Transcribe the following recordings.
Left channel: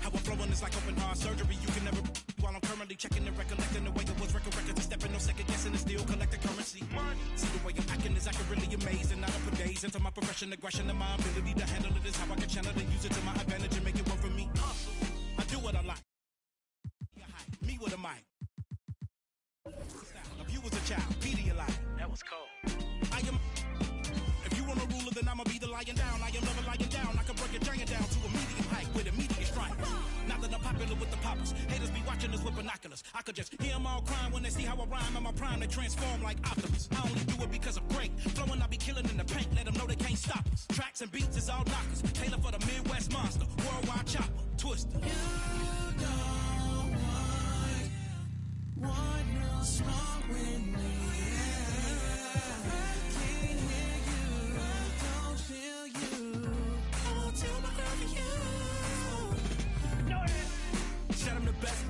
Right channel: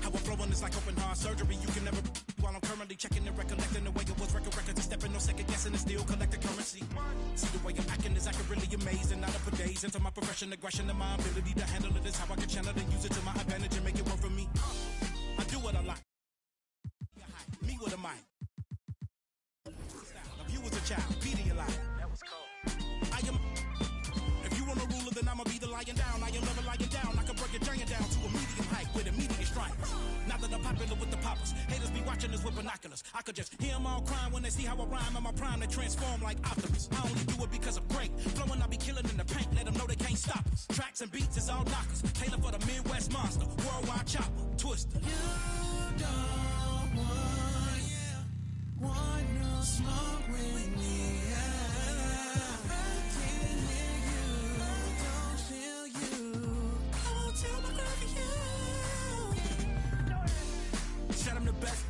How I'm flowing is like open heart surgery. You can never. While I'm currently checking and recollecting the way it was record records and stepping, no second guessing and still collecting currency. See the way I'm acting is acting really amazing. Not up for days into my profession, aggression, and my ability to handle it is how I can channel and use it to my advantage and make it work for me. I do what I like. Me with a mic. If you was a child, Pedialyte. That was cold. I am. If you want a ruler, then I'ma be the lying down. I am never lying down. I can break your giant down to a medium height with immediate strike. Now that I'm popular with the poppers, haters be watching us with binoculars. I could just hear them all crying when they see how I rhyme. In my prime, they transform like Optimus. I only do it because I'm great. Flowing, I be killing in the paint. Let them know they can't stop us. Tracks and beats is all knockers. Taylor for the Midwest monster. Worldwide chopper. Twister. You don't want no smoke with me. I can't hear you. I don't feel you. I won't tell my girl for you. Said I'm the best.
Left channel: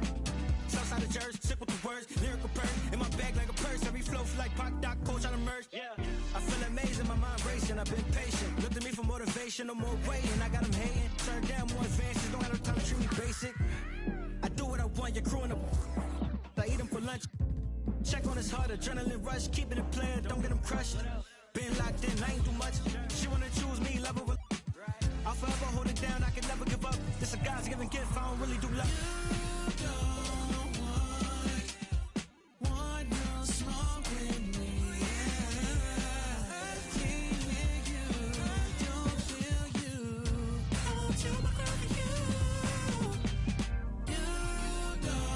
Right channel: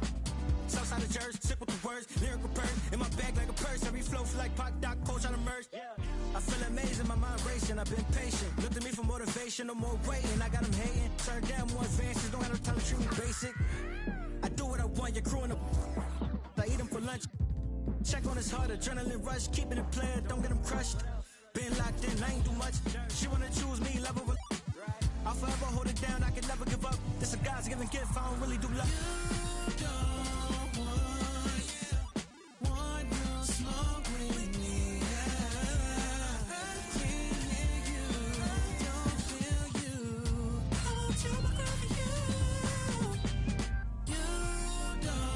Southside of Jersey, sick with the words, lyrical purse. In my bag like a purse, every flow feel like Pac, Doc, Coach, I'm immersed. Yeah. I feel amazing, my mind racing, I've been patient. Look to me for motivation, no more waiting. I got them hating, turn down more advances, don't have no time to treat me basic. I do what I want, you're crewing up. I eat them for lunch. Check on his heart, adrenaline rush, keeping it playing, don't get him crushed. Been locked in, I ain't do much. She wanna choose me, love her. I'll forever hold it down, I can never give up. This a God's given gift, I don't really do love. You don't want no smoke with me. I can't hear you, I don't feel you. I won't tell my girl for you. You don't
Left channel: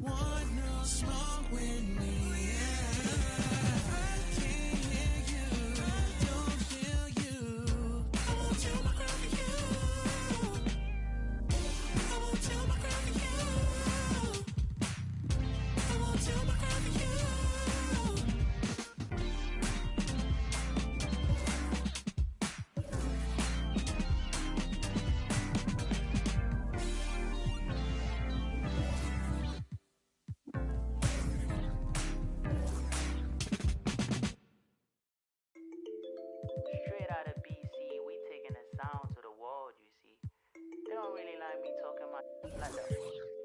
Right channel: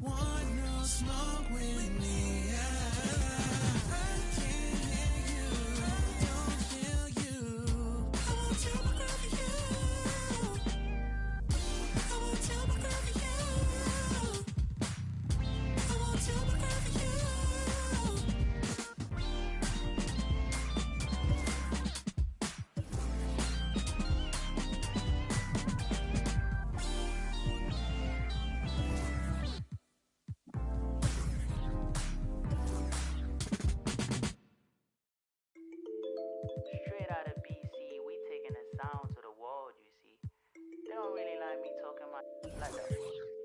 want no smoke with me. I can't hear you, I don't feel you. I won't tell my girl for you. I won't tell my girl for you. I won't tell my girl for you. Straight out of BC, we taking the sound to the world, you see. They don't really like me talking my like the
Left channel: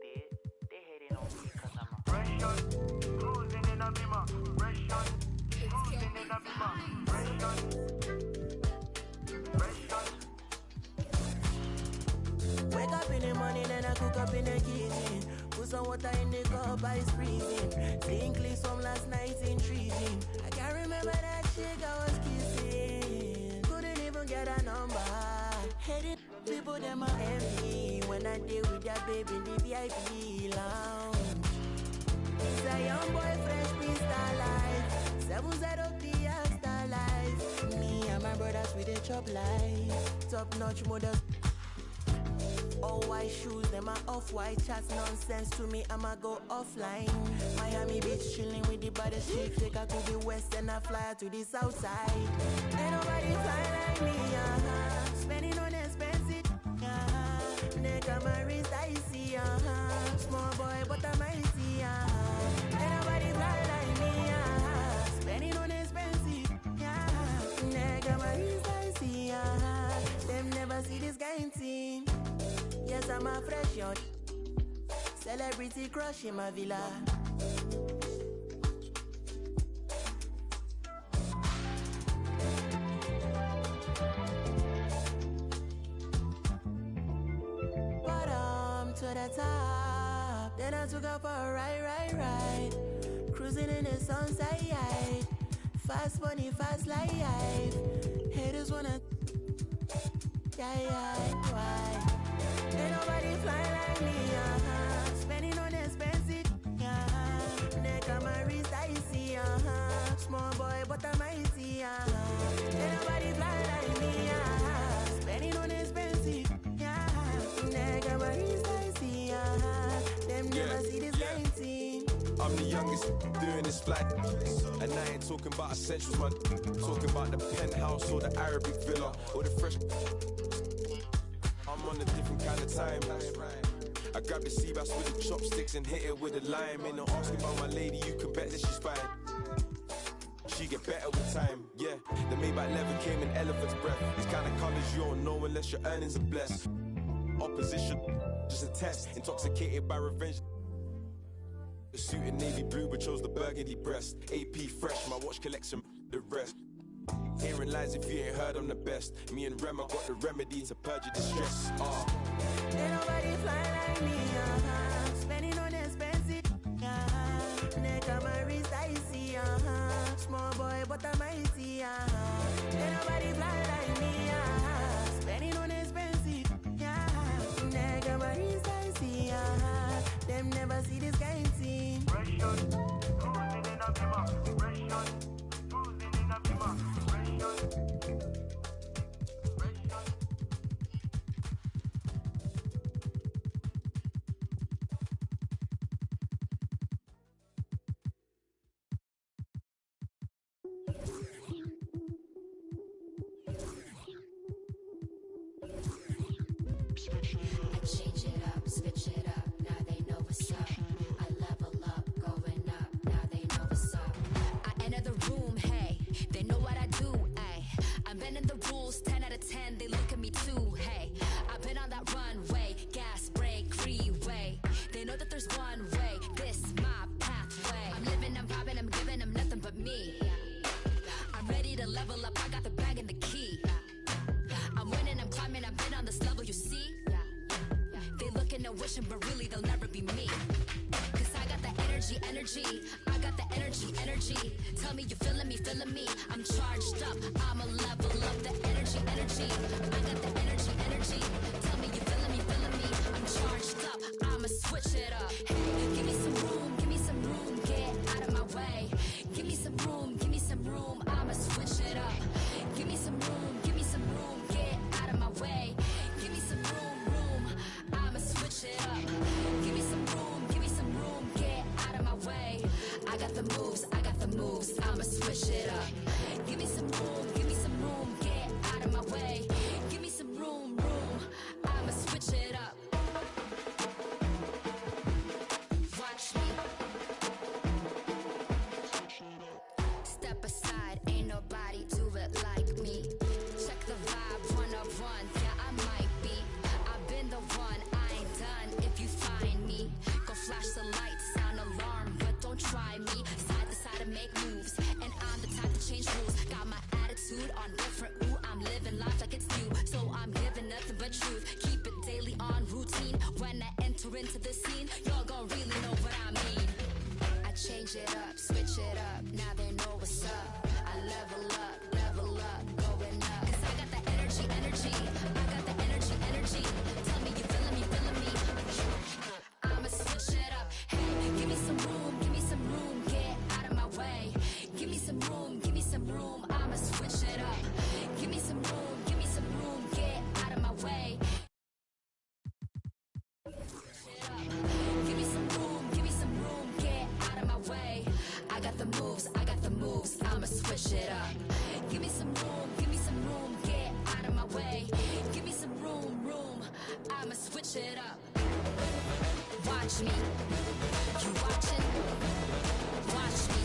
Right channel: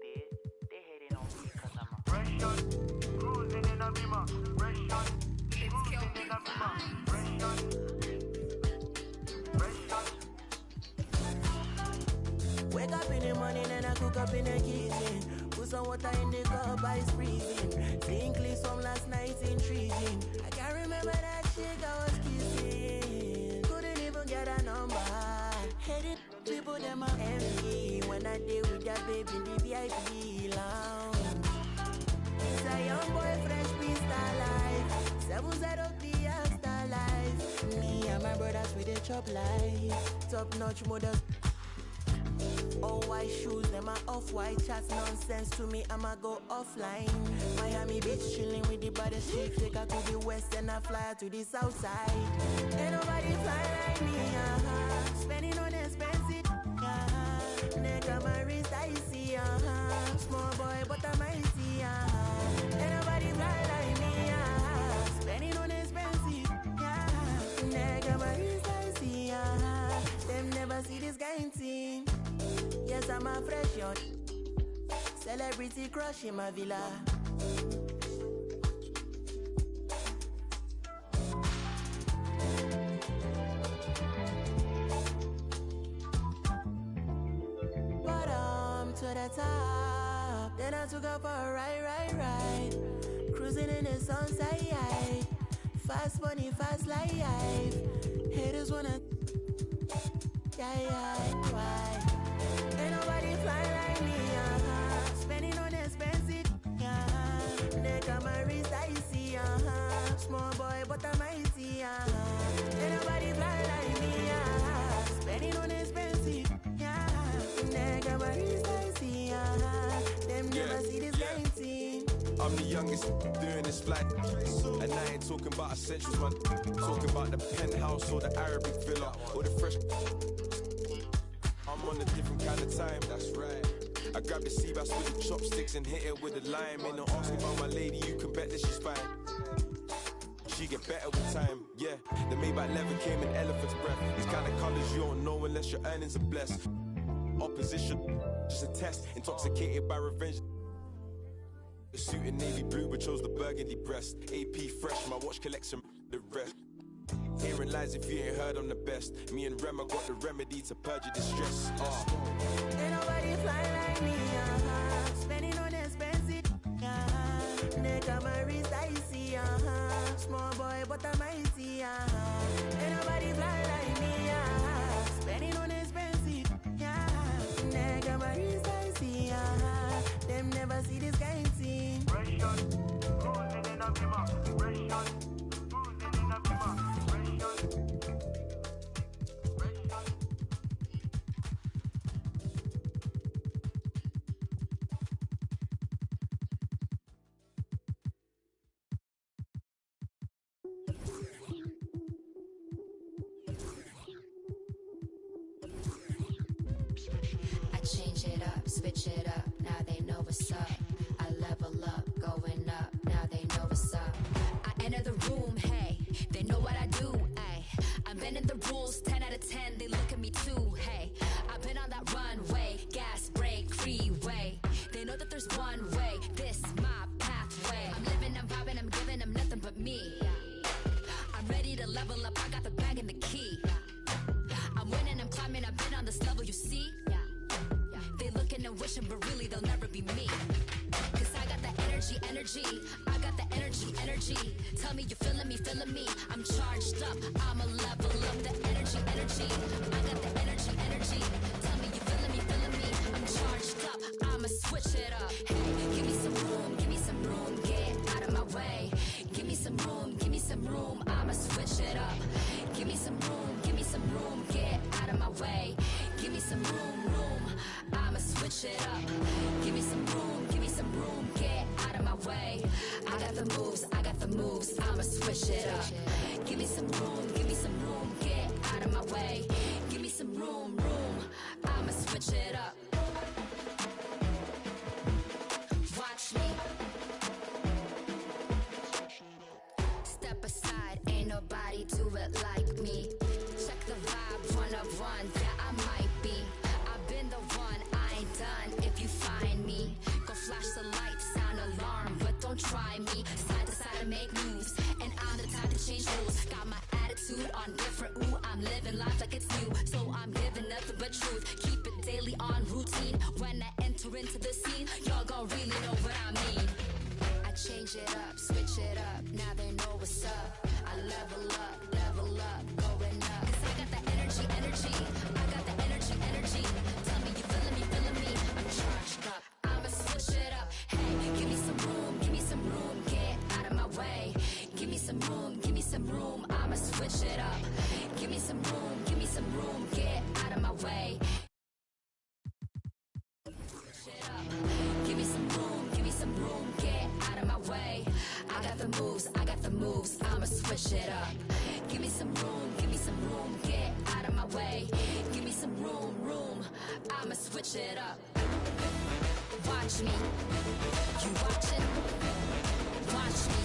did. They hating on me because I'm a Russian, cruising in a Beamer. Russian, cruising in a Beamer. Russian. Wake up in the morning and I cook up in the kitchen. Put some water in the cup, ice freezing. Seeing clips from last night, intriguing. I can't remember that chick I was kissing. Couldn't even get a number. Headed people, them are envy. When I deal with that baby in the VIP lounge. It's a young boy, fresh Prince Star Life. 703 Star Life. Me and my brothers with a chop life. Top notch models. All white shoes, them are off-white chats, nonsense to me, I'ma go offline. Miami Beach, chilling with the baddest chicks. Take her to the west and I fly her to the south side. Ain't nobody fly like me, spending on expensive, neck on my wrist, I see, small boy, but I'm icy, Ain't nobody fly like me, spending on expensive, neck on my wrist, I see, them never see this kind thing. Yes, I'm a fresh yacht. Celebrity crush in my villa. Bottom to the top. Then I took up for a ride. Cruising in the sunset. Fast money, fast life. Haters wanna. Why? Ain't nobody fly like me, spending on expensive, neck on my wrist, I see, small boy, but I'm icy, Ain't nobody fly like me, spending on expensive, neck on my wrist, I see, them never see this game team. I'm the youngest doing this flight, and I ain't talking about essentials, man. Talking about the penthouse or the Arabic villa or the fresh. I'm on a different kind of time. I grab the sea bass with the chopsticks and hit it with a lime. Ain't no asking about my lady, you can bet that she's fine. she get better with time. Yeah, the Maybach leather came in elephant's breath. These kind of colors you don't know unless your earnings are blessed. Opposition, just a test. Intoxicated by revenge. The suit in navy blue but chose the burgundy breast. AP fresh, my watch collection, the rest. Hearing lies if you ain't heard I'm the best. Me and Rem, I got the remedy to purge your distress. Ain't nobody fly like me, spending on expensive, neck on my wrist icy, small boy but I'm mighty, ain't nobody fly like me, spending on expensive, neck on my wrist icy, them never see this kind of thing. Russian, cruising in a Beamer. Russian, cruising in a Beamer. Russian. I change it up, switch it up, now they know what's up. I level up, going up, now they know what's up. I enter the room, hey, they know what I do, ay. I'm bending the rules, 10 out of 10, they look at me too, hey. I've been on that runway, gas, brake, freeway. They know that there's one way, this my pathway. I'm living, I'm popping, I'm giving them nothing but me. I'm ready to level up, I got the bag and the key. I'm winning, I'm climbing, I've been on this level, you see? They looking and wishing, but really they'll never be me. Cause I got the energy, I got the energy. Tell me you feeling me, I'm charged up, I'ma level up the energy. I got the energy. Tell me you feeling me, I'm charged up, I'ma switch it up. Hey, give me some room, get out of my way. Give me some room, I'ma switch it up. Give me some room, get out of my way. Give me some room, I'ma switch it up. Give me some room, get out of my way. I got the moves, I'ma switch it up. Give me some room, get out of my way. Give me some room, I'ma switch it up. Watch me. Step aside, ain't nobody do it like me. Check the vibe, 101, yeah I might be. I've been the one, I ain't done if you find me. Go flash the lights, sound alarm, but don't try me. Side to side and make moves, and I'm the type to change rules. Got my attitude on different, ooh, I'm living life like it's new. So I'm giving nothing but truth, keep it daily on routine. When I enter into the scene, y'all gon' really know what I mean. I change it up, switch it up, now they know what's up. I level up, going up. Cause I got the energy, I got the energy. Tell me you feeling me, I'm charged up, I'ma switch it up. Hey, give me some room, get out of my way. Give me some room, I'ma switch it up. Give me some room, get out of my way. Give me some room, get out of my way. I got the moves, I'ma switch it up. Give me some room, get out of my way. Give me some room, I'ma switch it up. Watch me, you watching? Watch me.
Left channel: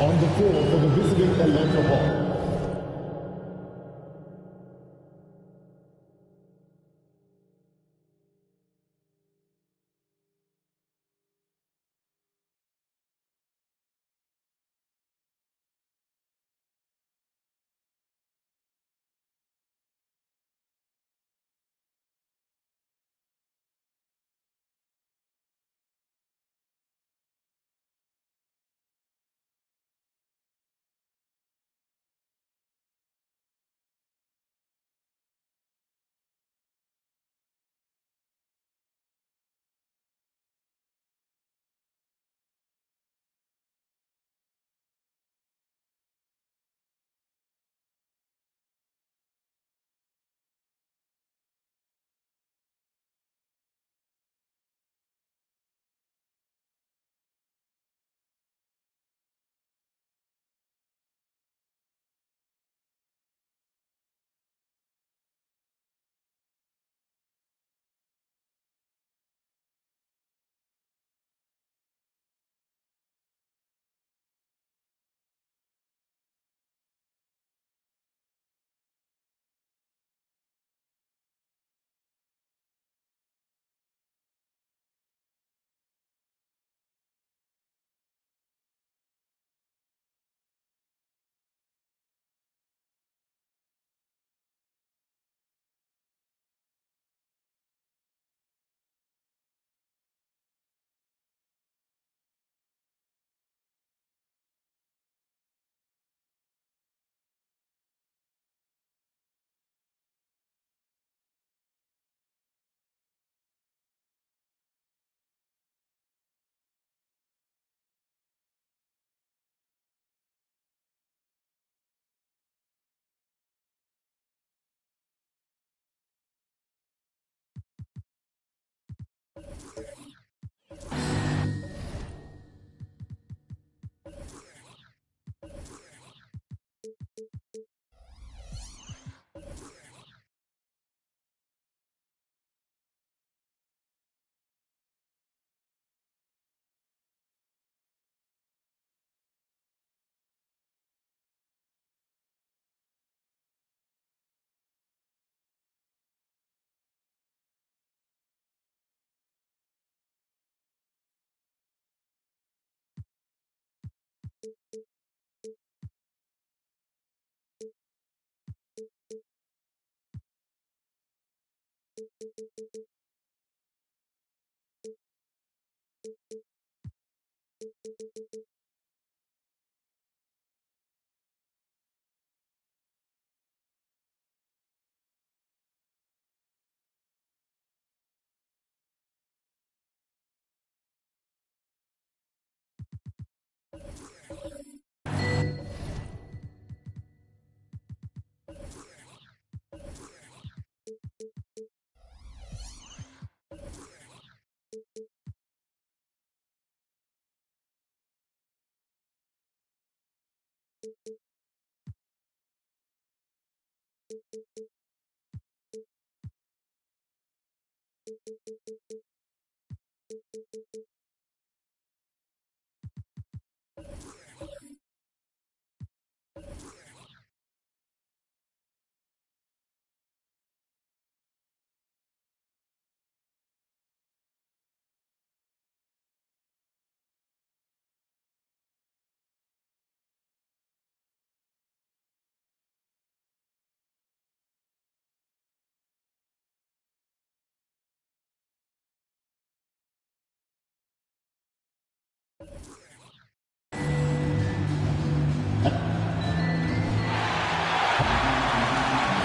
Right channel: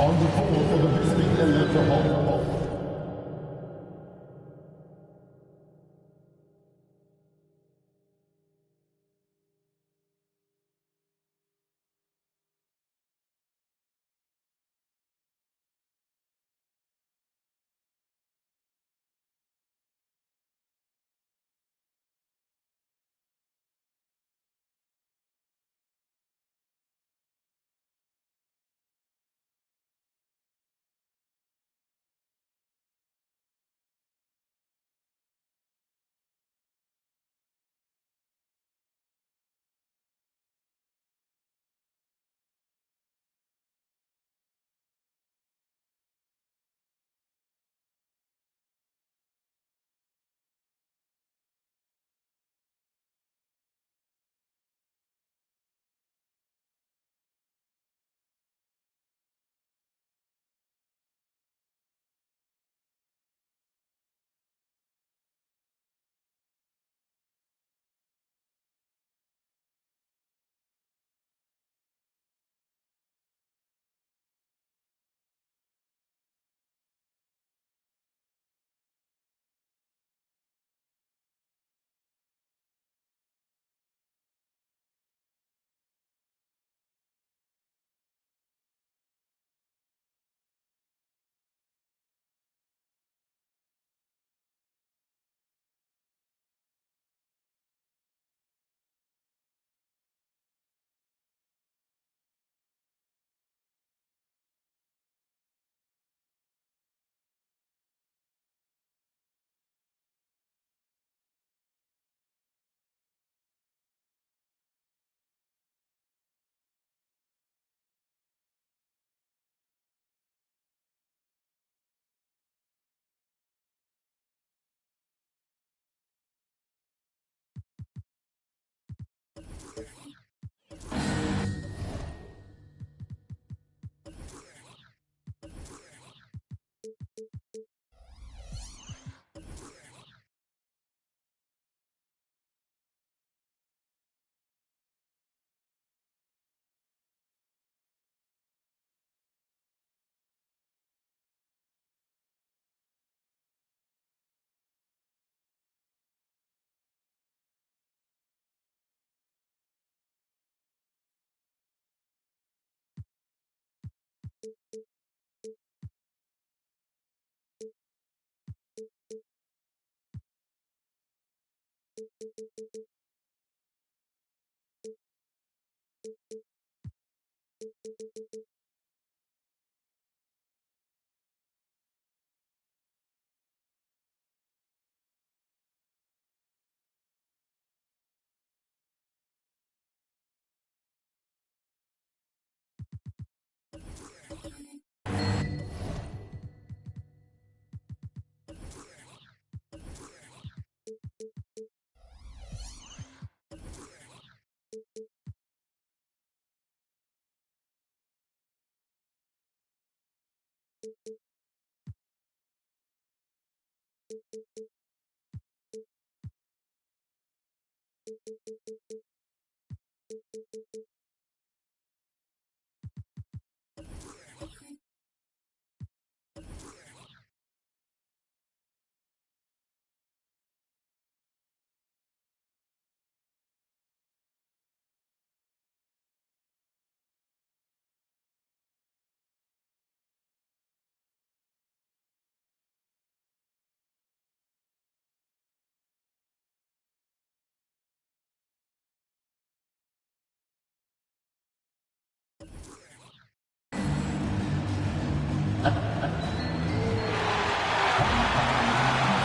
On the floor for the visiting Electra Hall.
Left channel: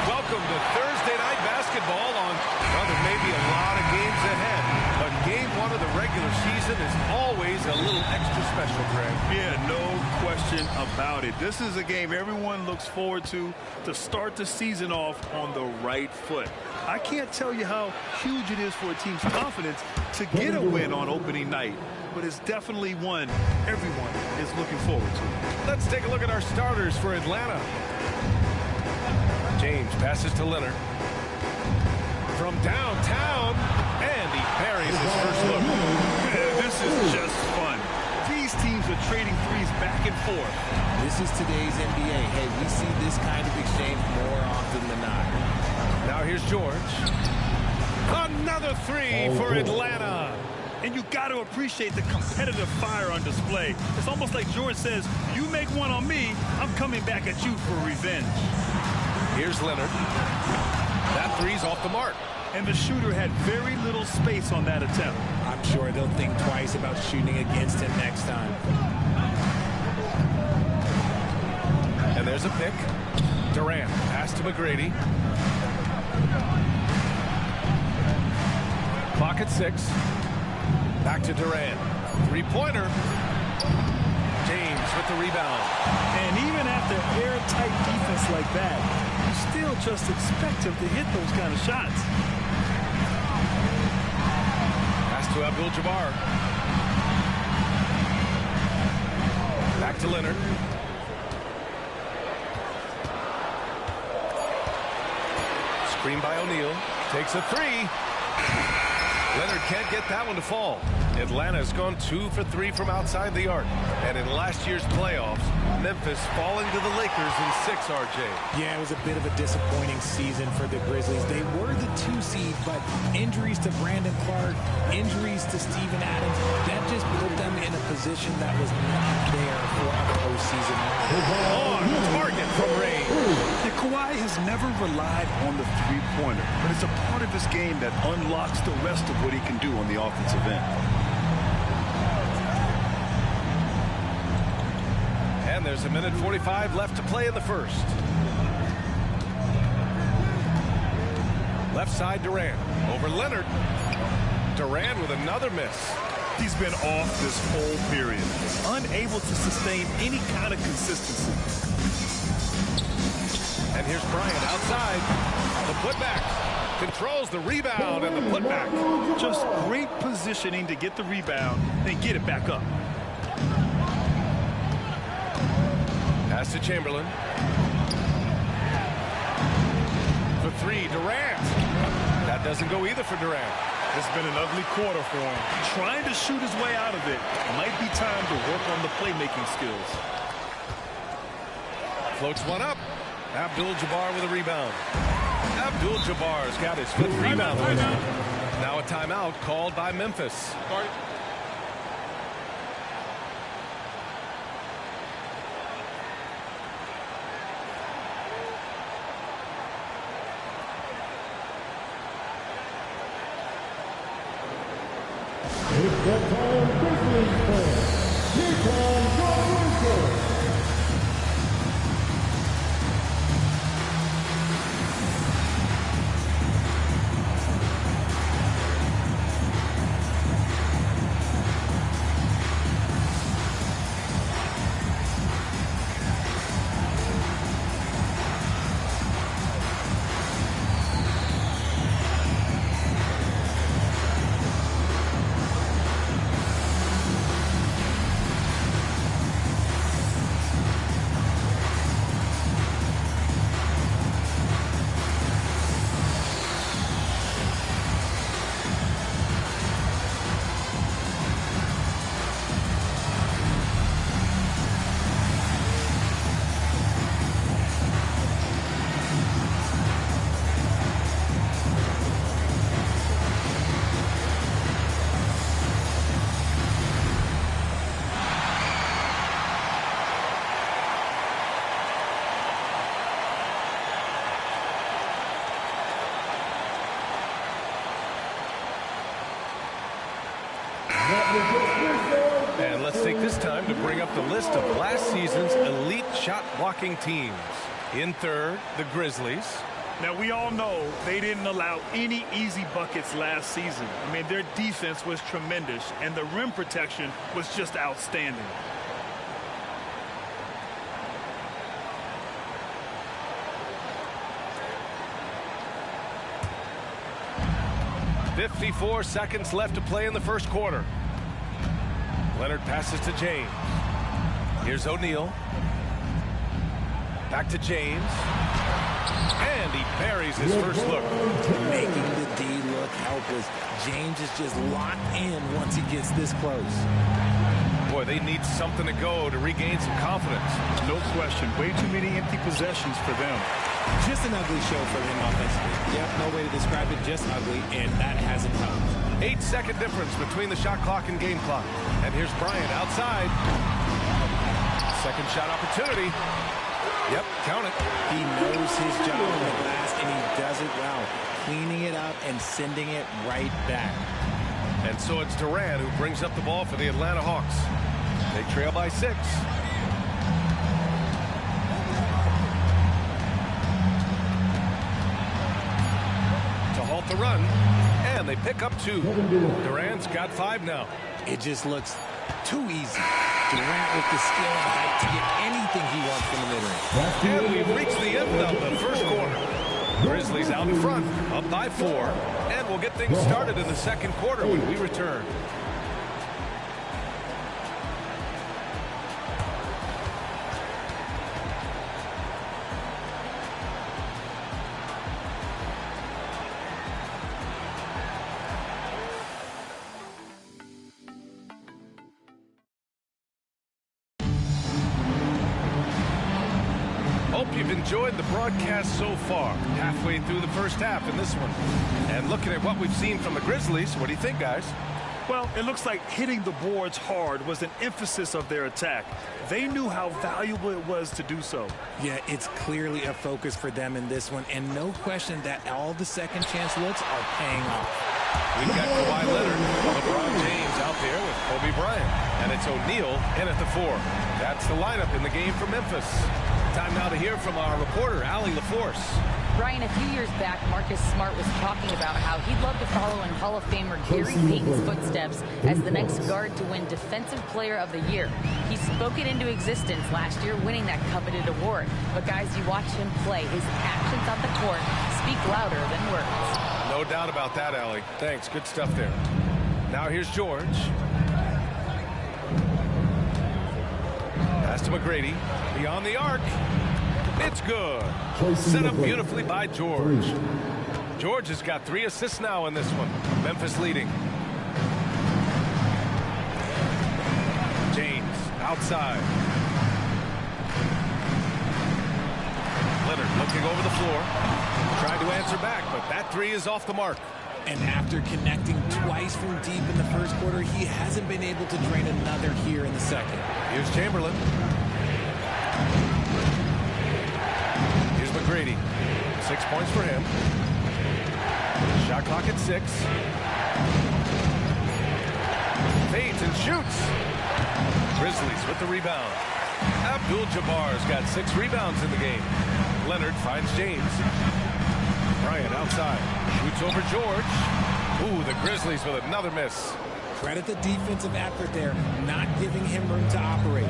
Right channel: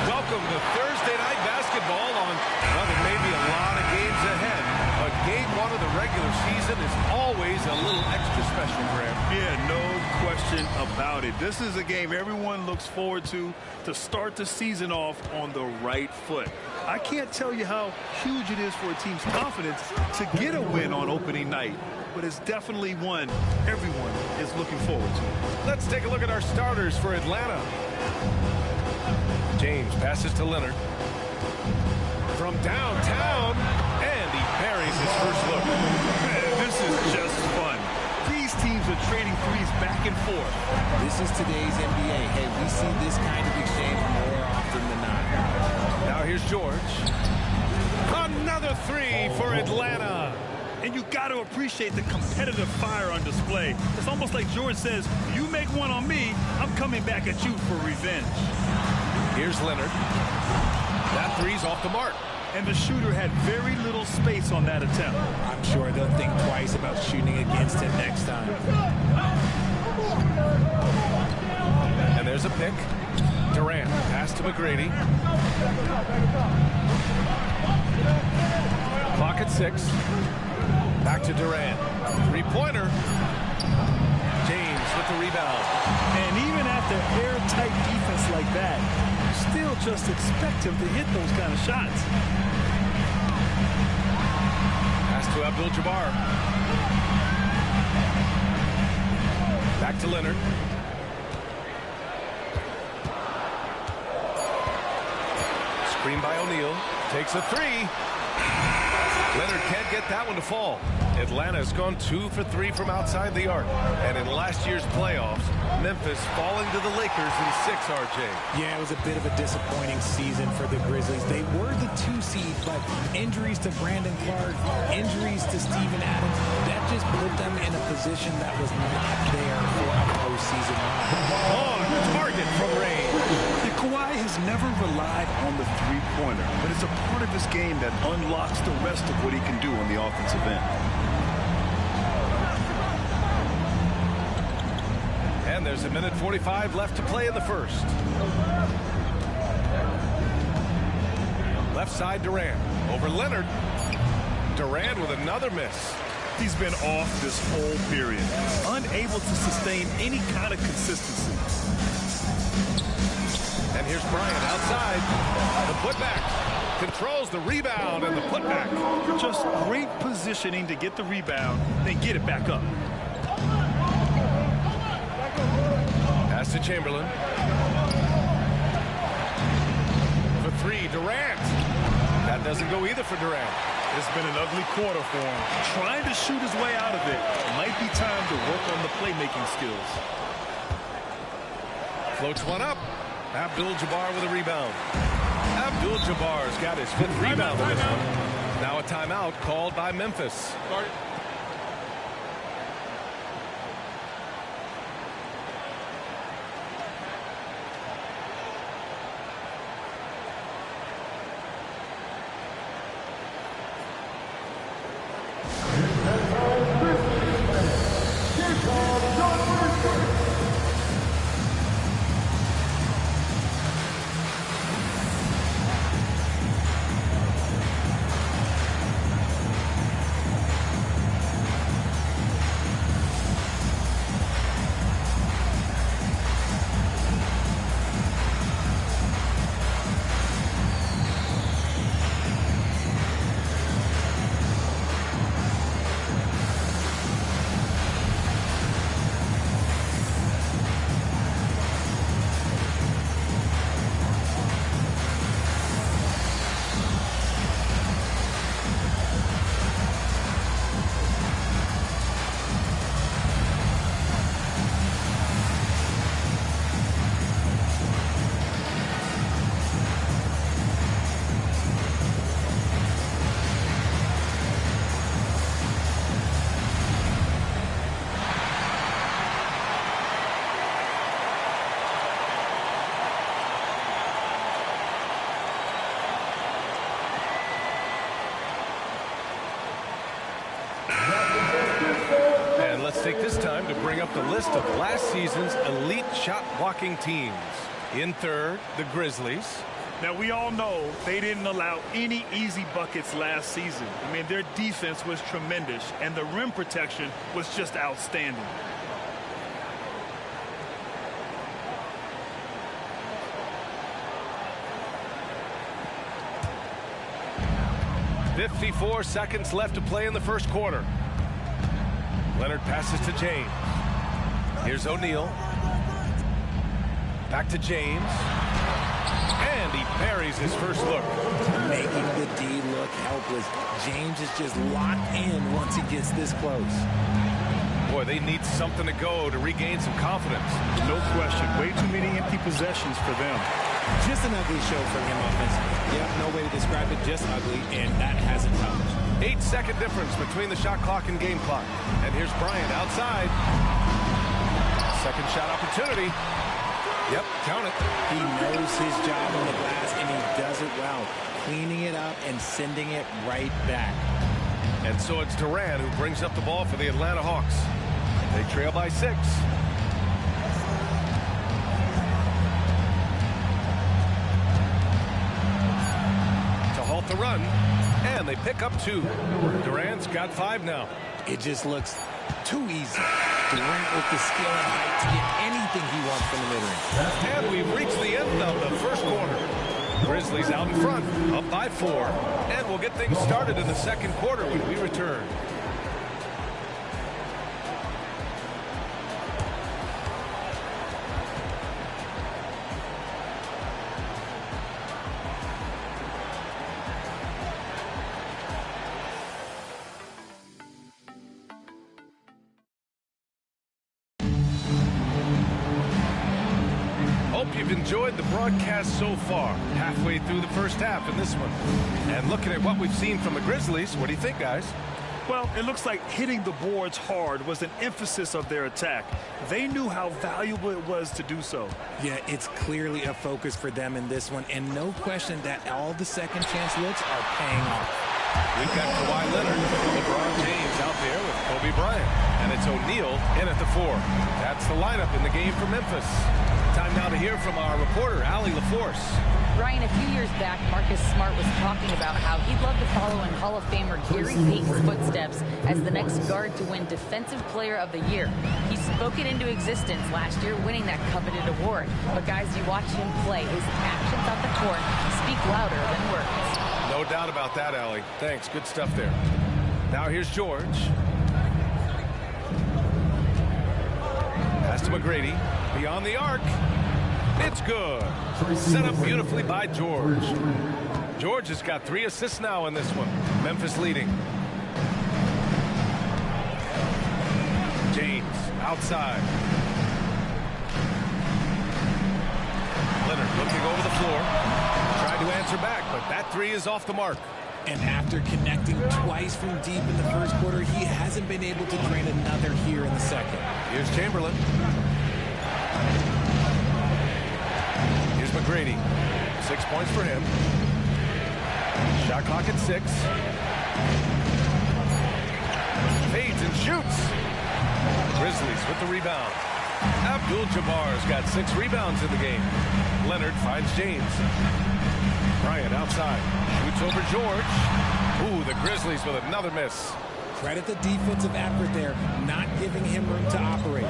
Welcome to Thursday Night Basketball on, well, there may be a lot of games ahead, but game one of the regular season is always a little extra special, Graham. Yeah, no question about it. This is a game everyone looks forward to start the season off on the right foot. I can't tell you how huge it is for a team's confidence to get a win on opening night, but it's definitely one everyone is looking forward to. Let's take a look at our starters for Atlanta. James passes to Leonard. From downtown, and he buries his first look. This is just fun. These teams are trading threes back and forth. This is today's NBA. Hey, we see this kind of exchange more often than not. Now here's George. Another three for Atlanta. And you got to appreciate the competitive fire on display. It's almost like George says, you make one on me, I'm coming back at you for revenge. Here's Leonard. That three's off the mark. And the shooter had very little space on that attempt. I'm sure they'll think twice about shooting against him next time. And there's a pick. Durant, pass to McGrady. Clock at 6. Back to Durant. Three-pointer. James with the rebound. And even after airtight defense like that, you still just expect him to hit those kind of shots. Pass to Abdul-Jabbar. Back to Leonard. Screen by O'Neal. Takes a three. Leonard can't get that one to fall. Atlanta's gone 2 for 3 from outside the arc. And in last year's playoffs, Memphis falling to the Lakers in 6, RJ. Yeah, it was a bit of a disappointing season for the Grizzlies. They were the 2 seed, but injuries to Brandon Clark, injuries to Steven Adams, that just put them in a position that was not there for a postseason run. On target from range. Yeah, Kawhi has never relied on the three-pointer, but it's a part of his game that unlocks the rest of what he can do on the offensive end. And there's a minute 45 left to play in the first. Left side, Durant. Over Leonard. Durant with another miss. He's been off this whole period, unable to sustain any kind of consistency. And here's Bryant outside. The putback. Controls the rebound and the putback. Just great positioning to get the rebound, then get it back up. Pass to Chamberlain. For 3, Durant. That doesn't go either for Durant. It's been an ugly quarter for him. Trying to shoot his way out of it. Might be time to work on the playmaking skills. Floats one up. Abdul-Jabbar with a rebound. Abdul-Jabbar's got his 5th rebound on this one. Now a timeout called by Memphis. Started. And let's take this time to bring up the list of last season's elite shot blocking teams. In third, the Grizzlies. Now, we all know they didn't allow any easy buckets last season. I mean, their defense was tremendous, and the rim protection was just outstanding. .54 seconds left to play in the first quarter. Leonard passes to James. Here's O'Neal. Back to James. And he buries his first look. Making the D look helpless. James is just locked in once he gets this close. Boy, they need something to go to regain some confidence. No question. Way too many empty possessions for them. Just an ugly show from him offensively. Yep, no way to describe it, just ugly, and that hasn't helped. 8-second difference between the shot clock and game clock. And here's Bryant outside. Second shot opportunity. Yep, count it. He knows his job on the glass, and he does it well, cleaning it up and sending it right back. And so it's Durant who brings up the ball for the Atlanta Hawks. They trail by 6. To halt the run, and they pick up 2. Durant's got 5 now. It just looks too easy. Durant with the skill and height to get anything he wants from the mid-range. And we've reached the end of the first quarter. Grizzlies out in front, up by 4, and we'll get things started in the second quarter when we return. Hope you've enjoyed the broadcast so far. Halfway through the first half in this one. And looking at what we've seen from the Grizzlies, what do you think, guys? Well, it looks like hitting the boards hard was an emphasis of their attack. They knew how valuable it was to do so. Yeah, it's clearly a focus for them in this one, and no question that all the second chance looks are paying off. We've got Kawhi Leonard, LeBron James out there with Kobe Bryant, and it's O'Neal in at the 4. That's the lineup in the game for Memphis. Time now to hear from our reporter, Allie LaForce. Brian, a few years back, Marcus Smart was talking about how he'd love to follow in Hall of Famer Gary Payton's footsteps as the next guard to win Defensive Player of the Year. He spoke it into existence last year, winning that coveted award. But guys, you watch him play, his actions on the court speak louder than words. No doubt about that, Allie. Thanks. Good stuff there. Now here's George. Pass to McGrady. Beyond the arc. It's good. Set up beautifully by George. George has got 3 assists now in this one. Memphis leading. James outside. Leonard looking over the floor. Tried to answer back, but that 3 is off the mark. And after connecting twice from deep in the first quarter, he hasn't been able to drain another here in the second. Here's Chamberlain. Here's McGrady. 6 points for him. Shot clock at 6. Fades and shoots. Grizzlies with the rebound. Abdul-Jabbar's got 6 rebounds in the game. Leonard finds James. Bryant outside. Shoots over George. Ooh, the Grizzlies with another miss. Credit the defensive effort there, not giving him room to operate.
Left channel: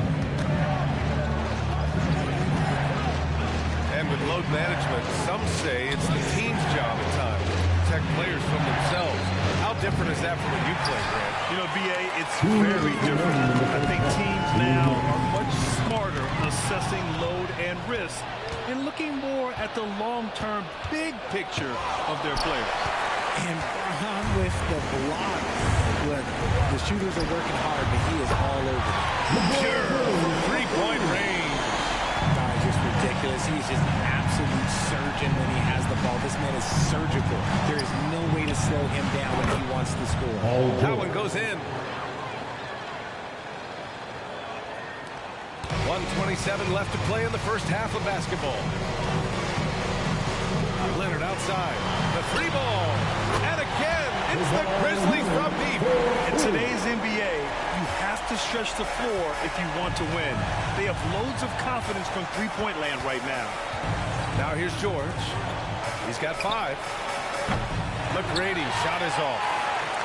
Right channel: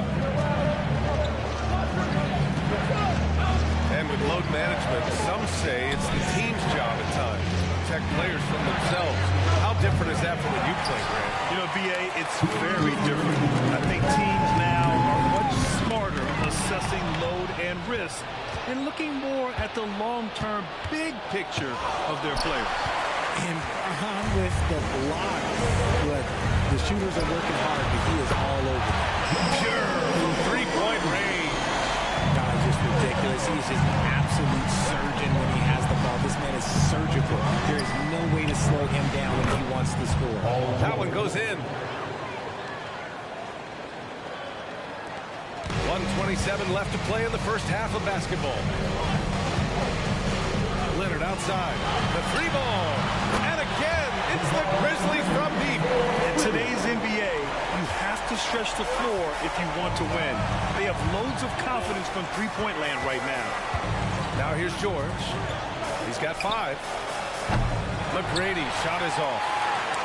And with load management, some say it's the team's job at times to protect players from themselves. How different is that from when you play, Grant? You know, B.A., it's very different. I think teams now are much smarter assessing load and risk and looking more at the long-term big picture of their players. And Braun with the block. Look, the shooters are working hard, but he is all over them. Pure from 3-point range. God, just ridiculous. He is just an absolute surgeon when he has the ball. This man is surgical. There is no way to slow him down when he wants to score. That one goes in. 1:27 left to play in the first half of basketball. Leonard outside. The three ball. And again, it's the Grizzlies from deep. In today's NBA, you have to stretch the floor if you want to win. They have loads of confidence from three-point land right now. Now here's George. He's got 5. McGrady, shot is off.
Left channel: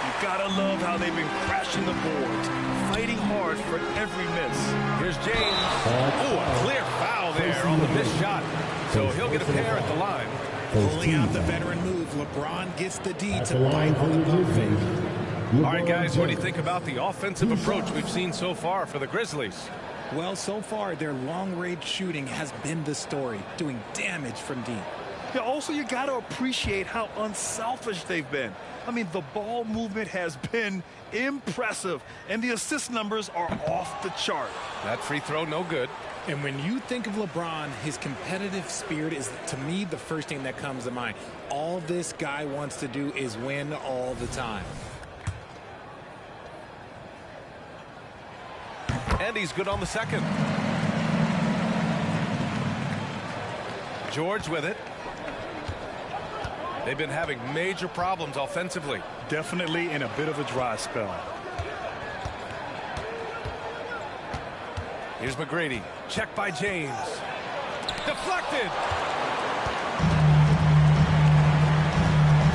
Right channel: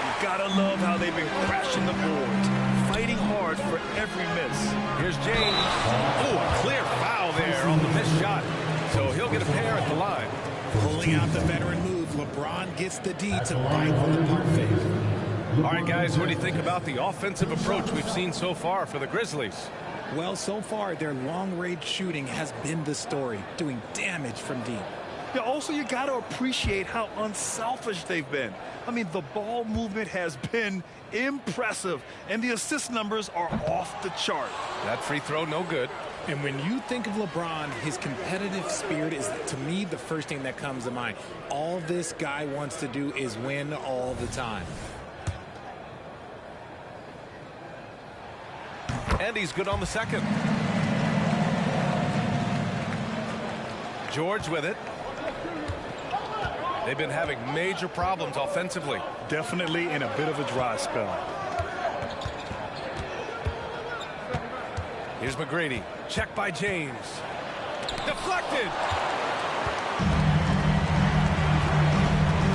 You gotta love how they've been crashing the boards, fighting hard for every miss. Here's James. Oh, a clear foul there on the missed shot. So he'll get a pair at the line. Pulling out the veteran move, LeBron gets the D to bite on the pump fake. All right, guys, what do you think about the offensive approach we've seen so far for the Grizzlies? Well, so far, their long-range shooting has been the story, doing damage from deep. Yeah, also, you got to appreciate how unselfish they've been. I mean, the ball movement has been impressive, and the assist numbers are off the chart. That free throw, no good. And when you think of LeBron, his competitive spirit is, to me, the first thing that comes to mind. All this guy wants to do is win all the time. And he's good on the second. George with it. They've been having major problems offensively. Definitely in a bit of a dry spell. Here's McGrady. Check by James. Deflected.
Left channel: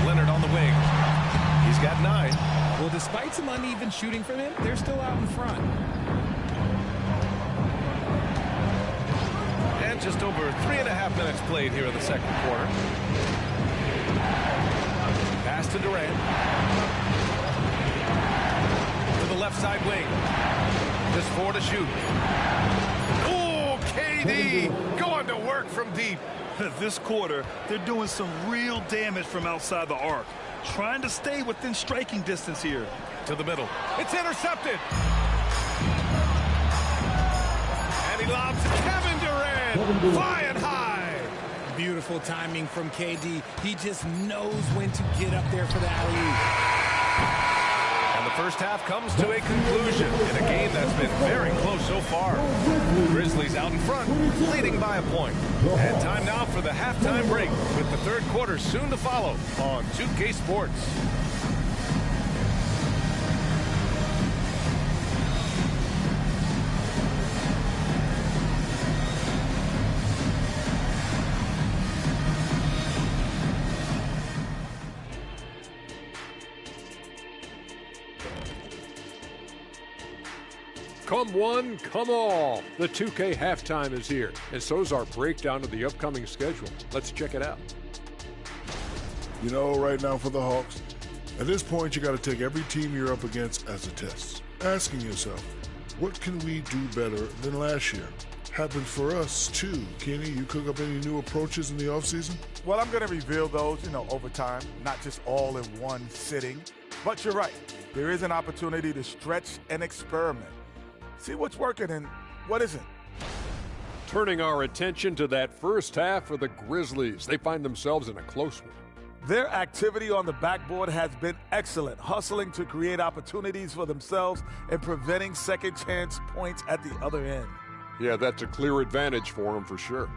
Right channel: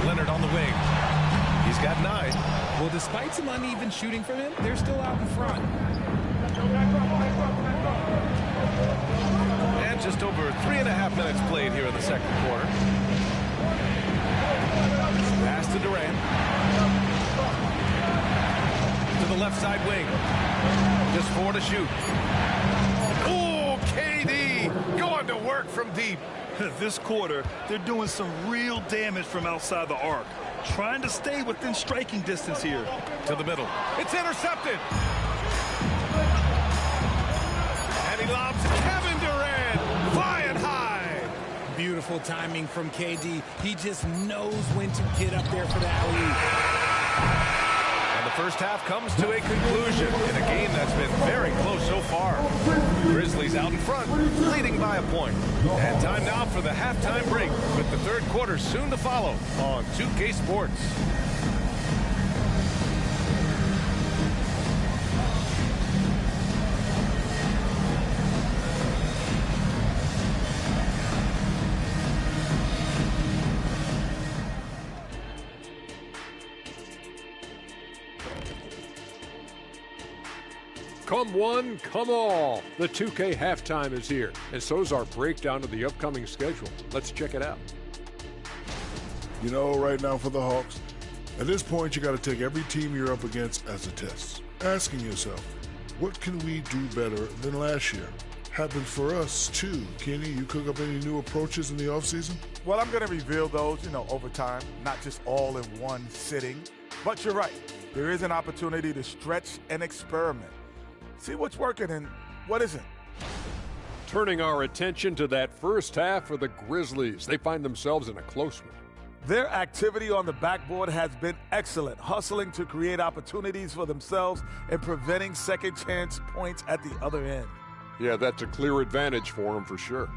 Leonard on the wing. He's got 9. Well, despite some uneven shooting from him, they're still out in front. And just over 3.5 minutes played here in the second quarter. Pass to Durant. To the left side wing. Just 4 to shoot. Oh, KD going to work from deep. This quarter, they're doing some real damage from outside the arc. Trying to stay within striking distance here. To the middle. It's intercepted. And he lobs Kevin Durant. Flying high. Beautiful timing from KD. He just knows when to get up there for the alley-oop. And the first half comes to a conclusion in a game that's been very close so far. Grizzlies out in front, leading by a point. And time now for the halftime break, with the third quarter soon to follow on 2K Sports. Come one, come all. The 2K halftime is here, and so's our breakdown of the upcoming schedule. Let's check it out. You know, right now for the Hawks, at this point you got to take every team you're up against as a test. Asking yourself, what can we do better than last year? Happened for us too. Kenny, you cook up any new approaches in the offseason? Well, I'm going to reveal those, over time, not just all in one sitting. But you're right. There is an opportunity to stretch and experiment. See what's working and what isn't. Turning our attention to that first half for the Grizzlies. They find themselves in a close one. Their activity on the backboard has been excellent, hustling to create opportunities for themselves and preventing second chance points at the other end. Yeah, that's a clear advantage for them for sure.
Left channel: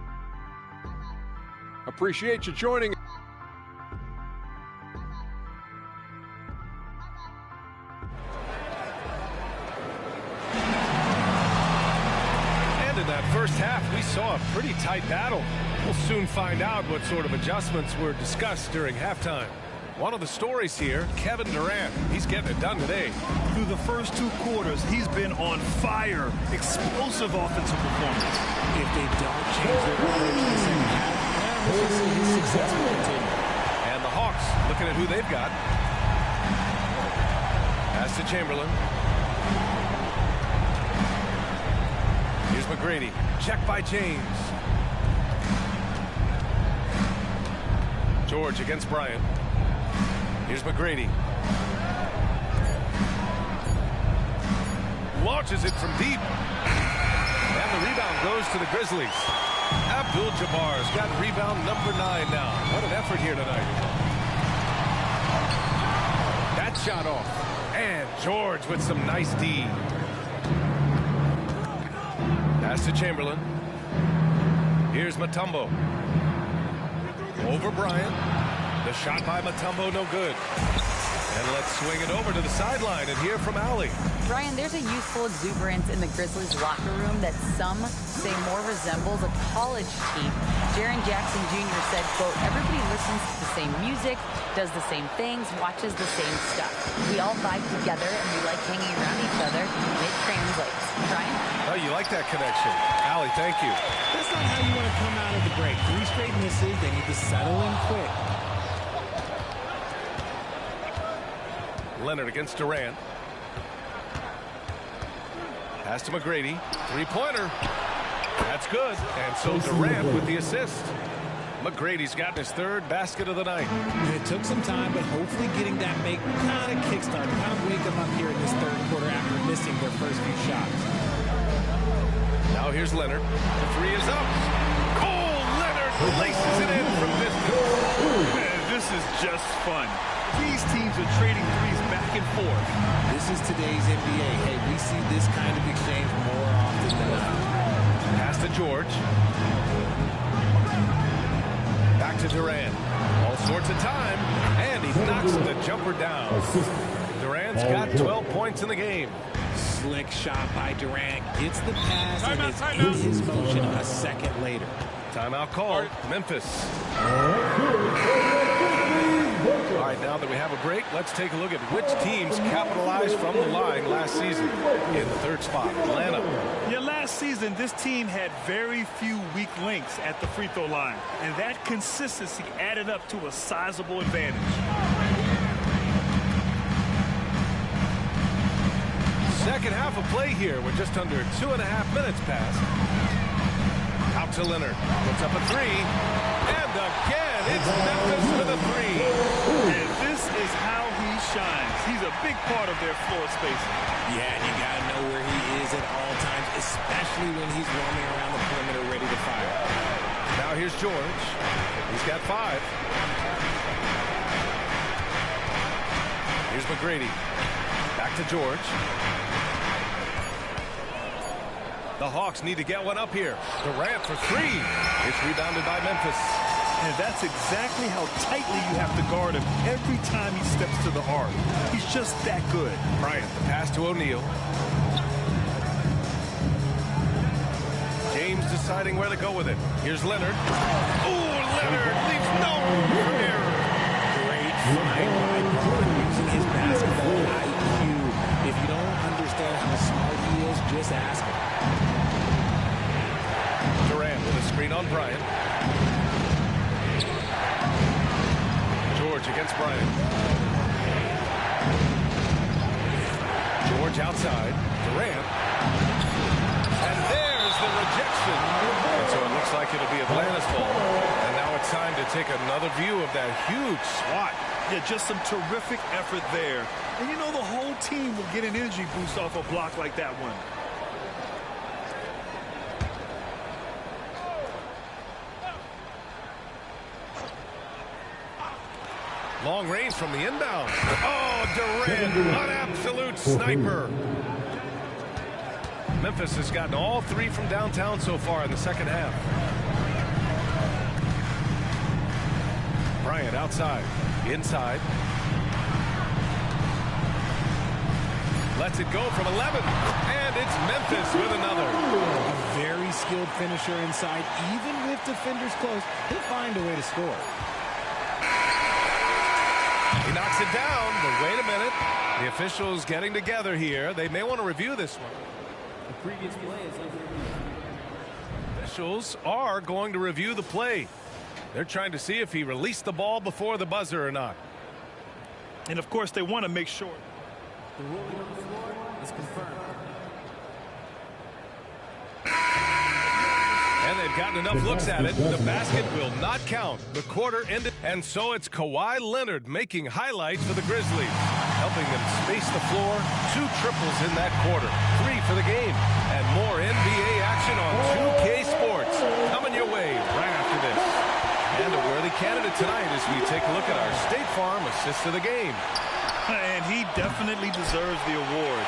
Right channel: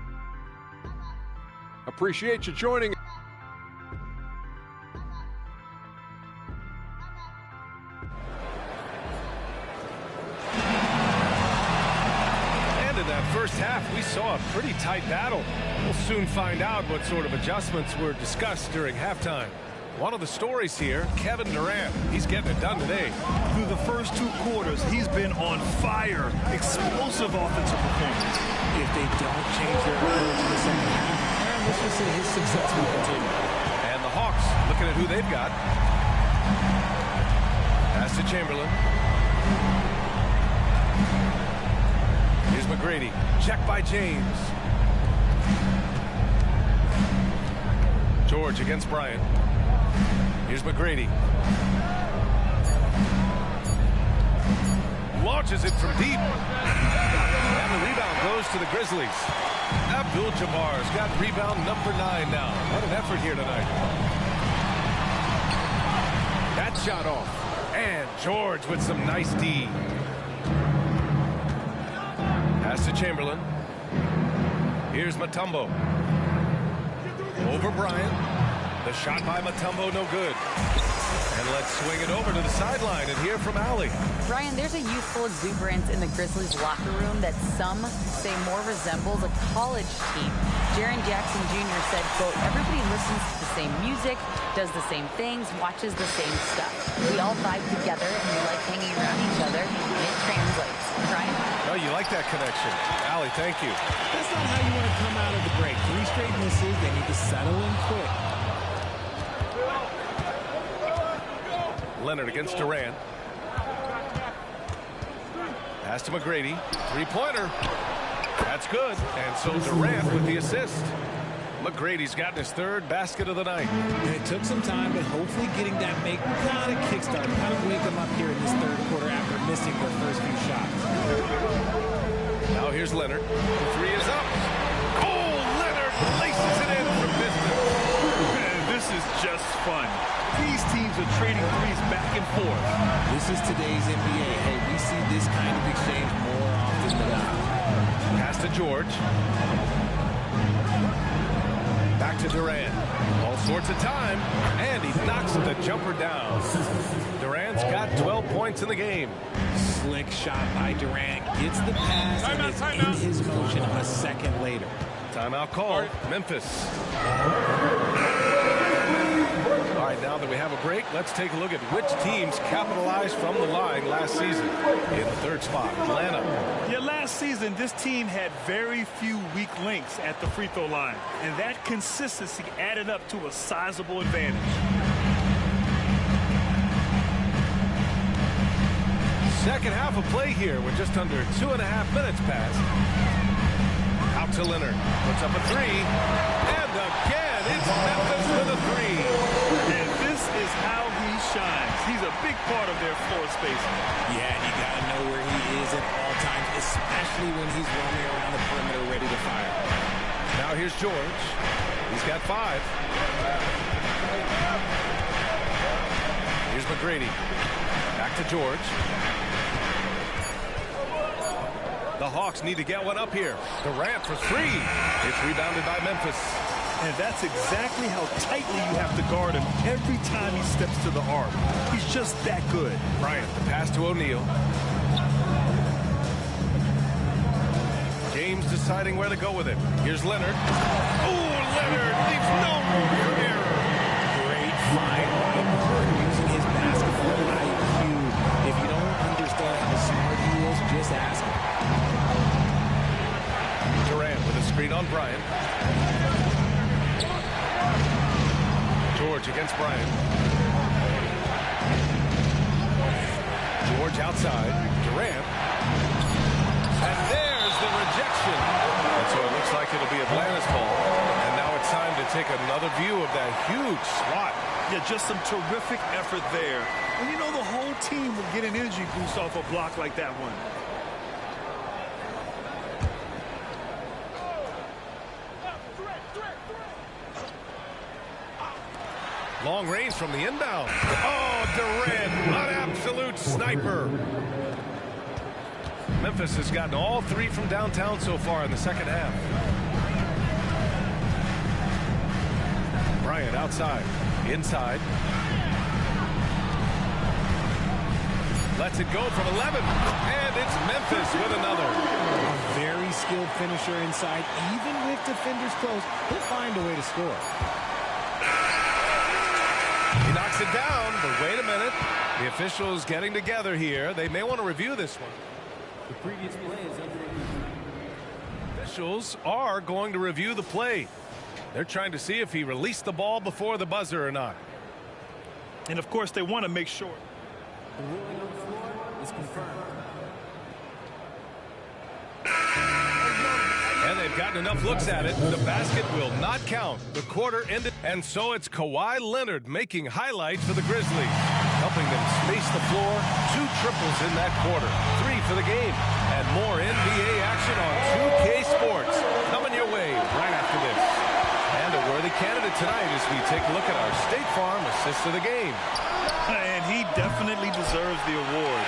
Appreciate you joining. And in that first half, we saw a pretty tight battle. We'll soon find out what sort of adjustments were discussed during halftime. One of the stories here, Kevin Durant. He's getting it done today. Through the first 2 quarters, he's been on fire. Explosive offensive performance. If they don't change their approach in the second half, let's just say his success will continue. And the Hawks looking at who they've got. Pass to Chamberlain. Here's McGrady. Check by James. George against Bryant. Here's McGrady. Launches it from deep. And the rebound goes to the Grizzlies. Abdul-Jabbar's got rebound number 9 now. What an effort here tonight. That shot off. And George with some nice D. Pass to Chamberlain. Here's Mutombo. Over Bryant. The shot by Mutombo, no good. And let's swing it over to the sideline and hear from Allie. Brian, there's a youthful exuberance in the Grizzlies locker room that some say more resembles a college team. Jaren Jackson Jr. said, quote, everybody listens to the same music, does the same things, watches the same stuff. We all vibe together and we like hanging around each other, and it translates. Brian? Oh, you like that connection. Allie, thank you. That's not how you want to come out of the break. 3 straight misses. They need to settle in quick. Leonard against Durant. Pass to McGrady. 3-pointer. That's good. And so Durant with the assist. McGrady's gotten his 3rd basket of the night. And it took some time, but hopefully getting that make kind of kickstart, kind of wake them up here in this 3rd quarter after missing their first few shots. Now here's Leonard. The 3 is up. Oh, Leonard laces it in from distance. Man, this is just fun. These teams are trading threes back and forth. This is today's NBA. Hey, we see this kind of exchange more often than not. Pass to George. Back to Durant. All sorts of time. And he knocks the jumper down. Durant's got 12 points in the game. Slick shot by Durant. Gets the pass and is in his motion a second later. Timeout called. Memphis. All right, now that we have a break, let's take a look at which teams capitalized from the line last season. In the 3rd spot, Atlanta. Yeah, last season, this team had very few weak links at the free throw line, and that consistency added up to a sizable advantage. Second half of play here with just under 2.5 minutes passed. Out to Leonard. Puts up a 3. And again, it's Memphis with a 3. And this is how he shines. He's a big part of their floor spacing. Yeah, and you got to know where he is at all times, especially when he's roaming around the perimeter ready to fire. Now here's George. He's got 5. Here's McGrady. Back to George. The Hawks need to get one up here. Durant for 3. It's rebounded by Memphis. And that's exactly how tightly you have to guard him every time he steps to the arc. He's just that good. Bryant, the pass to O'Neal. James deciding where to go with it. Here's Leonard. Oh, Leonard leaves no room for error. Great find by Braun using his basketball IQ. If you don't understand how smart he is, just ask him. Durant with a screen on Bryant. George against Bryant. George outside. Durant. And there's the rejection. And so it looks like it'll be Atlanta's ball. And now it's time to take another view of that huge swat. Yeah, just some terrific effort there. And you know the whole team will get an energy boost off a block like that one. Long range from the inbound. Oh, Durant, an absolute sniper. Memphis has gotten all 3 from downtown so far in the second half. Bryant outside, inside. Lets it go from 11, and it's Memphis with another. A very skilled finisher inside. Even with defenders close, he'll find a way to score. He knocks it down, but wait a minute. The officials getting together here. They may want to review this one. The previous play is under review. Officials are going to review the play. They're trying to see if he released the ball before the buzzer or not. And, of course, they want to make sure. The ruling on the floor is confirmed. And they've gotten enough looks at it. The basket will not count. The quarter ended. And so it's Kawhi Leonard making highlights for the Grizzlies, helping them space the floor. 2 triples in that quarter. 3 for the game. And more NBA action on 2K Sports coming your way right after this. And a worthy candidate tonight as we take a look at our State Farm assist of the game. And he definitely deserves the award.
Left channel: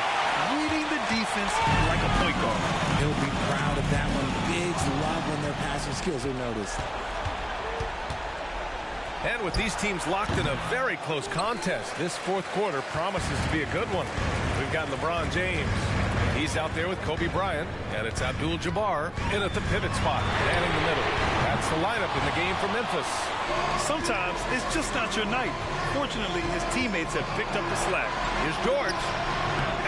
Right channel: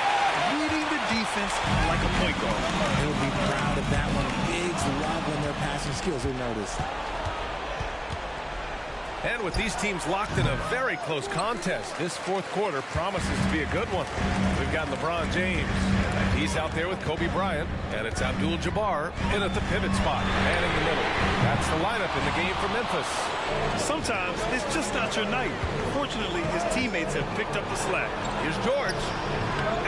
Reading the defense like a point guard. He'll be proud of that one. Bigs love when their passing skills are noticed. And with these teams locked in a very close contest, this fourth quarter promises to be a good one. We've got LeBron James. He's out there with Kobe Bryant, and it's Abdul-Jabbar in at the pivot spot, manning the middle. That's the lineup in the game for Memphis. Sometimes it's just not your night. Fortunately, his teammates have picked up the slack. Here's George.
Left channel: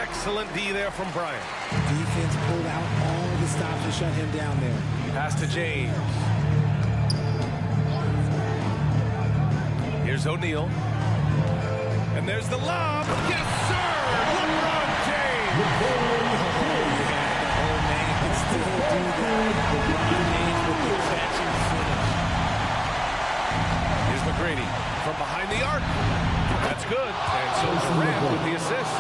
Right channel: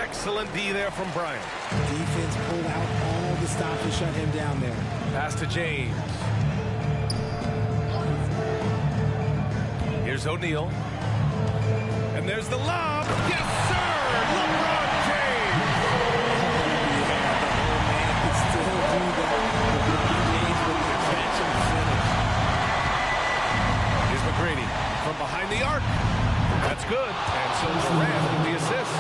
Excellent D there from Bryant. Defense pulled out all the stops to shut him down there. Pass to James. Here's O'Neal. And there's the lob. Yes, sir! LeBron James! Oh, yeah, the old man can still do that. LeBron James with the catch and finish. Here's McGrady from behind the arc. That's good. And so Durant with the assist.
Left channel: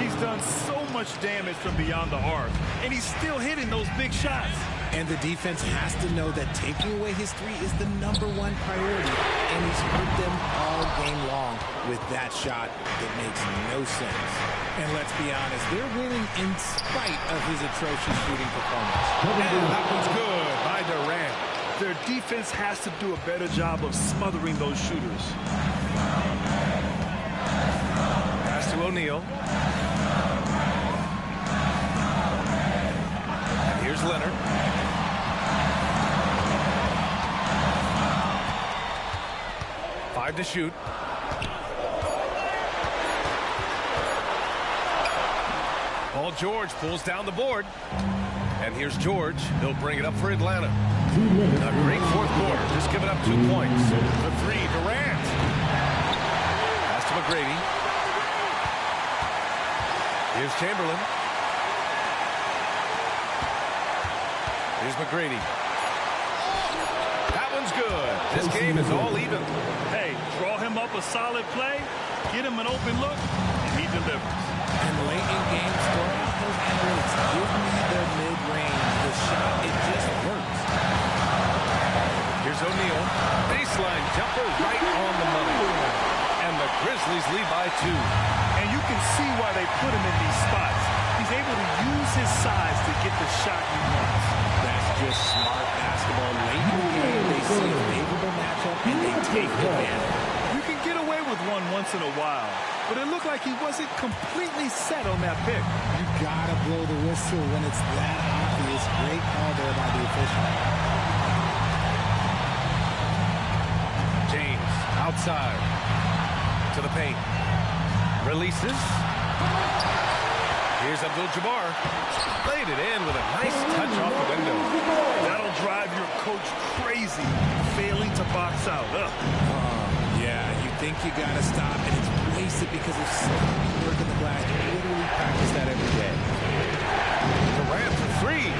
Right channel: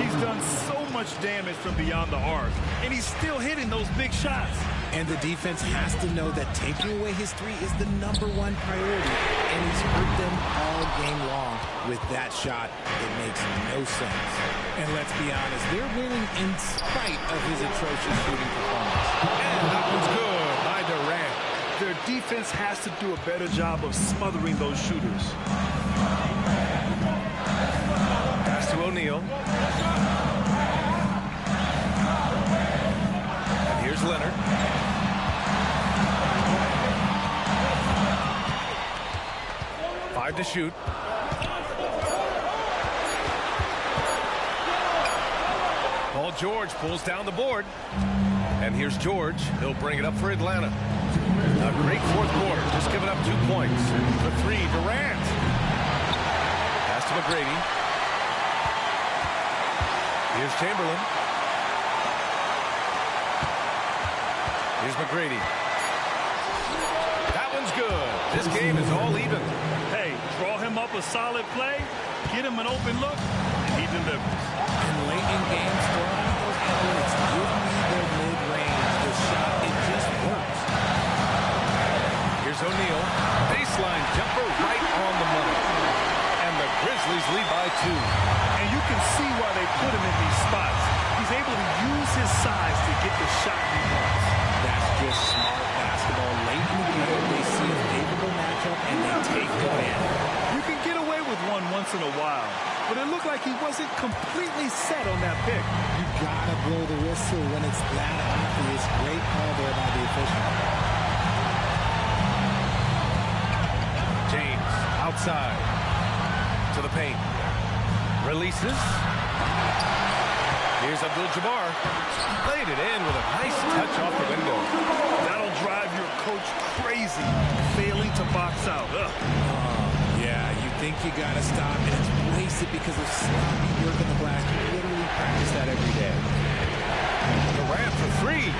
He's done so much damage from beyond the arc, and he's still hitting those big shots. And the defense has to know that taking away his three is the #1 priority, and he's hurt them all game long with that shot. It makes no sense. And let's be honest, they're winning in spite of his atrocious shooting performance. And that one's good by Durant. Their defense has to do a better job of smothering those shooters. Pass to O'Neal. And here's Leonard. Five to shoot. Paul George pulls down the board. And here's George. He'll bring it up for Atlanta. A great fourth quarter. Just giving up 2 points. The three, Durant. Pass to McGrady. Here's Chamberlain. Here's McGrady. That one's good. This game is all even. Hey, draw him up a solid play, get him an open look, and he delivers. And late in games, throw out those analytics. Give me the mid-range. The shot, it just works. Here's O'Neal. Baseline jumper right on the money. And the Grizzlies lead by 2. And you can see why they put him in these spots. He's able to use his size to get the shot he wants. That's just smart basketball. Late in the game, they see a favorable matchup, and they take advantage. You can get away with one once in a while, but it looked like he wasn't completely set on that pick. You gotta blow the whistle when it's that obvious. Great call there by the official. James outside to the paint. Releases. Here's Abdul-Jabbar. Laid it in with a nice touch off the window. That'll drive your coach crazy, failing to box out. Yeah, you think you got to stop, and it's wasted because of sloppy work in the glass. You literally practice that every day. Durant for 3.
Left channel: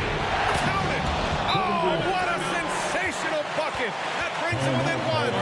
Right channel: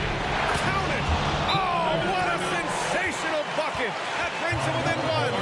Count it! Oh, what a sensational bucket! That brings him within 1.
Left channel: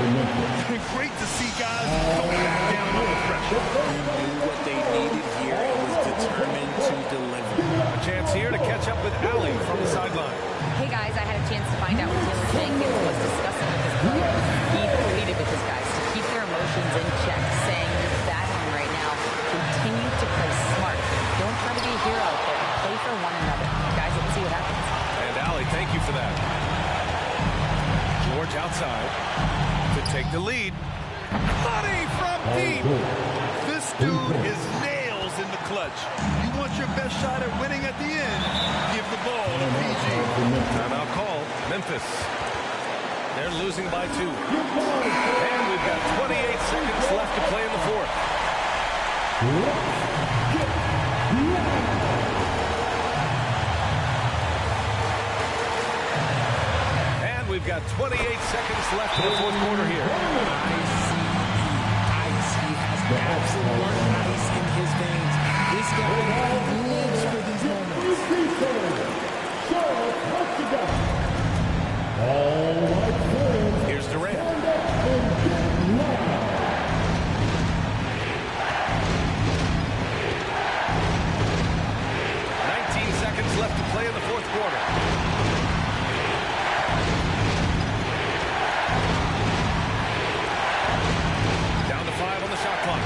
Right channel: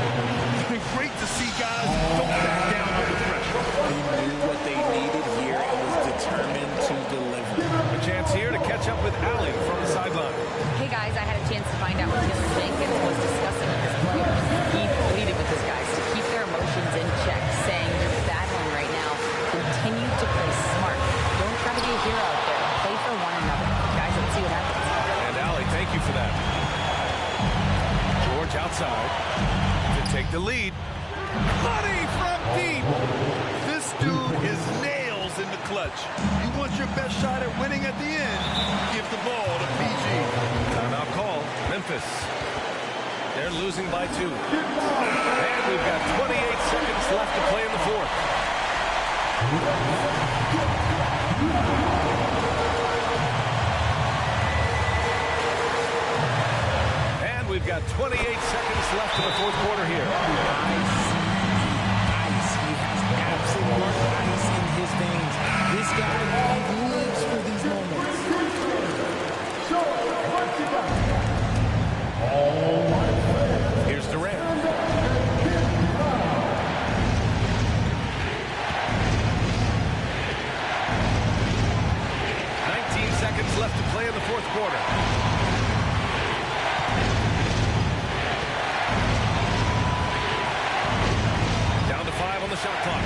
Great to see guys don't back down under pressure. He knew what they needed here and was determined to deliver. A chance here to catch up with Allie from the sideline. Hey guys, I had a chance to find out what Taylor Jenkins was discussing with his players. He pleaded with his guys to keep their emotions in check, saying you're battling right now. Continue to play smart. Don't try to be a hero out there. Play for one another. Guys, let's see what happens. And Allie, thank you for that. George outside to take the lead. Money from deep. This dude is nails in the clutch. You want your best shot at winning at the end, give the ball to PG. Timeout call. Memphis. They're losing by 2. And we've got 28 seconds left to play in the fourth. And we've got 28 seconds left in the fourth quarter here. ICE. He has absolute ice in his veins. This guy, he lives for these moments. Here's Durant. Seconds left to play in the fourth quarter. Down to 5 on the shot clock.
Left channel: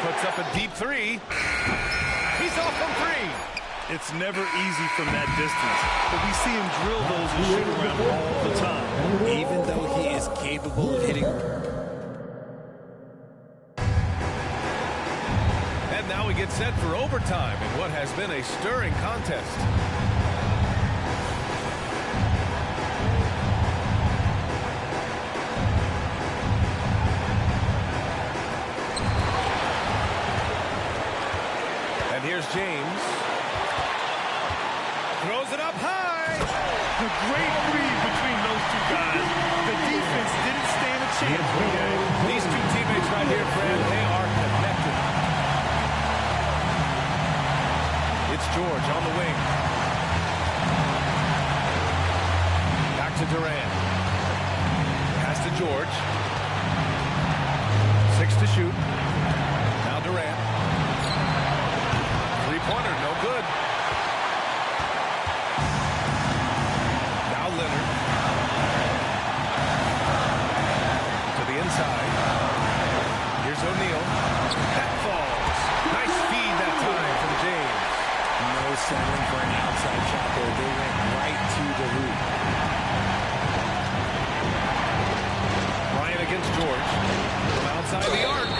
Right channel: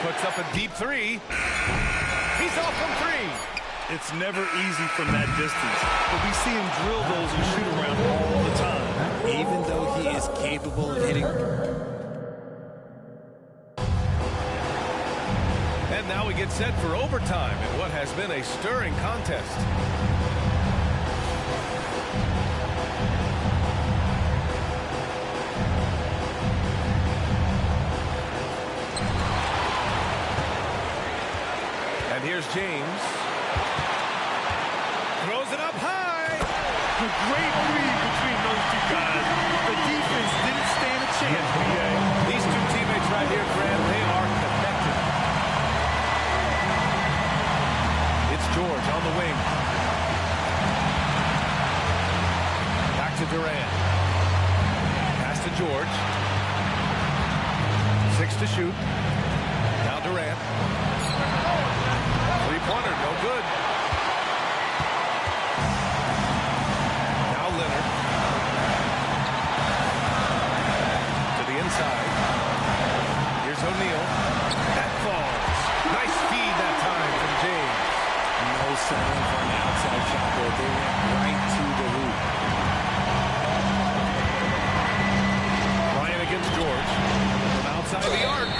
Puts up a deep 3. He's off from 3. It's never easy from that distance, but we see him drill those and shoot around all the time. Even though he is capable of hitting. And now we get set for overtime in what has been a stirring contest. And here's James. Throws it up high. A great read between those two guys. The defense didn't stand a chance, B.A. These two teammates right here, Fran, they are connected. It's George on the wing. Back to Durant. Pass to George. 6 to shoot. Now Durant. Three-pointer, no good. Now Leonard. To the inside. Here's O'Neal. That falls. Nice feed that time from James. No settling for an outside shot there. They went right to the hoop. Bryant against George. From outside the arc.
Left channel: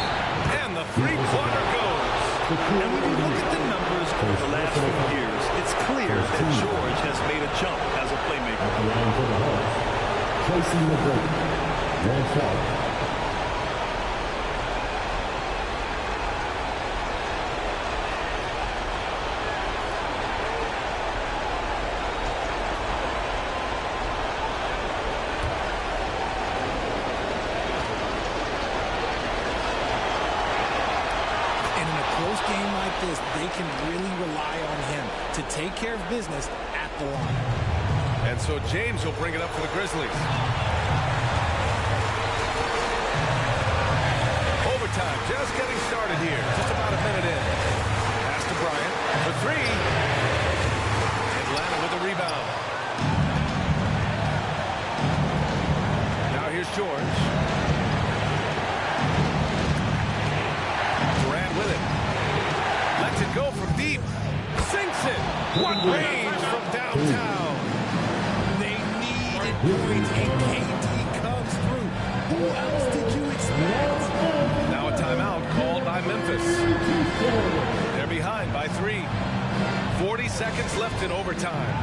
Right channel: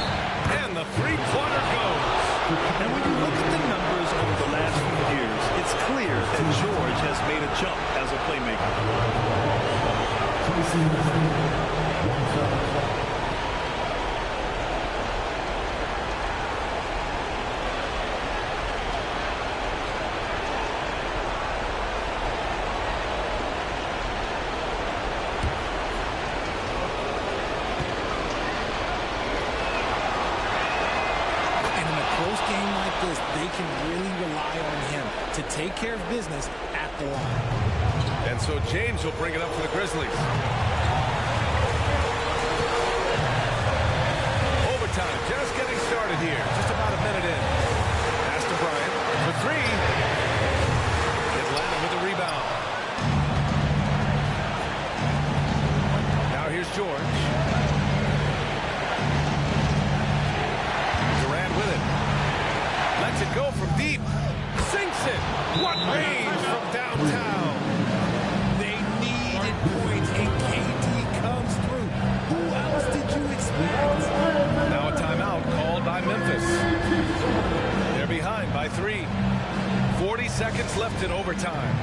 And the three-pointer goes. And when you look at the numbers over the last few years, it's clear that George has made a jump as a playmaker. Placing the break. One foul. Game like this, they can really rely on him to take care of business at the line. And so James will bring it up for the Grizzlies. Overtime just getting started here. Just about a minute in. Pass to Bryant for three. Atlanta with a rebound. Now here's George. Durant with it. Lets it go from deep. Sinks it. What range from downtown. They needed points, and KD comes through. Who else did you expect? Now a timeout called by Memphis. They're behind by 3. 40 seconds left in overtime.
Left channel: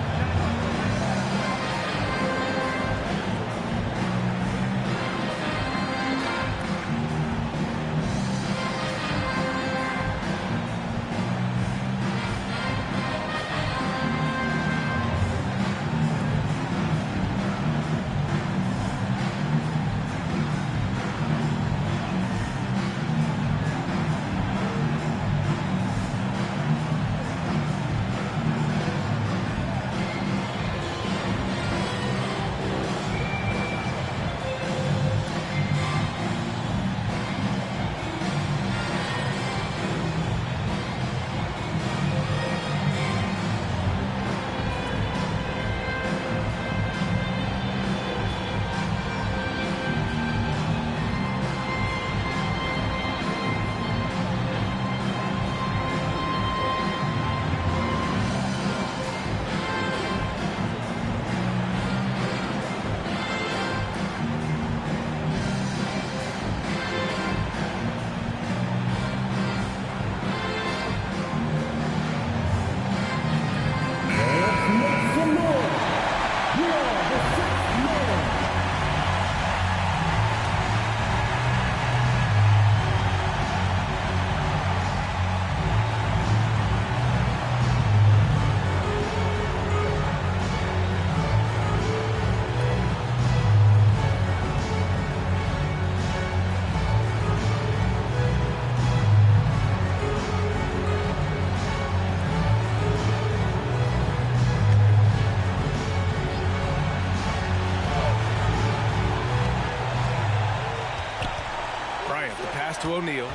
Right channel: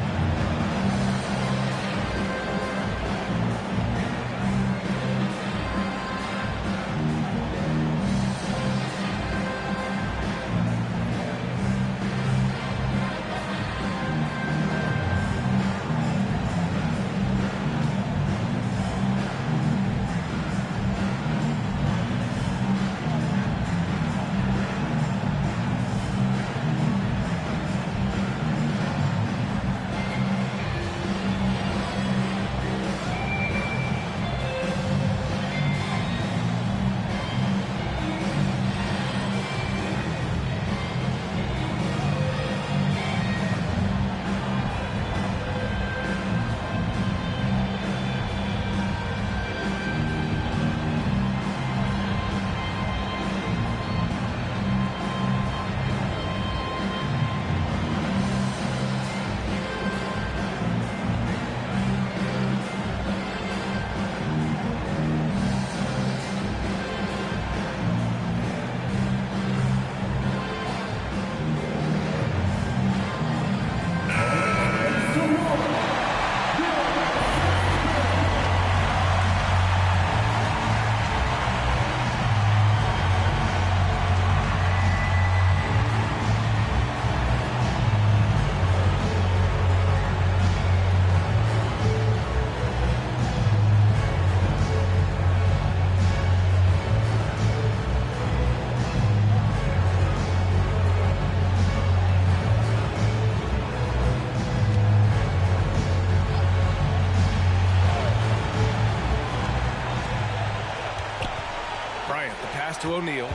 Bryant, the pass to O'Neal.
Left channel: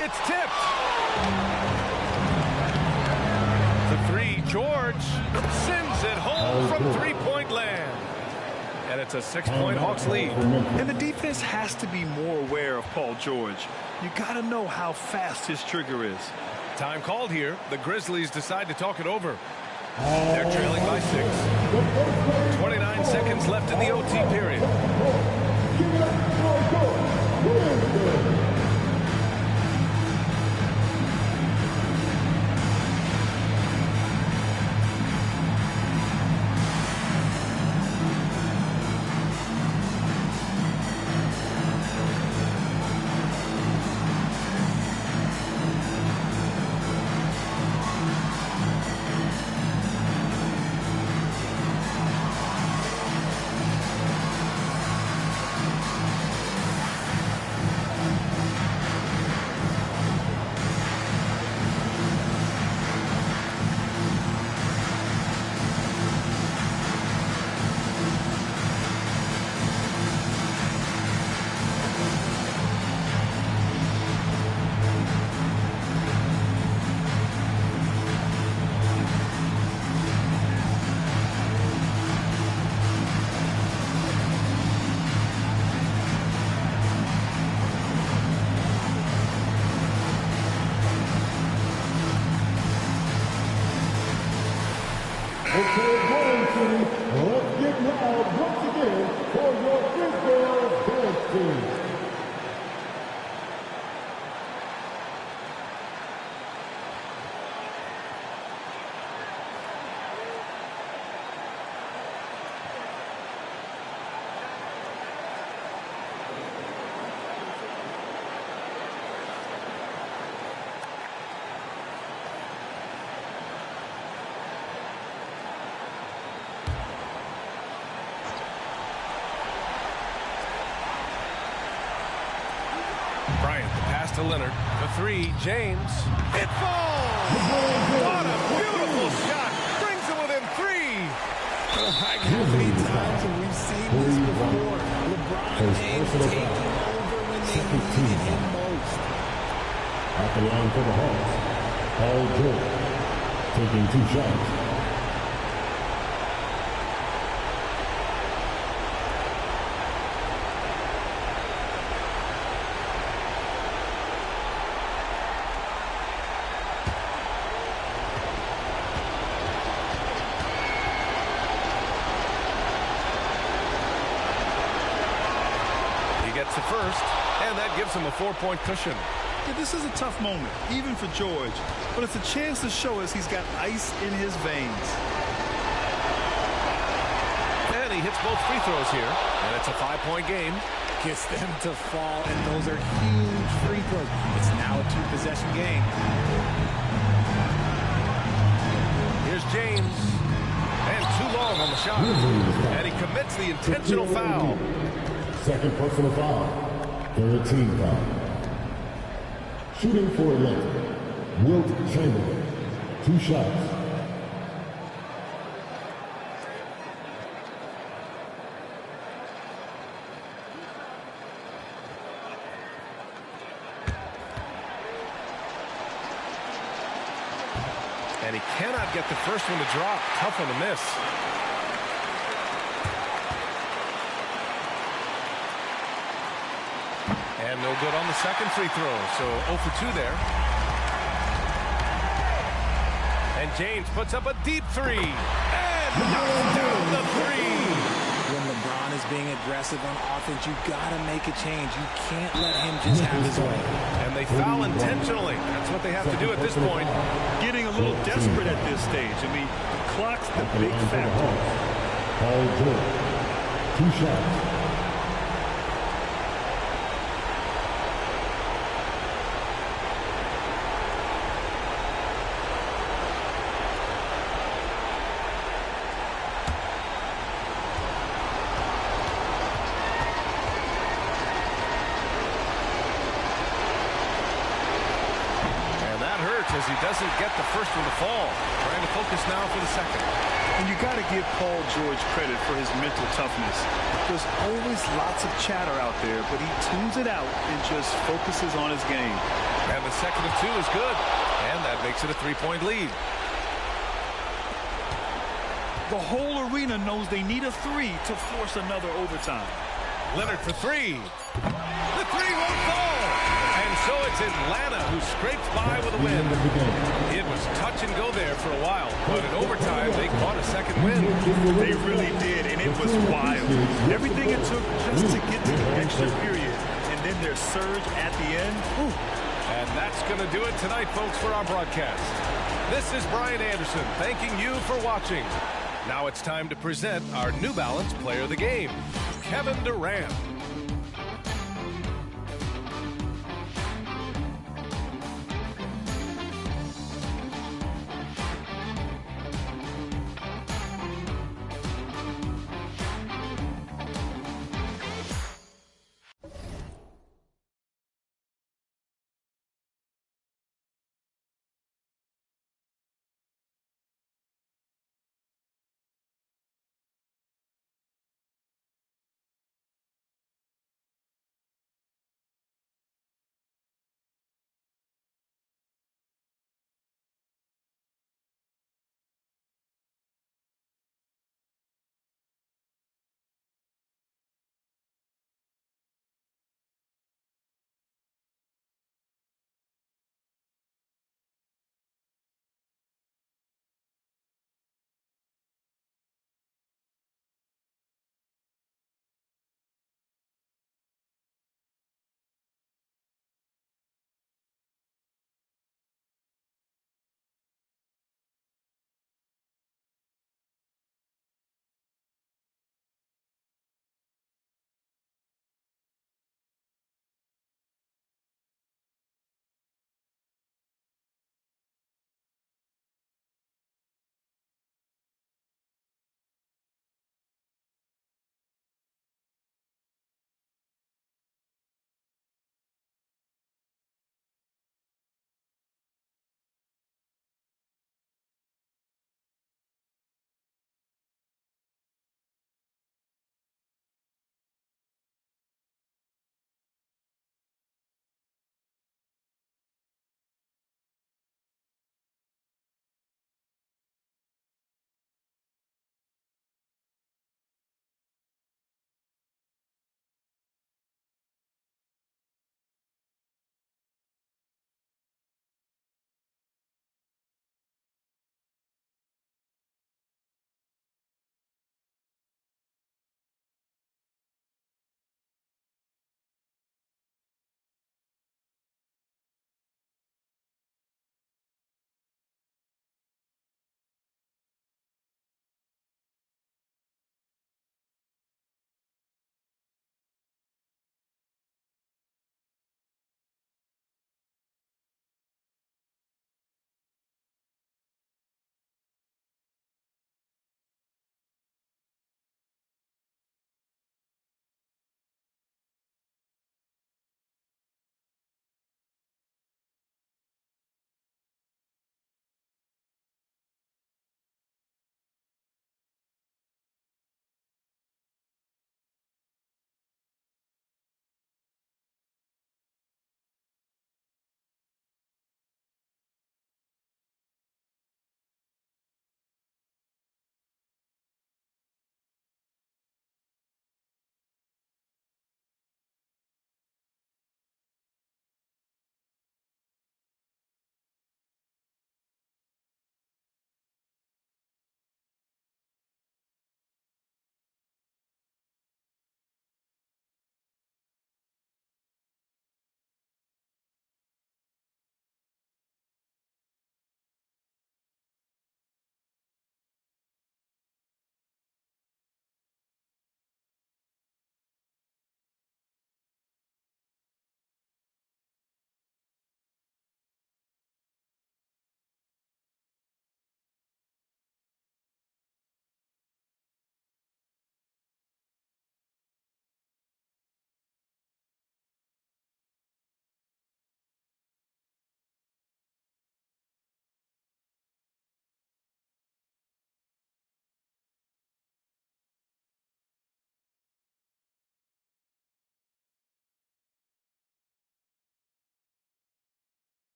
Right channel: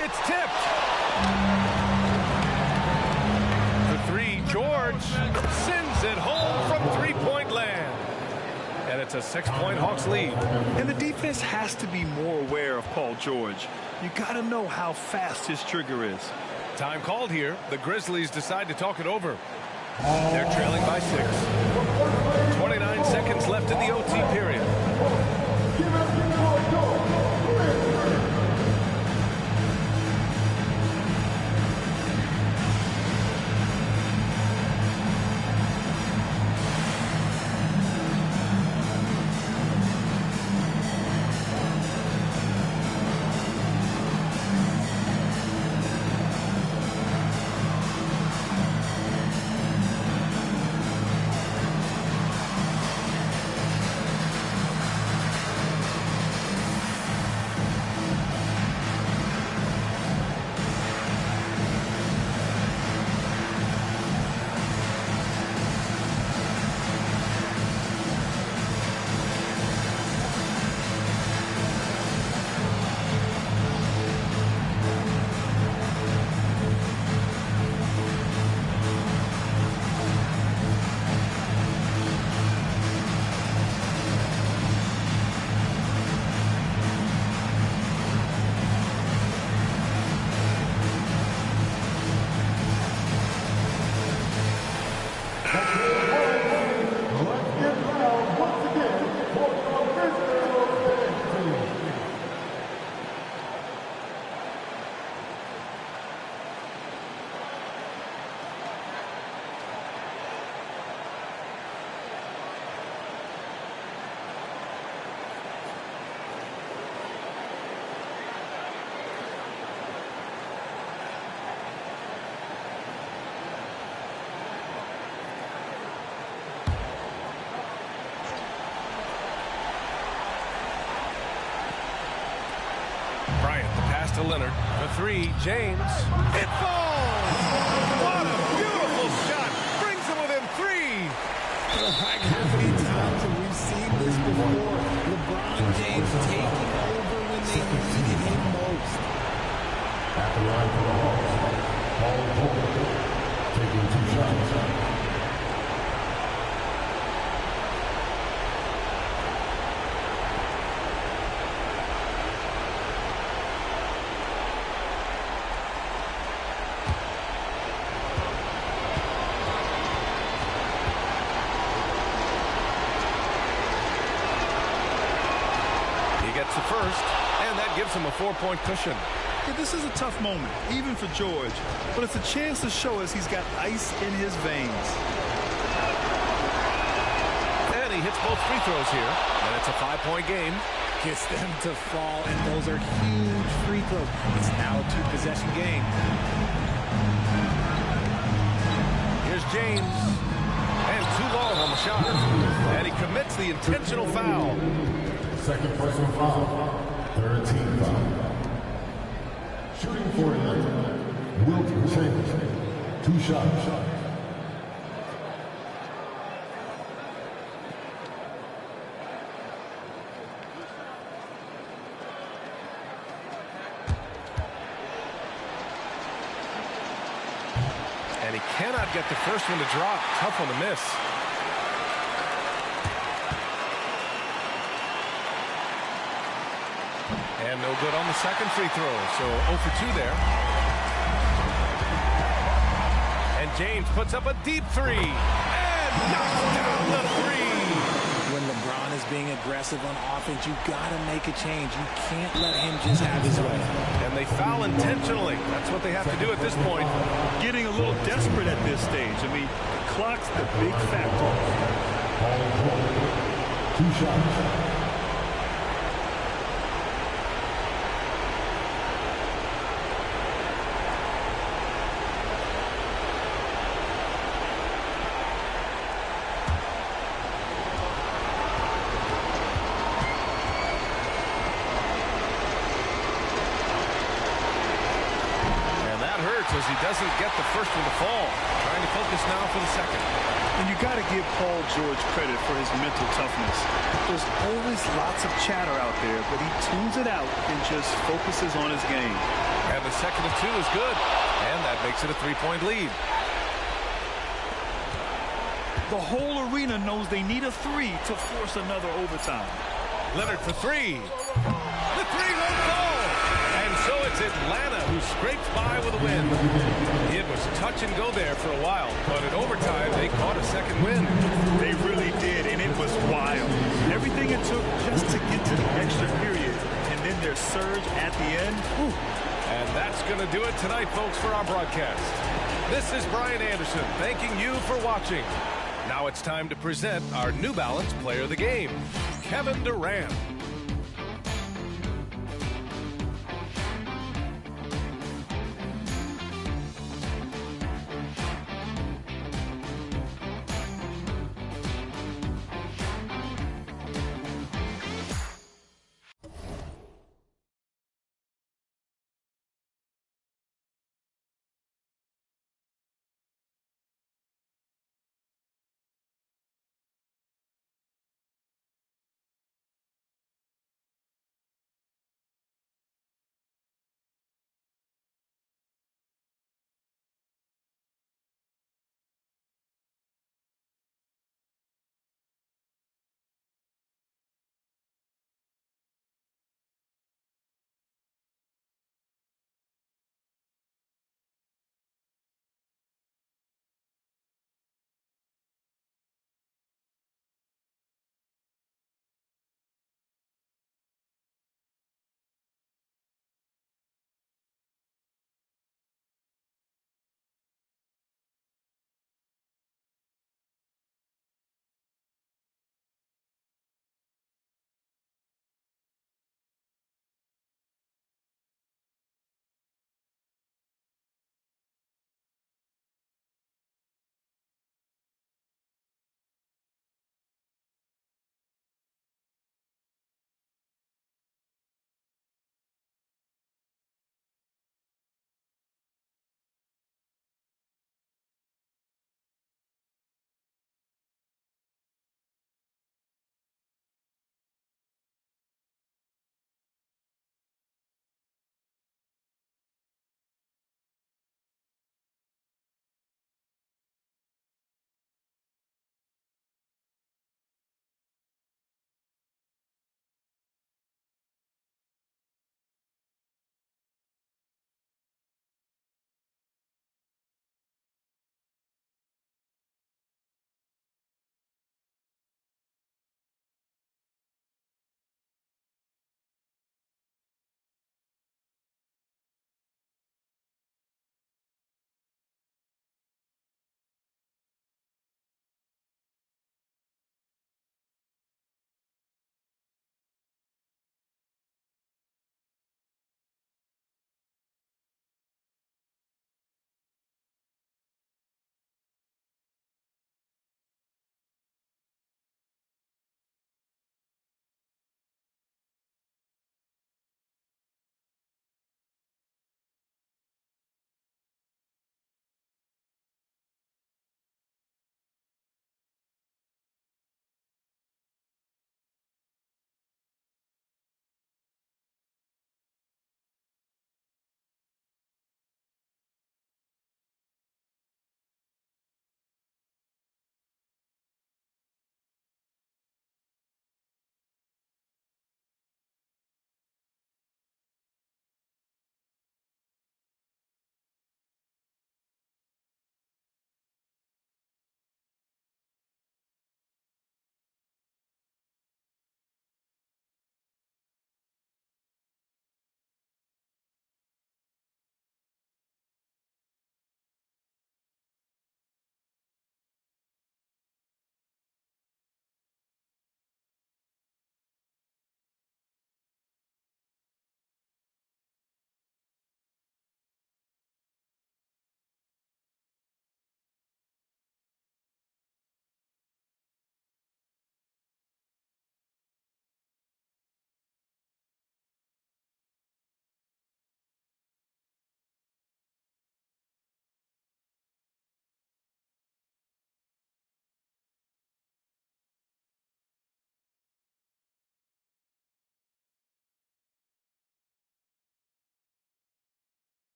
It's tipped. The three, George sends it home from three-point land. And it's a 6-point Hawks lead. And the defense has to be more aware of Paul George. You got to know how fast his trigger is. Time called here. The Grizzlies decide to talk it over. They're trailing by 6. 29 seconds left in the OT period. Let's get loud once again for your Grisdale dance team. Bryant, the pass to Leonard. The 3, James. It falls! What a beautiful shot! Brings him within 3! Like how many times have we seen this before? LeBron James taking over when they needed him most. At the line for the Hawks, Paul George taking 2 shots. Gets the first, and that gives him a 4-point cushion. Yeah, this is a tough moment, even for George, but it's a chance to show us he's got ice in his veins. And he hits both free throws here, and it's a 5-point game. Gets them to fall, and those are huge free throws. It's now a 2-possession game. Here's James, and too long on the shot, and he commits the intentional foul. Second personal foul. Third team foul. Shooting for Atlanta, Wilt Chamberlain. 2 shots. And he cannot get the first one to drop. Tough one to miss. And no good on the second free throw, so 0 for 2 there. And James puts up a deep 3 and knocks down the 3. When LeBron is being aggressive on offense, you got to make a change. You can't let him just have his way. And they foul intentionally. That's what they have to do at this point. Getting a little desperate at this stage. I mean, the clock's the big factor. Paul George, 2 shots. As he doesn't get the first one to fall. Trying to focus now for the second. And you got to give Paul George credit for his mental toughness. There's always lots of chatter out there, but he tunes it out and just focuses on his game. And the second of 2 is good. And that makes it a 3-point lead. The whole arena knows they need a 3 to force another overtime. Leonard for 3. The 3 won't fall. And And so it's Atlanta who scrapes by with a win. It was touch and go there for a while, but in overtime, they caught a second win. They really did, and it was wild. Everything it took just to get to the extra period, and then their surge at the end. Whew. And that's going to do it tonight, folks, for our broadcast. This is Brian Anderson thanking you for watching. Now it's time to present our New Balance Player of the Game, Kevin Durant.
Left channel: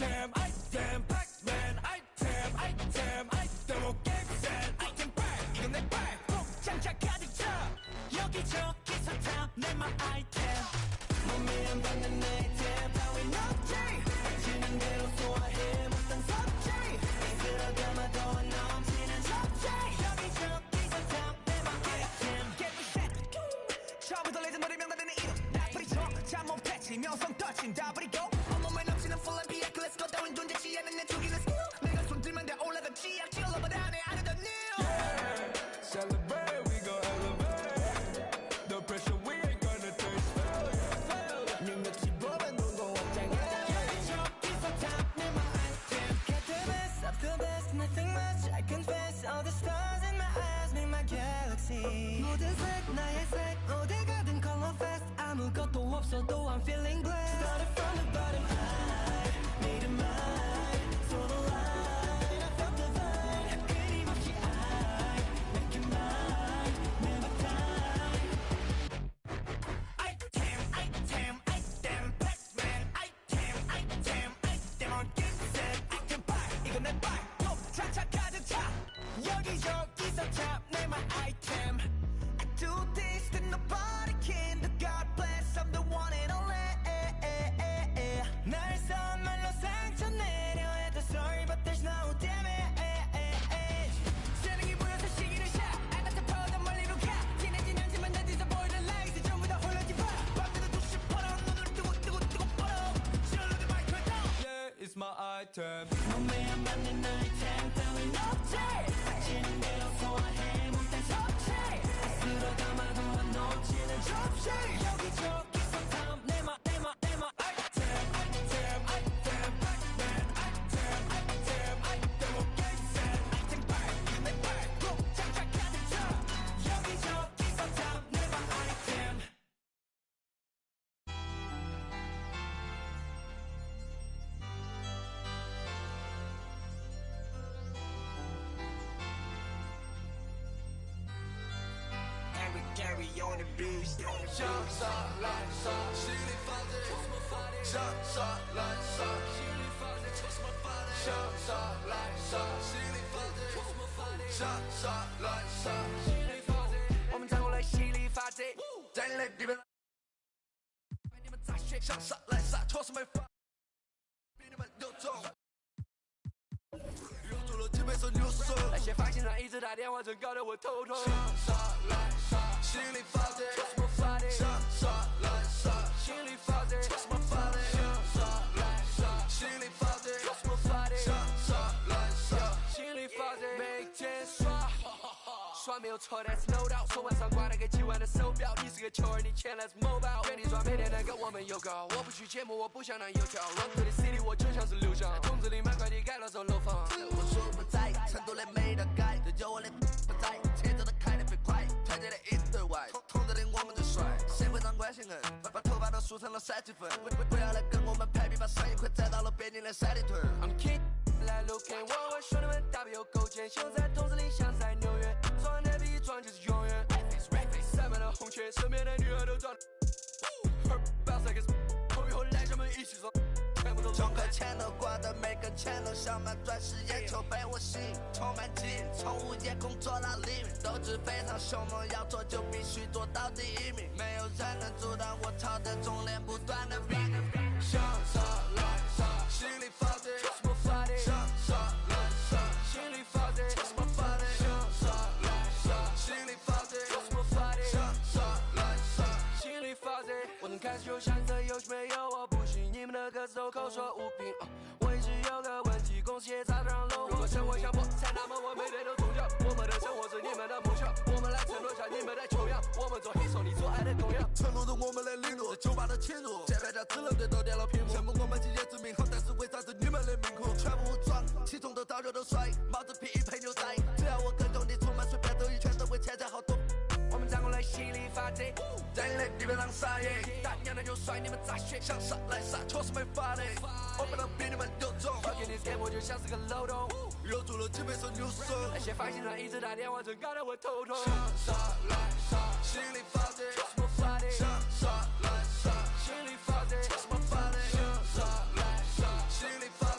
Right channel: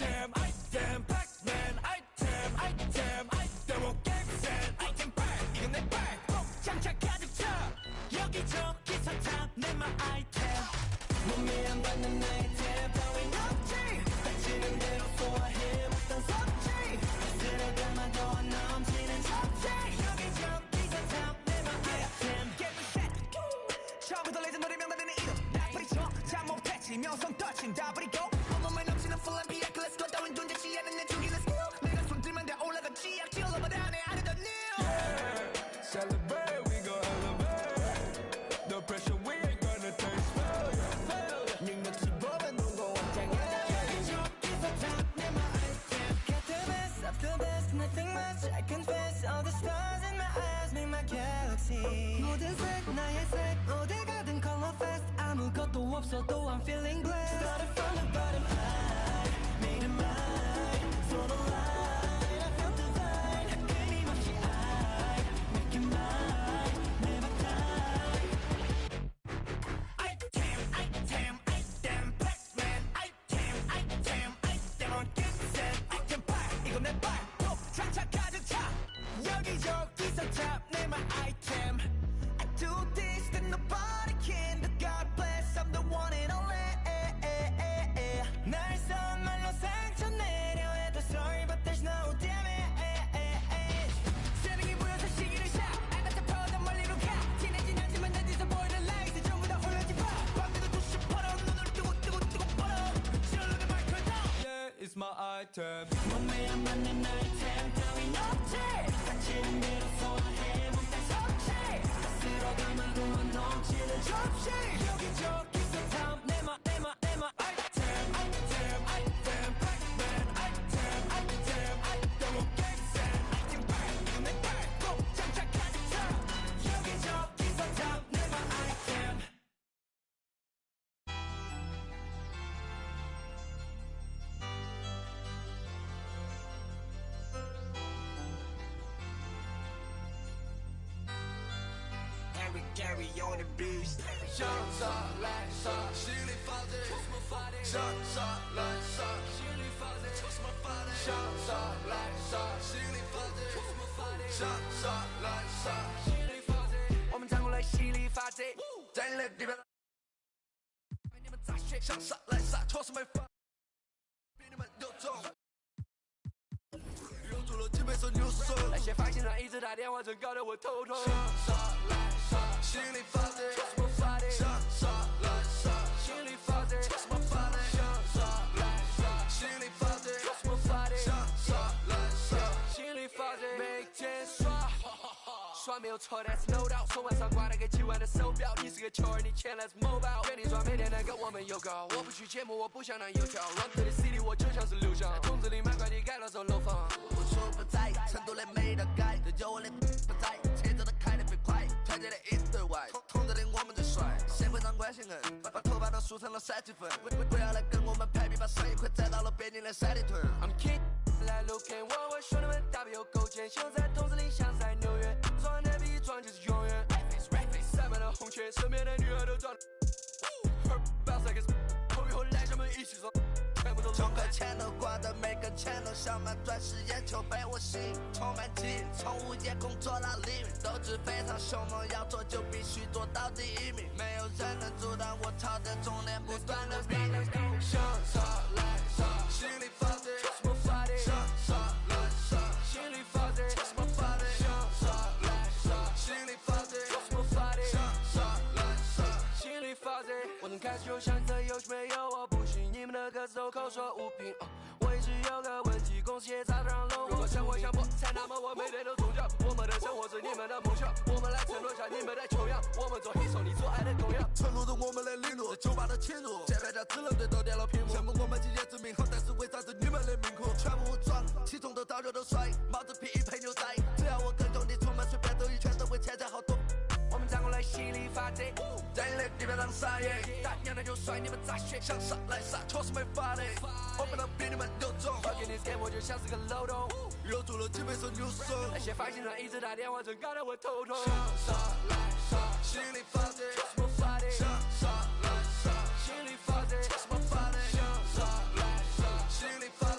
아이템 아이템 팩맨 아이템 아이템 아이템 게임센 아이템 백 이건 내 백 꼭 장착 가득 차 여기저기서 탐내마 아이템 몸에 안 받는 아이템 따윈 없지 닥치는 대로 소화해 못한 섭지 쓸어 담아도 안 넘치는 접시 여기저기서 탐내마 아이템 게임은 셋 처음부터 레전더리 명단되는 이름 나 뿌리쳐 잠못 패치 명성 터칭 다 버리고 온몸에 넘치는 full and 비약 let's go 따윈 존재치 않은 내 죽이는 스킬 내가 손들면 다 올라가지 악질러보다 내 아래던 new Celebrate we gon' elevate The pressure we ain't gonna taste failure 능력치 보면 눈고 확장해 여기저기서 탐내마 item Got the best of the best nothing much I confess all the stars in my eyes make my galaxy 모든 색 나의 색 어디 가든 color fest 아무것도 없어도 I'm feeling blessed Started from the bottom I made it mine So the light I felt divine 끊임없이 I make it mine never time Item item item Pac-Man item item item on Gimset item bar 이건 내 bar 톱 장착 가득 차 여기저기서 탐내 my item I do this that nobody can The God bless I'm the one and only 날 선말로 상처 내려 해도 sorry but there's no damage 재능이 보여서 시기를 샷 알맞아 퍼져 멀리로 가 티내진 않지만 난 뒤에서 보이는 라이트 전부 다 홀려지 봐 밤새도 두시 퍼러 눈을 뜨고 퍼러 실로드 마이크 Yeah it's my item 몸에 안 맞는 아이템 따윈 없지 닥치는 대로 소화해 몸단 섭취 쓸어 담아도 안 넘치는 접시 여기저기서 탐내마 item item item Pac-Man item item item 게임센 item 백 이건 내 백 꼭 장착 가득 차 여기저기서 탐내마 item Eric Gary on the beast 像沙来沙，心里发电，像沙来沙，心里发电，像沙来沙，心里发电，像沙来沙，心里发电。我们站过来犀利发电，在你的地盘，你们咋学？像沙来沙，戳什么发？比你们有种。有足了几倍手扭手。那些发型上一直打电话，真搞得我头痛。像沙来沙，心里发电，戳什么发电？像沙来沙，心里发电，戳什么发电？像沙来沙，心里发电，戳什么发电？像沙来沙，心里发电，每天刷。刷没有错，但是 no doubt。手腕上挂了个几万的手表，你是个球儿，你钱来自某宝。原地转每天能跟我们有搞，我不去节目，我不想当油条。Run to the city， 我就像是刘翔。筒子里买快递改了座楼房。我说不在，成都的没得改，这有我的不在，车子都开得飞快，团结的一对外，同着的我们最帅。社会上关系硬，把头发都梳成了3级粉，不要来跟我们排比，把生意快攒到了北京的三里屯。I'm king。来路看我兄弟们大笔有勾践，秀在筒子里像在纽约，装的比装就是永远。塞满了红圈，身边的女孩都长得。Bounce like it's， 后以后来咱们一起装，全部都钟馗钱都挂的，每根钱都像满钻石眼球被我吸引，充满劲，从午夜工作到黎明，斗志非常凶猛，要做就必须做到第一名，没有人能阻挡我朝着终点不断的逼近。像沙来沙，心里发电，戳什么发电？像沙来沙，心里发电，戳什么发电？像沙来沙，心里发电，戳什么发电？像沙来沙，心里发电。我从开始就想这游戏没有我不行，你们的歌词都口说无凭。我一直有个问题，公司也早都让楼。如果生活像破产，那么我每天都中奖。我们的生活是你们的梦想，我们来承诺下你们的穷养。我们做黑手，你做爱的供养。承诺着我们的领路，酒吧的侵入，键盘侠只能对都点了屏幕。羡慕我们今夜之名好，但是为啥子你们的命苦？全部武装，起重头到脚都摔，帽子皮衣配牛仔。只要我跟兄弟出门，随便兜一圈都会钱财好多。我们站过来犀利发电，在你的地盘上撒野，大娘的就甩你们咋学？想杀来杀，确实没法的，我们能比你们有种。我给你 game 我就像是个漏洞，留住了几倍手扭手。那些发型上一直打电话，真搞得我头痛。想杀来杀，心里发电，戳什么发电？想杀来杀，心里发电，戳什么发电？想杀来杀，心里发电。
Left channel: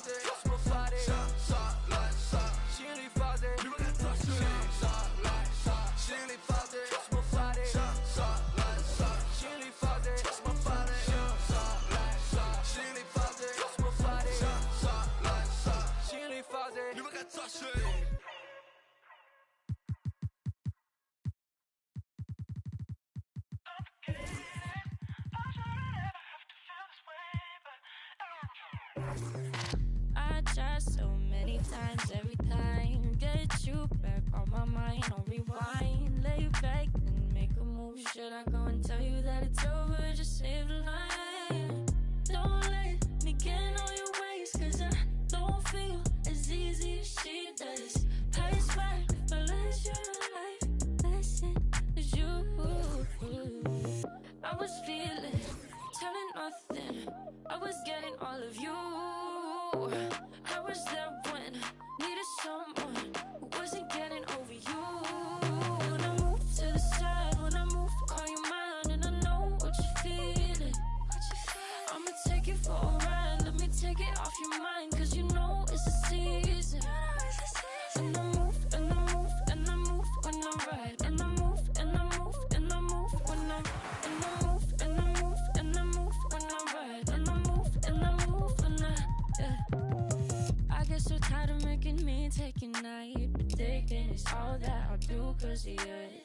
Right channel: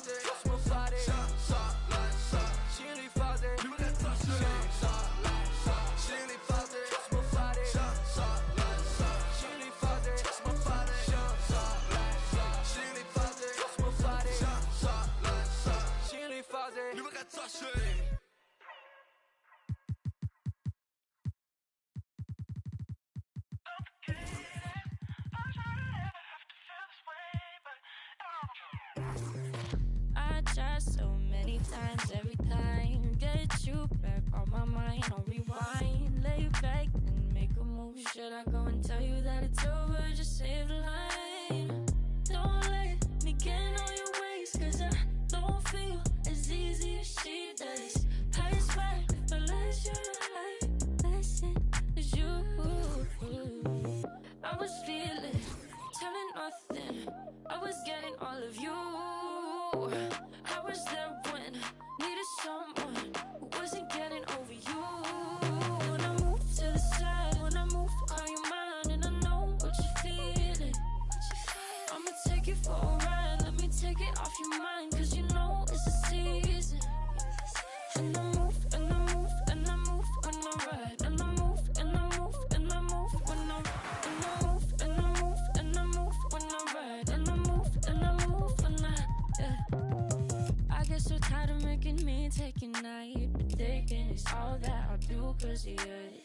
I try so many times, every time. Get you back on my mind, on rewind. Lay back and make a move. Should I go and tell you that it's over? Just save the line. Don't let me get on your ways, cause I don't feel as easy as she does. I swear if I let you life lesson is you. I was feeling, telling nothing. I was getting all of you. I was there when needed someone who wasn't getting over you. When I move to the side, when I move, call you mine, and I know what you're feeling. I'ma take it for a ride, let me take it off your mind, cause you know it's a season. And I move, and I move, and I move when I ride, and I move, and I move, and I move when I move, and I move, and I move when I ride, and I move, and I move when I get so tired of making me take a night, but thinking it's all that I'll do cause of you.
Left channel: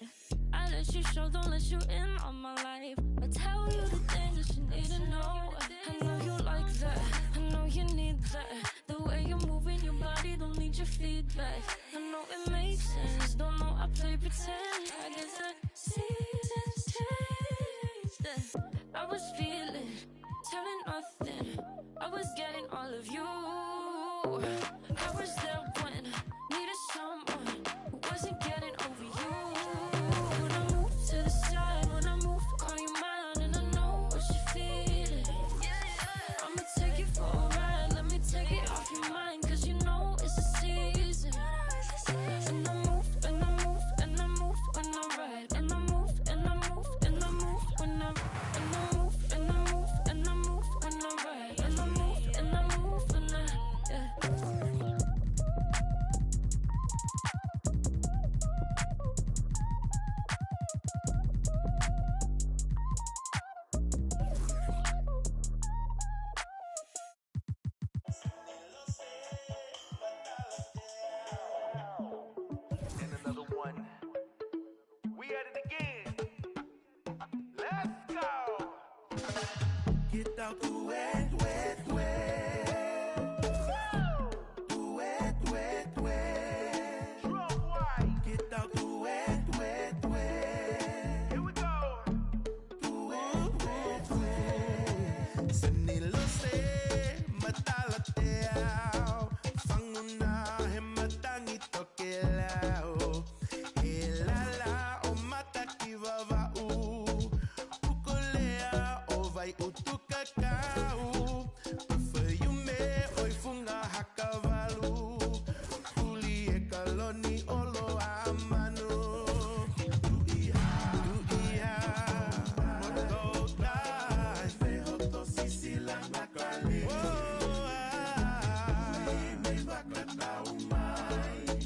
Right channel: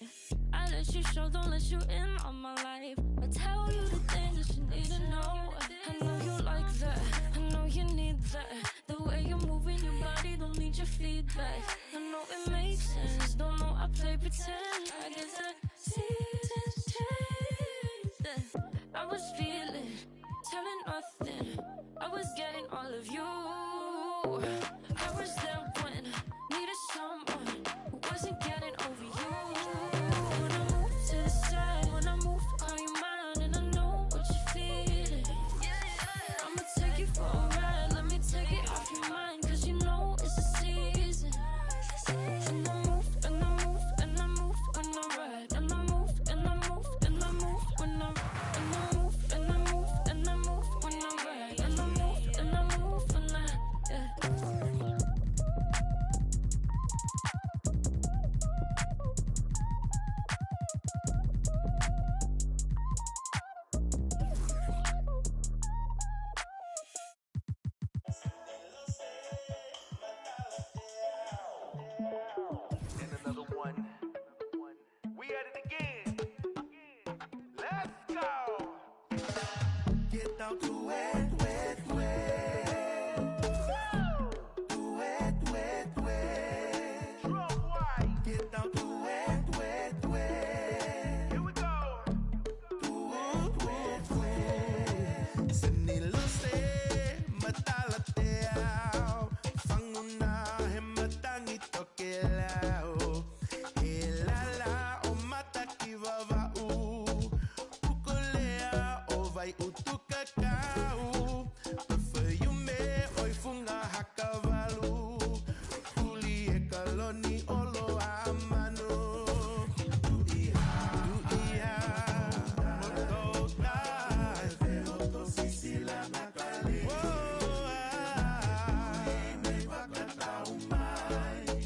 I let you show, don't let you in on my life. I tell you the things that you need to know. I know you like that, I know you need that. The way you're moving your body, don't need your feedback. I know it makes sense, don't know I play pretend. I guess the seasons changed. I was feeling, telling nothing. I was getting all of you. I was there when needed someone who wasn't getting over you. When I move to the side, when I move, call you mine, and I know what you're feeling. I'ma take it for a ride, let me take it off your mind, cause you know it's a season. And I move, and I move, and I move when I ride, and I move, and I move, and I move when I move, and I move, and I move when I ride, and I move, and I move when I And another one. We at it again. Let's go. Get out the wet, wet, wet. The wet, wet, wet. Drum white. Get out the wet, wet, wet. Here we go. The wet, wet, wet. Senilose matalateao. Fanguna hematang itokelao. Helala o matakivava u. Ukolea o vai utukakau. Perfume oi funga hakavalu. Uli e kaloni olo amanu. Duia moto dai. Veo to sisila nakali. Oh ai. Me bakata umai.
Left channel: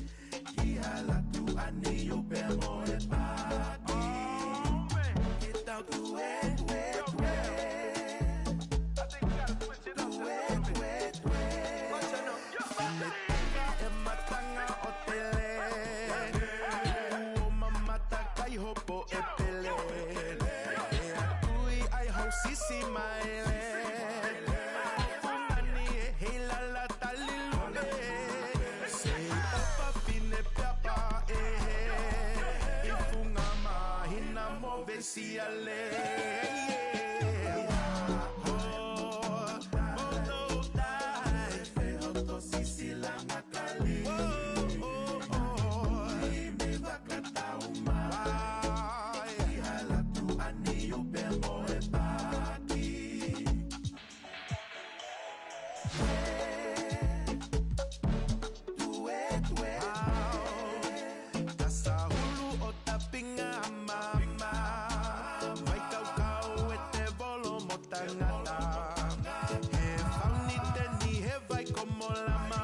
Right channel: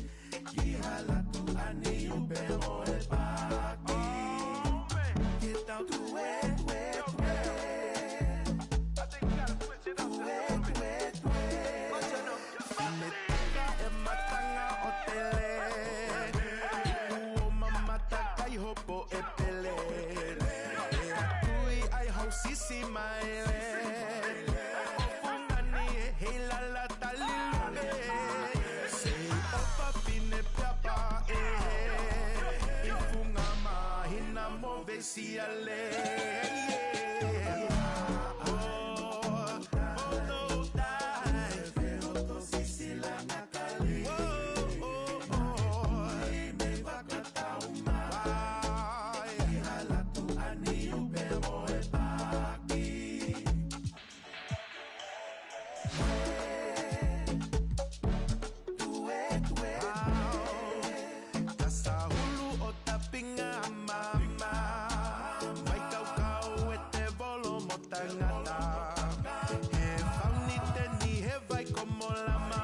Kihala tu ani ubelo e baki. Get out the wet, wet, wet. I think we gotta switch it up just a little bit. Metanga e matanga otele. Uo mamata kai hopo e pele. E akui ai hau sisi maele. Ofungani e heila la talilune. Sei opa pine piapa e. Ifunga mahina mo vesiale. Oh, mono dai. Veo to sisila nakali. Oh, oh, oh. Me bakata umai. Kihala tu ani ubelo e baki. Wet, wet, wet. Kasa hulu o tapinga mama. Vai kau kau e te volo mo tangata. He fauni te ni he vai como lama.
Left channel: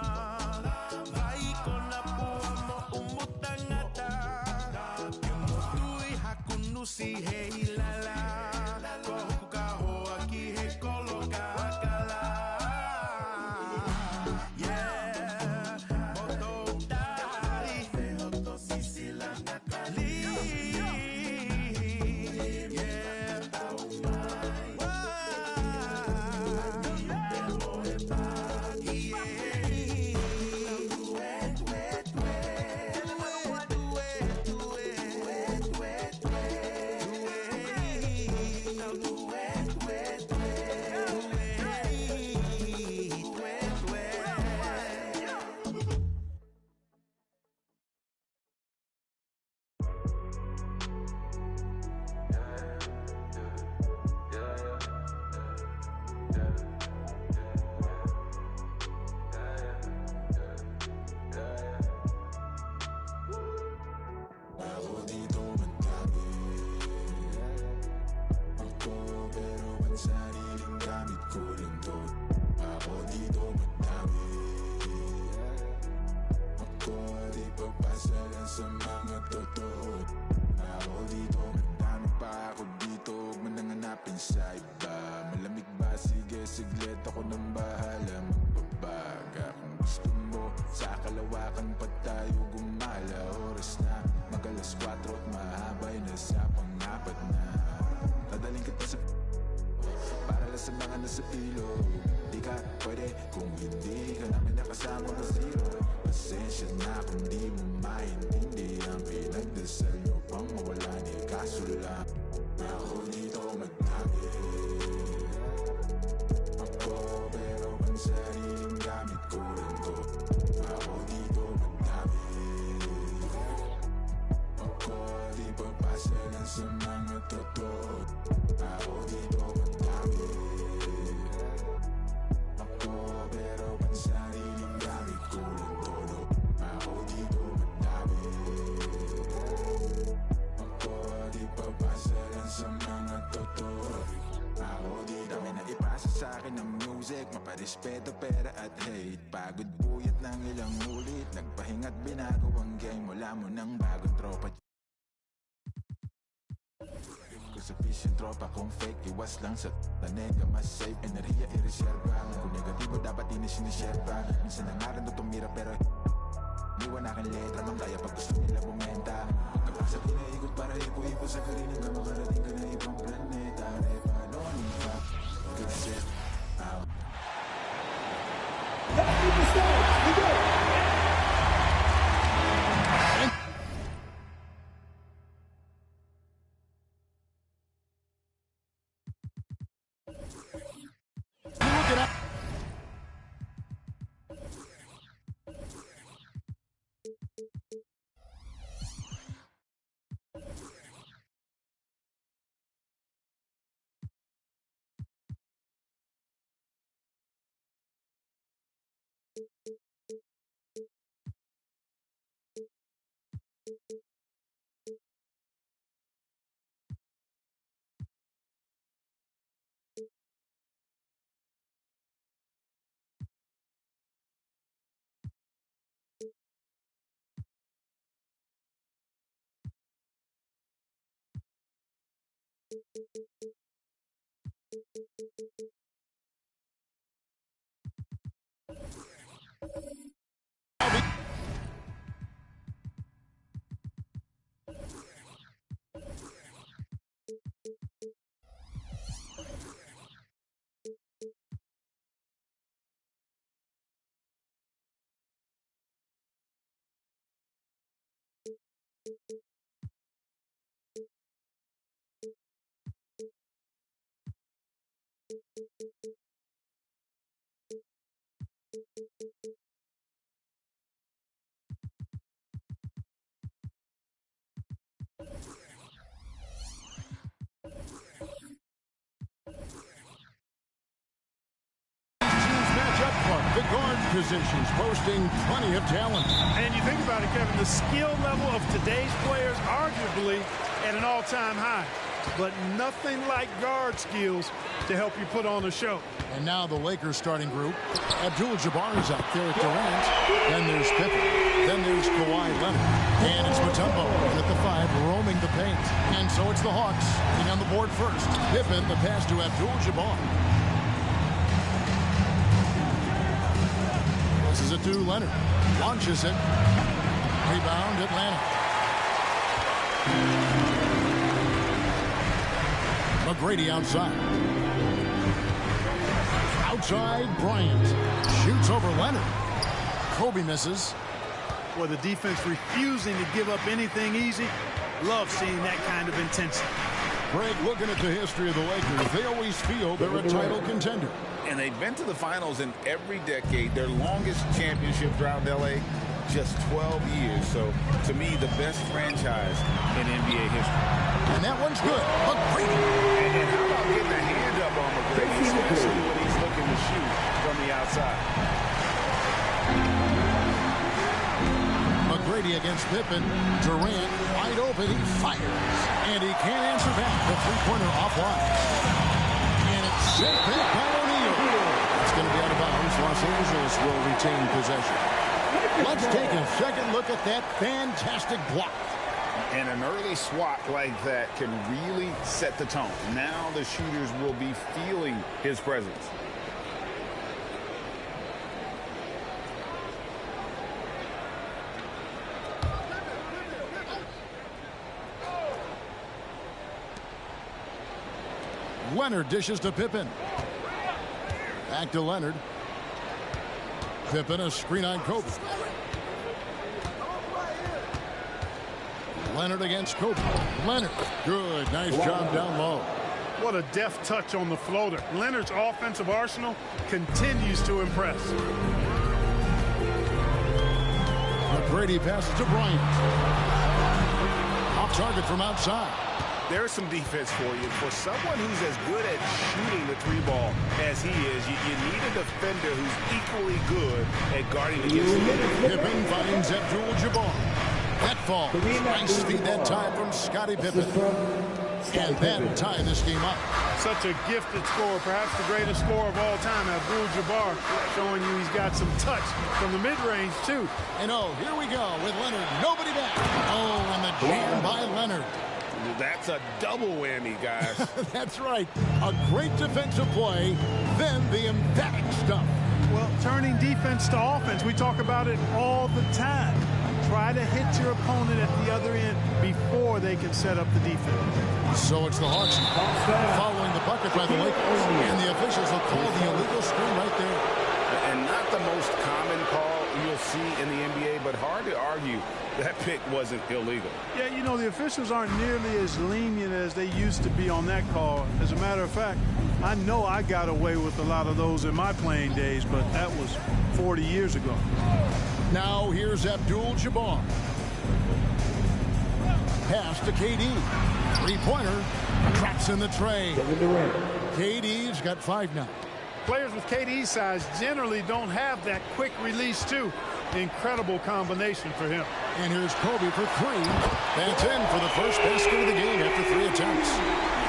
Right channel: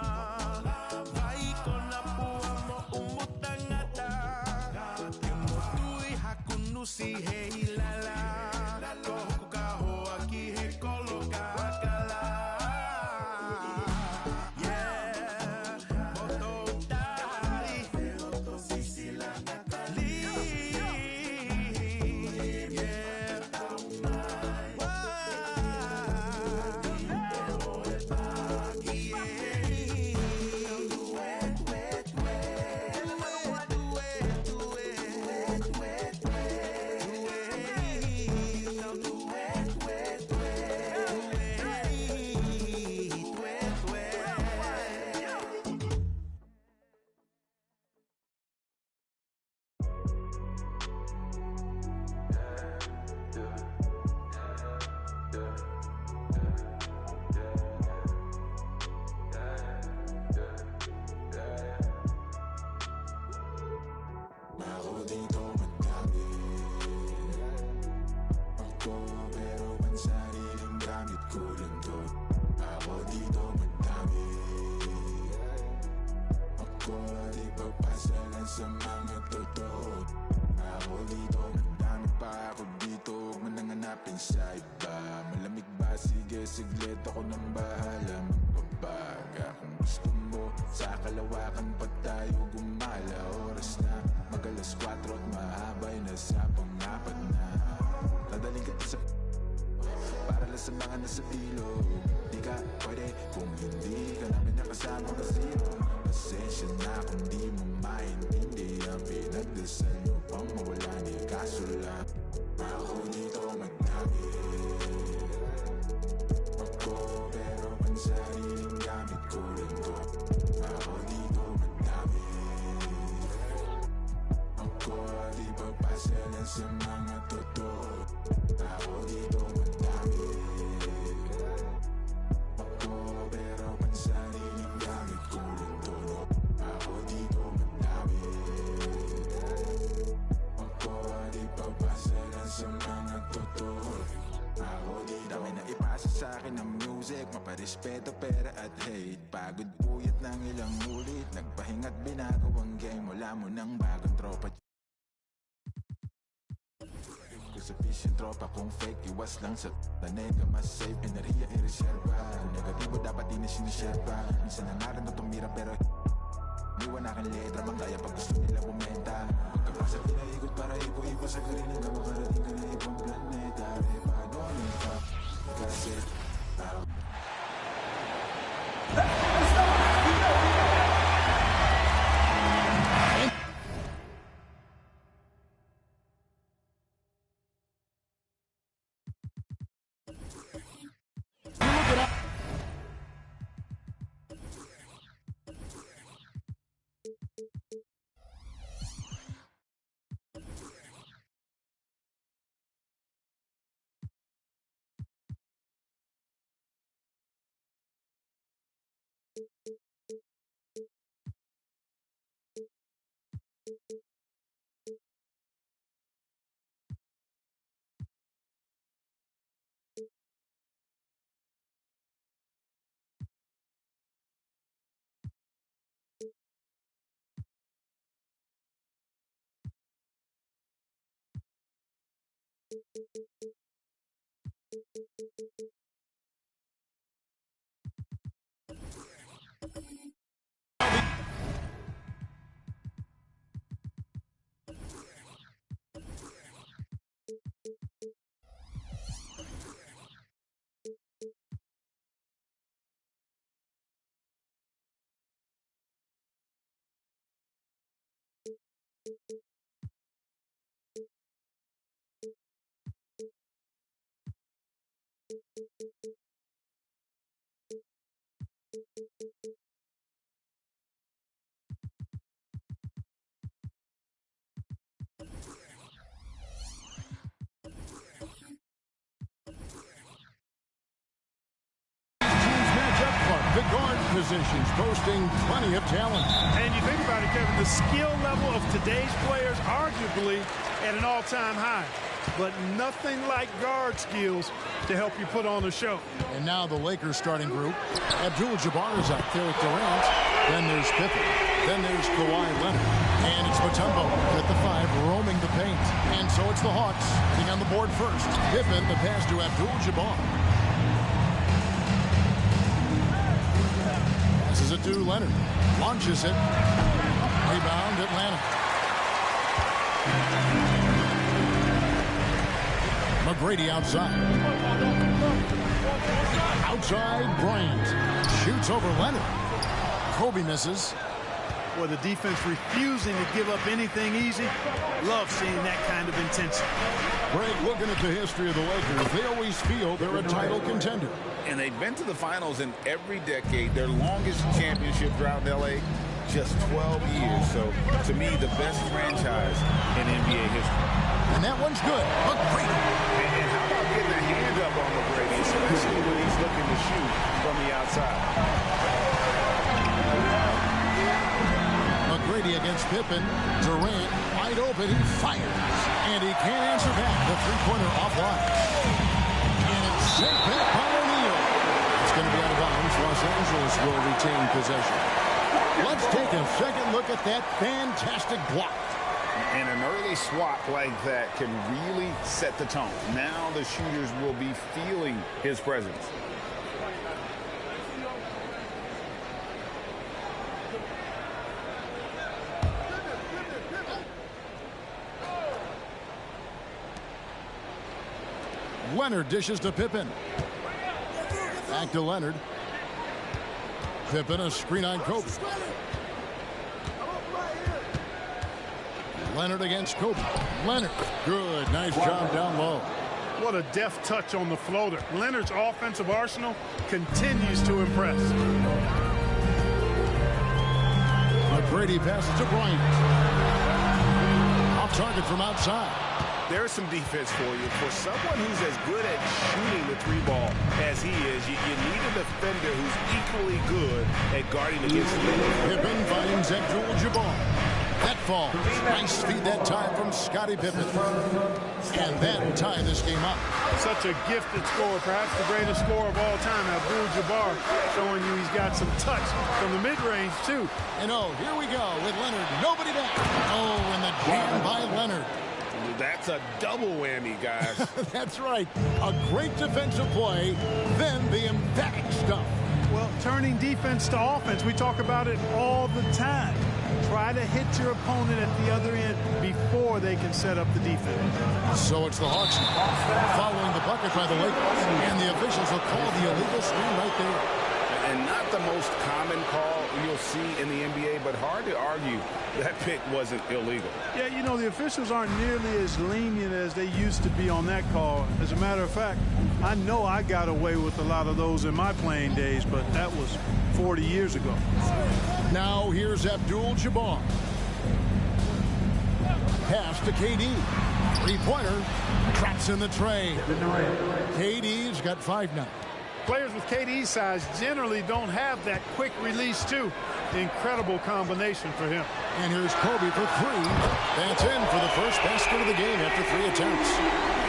Vai kona pua mo umu tangata. Ke mo tui hakunusi he ilala. Kohu kaho aki he kolo kakala. Yeah, moto dai. Veo to sisila nakali. Yeah. dito madami. Ako pero ang sariling gamit ko lang to. Ako dito madami. Ako di papasa lang sa mga totoo. Ako dito madami pa ako dito. Huwag man nang hanapin sa iba. Malamig ba? Sige siglit ako nang bahala magbabaga. Kung gusto mo sa kalawakan pa tayo gumala. Oras na mag-alas 4 at mahabay na sa pang-apat na. Dadaling kita sa para lasalangan na sa ilog. Di ka pwede kung hindi ka namin nakasama ka zero. Pasensya na kung di mo maintindihan. Pinagdasal nyo pang mawala ni kaso lang. Ako dito madami. Ako pero ang sariling gamit ko lang to. Ako dito madami. Ako di papasa lang sa mga totoo. Ako dito madami. Ako pero ang sariling gamit ko lang to. Ako dito madami. Ako di papasa lang sa mga totoo. Ako di dami na ipasa sa akin ng music. Maparespeto, pera at hate. Pagod puyat ng ilang ulit. Nagpahinga't binago ang game. Wala mo ng bagong tropa. Sa fish yung tropa kung fake. Iwas lang sa tanega. Mas safe, enerhiya i-reserva. Kung negatibo dapat di na siniserva. Minsan na nga rin to tumira pero liwan aking letra. Man kaya pag gusto nila bumenta. Pagkapasa pinaigot para ipo-ipo sa karin. Hanggang makarating ka na ibang planeta. Repanonin ka kasi Let's get this started. We go. Matchup, Clark, the guard positions boasting plenty of talent. And you think about it, Kevin, the skill level of today's players arguably at an all-time high. But nothing like guard skills to help you put on a show. And now the Lakers starting group. Abdul-Jabbar is out there at Durant. Then there's Pippen. Then there's Kawhi Leonard. And it's Mutombo at the 5 roaming the paint. And so it's the Hawks getting on the board first. Pippen, the pass to Abdul-Jabbar. Passes it to Leonard. Launches it. Rebound, Atlanta. McGrady outside. Outside, Bryant. Shoots over Leonard. Kobe misses. Well, the defense refusing to give up anything easy. Love seeing that kind of intensity. Greg, looking at the history of the Lakers, they always feel they're a title contender. And they've been to the finals in every decade. Their longest championship drought in L.A., just 12 years. So, to me, the best franchise in NBA history. And that one's good. McGrady. And how about getting a hand up on McGrady, especially when he's looking to shoot from the outside. McGrady against Pippen. Durant wide open. He fires. And he can't answer back. The three-pointer offline. And it's sent back by O'Neal. It's going to be out of bounds. Los Angeles will retain possession. Let's take a second look at that fantastic block. And an early swat like that can really set the tone. Now the shooters will be feeling his presence. Leonard dishes to Pippen. Back to Leonard. Pippen, a screen on Kobe. Leonard against Kobe. Leonard, good, nice job down low. What a deft touch on the floater. Leonard's offensive arsenal continues to impress. McGrady passes to Bryant. Off target from outside. There's some defense for you. For someone who's as good at shooting the three ball as he is, you need a defender who's equally good at guarding against him. Pippen finds Abdul-Jabbar. That falls. Nice feed that time from Scottie Pippen. And that will tie this game up. Such a gifted scorer, perhaps the greatest scorer of all time, Abdul-Jabbar, showing you he's got some touch from the mid-range, too. And here we go with Leonard. Nobody back. Oh, and the jam by Leonard. That's a double whammy, guys. That's right. A great defensive play, then the emphatic stuff. Well, turning defense to offense, we talk about it all the time. Try to hit your opponent at the other end before they can set up the defense. So it's the Hawks following the bucket by the Lakers, and the officials will call the illegal screen right there. And not the most common call you'll see in the NBA, but hard to argue that pick wasn't illegal. Yeah, you know, the officials aren't nearly as lenient as they used to be on that call. As a matter of fact, I know I got away with a lot of those in my playing days, but that was 40 years ago. Now here's Abdul-Jabbar. Pass to KD. Three-pointer. Traps in the tray. KD's got 5 now. Players with KD's size generally don't have that quick release, too. Incredible combination for him. And here's Kobe for 3. That's in for the first basket of the game after 3 attempts.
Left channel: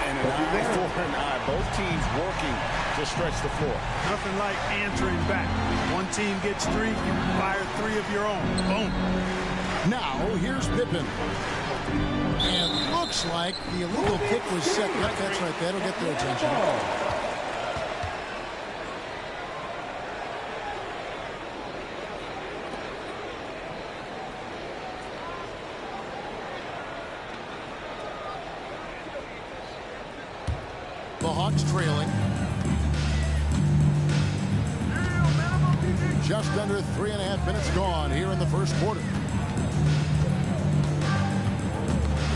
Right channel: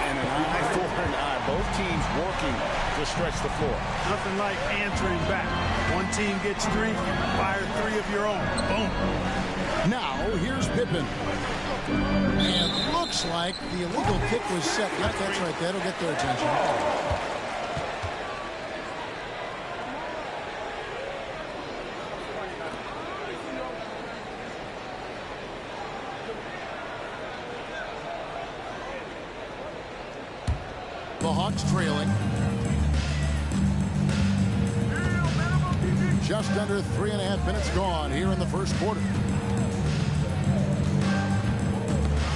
And an eye for an eye. Both teams working to stretch the floor. Nothing like answering back. One team gets 3, you fire 3 of your own. Boom. Now here's Pippen. And looks like the illegal kick was set. Yep, that's right. That'll get their attention. The Hawks trailing. Just under 3.5 minutes gone here in the first quarter.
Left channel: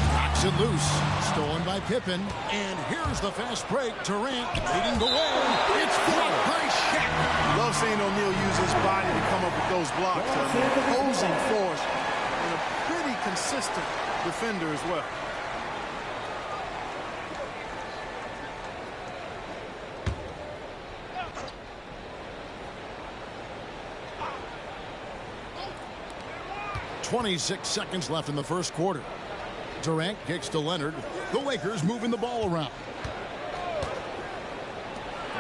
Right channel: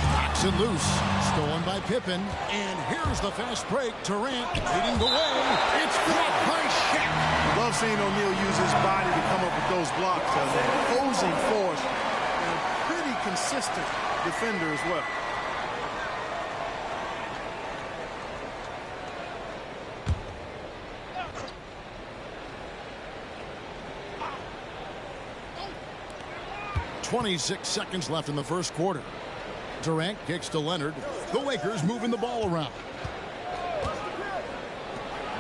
Knocks it loose. Stolen by Pippen. And here's the fast break. Durant leading the way. It's blocked by Shaq. Love seeing O'Neal use his body to come up with those blocks. An opposing force and a pretty consistent defender as well. .26 seconds left in the first quarter. Durant kicks to Leonard. The Lakers moving the ball around.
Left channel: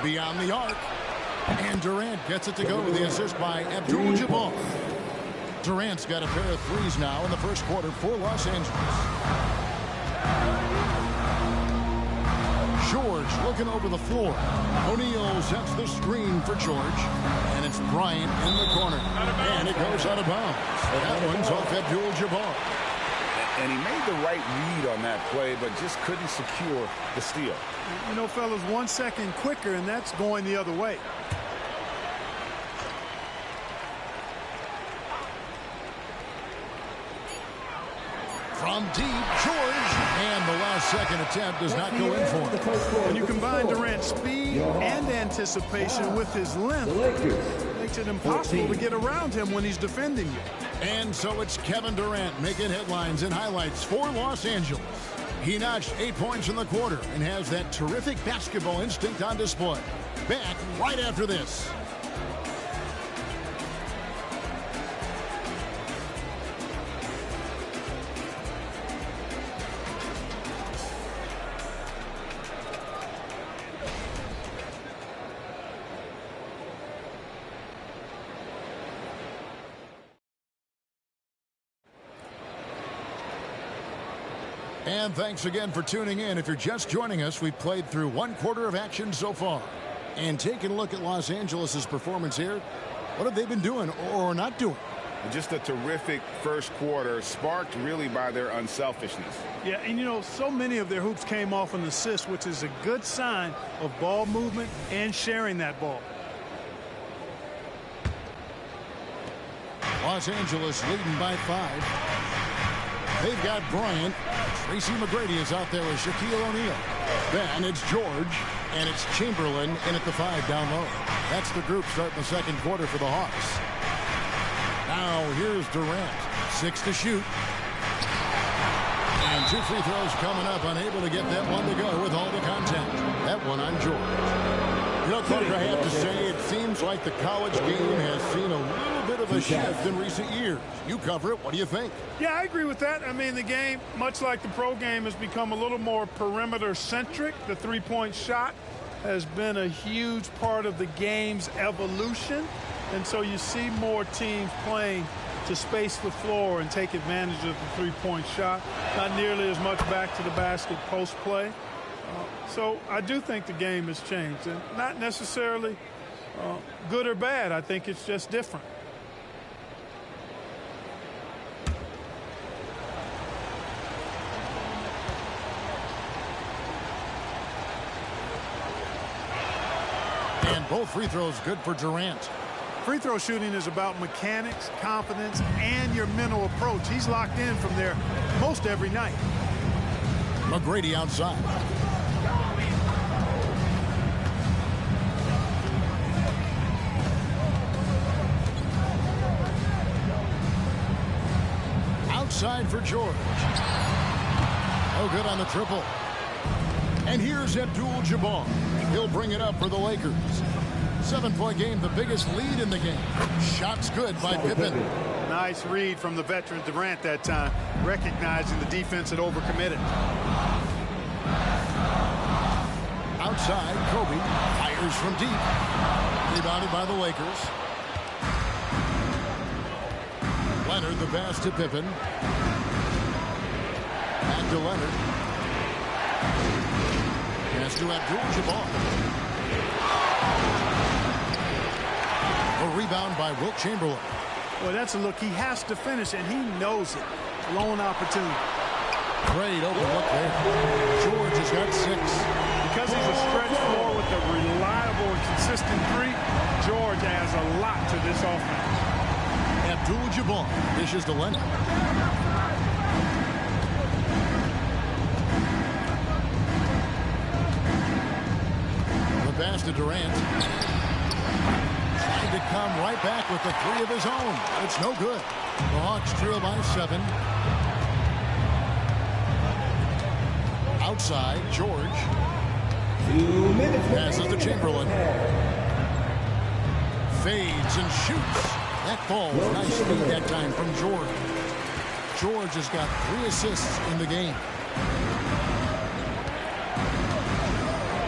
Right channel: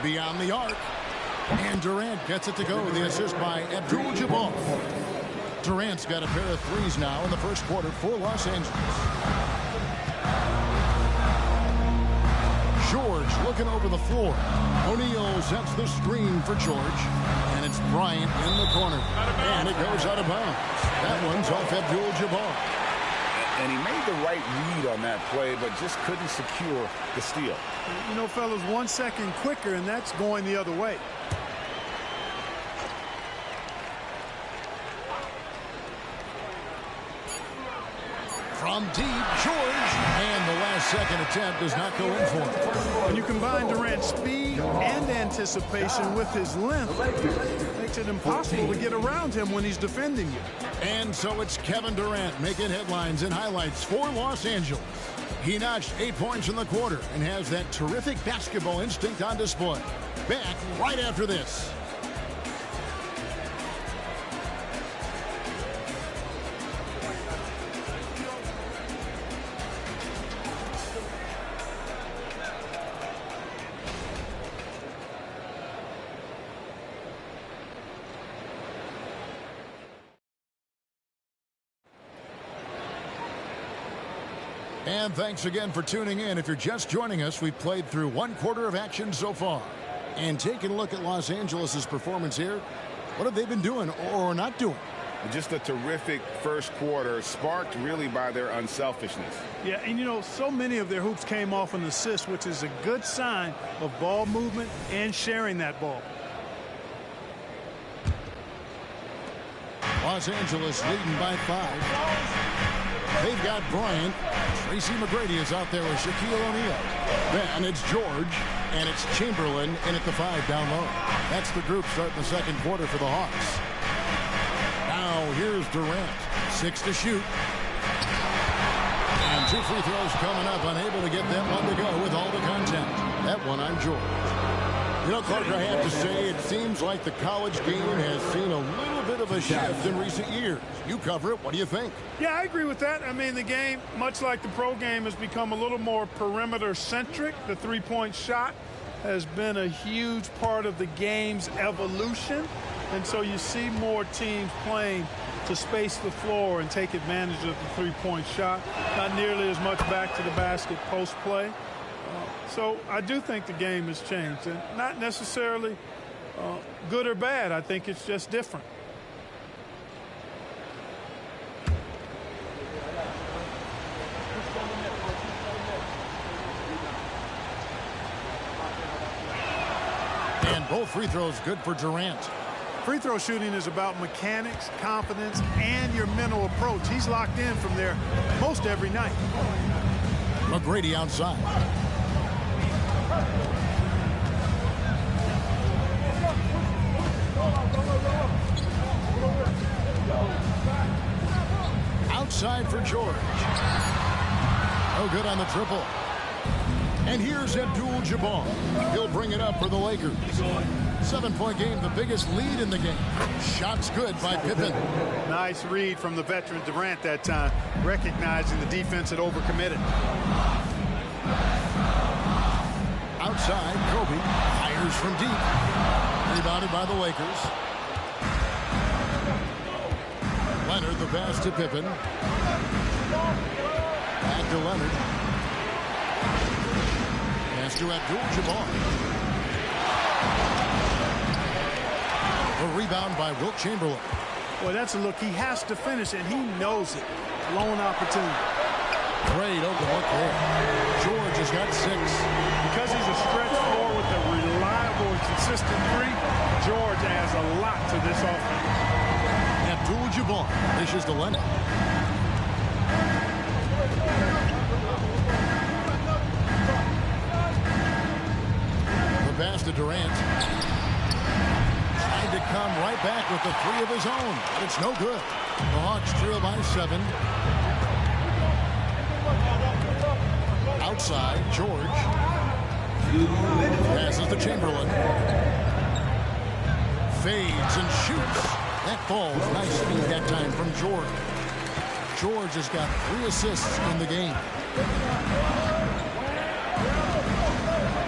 Beyond the arc. And Durant gets it to go. The assist by Abdul-Jabbar. Durant's got a pair of 3s now in the first quarter for Los Angeles. George looking over the floor. O'Neal sets the screen for George. And it's Bryant in the corner. And it goes out of bounds. That one's off Abdul-Jabbar. And he made the right read on that play, but just couldn't secure the steal. You know, fellas, 1 second quicker, and that's going the other way. From deep, George. And the last second attempt does not go in for him. When you combine Durant's speed and anticipation with his length, it makes it impossible to get around him when he's defending you. And so it's Kevin Durant making headlines and highlights for Los Angeles. He notched 8 points in the quarter and has that terrific basketball instinct on display. Back right after this. And thanks again for tuning in. If you're just joining us, we've played through 1 quarter of action so far. And taking a look at Los Angeles' performance here, what have they been doing or not doing? Just a terrific first quarter, sparked really by their unselfishness. Yeah, and you know, so many of their hoops came off an assist, which is a good sign of ball movement and sharing that ball. Los Angeles leading by 5. They've got Bryant. Tracy McGrady is out there with Shaquille O'Neal. Then it's George, and it's Chamberlain in at the 5 down low. That's the group starting the second quarter for the Hawks. Now here's Durant. 6 to shoot. And 2 free throws coming up. Unable to get that one to go with all the contact. That one on George. You know, Clark, I have to say, it seems like the college game has seen a little bit of a shift in recent years. You cover it. What do you think? Yeah, I agree with that. I mean, the game, much like the pro game, has become a little more perimeter-centric. The three-point shot has been a huge part of the game's evolution. And so you see more teams playing to space the floor and take advantage of the three-point shot. Not nearly as much back to the basket post play. So I do think the game has changed, and not necessarily good or bad. I think it's just different. And both free throws good for Durant. Free throw shooting is about mechanics, confidence, and your mental approach. He's locked in from there most every night. McGrady outside. Outside for George. No good on the triple. And here's Abdul-Jabbar. He'll bring it up for the Lakers. 7-point game, the biggest lead in the game. Shots good by Pippen. Nice read from the veteran Durant that time, recognizing the defense had overcommitted. Outside, Kobe fires from deep. Rebounded by the Lakers. Leonard, the pass to Pippen. Back to Leonard. Pass to Abdul-Jabbar. A rebound by Wilt Chamberlain. Boy, that's a look. He has to finish, and he knows it. Lone opportunity. Great open look there. George has got 6. Because he's a stretch floor with a reliable and consistent 3, George adds a lot to this offense. Abdul-Jabbar dishes to Leonard. The pass to Durant. Tried to come right back with the 3 of his own, but it's no good. The Hawks trail by 7. Outside, George. Passes to Chamberlain. Fades and shoots. That falls. Nice speed that time from George. George has got 3 assists in the game.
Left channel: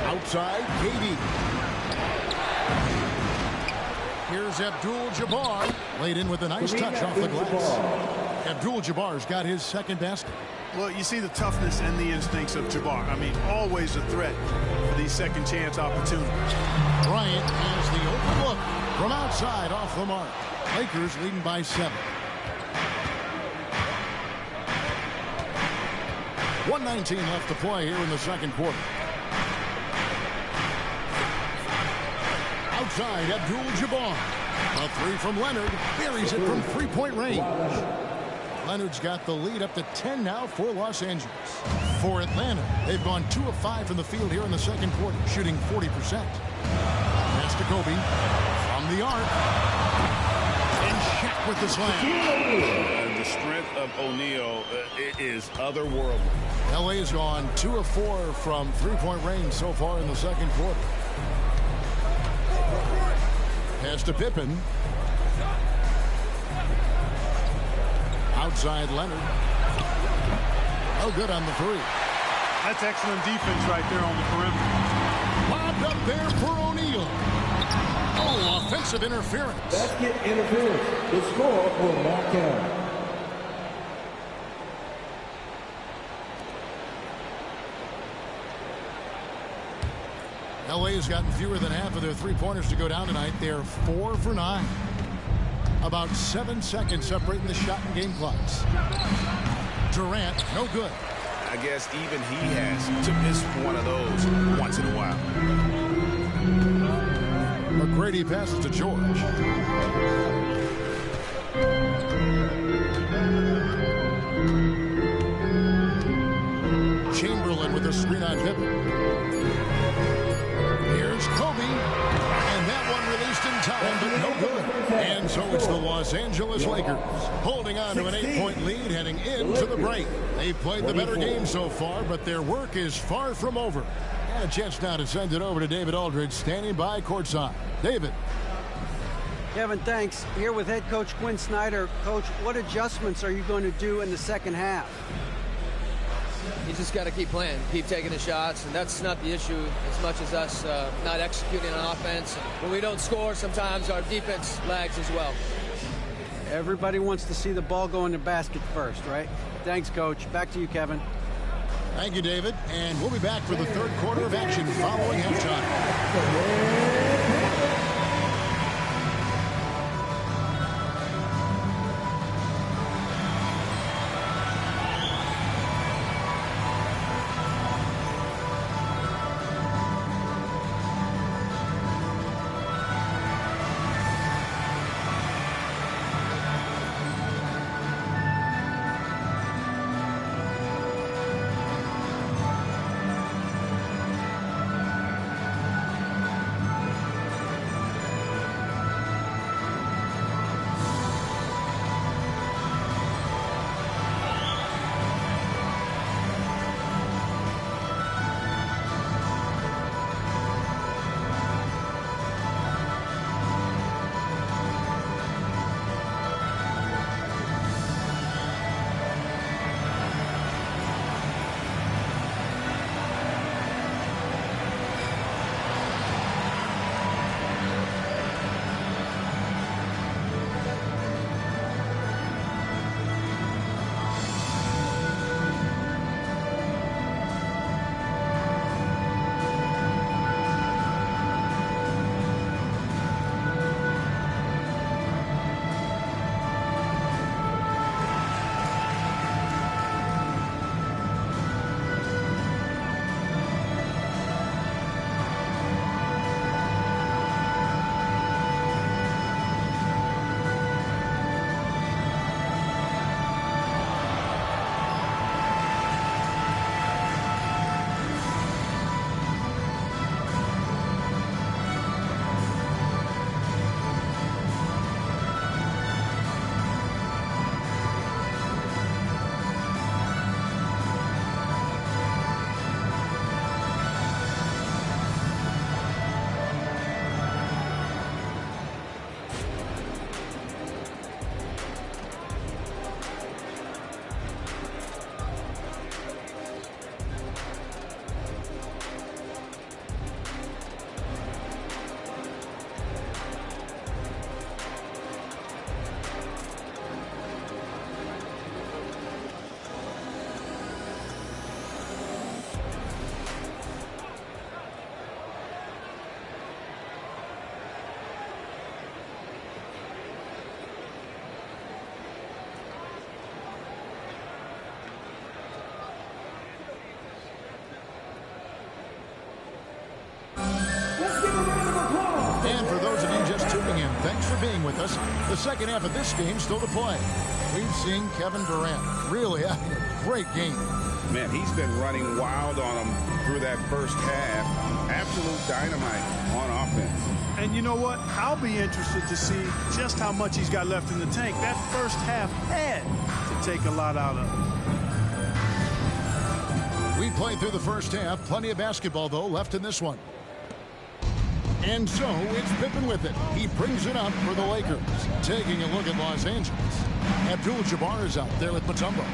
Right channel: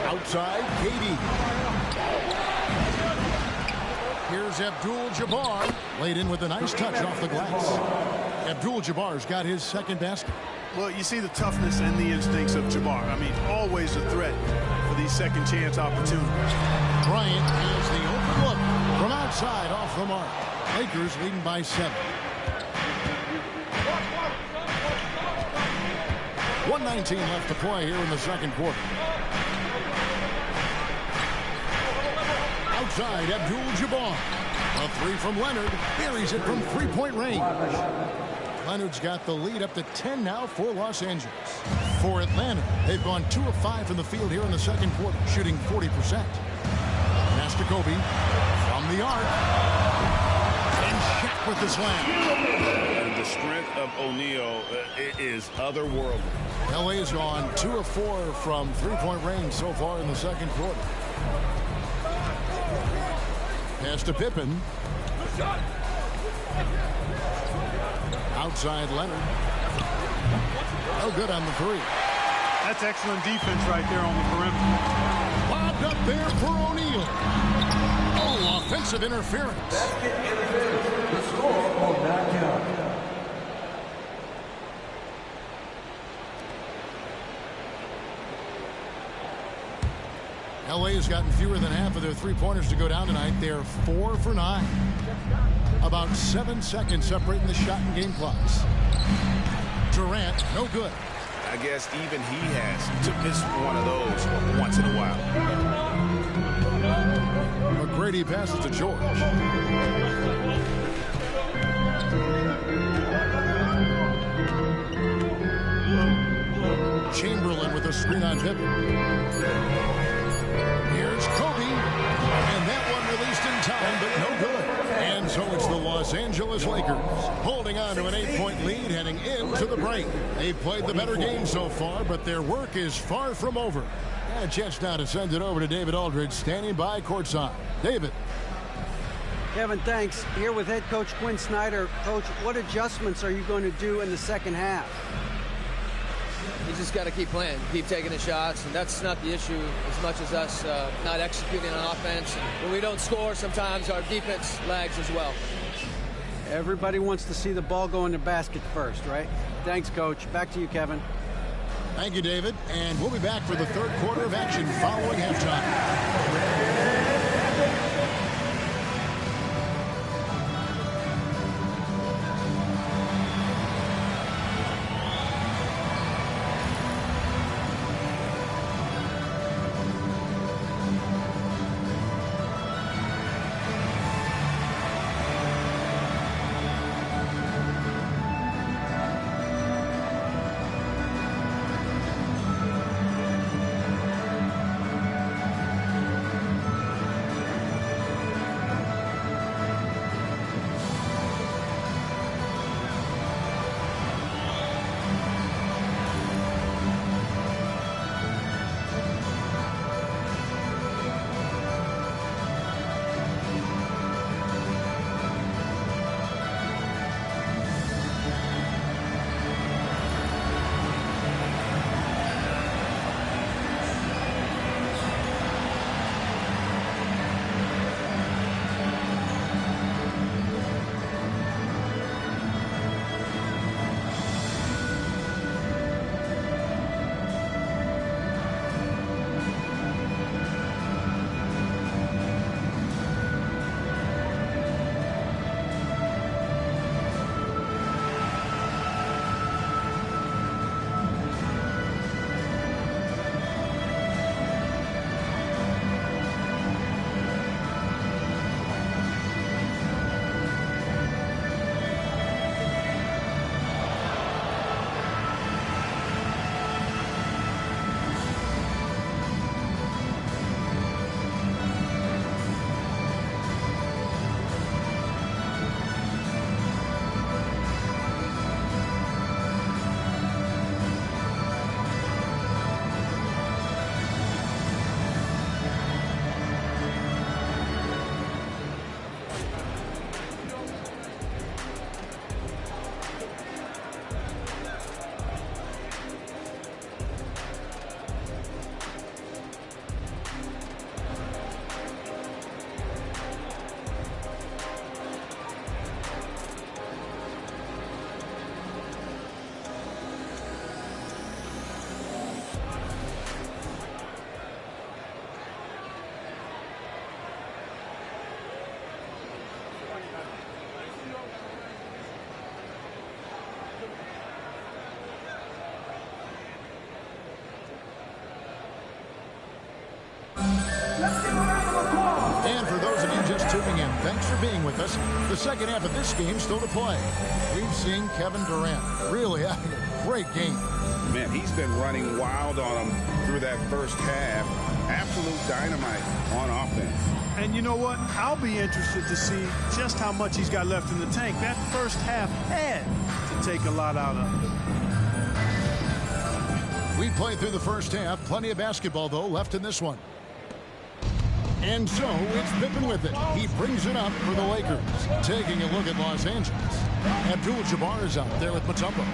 Outside, KD. Here's Abdul-Jabbar. Laid in with a nice touch off the glass. Abdul-Jabbar's got his second basket. Well, you see the toughness and the instincts of Jabbar. I mean, always a threat for these second chance opportunities. Bryant has the open look from outside off the mark. Lakers leading by 7. 1:19 left to play here in the second quarter. Outside, Abdul-Jabbar. A 3 from Leonard. Buries it from 3-point range. Leonard's got the lead up to 10 now for Los Angeles. For Atlanta, they've gone 2 of 5 from the field here in the second quarter, shooting 40%. Pass to Kobe from the arc. And Shaq with the slam. And the strength of O'Neal is otherworldly. LA has gone 2 of 4 from 3-point range so far in the second quarter. Pass to Pippen. Outside Leonard. Oh, good on the 3. That's excellent defense right there on the perimeter. Lobbed up there for O'Neal. Oh, offensive interference. Basket interference. The score will not count. LA has gotten fewer than half of their three-pointers to go down tonight. They're 4 for 9. About 7 seconds separating the shot and game clocks. Durant, no good. I guess even he has to miss one of those once in a while. McGrady passes to George. Chamberlain with a screen on Pippen. Here's Kobe. And that one released in time, but no good. And so it's the Los Angeles Lakers holding on to an 8-point lead heading into the break. They played the better game so far, but their work is far from over. And a chance now to send it over to David Aldridge, standing by courtside. David. Kevin, thanks. Here with head coach Quinn Snyder. Coach, what adjustments are you going to do in the second half? You just got to keep playing, keep taking the shots, and that's not the issue as much as us not executing on offense. And when we don't score, sometimes our defense lags as well. Everybody wants to see the ball go in the basket first, right? Thanks, Coach. Back to you, Kevin. Thank you, David. And we'll be back for the third quarter of action following halftime. And for those of you just tuning in, thanks for being with us. The second half of this game still to play. We've seen Kevin Durant really having a great game. Man, he's been running wild on him through that first half. Absolute dynamite on offense. And you know what? I'll be interested to see just how much he's got left in the tank. That first half had to take a lot out of him. We played through the first half. Plenty of basketball, though, left in this one. And so it's Pippen with it. He brings it up for the Lakers. Taking a look at Los Angeles. Abdul-Jabbar is out there with Mutombo.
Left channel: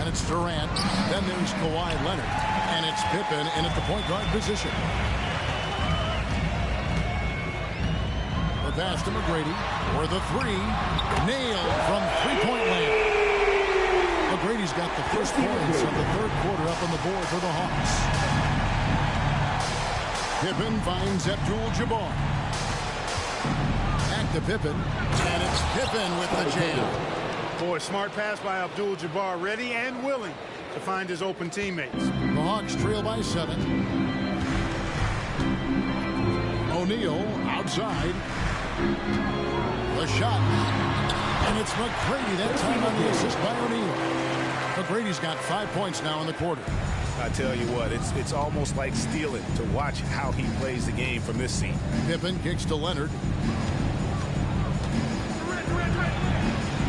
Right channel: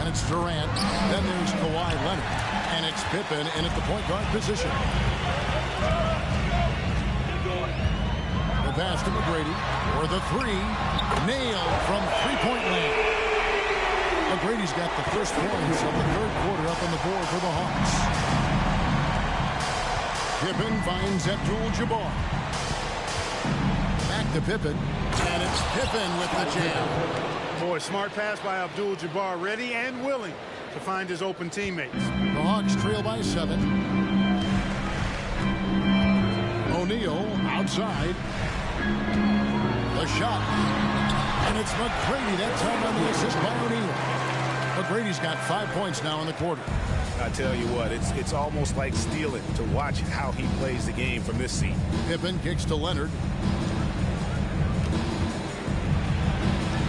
And it's Durant. Then there's Kawhi Leonard. And it's Pippen in at the point guard position. The pass to McGrady for the three. Nailed from three-point land. McGrady's got the first points of the third quarter up on the board for the Hawks. Pippen finds Abdul-Jabbar. Back to Pippen. And it's Pippen with the jam. Boy, smart pass by Abdul-Jabbar, ready and willing to find his open teammates. The Hawks trail by 7. O'Neal outside. The shot. And it's McGrady that time on the assist by O'Neal. McGrady's got 5 points now in the quarter. I tell you what, it's almost like stealing to watch how he plays the game from this seat. Pippen kicks to Leonard.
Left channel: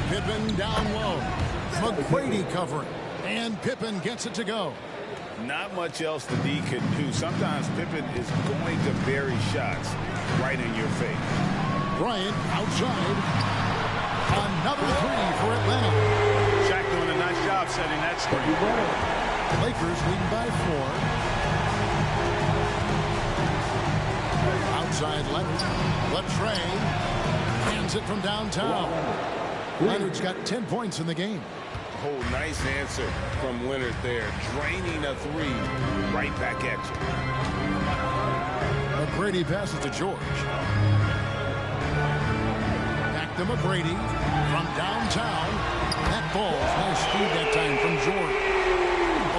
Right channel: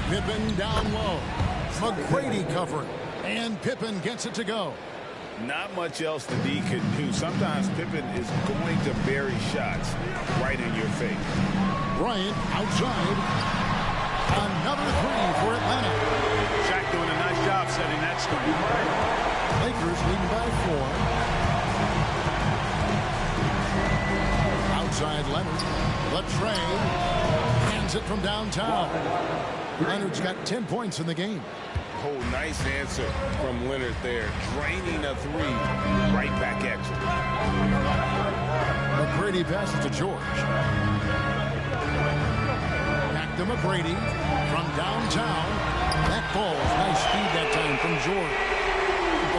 Pippen down low. McGrady covering. And Pippen gets it to go. Not much else the D can do. Sometimes Pippen is going to bury shots right in your face. Bryant outside. Another three for Atlanta. Shaq doing a nice job setting that screen. Lakers leading by 4. Outside Leonard. Latrey hands it from downtown. Leonard's got 10 points in the game. Oh, nice answer from Leonard there. Draining a three. Right back at you. McGrady passes to George. Back to McGrady from downtown. That falls. Nice speed that time from George.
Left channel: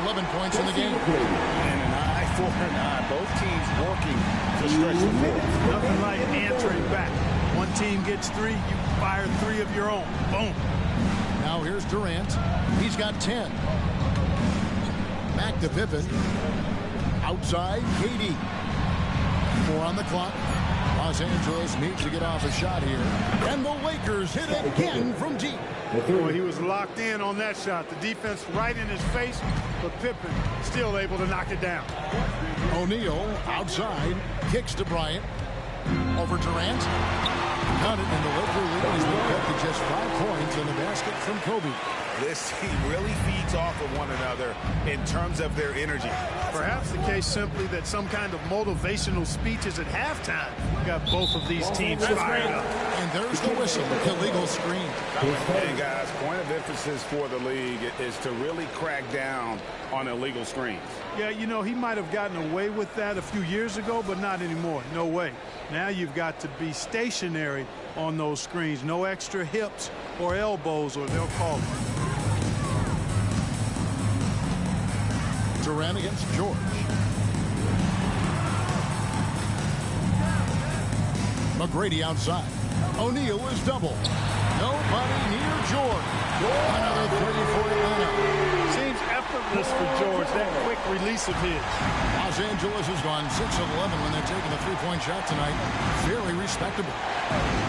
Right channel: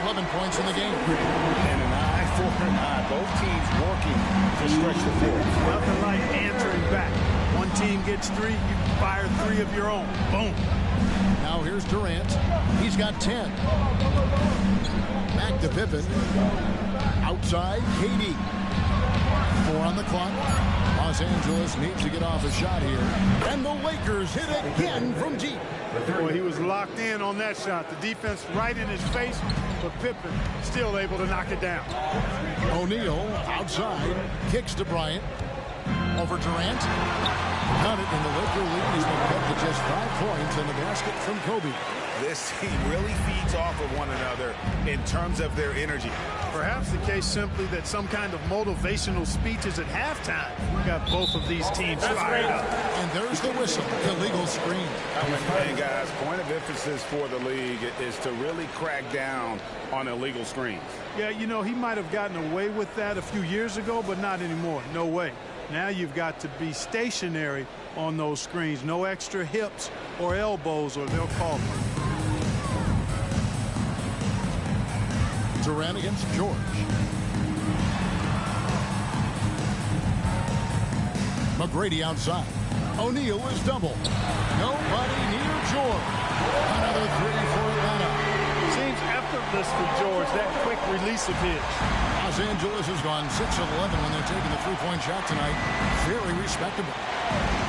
11 points in the game. And an eye for an eye. Both teams working to stretch the floor. Nothing like answering back. One team gets 3, you fire 3 of your own. Boom. Now here's Durant. He's got 10. Back to Pippen. Outside, KD. 4 on the clock. Los Angeles needs to get off a shot here. And the Lakers hit again from deep. Boy, he was locked in on that shot. The defense right in his face, but Pippen still able to knock it down. O'Neal outside. Kicks to Bryant. Over Durant. Got it in the Laker lead. He's been cut to just 5 points on the basket from Kobe. This team really feeds off of one another in terms of their energy. Perhaps the case simply that some kind of motivational speeches at halftime got both of these teams fired up. And there's the whistle. Illegal screen. And guys, point of emphasis for the league is to really crack down on illegal screens. Yeah, you know, he might have gotten away with that a few years ago, but not anymore. No way. Now you've got to be stationary on those screens. No extra hips or elbows, or they'll call it. Durant against George. McGrady outside. O'Neal is double. Nobody near George. Another three for Atlanta. Seems effortless for George, that quick release of his. Los Angeles has gone 6 of 11 when they're taking the three-point shot tonight. Very respectable.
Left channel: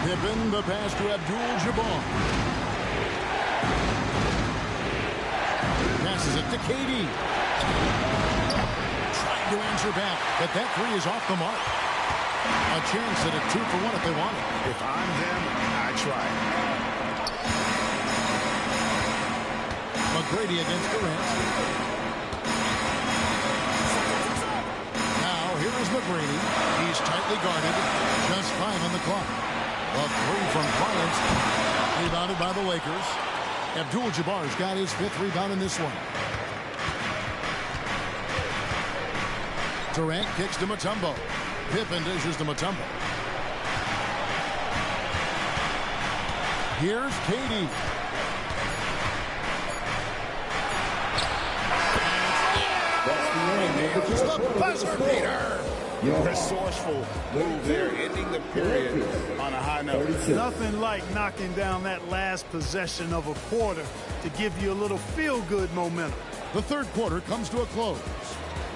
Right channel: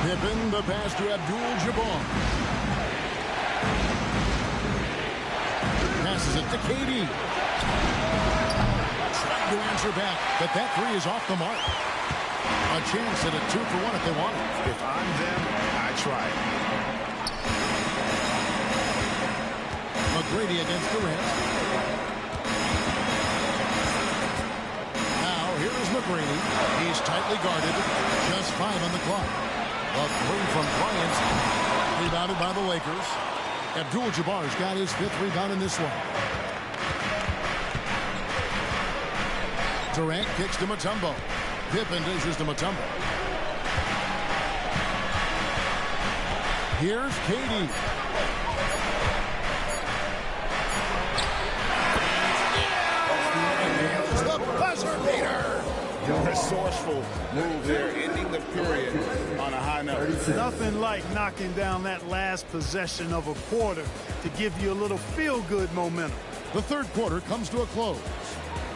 Pippen, the pass to Abdul-Jabbar. Passes it to KD. Trying to answer back, but that three is off the mark. A chance at a 2 for 1 if they want it. If I'm them, I try it. McGrady against Durant. Now here is McGrady. He's tightly guarded. Just 5 on the clock. A three from Bryant. Rebounded by the Lakers. Abdul-Jabbar's got his 5th rebound in this one. Durant kicks to Mutombo. Pippen dishes to Mutombo. Here's KD. Nails the buzzer beater. Resourceful move there, ending the period on a high note. Nothing like knocking down that last possession of a quarter to give you a little feel-good momentum. The third quarter comes to a close.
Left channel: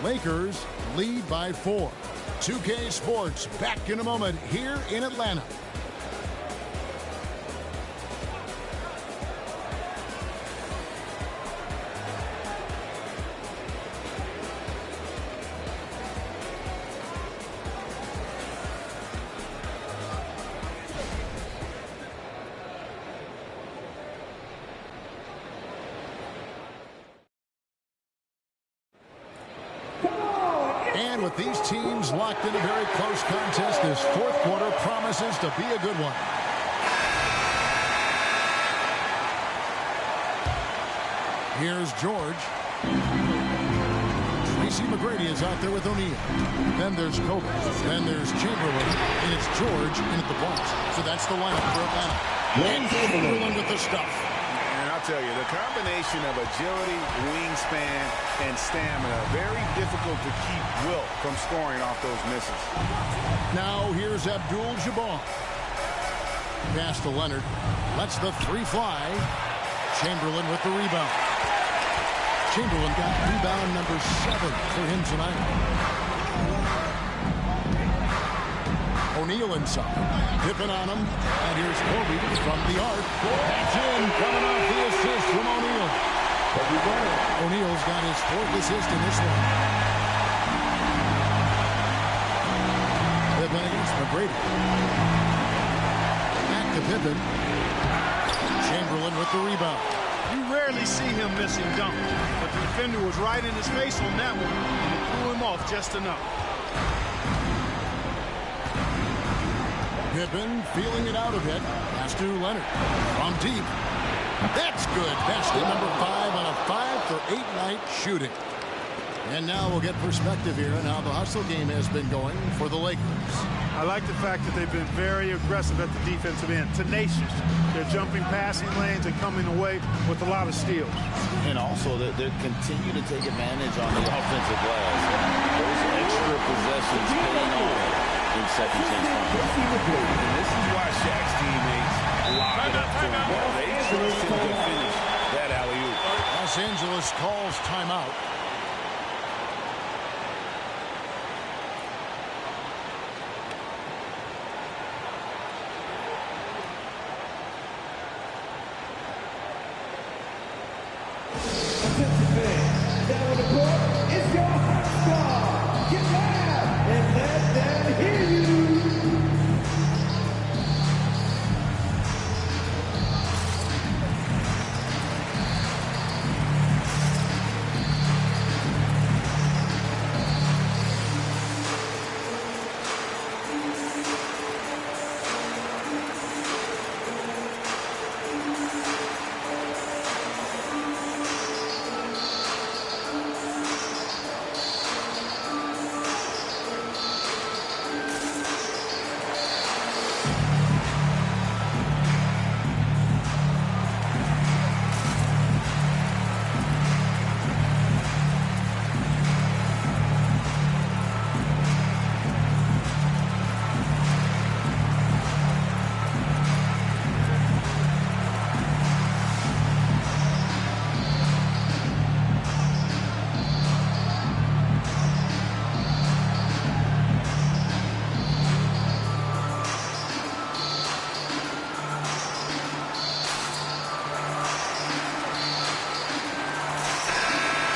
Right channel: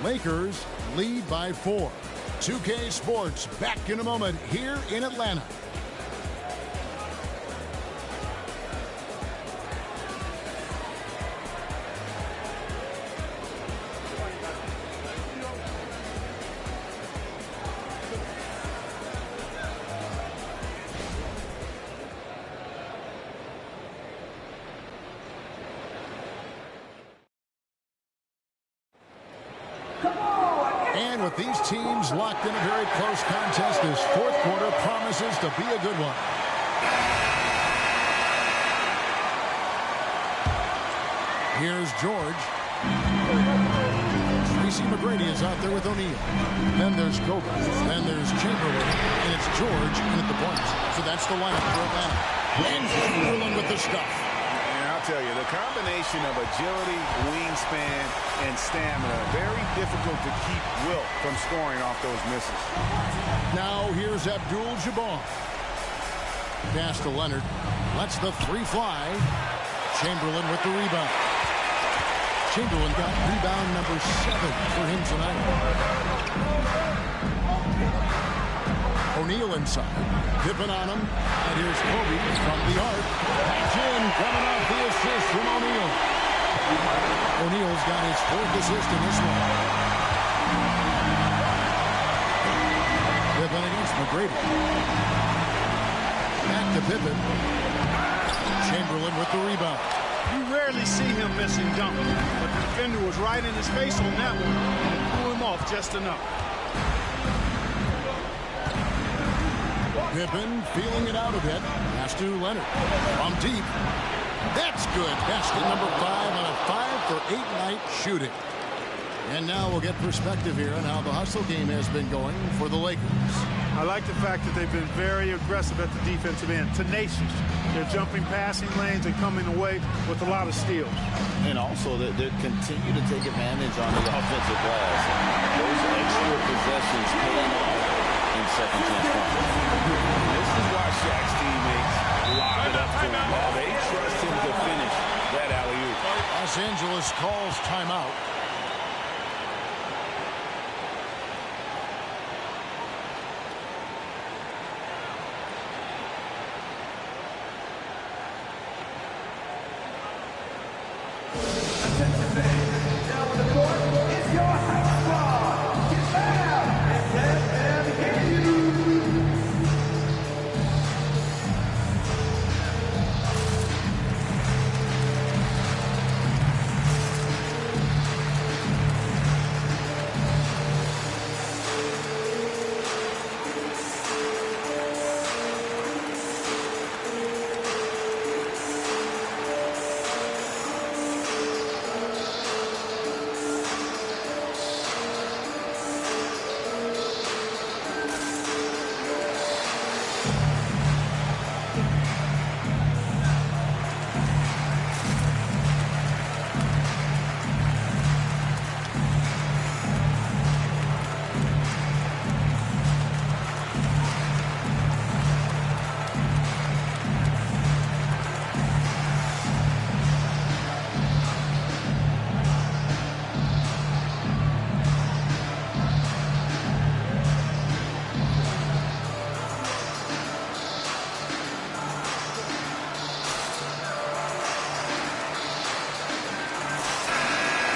Lakers lead by 4. 2K Sports back in a moment here in Atlanta. And with these teams locked in a very close contest, this fourth quarter promises to be a good one. Here's George. Tracy McGrady is out there with O'Neal. Then there's Kobe. Then there's Chamberlain. And it's George in at the point. So that's the lineup for Atlanta. And Chamberlain with the stuff. And I'll tell you, the combination of agility, wingspan, and stamina, very difficult to keep Wilt from scoring off those misses. Now here's Abdul-Jabbar. Pass to Leonard. Lets the three fly. Chamberlain with the rebound. Chamberlain got rebound number 7 for him tonight. O'Neal inside. Pippen on him. And here's Kobe from the arc. That's in. Coming off the assist from O'Neal. O'Neal's got his 4th assist in this one. Pippen against McGrady. Back to Pippen. Chamberlain with the rebound. You rarely see him missing dunks, but the defender was right in his face on that one, and it threw him off just enough. Pippen feeling it out a bit. Pass to Leonard. From deep. That's good. Basket number 5 on a 5-for-8 night shooting. And now we'll get perspective here on how the hustle game has been going for the Lakers. I like the fact that they've been very aggressive at the defensive end, tenacious. They're jumping passing lanes and coming away with a lot of steals. And also, they continue to take advantage on the offensive glass. Those extra possessions paying off in second chance points. And this is why Shaq's teammates lob it up to him. Well, they trust him to finish that alley-oop. Los Angeles calls timeout.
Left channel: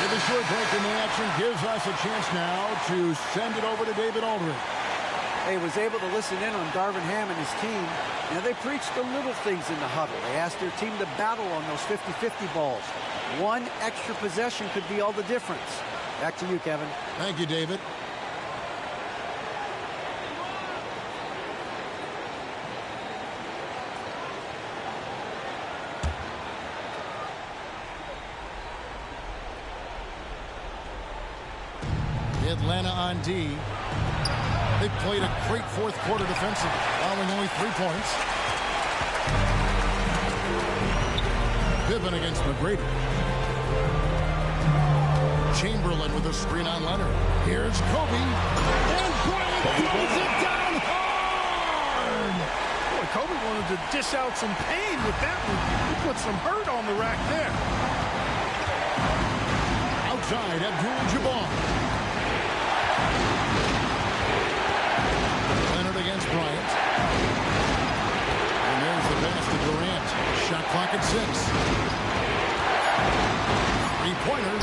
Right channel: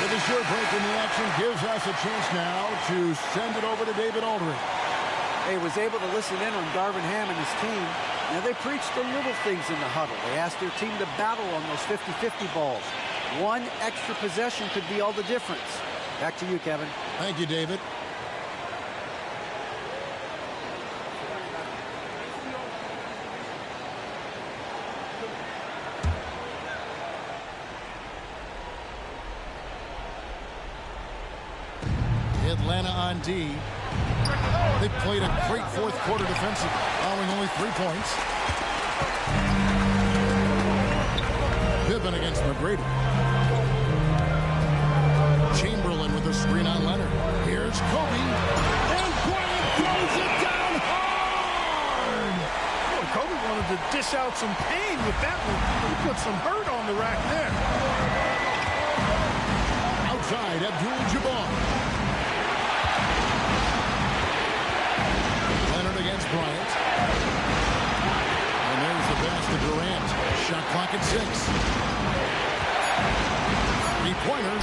The short break in the action gives us a chance now to send it over to David Aldridge. He was able to listen in on Darvin Ham and his team. Now, they preached the little things in the huddle. They asked their team to battle on those 50-50 balls. One extra possession could be all the difference. Back to you, Kevin. Thank you, David. Atlanta on D. They played a great fourth quarter defensively, allowing only 3 points. Pippen against McGrady. Chamberlain with a screen on Leonard. Here's Kobe. And Bryant throws it down hard! Boy, Kobe wanted to dish out some pain with that one. He put some hurt on the rack there. Outside, Abdul-Jabbar. Leonard against Bryant. And there's the pass to Durant. Shot clock at 6. Three-pointer.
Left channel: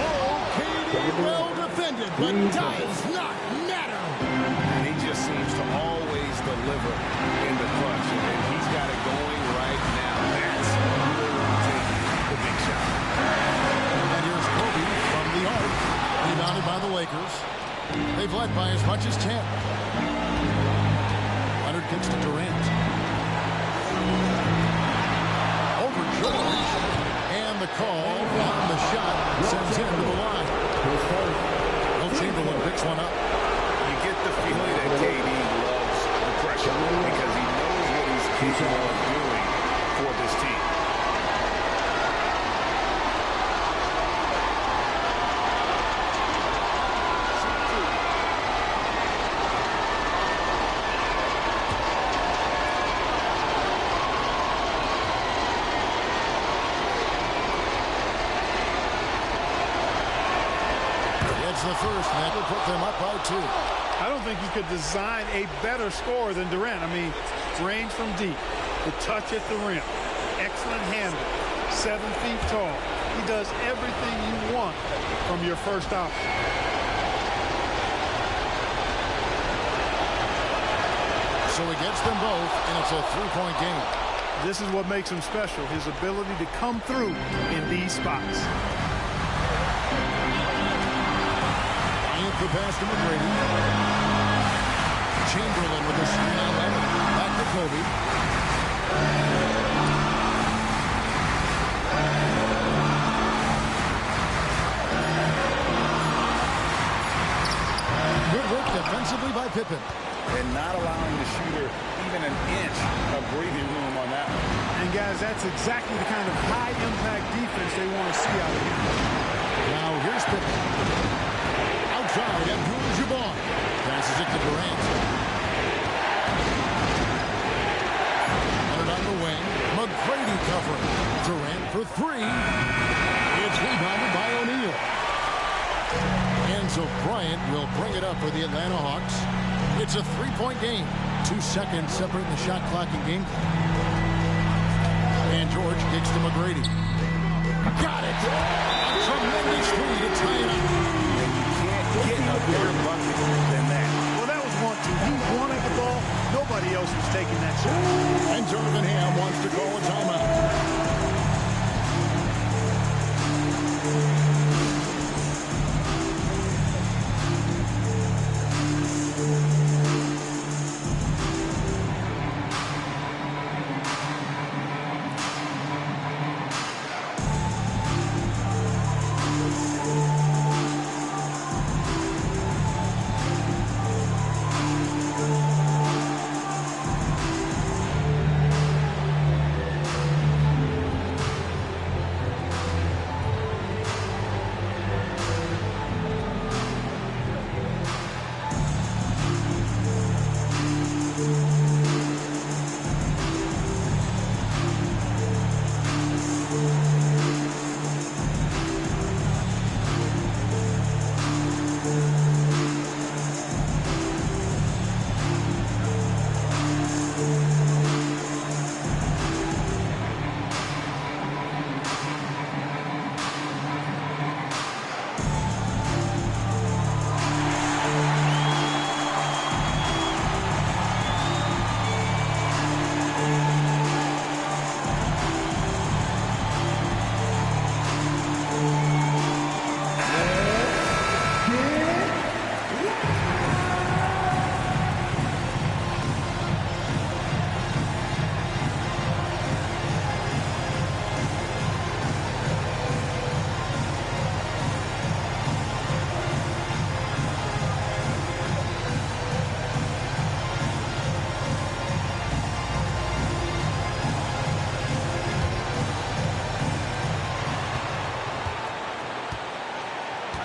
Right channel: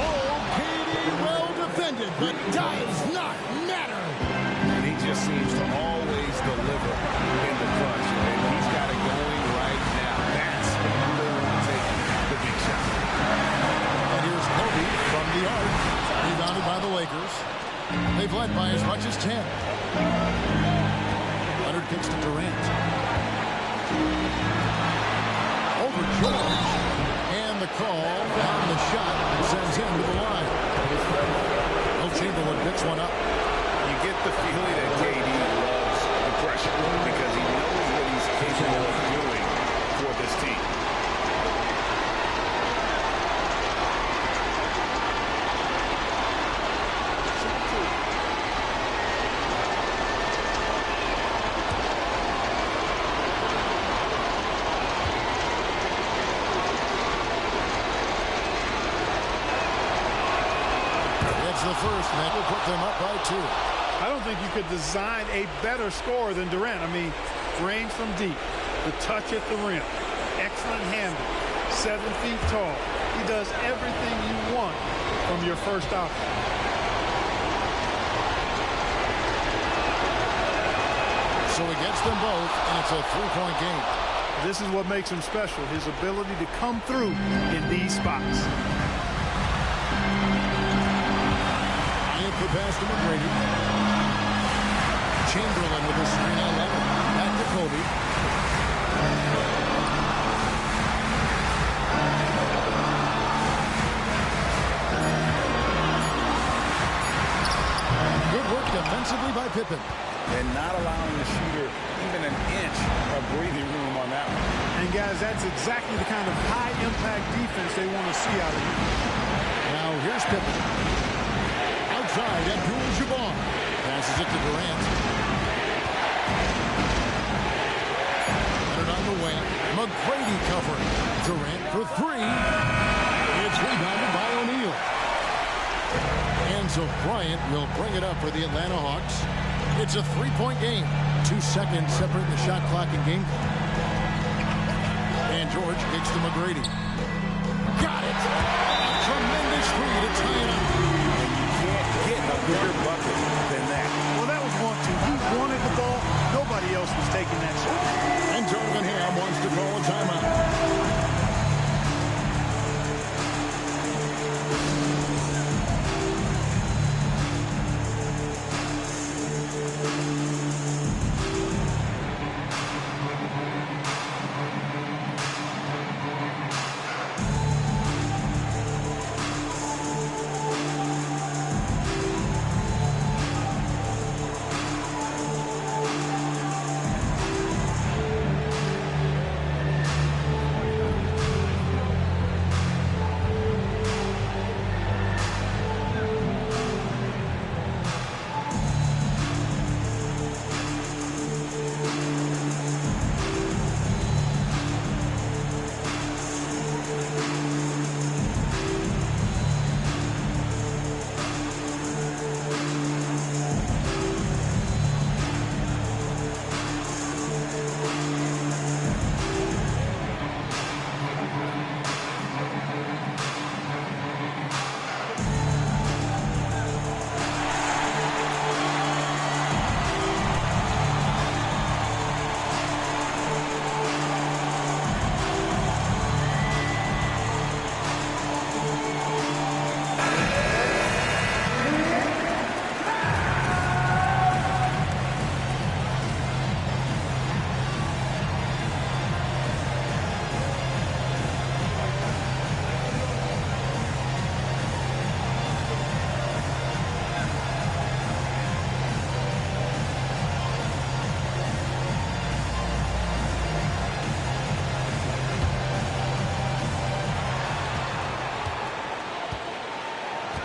Oh, KD well defended, but does not matter. And he just seems to always deliver in the clutch. And he's got it going right now. That's who they want taking the big shot. And here's Kobe from the arc. Rebounded by the Lakers. They've led by as much as 10. Leonard kicks to Durant. Over George. And the call on the shot sends him to the line. Will Chamberlain picks one up. You get the feeling that KD loves the pressure because he knows what he's capable of doing for this team. The first, and that will put them up by 2. I don't think you could design a better scorer than Durant. I mean, range from deep, the touch at the rim, excellent handle, 7 feet tall. He does everything you want from your first option. So he gets them both, and it's a 3-point game. This is what makes him special, his ability to come through in these spots. The pass to McGrady. Chamberlain with a screen on Leonard. Back to Kobe. Good work defensively by Pippen. And not allowing the shooter even an inch of breathing room on that one. And guys, that's exactly the kind of high-impact defense they want to see out of him. Now here's Pippen. Outside, Abdul-Jabbar passes it to Durant. Leonard on the wing. McGrady covering. Durant for 3. It's rebounded by O'Neal. And so Bryant will bring it up for the Atlanta Hawks. It's a 3-point game. 2 seconds separating the shot clock and game clock. And George kicks to McGrady. Got it! A tremendous 3 to tie it up. And you can't get a bigger bucket than that. Well, that was 1-2. He wanted the ball. Nobody else was taking that shot. And Darvin Ham wants to call a timeout.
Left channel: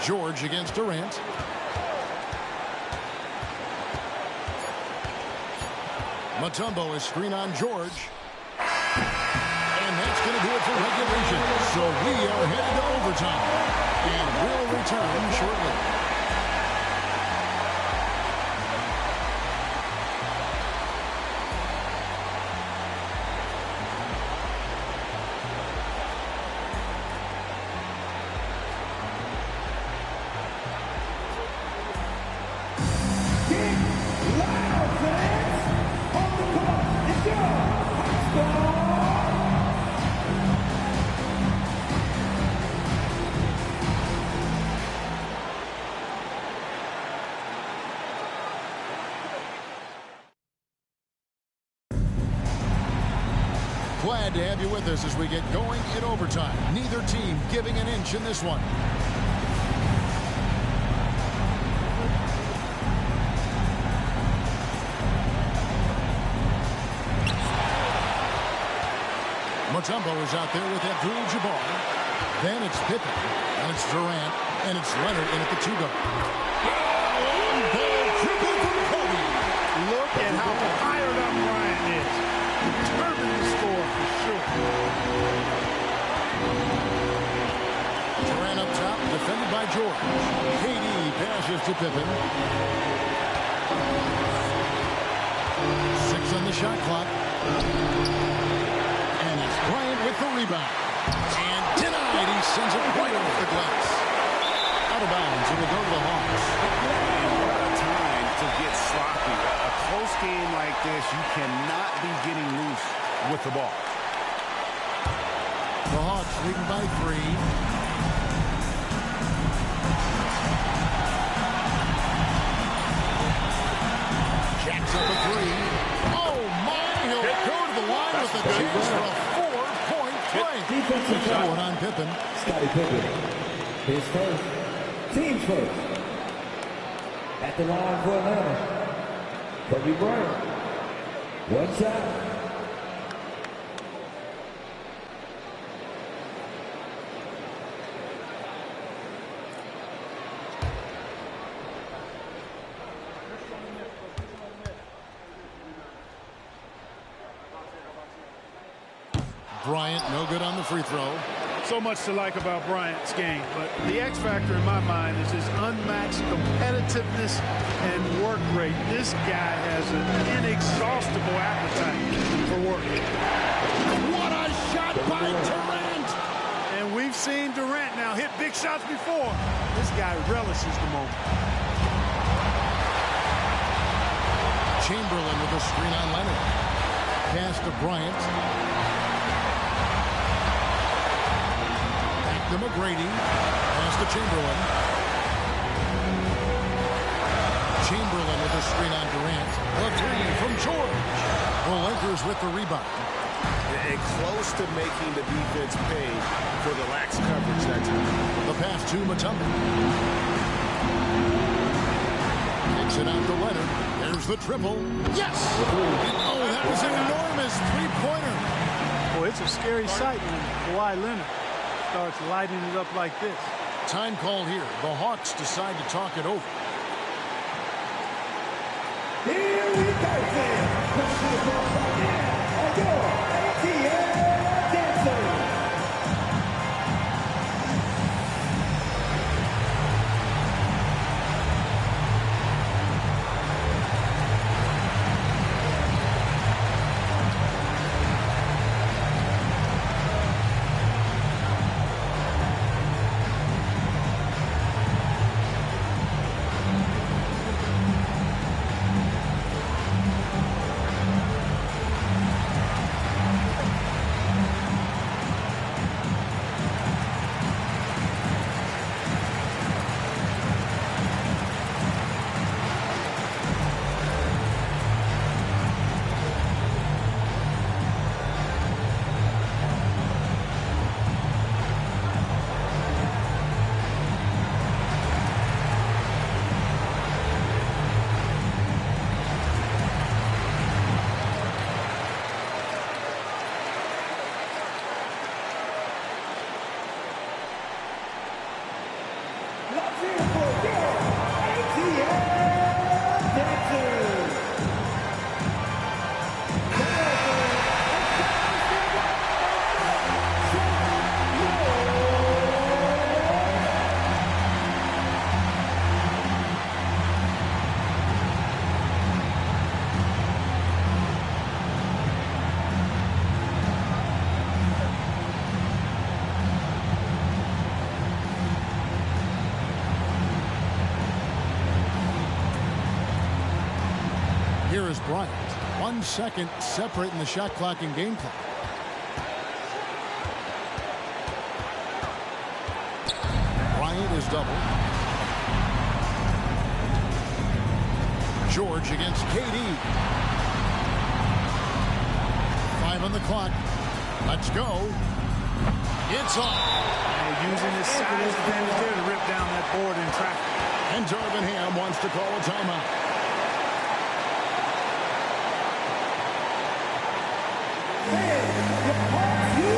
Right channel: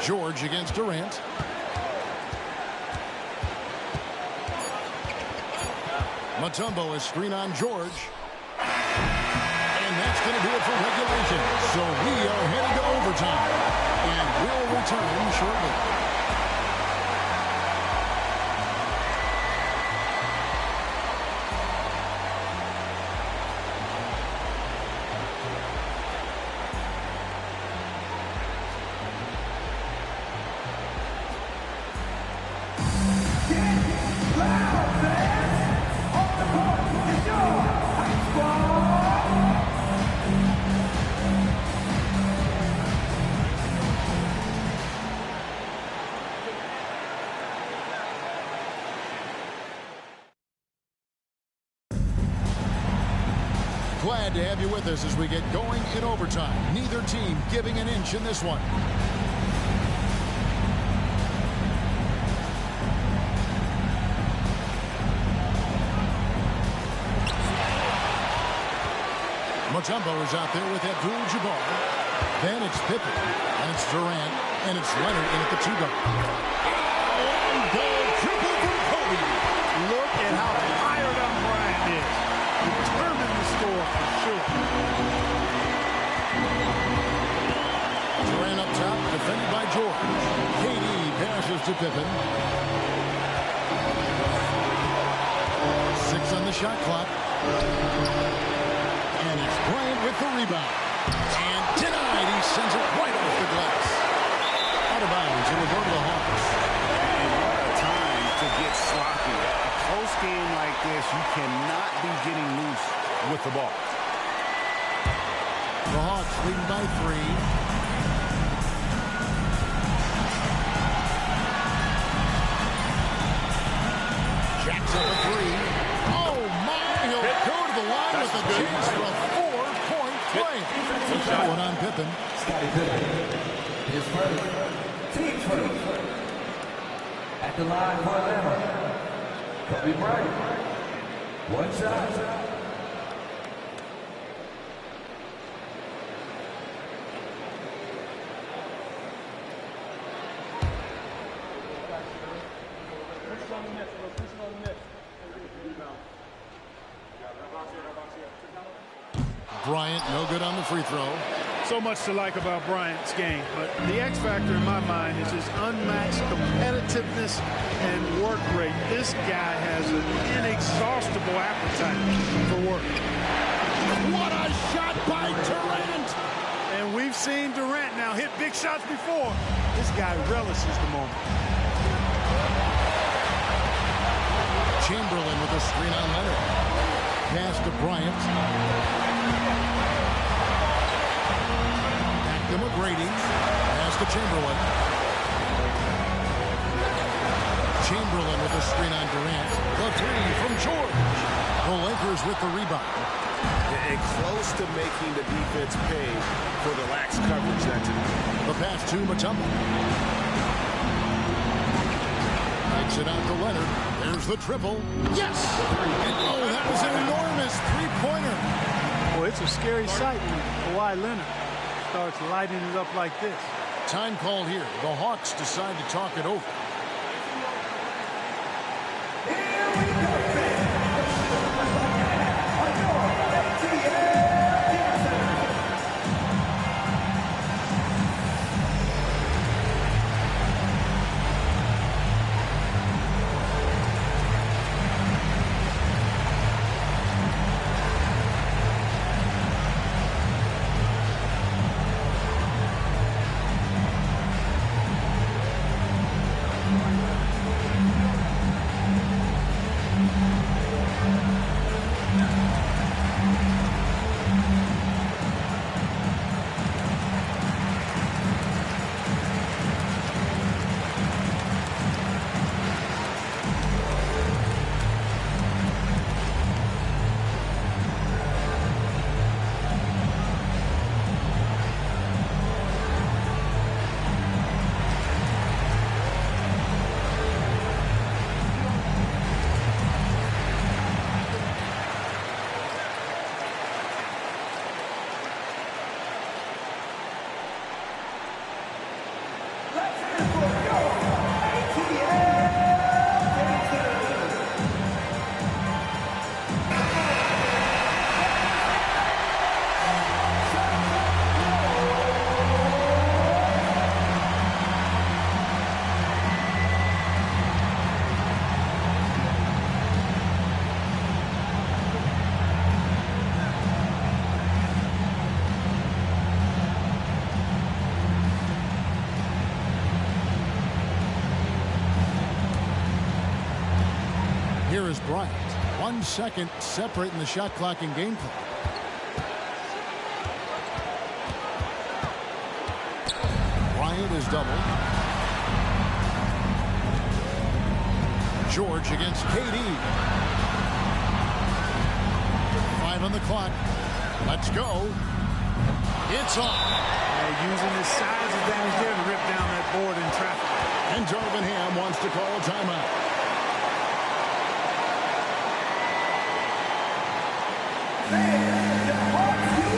George against Durant. Mutombo is screen on George. And that's going to do it for regulation. So we are headed to overtime. And we'll return shortly. Glad to have you with us as we get going in overtime. Neither team giving an inch in this one. Mutombo is out there with Abdul-Jabbar. Then it's Pippen, and it's Durant, and it's Leonard in at the 2-guard. Long ball triple from Kobe. Look at how fired up Bryant is. Determined to score for sure. Durant up top, defended by George. KD passes to Pippen. 6 on the shot clock. And it's Bryant with the rebound. And denied. He sends it right off the glass. Out of bounds. It will go to the Hawks. And what a time to get sloppy. A close game like this, you cannot be getting loose with the ball. The Hawks leading by 3. Jacks up a 3. Oh, my. He'll go to the line with a chance for a 4-point play. One on Pippen. Scottie Pippen. His first. Team's first. At the line for Atlanta. Kobe Bryant. One shot. Bryant, no good on the free throw. So much to like about Bryant's game, but the X factor in my mind is his unmatched competitiveness and work rate. This guy has an inexhaustible appetite for work. What a shot by Durant! And we've seen Durant now hit big shots before. This guy relishes the moment. Chamberlain with a screen on Leonard. Pass to Bryant. Back to McGrady. Pass to Chamberlain. Chamberlain with a screen on Durant. The 3 from George. The Lakers with the rebound. And close to making the defense pay for the lax coverage that time. The pass to Mutombo. Takes it out to Leonard. There's the triple. Yes! And, oh, that was an enormous three-pointer. Boy, it's a scary sight when Kawhi Leonard starts lighting it up like this. Time called here. The Hawks decide to talk it over. Here we go, ATL Johnson. Here is Bryant. 1 second separating the shot clock and game clock. Bryant is doubled. George against KD. 5 on the clock. Let's go. It's off. Using his size advantage there to rip down that board in traffic. And Darvin Ham wants to call a timeout. The Hawks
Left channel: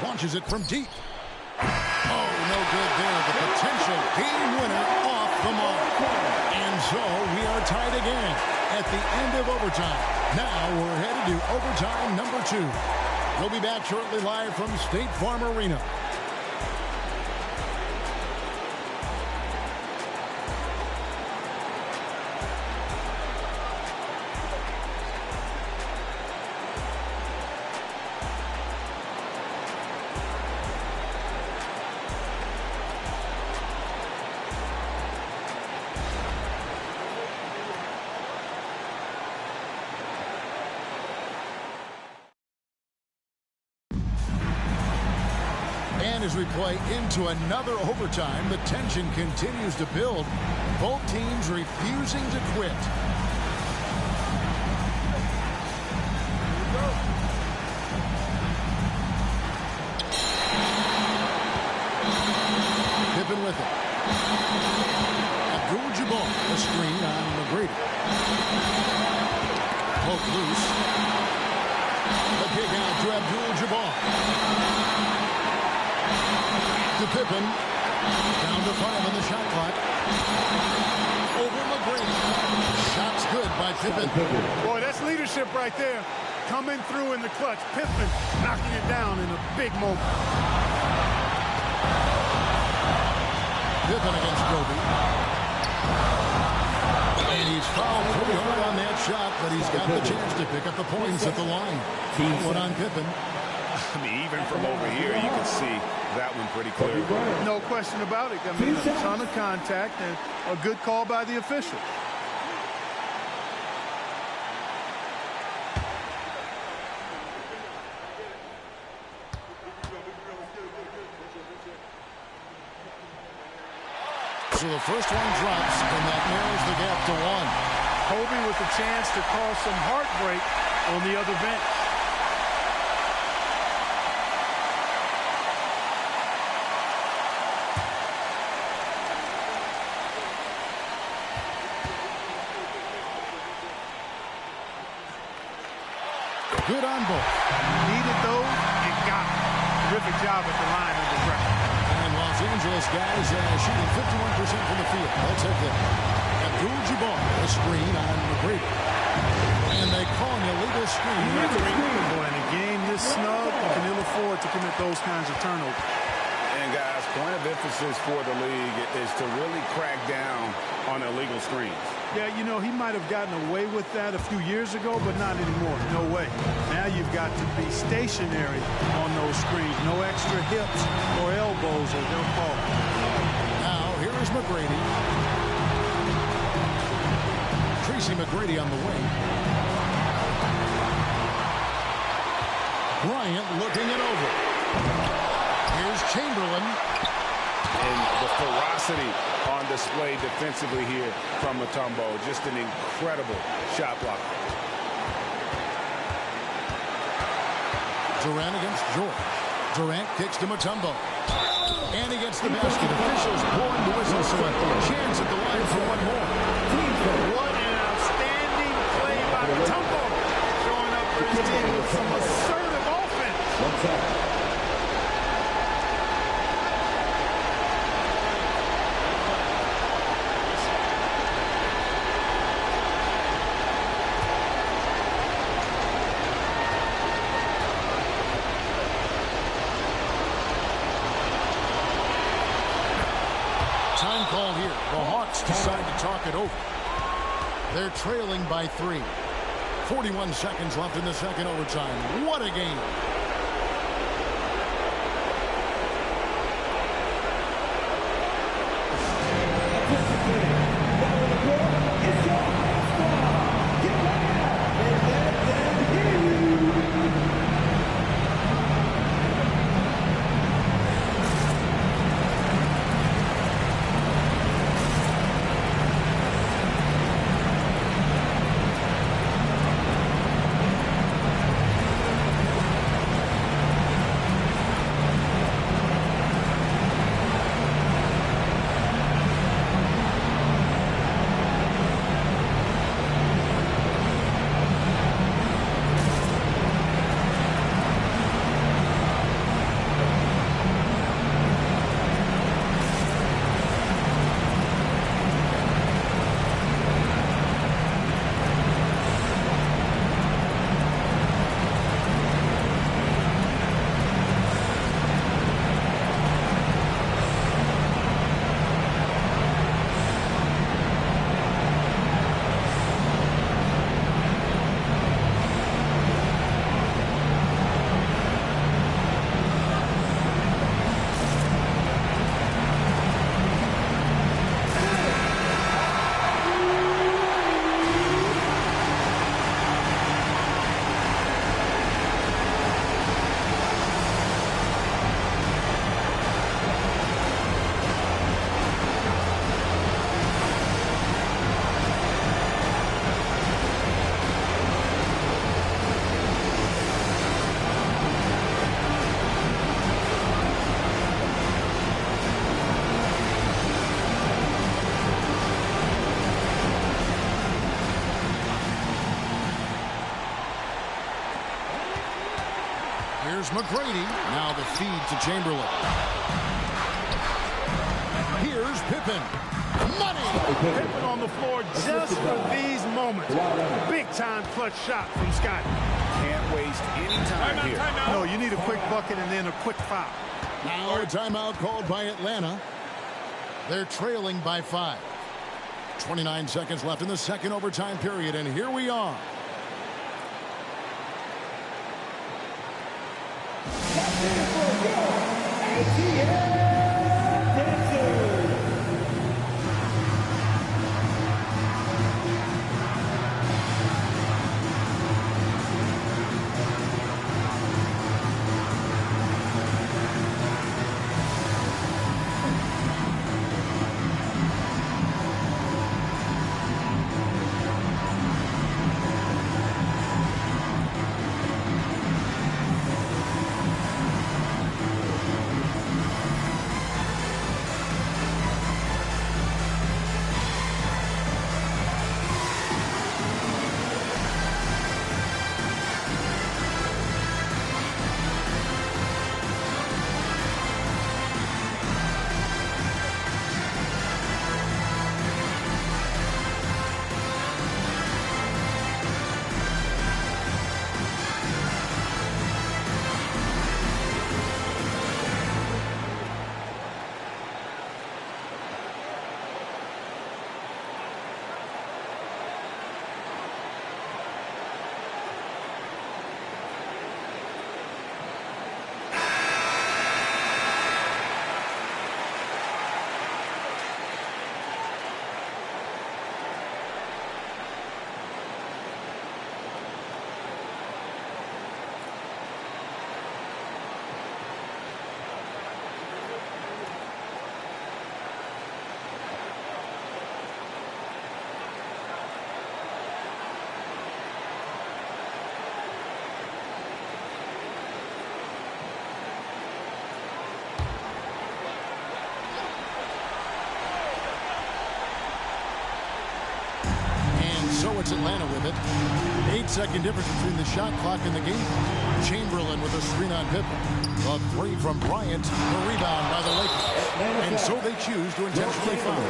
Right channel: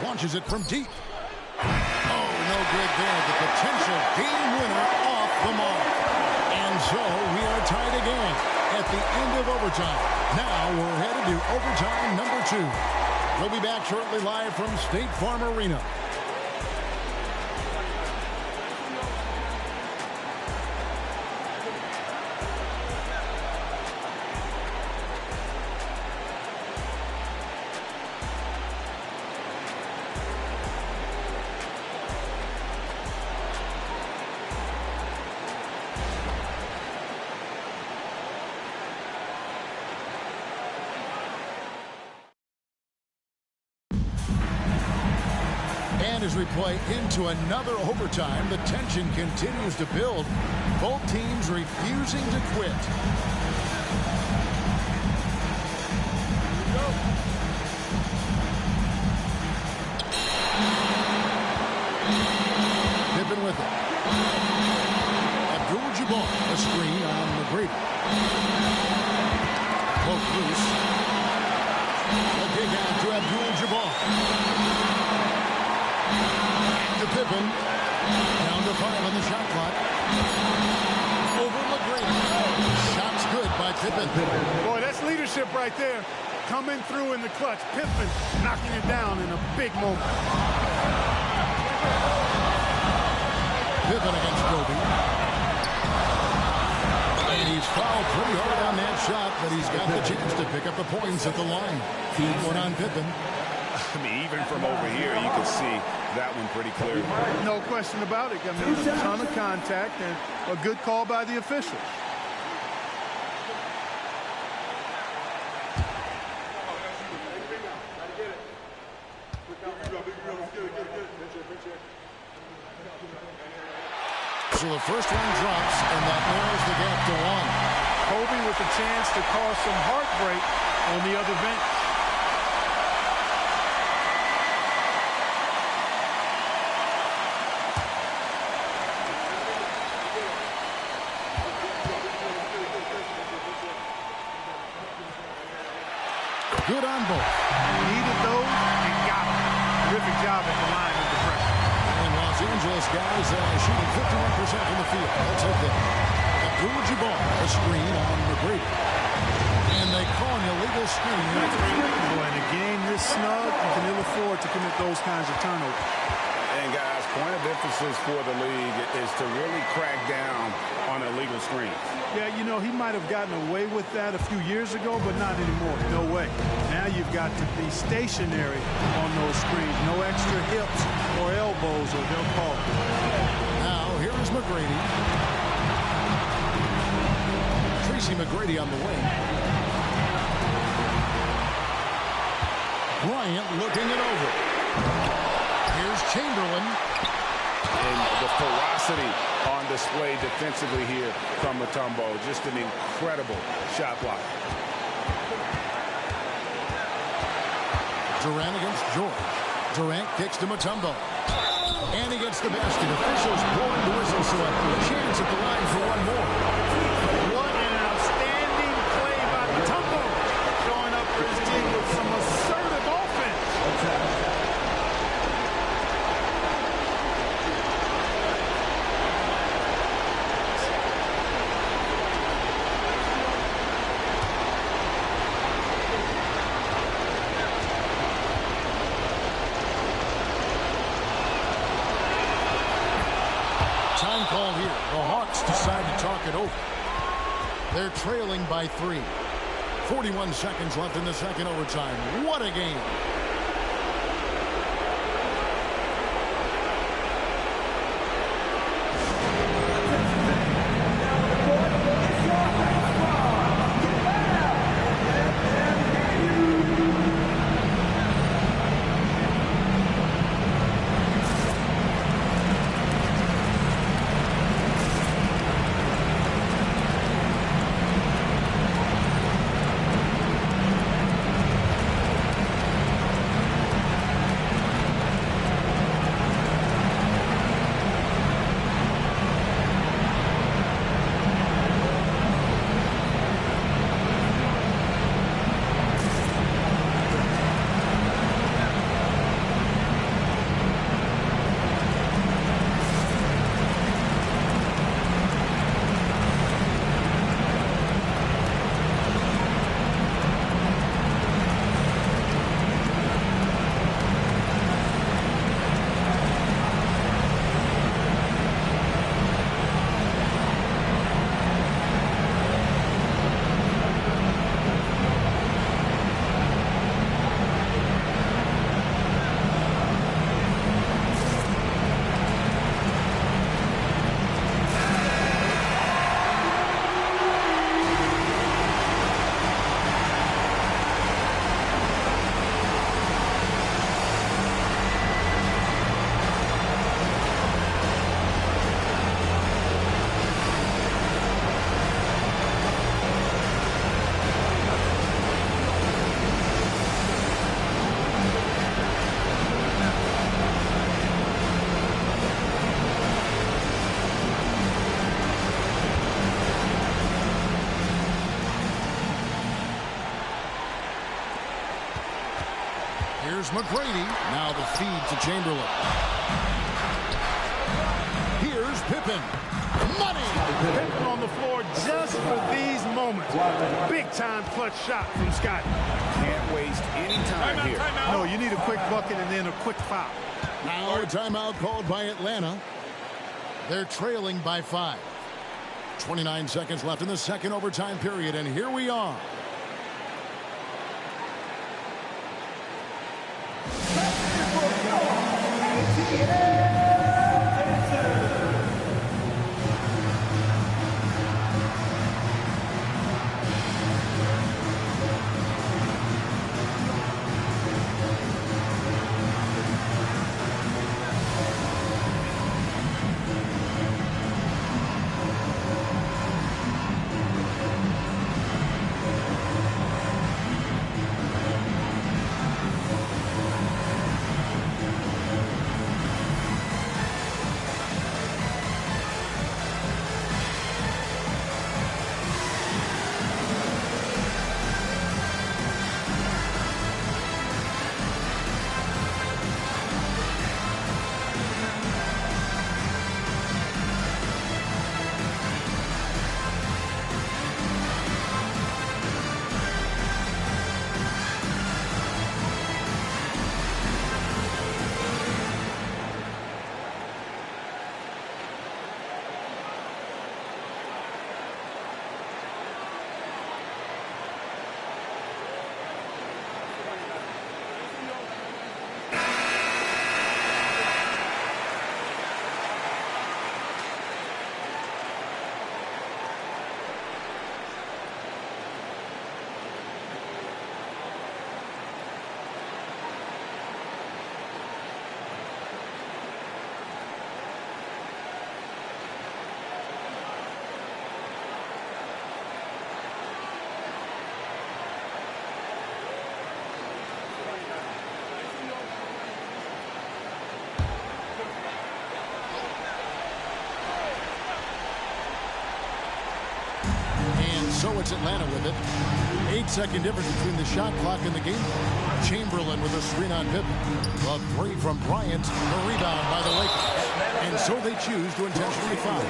Launches it from deep. Oh, no good there. The potential game winner off the mark. And so we are tied again at the end of overtime. Now we're headed to overtime number 2. We'll be back shortly live from State Farm Arena. And as we play into another overtime, the tension continues to build. Both teams refusing to quit. Here we go. Pippen with it. Abdul-Jabbar, a screen on McGrady. Poke loose. The kick out to Abdul-Jabbar. To Pippen. Down to 5 on the shot clock. Over McGrady. Shots good by Pippen. Boy, that's leadership right there. Coming through in the clutch. Pippen knocking it down in a big moment. Pippen against Kobe. And he's fouled pretty hard on that shot, but he's got the chance to pick up the points at the line. One on Pippen. I mean, even from over here, you can see that one pretty clearly. No question about it. I mean, a ton of contact and a good call by the officials. So the first one drops, and that narrows the gap to 1. Kobe with a chance to cause some heartbreak on the other bench. Good on both. Needed those and got them. Terrific job at the line under pressure. And Los Angeles guys shooting 51% from the field. They'll take that. Abdul-Jabbar, a screen on McGrady. And they call an illegal screen. Boy, in a game this snug, you can ill afford to commit those kinds of turnovers. And guys, point of emphasis for the league is to really crack down on illegal screens. Yeah, you know, he might have gotten away with that a few years ago, but not anymore. No way. Now you've got to be stationary on those screens. No extra hips or elbows, or they'll call it. Now, here is McGrady. Tracy McGrady on the wing. Bryant looking it over. Here's Chamberlain. And the ferocity on display defensively here from Mutombo. Just an incredible shot block. Durant against George. Durant kicks to Mutombo. And he gets the basket. Officials blowing the whistle, so a chance at the line for one more. What an outstanding play by Mutombo. Showing up for his team with some assertive offense. Time called here. The Hawks decide to talk it over. They're trailing by 3. 41 seconds left in the second overtime. What a game. Here's McGrady. Now the feed to Chamberlain. Here's Pippen. Money! Pippen on the floor just for these moments. Big-time clutch shot from Scotty. Can't waste any time here. No, you need a quick bucket and then a quick foul. Now a timeout called by Atlanta. They're trailing by 5. 29 seconds left in the second overtime period, and here we are. So it's Atlanta with it. 8-second difference between the shot clock and the game clock. Chamberlain with a screen on Pippen. The three from Bryant. The rebound by the Lakers. And so they choose to intentionally foul.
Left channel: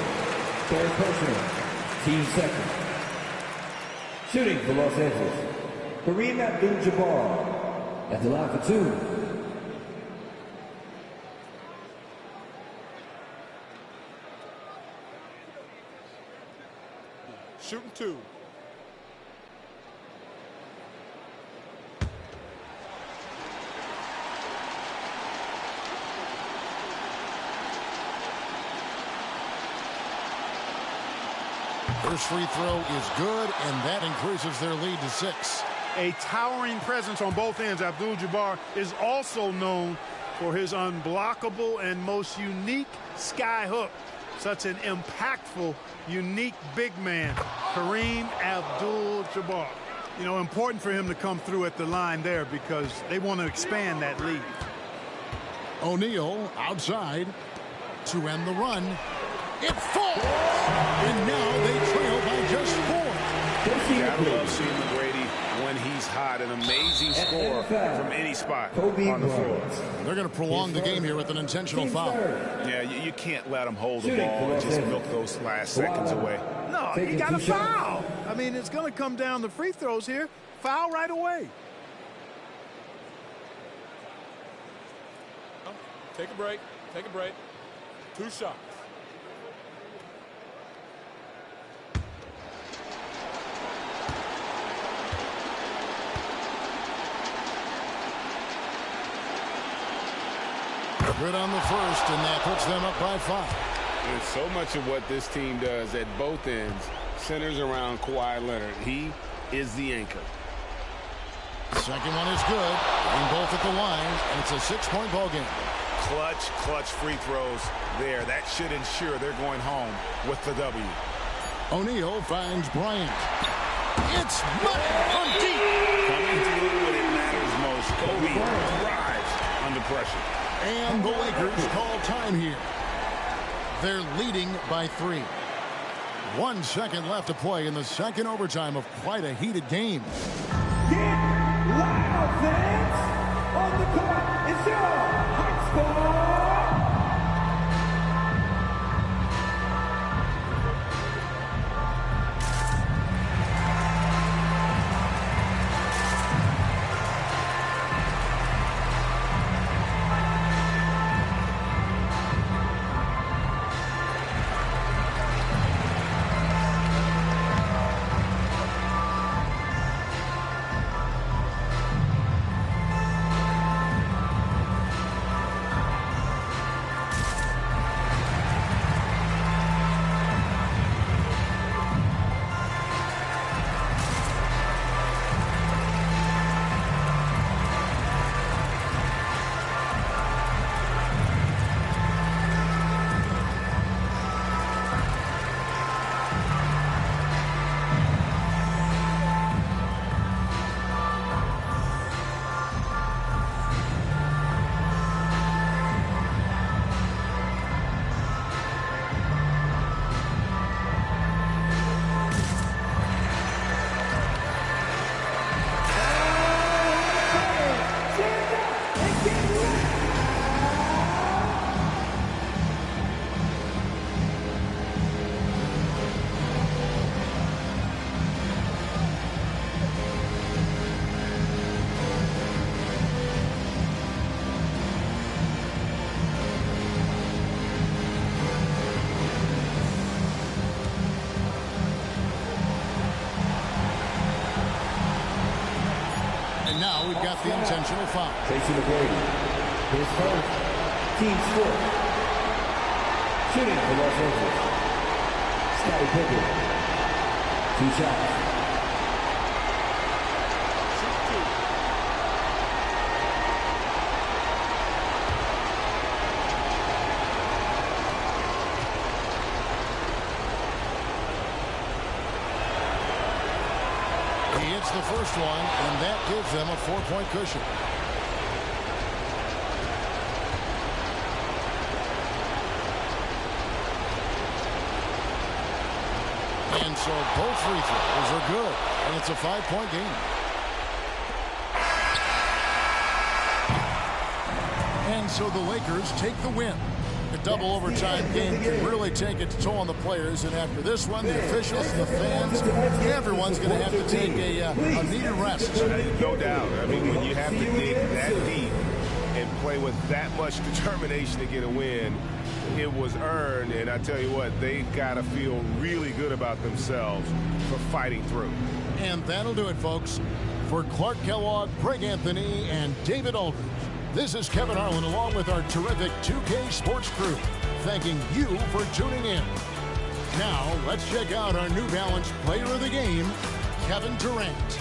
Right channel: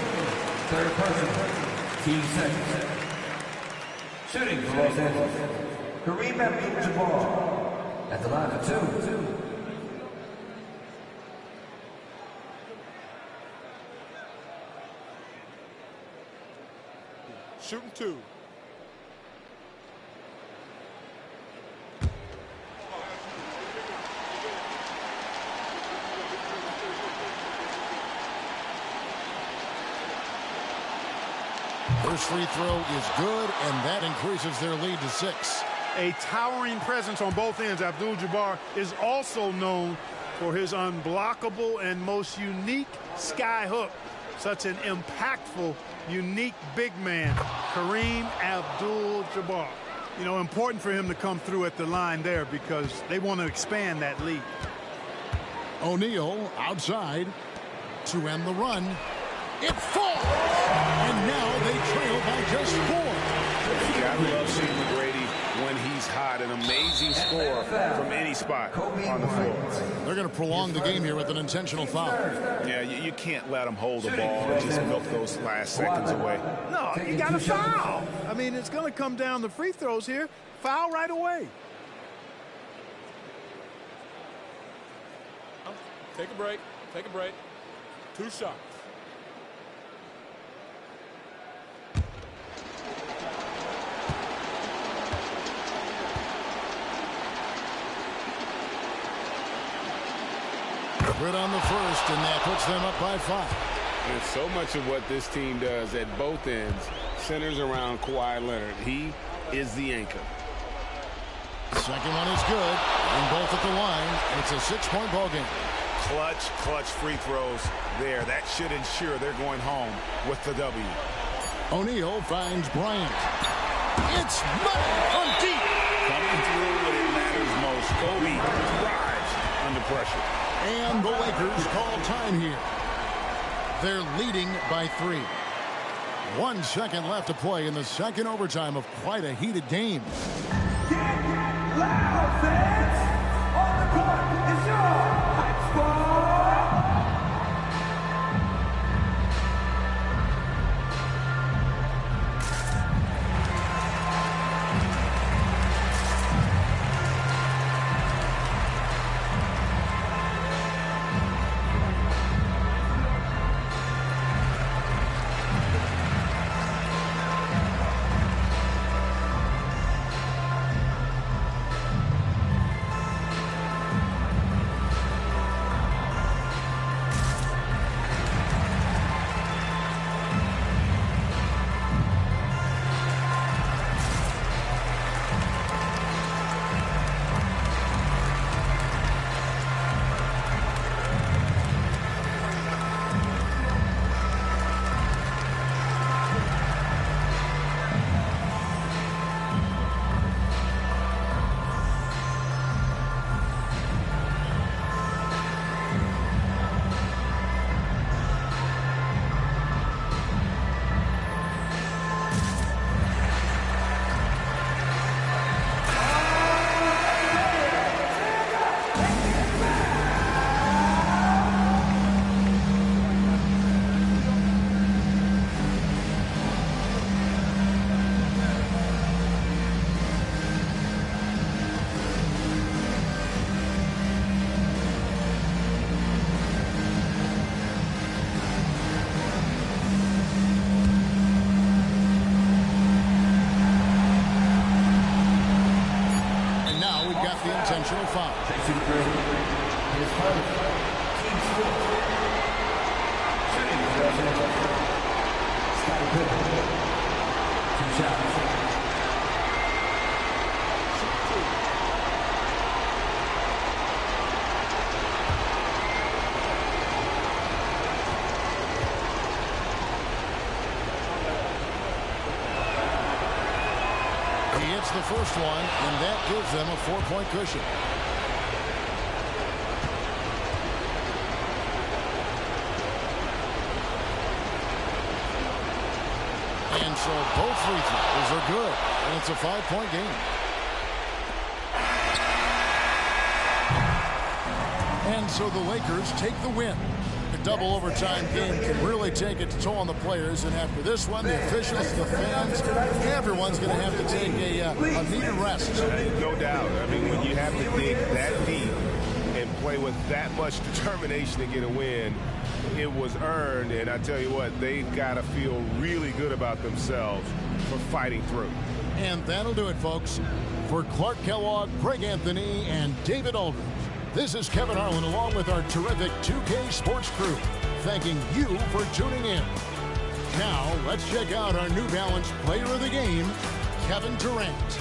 Third personal. Team second. Shooting for Los Angeles, Kareem Abdul-Jabbar at the line for 2. Shooting 2. First free throw is good, and that increases their lead to 6. A towering presence on both ends. Abdul-Jabbar is also known for his unblockable and most unique sky hook. Such an impactful, unique big man, Kareem Abdul-Jabbar. You know, important for him to come through at the line there because they want to expand that lead. O'Neal outside to end the run. It falls, and now they trail by just 4. You gotta love seeing McGrady when he's hot. An amazing score from any spot on the floor. They're going to prolong the game here with an intentional foul. Yeah, you can't let him hold the ball and just milk those last seconds away. No, you got to foul. I mean, it's going to come down to free throws here. Foul right away. Take a break. Take a break. 2 shots. Good on the first, and that puts them up by 5. And so much of what this team does at both ends centers around Kawhi Leonard. He is the anchor. Second one is good. Getting both at the line, and it's a 6-point ball game. Clutch free throws there. That should ensure they're going home with the W. O'Neal finds Bryant. It's money from deep. Coming through when it matters most. Kobe thrives under pressure. And the Lakers call time here. They're leading by 3. 1 second left to play in the second overtime of quite a heated game. Get loud, fans! On the And now we've got the intentional foul. Tracy McGrady, his first, team fourth. Shooting for Los Angeles, Scottie Pippen. 2 shots. He hits the first one, and that gives them a 4-point cushion. And so both free throws are good, and it's a 5-point game. And so the Lakers take the win. A double overtime game can really take its toll on the players, and after this one, the officials, the fans, everyone's going to have to take a needed rest. No doubt. I mean, when you have to dig that deep and play with that much determination to get a win, it was earned, and I tell you what, they've got to feel really good about themselves for fighting through. And that'll do it, folks. For Clark Kellogg, Greg Anthony, and David Aldridge, this is Kevin Harlan along with our terrific 2K Sports crew, thanking you for tuning in. Now, let's check out our New Balance Player of the Game, Kevin Durant.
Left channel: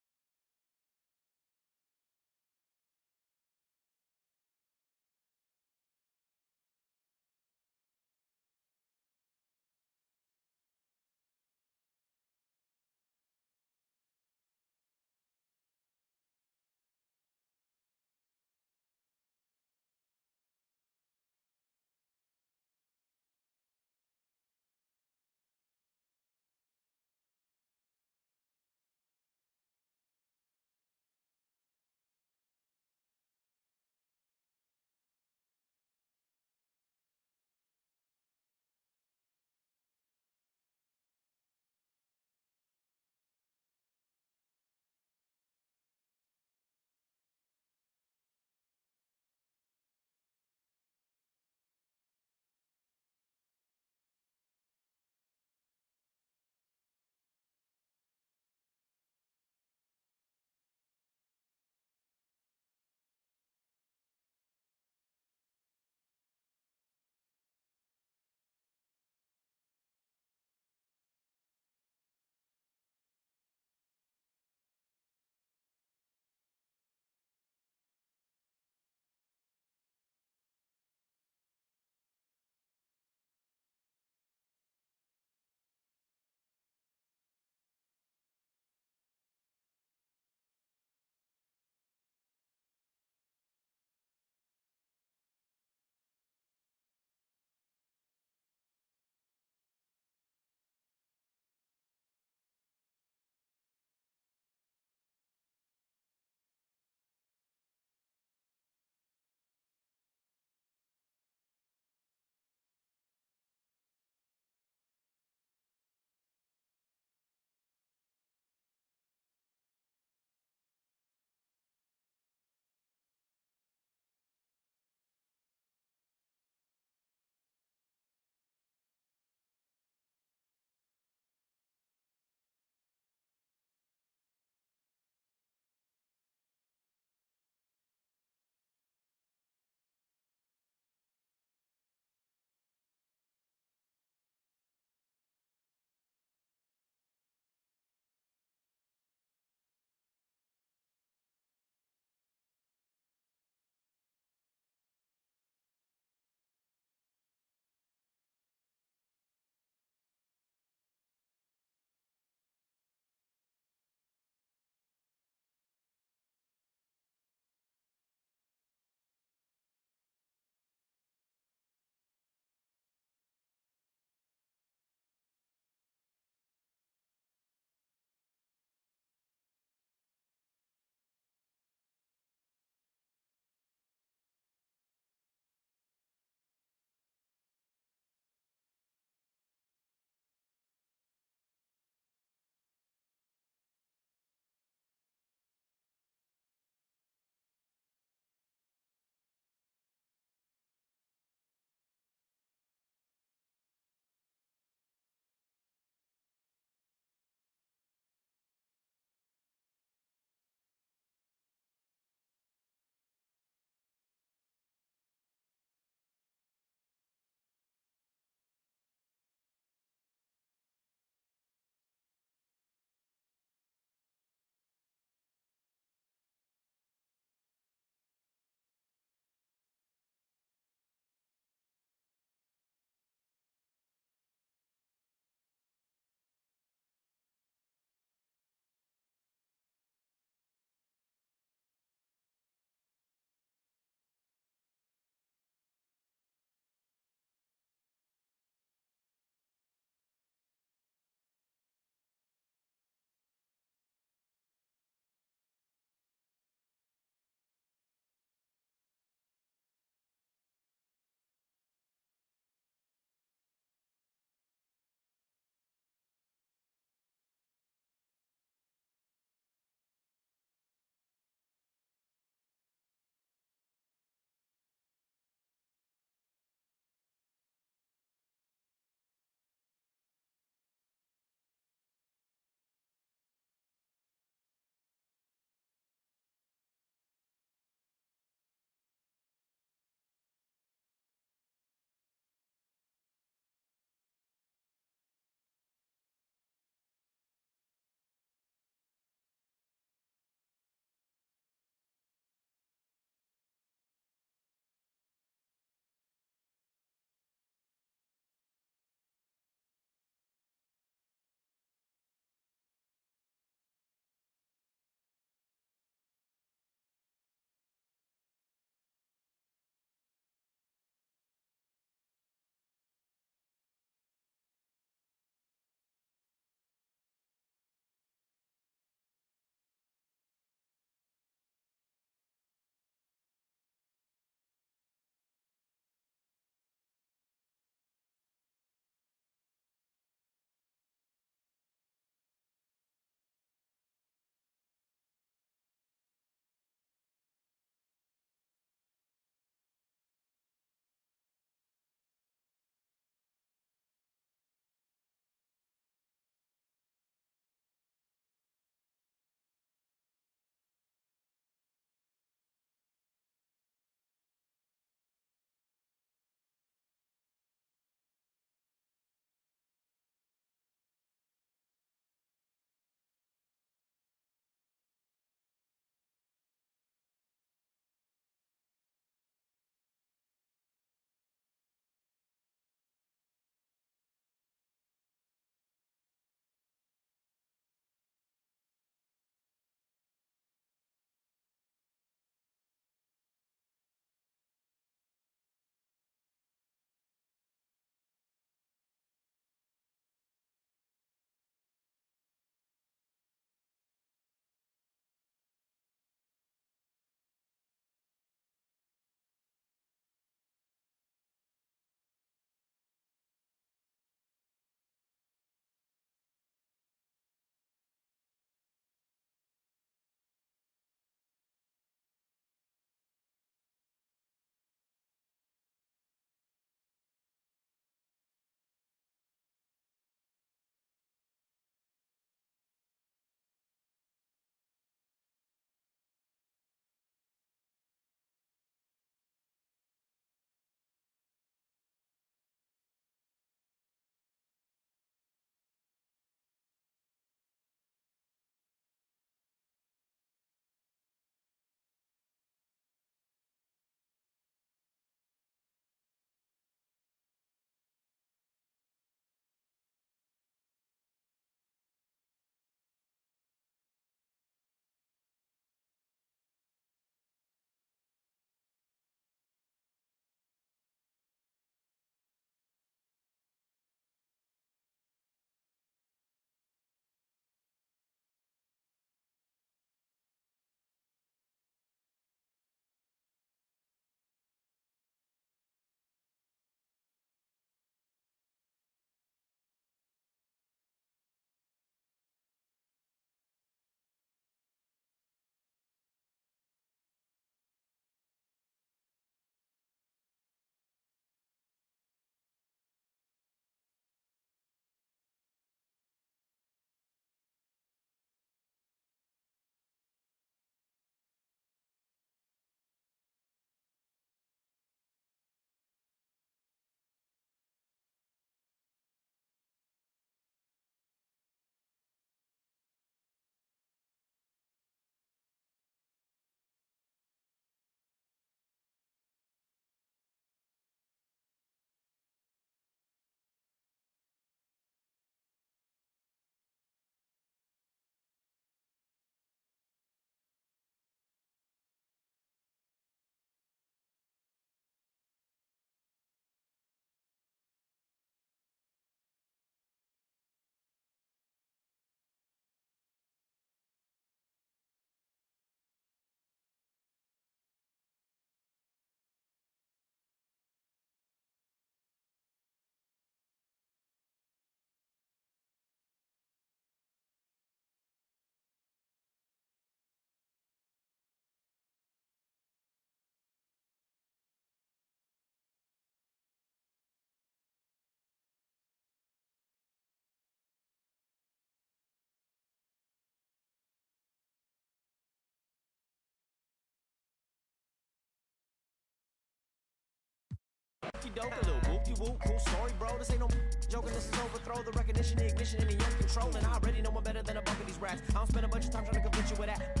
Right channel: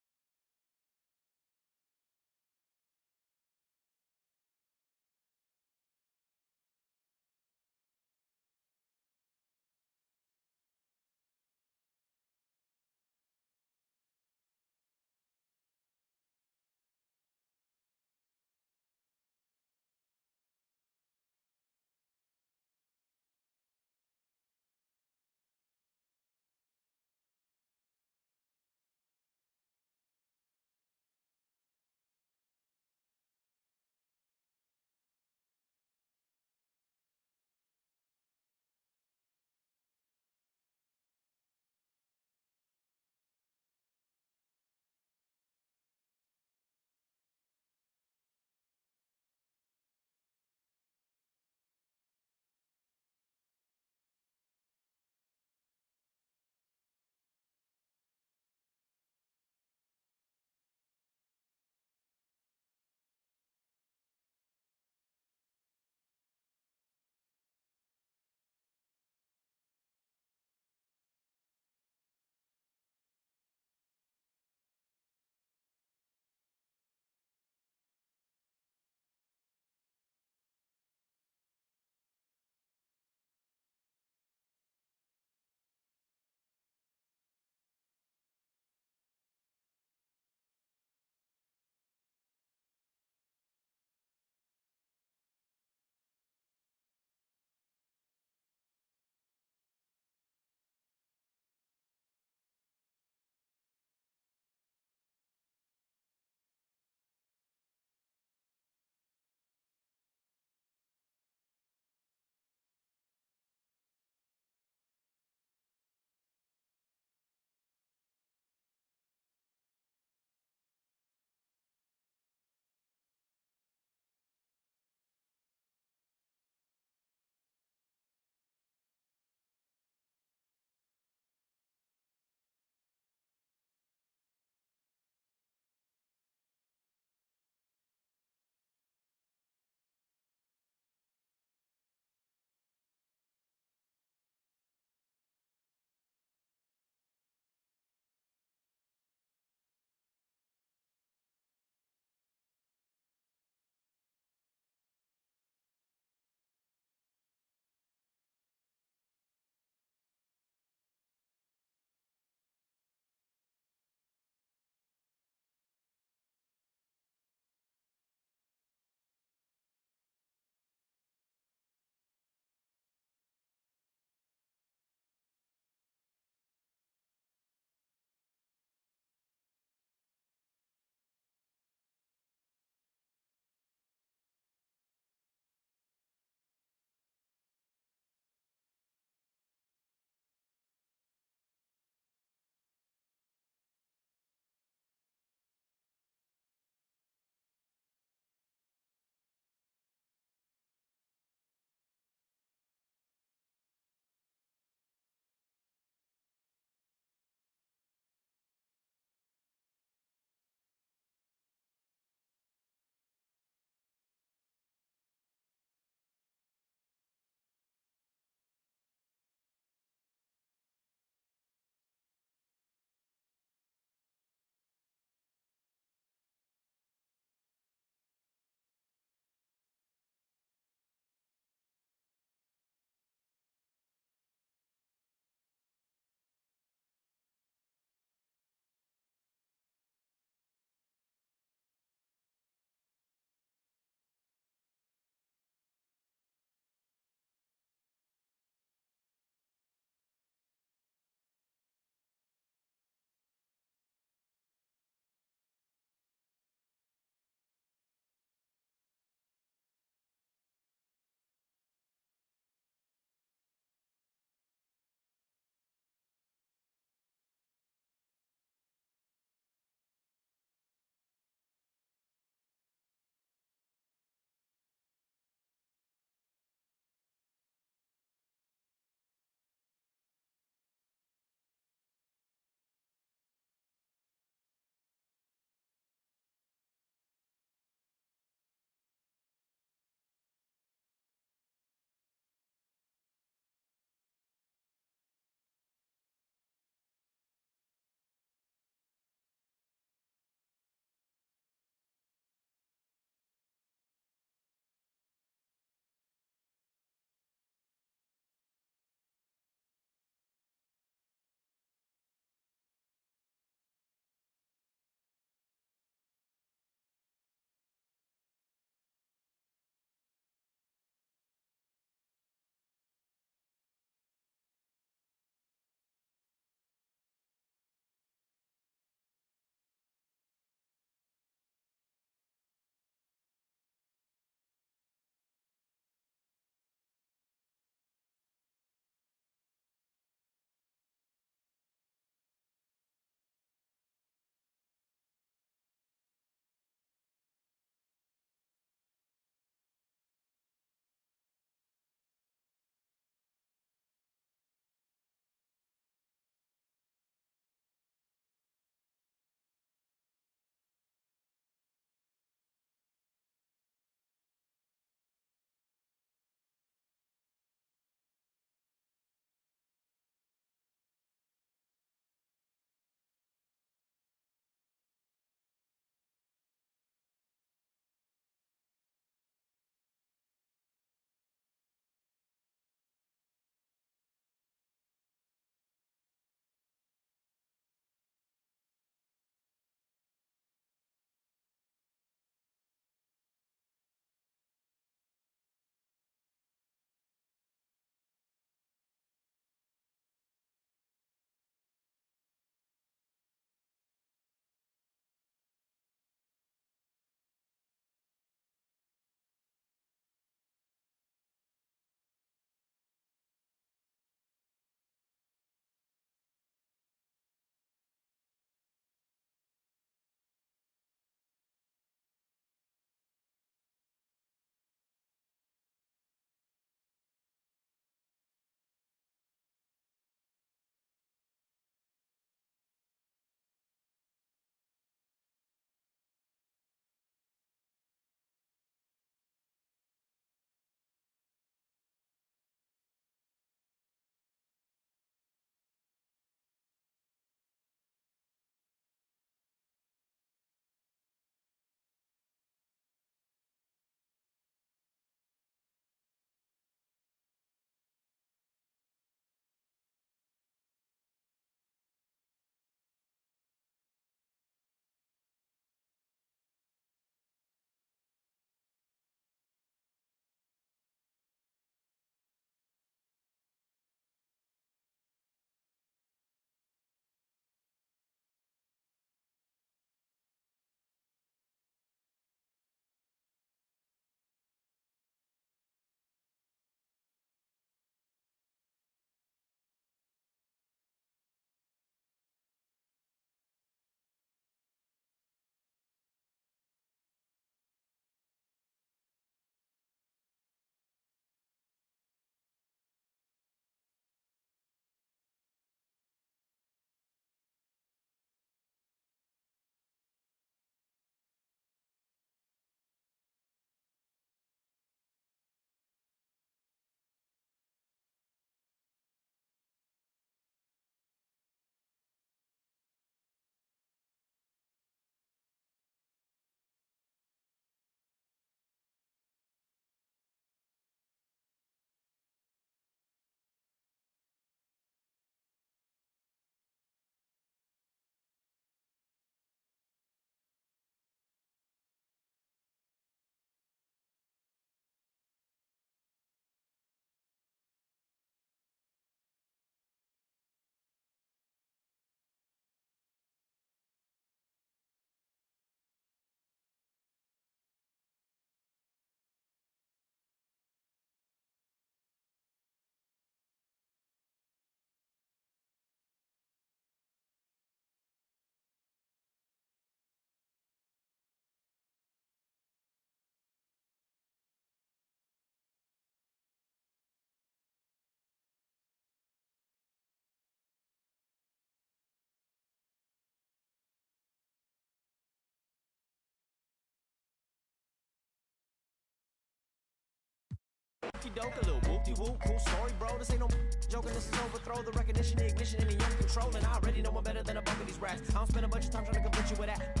doke, a little whoop-de-whoop, cool story, bro. This ain't no joking, this is overthrow. The recognition, the ignition, and the young control. And I already know I'm better than a bunch of these rats. I don't spend a bunch of time trying to convince you with that.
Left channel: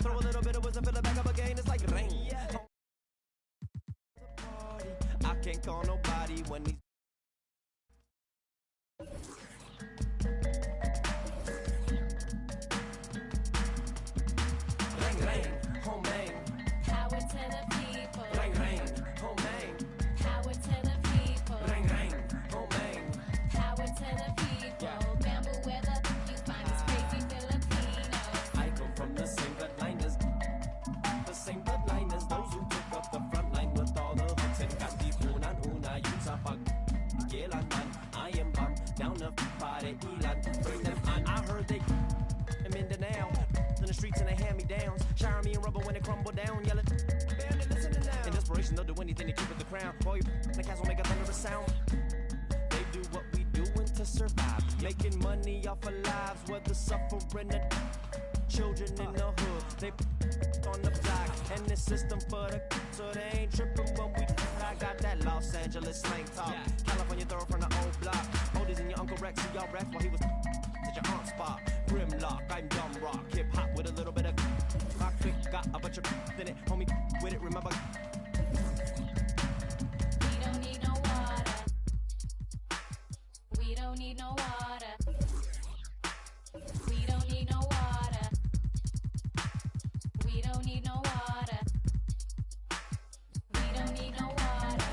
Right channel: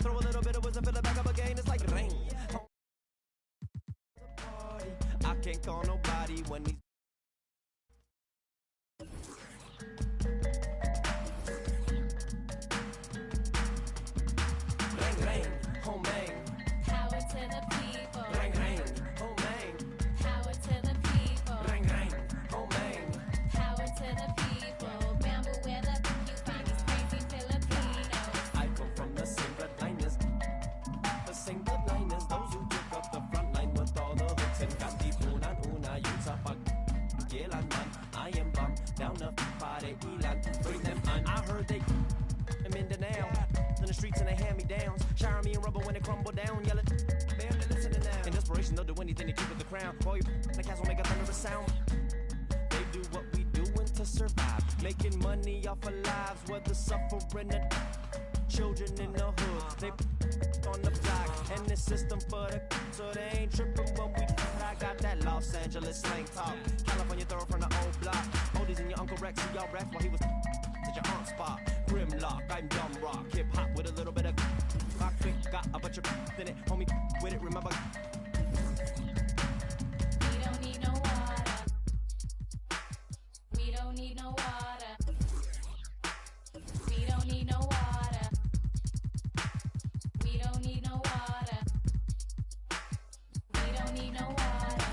Throw a little bit of wisdom, fill it back up again, it's like rain. I can't call nobody when these Ring, ring, home bang. Power to the people. Ring, ring, home bang. Power to the people. Ring, ring, home bang. Power to the people. Bamboo weather, you find these crazy Filipinos. I come from the same bloodline as those who took up the front line with all the hooks and got the una yuta pag Gilan man. I am bum down the party Elan. Bring them on. I heard they them in the now in the streets and they hand me downs. Shower me in rubber when they crumble down. Yell it, barely listening now. In desperation, they'll do anything to keep it the crown. Boy, you the cats will make a thunderous sound. They do what we doing to survive, making money off of lives, whether suffering or children in the hood. They on the block and the system for the so they ain't tripping when we. I got that Los Angeles slang talk. California throw from the old block. Oldies and your Uncle Rex, see y'all Rex while he was at your aunt's spot. Grimlock, I'm dumb rock, hip hop with a little bit of rock. Got a bunch of in it, homie with it. Remember. We don't need no water. We don't need no water. We don't need no water. We don't need no water. We don't need no water.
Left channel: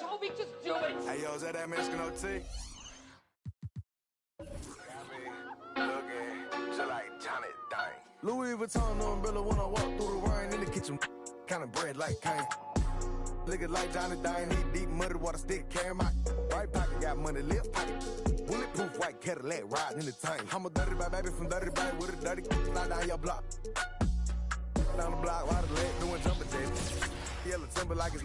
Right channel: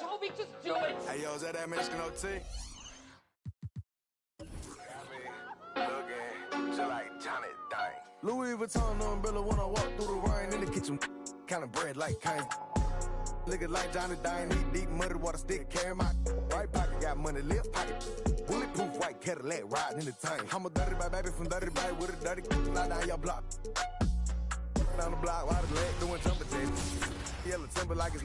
Toby, just do it. Hey, yo, is that Mexican OT? Looking just like Johnny Dang. Louis Vuitton umbrella when I walk through the rain in the kitchen. Kind of bread like Kane. Looking like Johnny Dang, eat deep muddy water stick, carry my right pocket, got money, left pocket. Bulletproof white Cadillac riding in the tank. I'm a dirty bag baby from dirty bag with a dirty not down your block. Down the block, while the leg doing jumping jacks. Yellow timber like it's.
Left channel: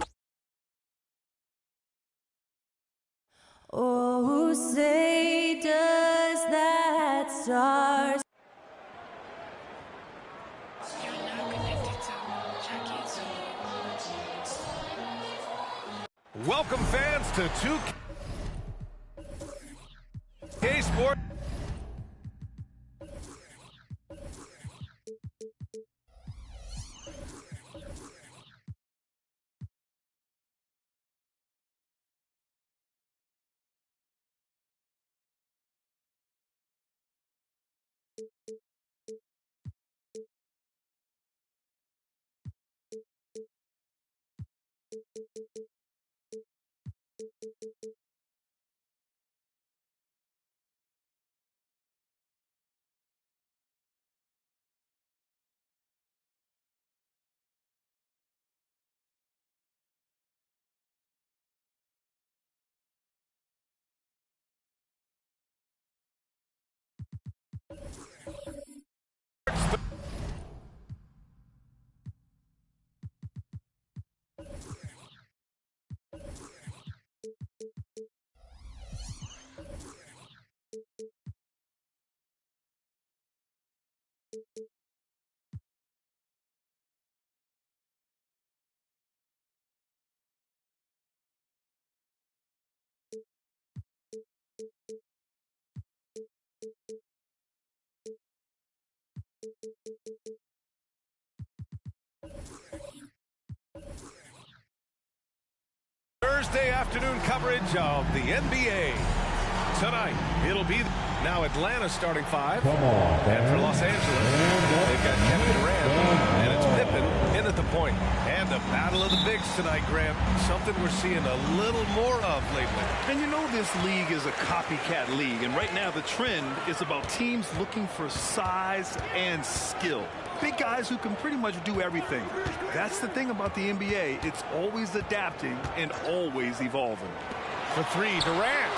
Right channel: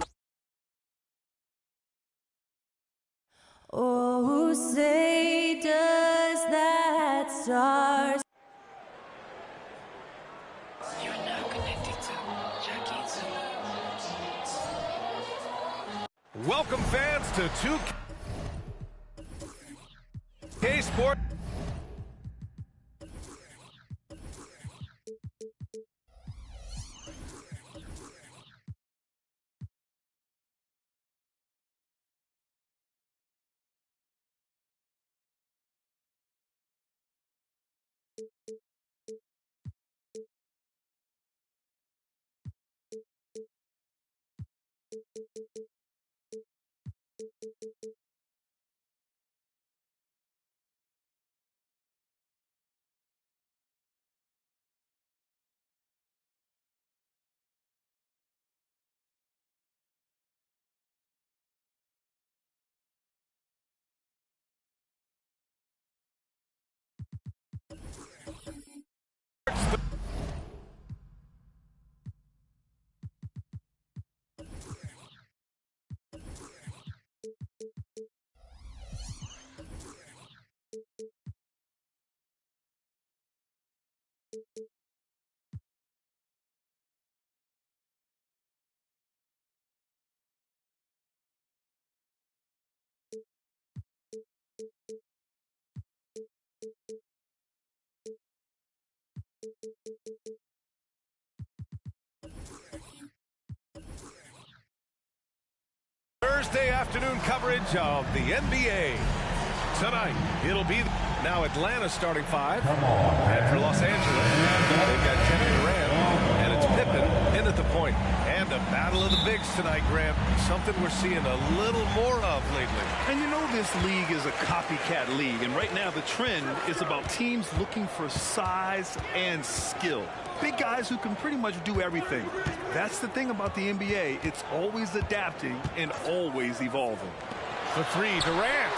Oh, say does that star. You're now connected to Jackie. Welcome, fans, to 2K Sport. Thursday afternoon coverage of the NBA. Tonight, it'll be now Atlanta starting 5. And for Los Angeles, they've got Kevin Durant, and it's Pippen in at the point. And a battle of the bigs tonight, Grant. Something we're seeing a little more of lately. And you know this league is a copycat league, and right now the trend is about teams looking for size and skill. Big guys who can pretty much do everything. That's the thing about the NBA. It's always adapting and always evolving. For 3, Durant.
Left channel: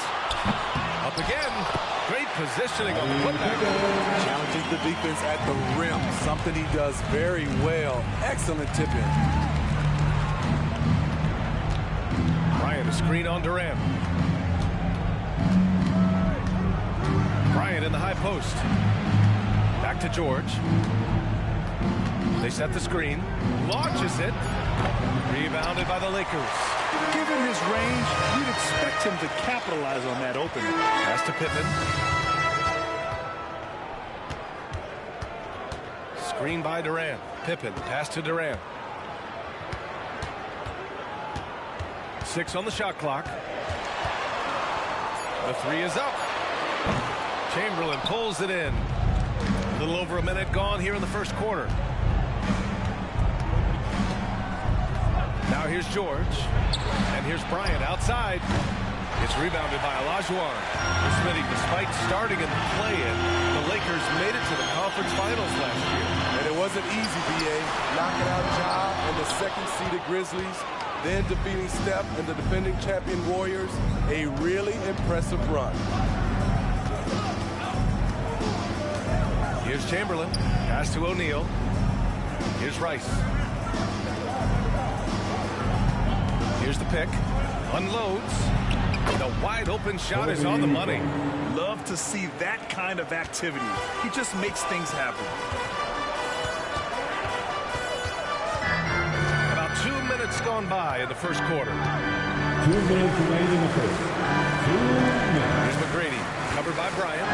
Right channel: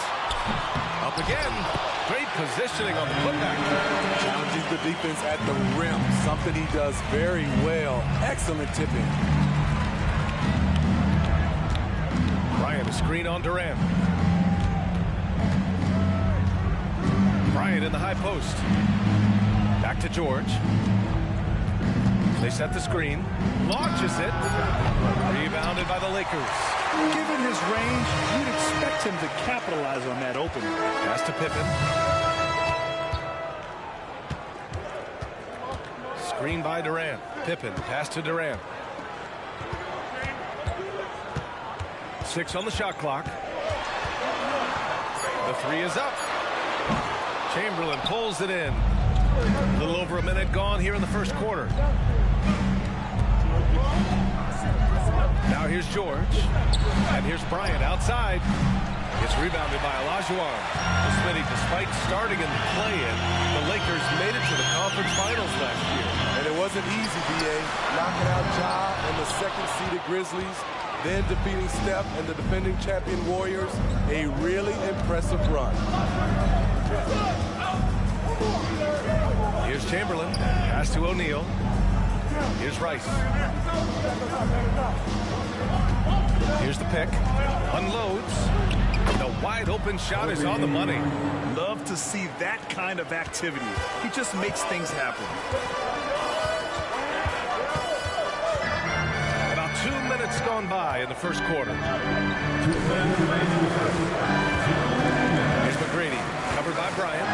Up again. Great positioning on the putback. Challenges the defense at the rim. Something he does very well. Excellent tip in. Bryant, a screen on Durant. Bryant in the high post. Back to George. They set the screen. Launches it. Rebounded by the Lakers. Given his range, you'd expect him to capitalize on that opening. Pass to Pippen. Screen by Durant. Pippen, pass to Durant. 6 on the shot clock. The 3 is up. Chamberlain pulls it in. A little over a minute gone here in the first quarter. Now here's George. And here's Bryant outside. It's rebounded by Olajuwon. Smitty, despite starting in the play-in, the Lakers made it to the conference finals last year. And it wasn't easy, B.A. Knocking out Ja and the second-seeded Grizzlies, then defeating Steph and the defending champion Warriors. A really impressive run. Here's Chamberlain. Pass to O'Neal. Here's Rice. Here's the pick. Unloads. The wide open shot is on the money. Love to see that kind of activity. He just makes things happen. About 2 minutes gone by in the first quarter. 2 minutes remaining in the first. Here's McGrady. Covered by Bryant.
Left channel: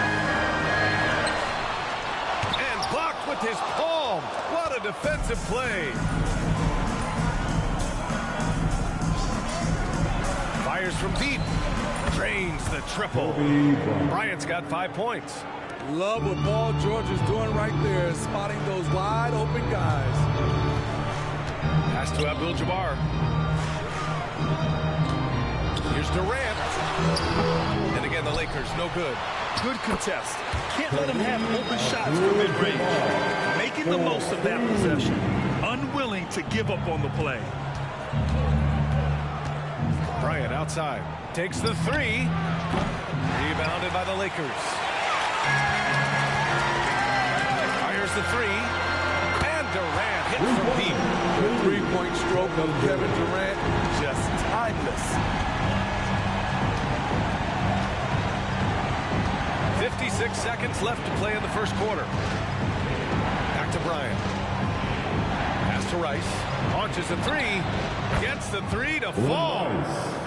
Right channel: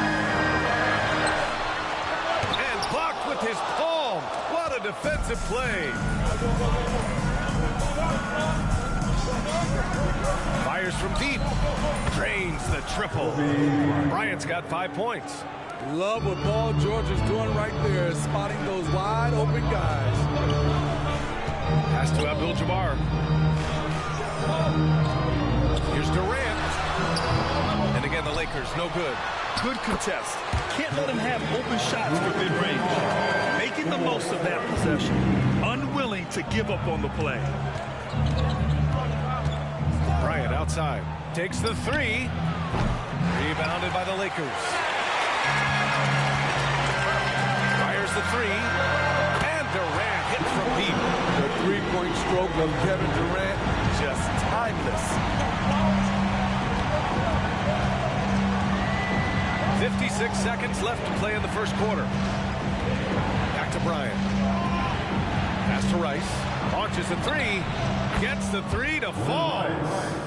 And blocked with his palm. What a defensive play. Fires from deep. Drains the triple. Bryant's got 5 points. Love what Paul George is doing right there, spotting those wide open guys. Pass to Abdul-Jabbar. Here's Durant. And again, the Lakers, no good. Good contest. Can't let him have open shots from mid-range. Making the most of that possession. Unwilling to give up on the play. Bryant outside. Takes the 3. Rebounded by the Lakers. Fires the 3. And Durant hits from deep. The three-point stroke of Kevin Durant, just timeless. 56 seconds left to play in the first quarter. Back to Bryant. Pass to Rice. Launches a 3. Gets the 3 to fall.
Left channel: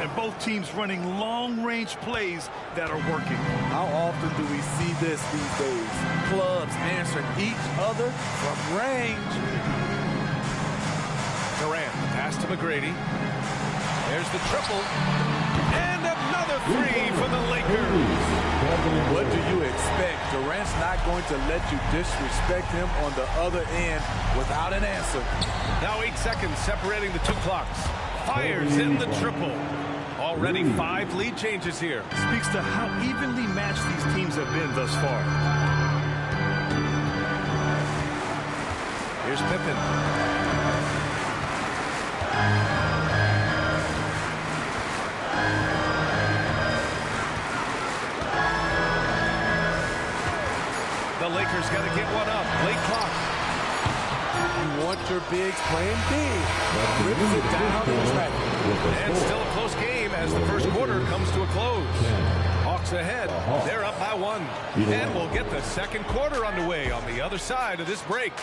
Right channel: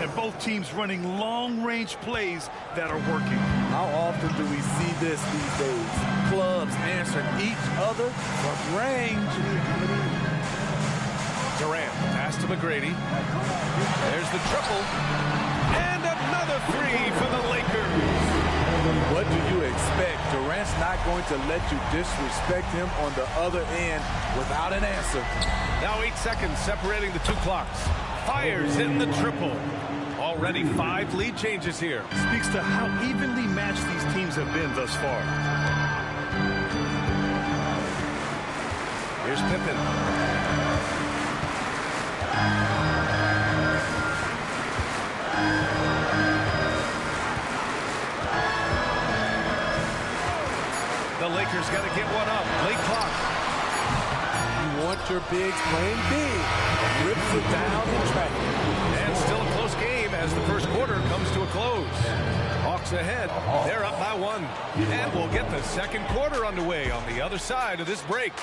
And both teams running long-range plays that are working. How often do we see this these days? Clubs answering each other from range. Durant, pass to McGrady. There's the triple. And another 3 for the Lakers. What do you expect? Durant's not going to let you disrespect him on the other end without an answer. Now 8 seconds separating the 2 clocks. Fires in the triple. Already 5 lead changes here. Speaks to how evenly matched these teams have been thus far. Here's Pippen. The Lakers got to get one up. Late clock. You want your bigs playing big. Rips it down in traffic. And still a close game as the first quarter comes to a close. Hawks ahead. They're up by 1. And we'll get the second quarter underway on the other side of this break.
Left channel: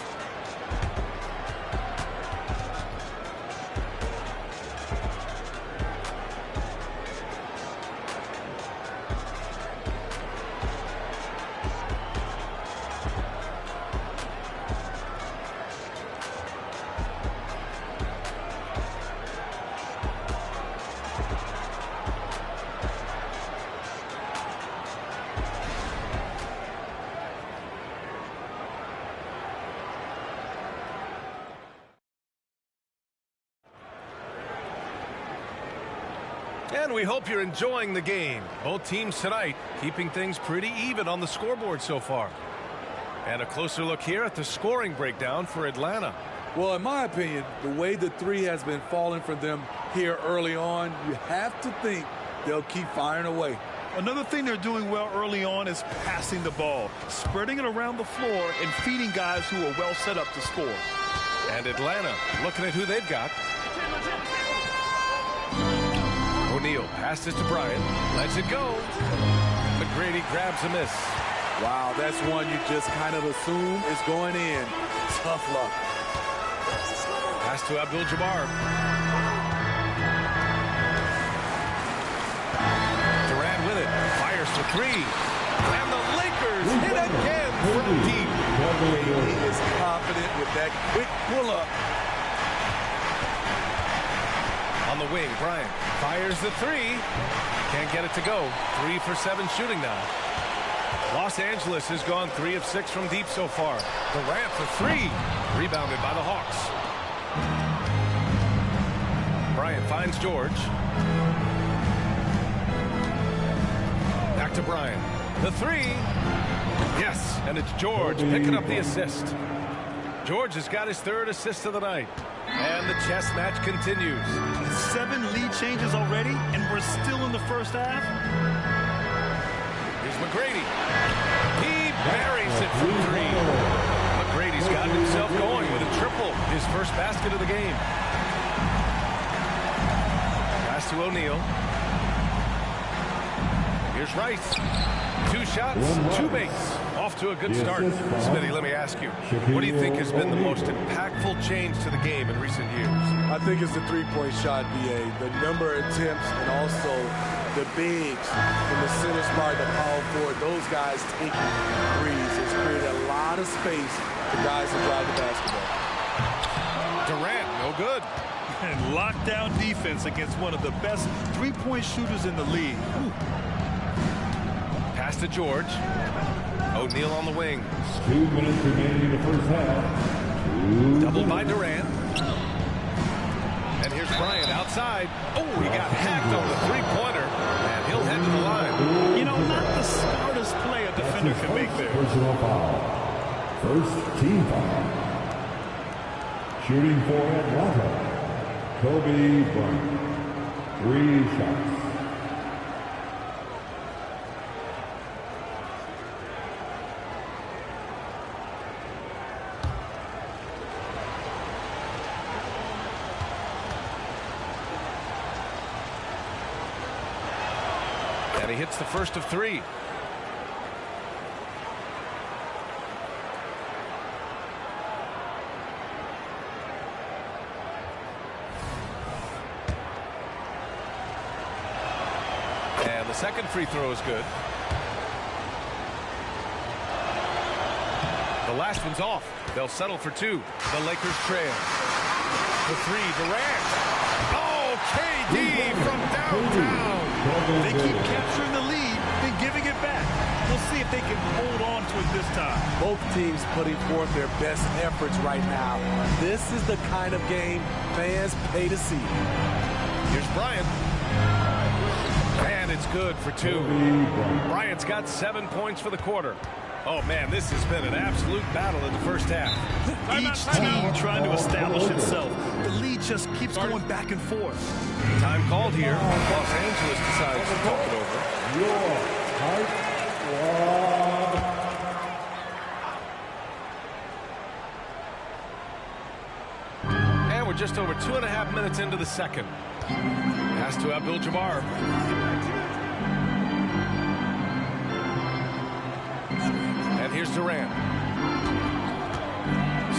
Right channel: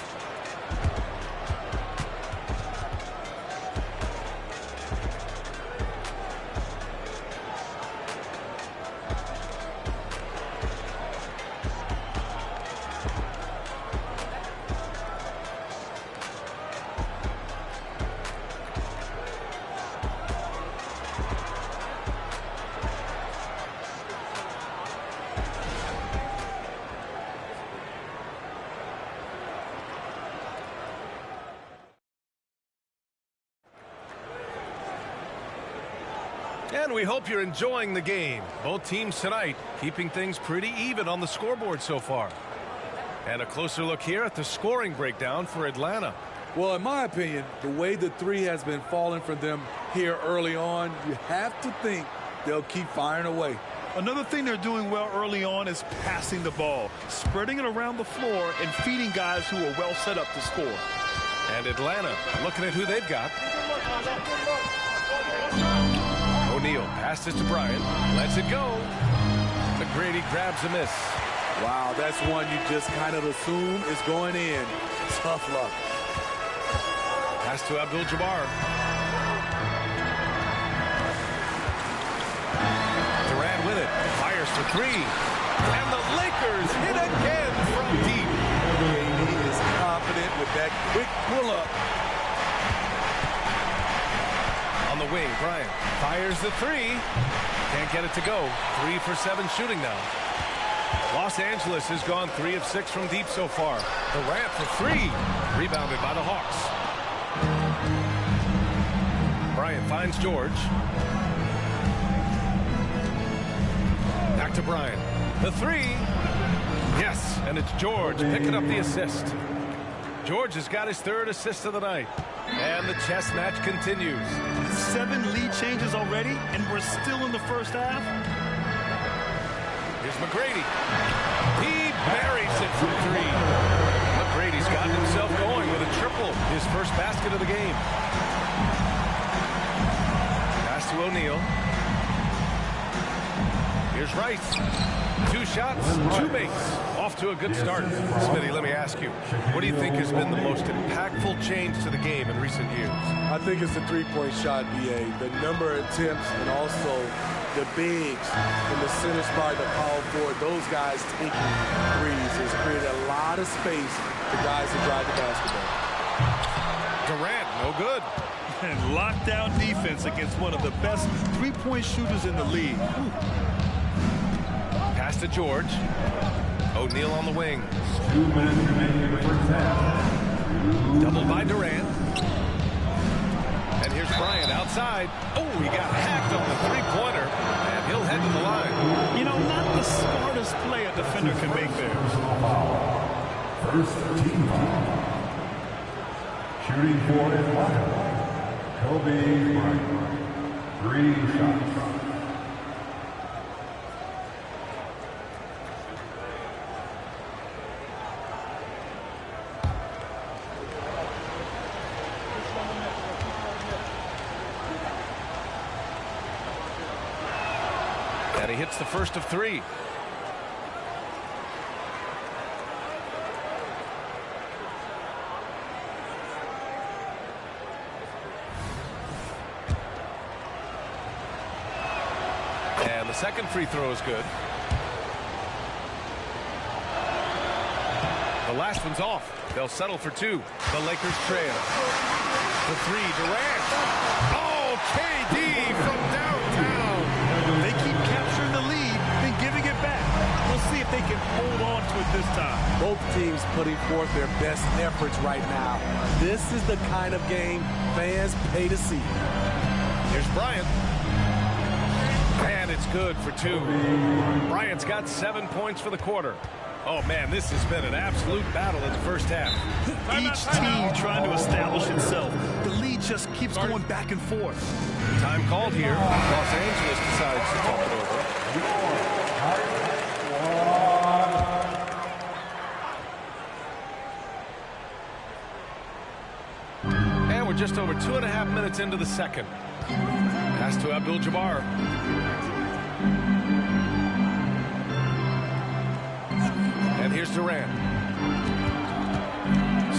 And we hope you're enjoying the game. Both teams tonight keeping things pretty even on the scoreboard so far. And a closer look here at the scoring breakdown for Atlanta. Well, in my opinion, the way the three has been falling for them here early on, you have to think they'll keep firing away. Another thing they're doing well early on is passing the ball, spreading it around the floor and feeding guys who are well set up to score. And Atlanta looking at who they've got. O'Neal passes to Bryant, lets it go. McGrady grabs a miss. Wow, that's one you just kind of assume is going in. Tough luck. Pass to Abdul-Jabbar. Durant with it, fires for three. And the Lakers hit again from deep. KD is confident with that quick pull-up. On the wing, Bryant fires the three. Can't get it to go. 3 for 7 shooting now. Los Angeles has gone 3 of 6 from deep so far. Durant for three. Rebounded by the Hawks. Bryant finds George. Back to Bryant. The three. Yes, and it's George picking up the assist. George has got his 3rd assist of the night. And the chess match continues. 7 lead changes already, and we're still in the first half. Here's McGrady. He buries it from three. McGrady's gotten himself going with a triple, his first basket of the game. Pass to O'Neal. Here's Rice. 2 shots, 2 makes. Off to a good start. Smitty, let me ask you, what do you think has been the most impactful change to the game in recent years? I think it's the three-point shot, BA. The number of attempts and also the bigs in the center spot, the power forward, those guys taking threes has created a lot of space for guys to drive the basketball. Durant, no good. And lockdown defense against one of the best three-point shooters in the league. Ooh. Pass to George. O'Neal on the wing. 2 minutes remaining in the first half. Doubled by Durant. And here's Bryant outside. Oh, he got hacked on the three-pointer. And he'll head to the line. You know, not the smartest play a defender can make there. Personal foul. First team foul. Shooting for Atlanta, Kobe Bryant. 3 shots. And he hits the first of 3. And the second free throw is good. The last one's off. They'll settle for 2. The Lakers trail. The 3, Durant. Oh, KD from downtown. They keep capturing the lead, then giving it back. We'll see if they can hold on to it this time. Both teams putting forth their best efforts right now. This is the kind of game fans pay to see. Here's Bryant. And it's good for 2. Bryant's got 7 points for the quarter. Oh, man, this has been an absolute battle in the first half. Each team trying to establish itself. The lead just keeps going back and forth. Time called here. Los Angeles decides to talk it over. Your height one. And we're just over 2.5 minutes into the second. Pass to Abdul-Jabbar. And here's Durant.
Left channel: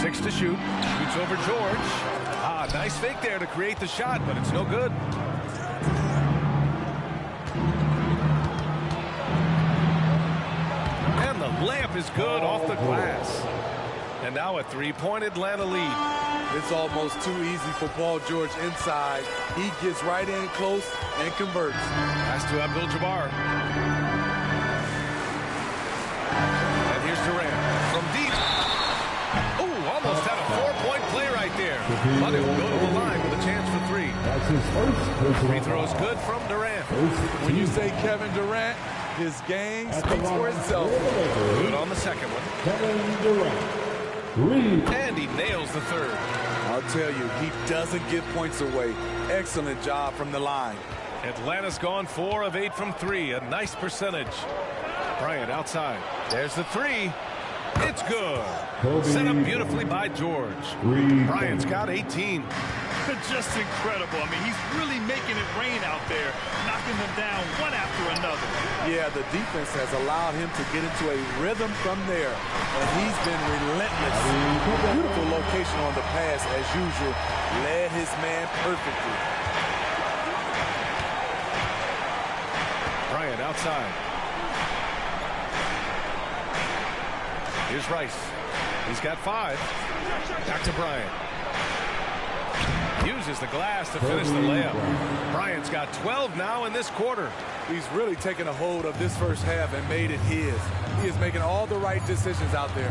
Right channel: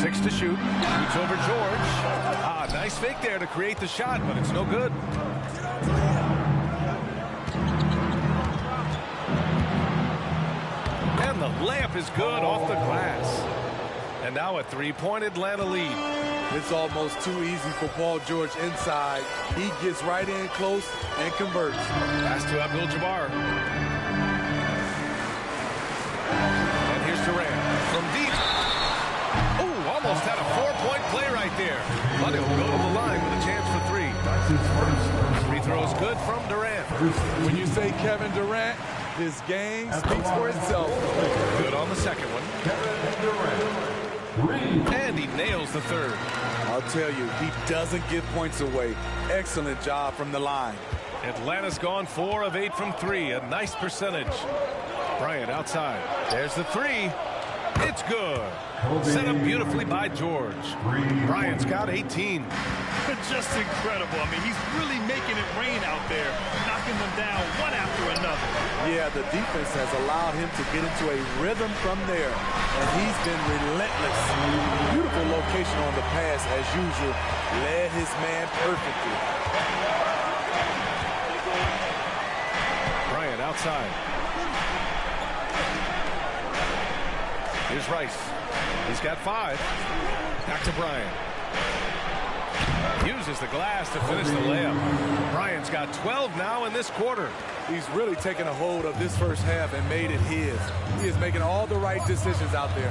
6 to shoot. Shoots over George. Ah, nice fake there to create the shot, but it's no good. And the layup is good off the glass. And now a 3-point Atlanta lead. It's almost too easy for Paul George inside. He gets right in close and converts. Pass to Abdul-Jabbar. And here's Durant from deep. Oh, almost had a 4-point play right there. But he'll go to the line with a chance for 3. That's his first personal Free throw is good from Durant. When you say Kevin Durant, his game speaks for itself. Good on the second one. Kevin Durant. And he nails the third. I'll tell you, he doesn't give points away. Excellent job from the line. Atlanta's gone 4 of 8 from 3. A nice percentage. Bryant outside. There's the three. It's good. Set up beautifully by George. Bryant's got 18. Just incredible. I mean, he's really making it rain out there, knocking them down one after another. Yeah, the defense has allowed him to get into a rhythm from there, and he's been relentless. Beautiful location on the pass, as usual. Led his man perfectly. Bryant outside. Here's Rice. He's got 5. Back to Bryant. Uses the glass to finish the layup. Bryant's got 12 now in this quarter. He's really taken a hold of this first half and made it his. He is making all the right decisions out there.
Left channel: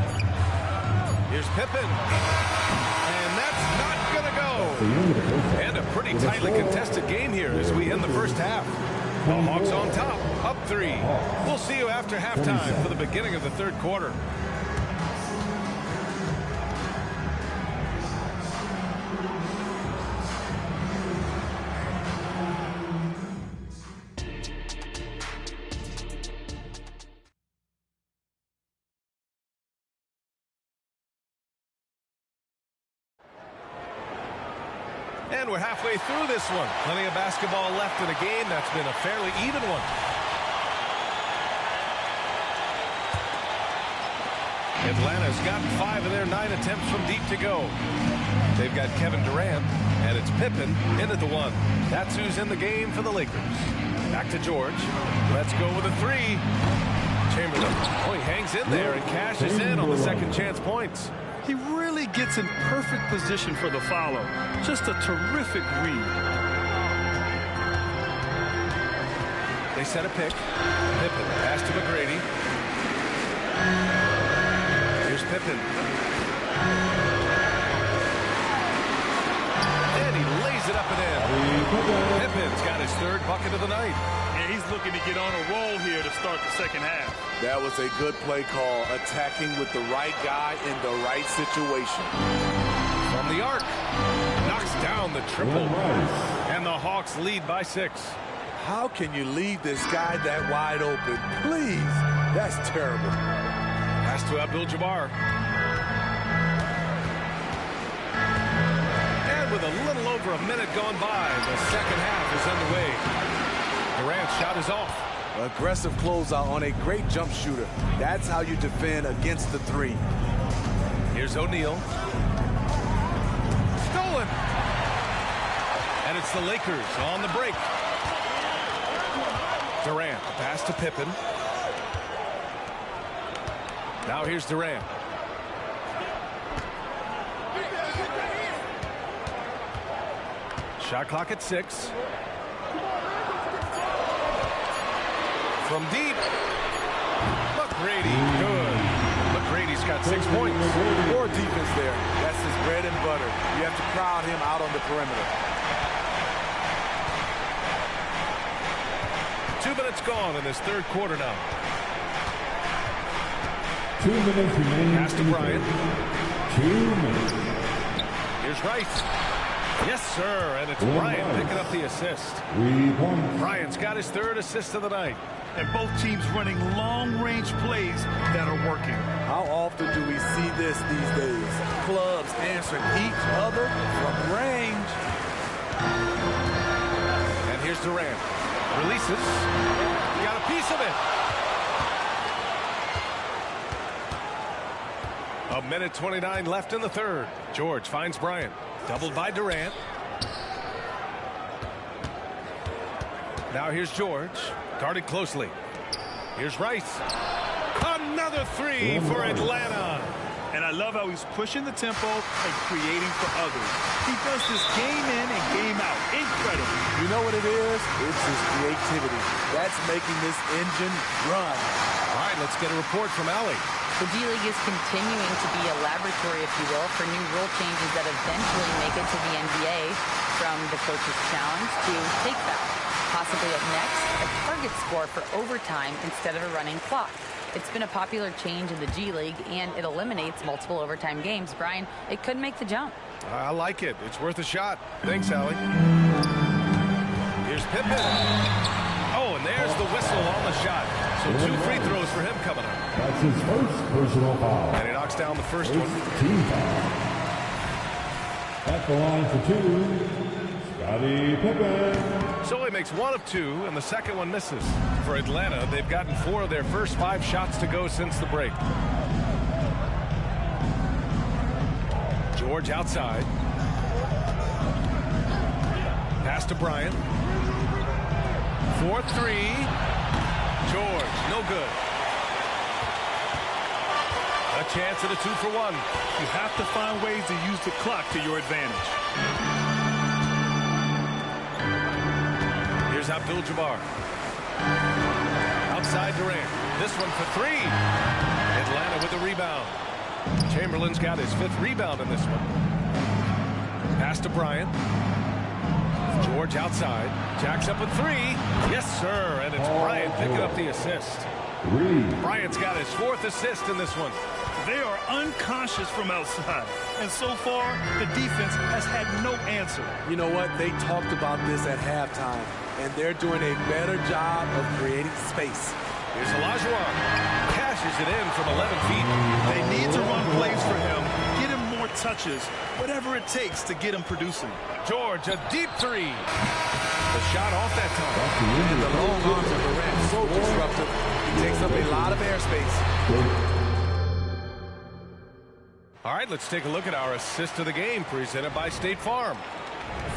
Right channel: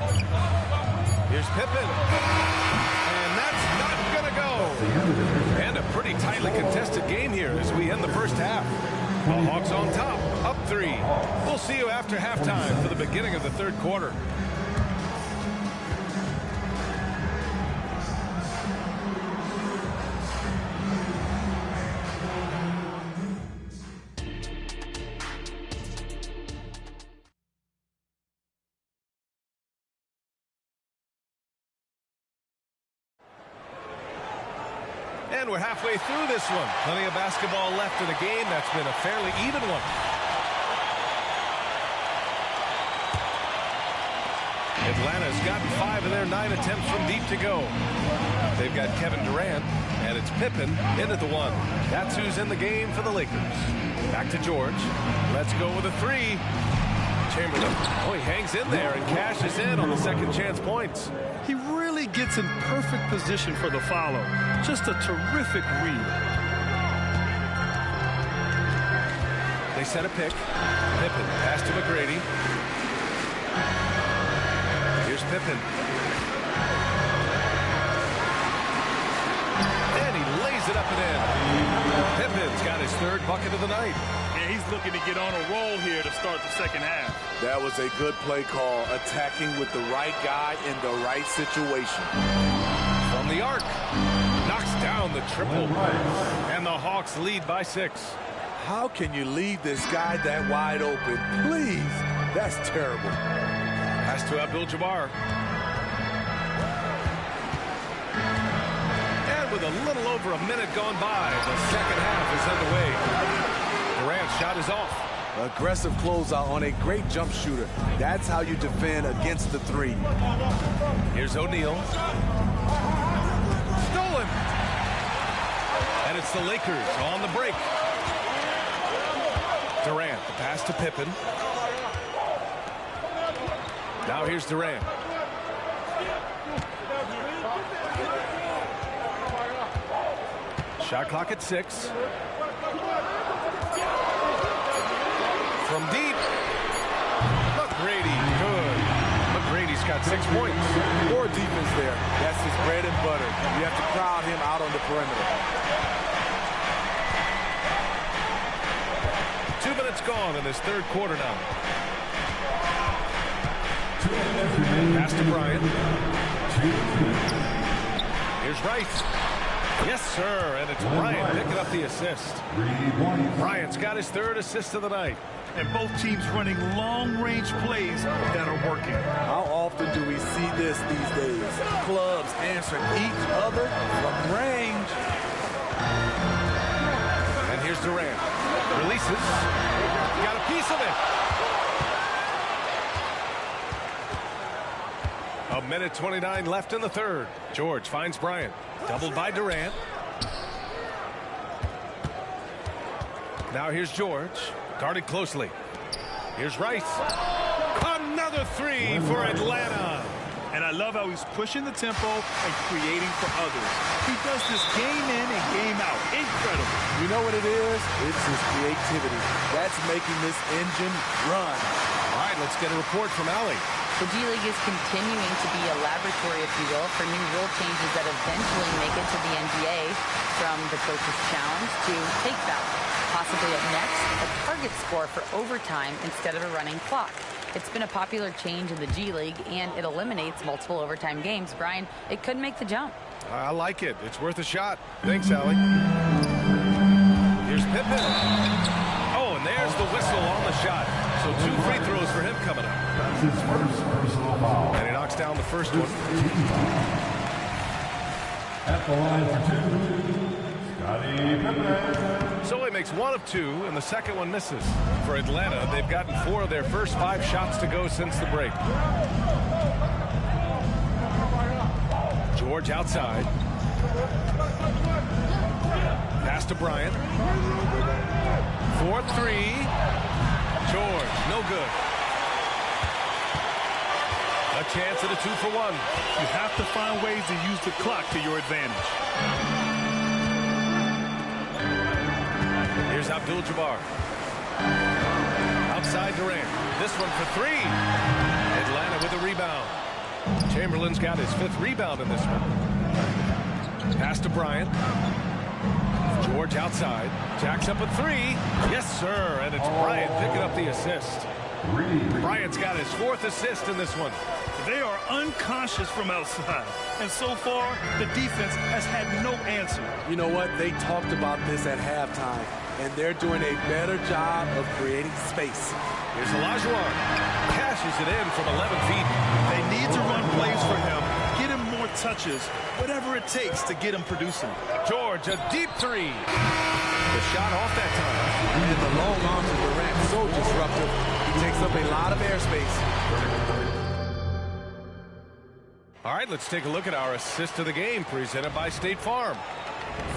Here's Pippen. And that's not going to go. And a pretty tightly contested game here as we end the first half. The Hawks on top, up 3. We'll see you after halftime for the beginning of the third quarter. And we're halfway through this one. Plenty of basketball left in a game that's been a fairly even one. Atlanta's gotten 5 of their 9 attempts from deep to go. They've got Kevin Durant, and it's Pippen into the 1. That's who's in the game for the Lakers. Back to George. Let's go with a 3. Chamberlain. Oh, he hangs in there and cashes in on the second chance points. He really gets in perfect position for the follow. Just a terrific read. They set a pick. Pippen pass to McGrady. Here's Pippen. And he lays it up and in. Pippen's got his 3rd bucket of the night. And he's looking to get on a roll here to start the second half. That was a good play call, attacking with the right guy in the right situation. From the arc, knocks down the triple. And the Hawks lead by 6. How can you leave this guy that wide open? Please, that's terrible. Pass to Abdul-Jabbar. And with a little over a minute gone by, the second half is underway. Durant's shot is off. Aggressive closeout on a great jump shooter. That's how you defend against the 3. Here's O'Neal. Stolen. And it's the Lakers on the break. Durant, the pass to Pippen. Now here's Durant. Shot clock at 6. From deep. McGrady, good. McGrady's got 6 points. Poor defense there. That's his bread and butter. You have to crowd him out on the perimeter. 2 minutes gone in this third quarter now. 2 minutes remaining. Pass to Bryant. 2 minutes. Here's Rice. Yes, sir, and it's Bryant picking up the assist. 3 points. Bryant's got his 3rd assist of the night. And both teams running long-range plays that are working. How often do we see this these days? Clubs answering each other from range. And here's Durant. Releases. Got a piece of it. A minute 29 left in the third. George finds Bryant. Doubled by Durant. Now here's George. Guarded closely. Here's Rice. Another 3 for Atlanta. And I love how he's pushing the tempo and creating for others. He does this game in and game out. Incredible. You know what it is? It's his creativity. That's making this engine run. All right, let's get a report from Allie. The G League is continuing to be a laboratory, if you will, for new rule changes that eventually make it to the NBA. from the coach's challenge to take foul. Possibly up next, a target score for overtime instead of a running clock. It's been a popular change in the G League, and it eliminates multiple overtime games. Brian, it could make the jump. I like it. It's worth a shot. Thanks, Allie. Here's Pippen. Oh, and there's the whistle on the shot. So 2 free throws for him coming up. That's his first personal foul. And he knocks down the first one. Team foul. At the line for 2, Scottie Pippen. So he makes 1 of 2, and the second one misses. For Atlanta, they've gotten 4 of their first 5 shots to go since the break. George outside. Pass to Bryant. 4-3. George, no good. A chance at a 2-for-1. You have to find ways to use the clock to your advantage. Here's Abdul-Jabbar. Outside Durant. This one for 3. Atlanta with the rebound. Chamberlain's got his 5th rebound in this one. Pass to Bryant. George outside. Jacks up a 3. Yes, sir. And it's Bryant picking up the assist. Bryant's got his 4th assist in this one. They are unconscious from outside. And so far, the defense has had no answer. You know what? They talked about this at halftime, and they're doing a better job of creating space. Here's Olajuwon. Cashes it in from 11 feet. They need to run plays for him, get him more touches, whatever it takes to get him producing. George, a deep 3. The shot off that time. And the long arms of Durant, so disruptive. He takes up a lot of airspace. All right, let's take a look at our assist of the game presented by State Farm.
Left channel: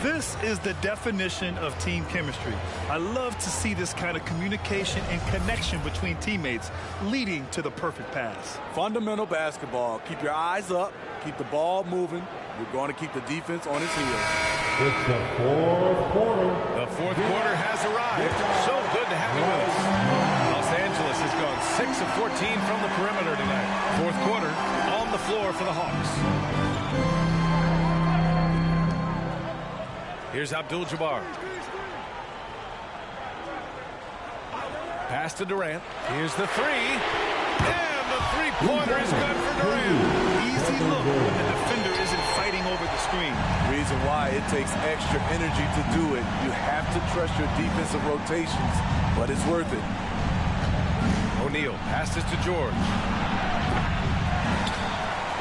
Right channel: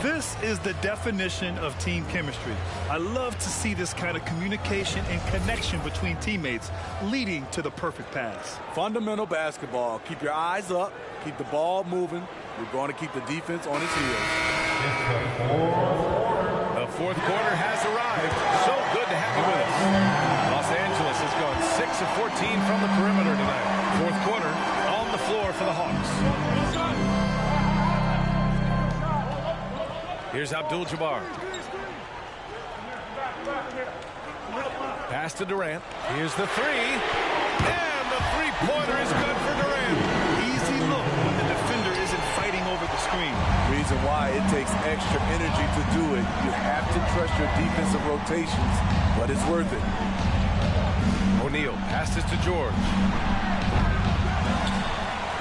This is the definition of team chemistry. I love to see this kind of communication and connection between teammates leading to the perfect pass. Fundamental basketball. Keep your eyes up. Keep the ball moving. We're going to keep the defense on its heels. It's the 4th quarter. The 4th quarter has arrived. So good to have you with us. Los Angeles has gone 6 of 14 from the perimeter tonight. 4th quarter on the floor for the Hawks. Here's Abdul-Jabbar. Pass to Durant. Here's the 3. And the 3-pointer is good for Durant. Easy look when the defender isn't fighting over the screen. Reason why it takes extra energy to do it. You have to trust your defensive rotations, but it's worth it. O'Neal passes to George.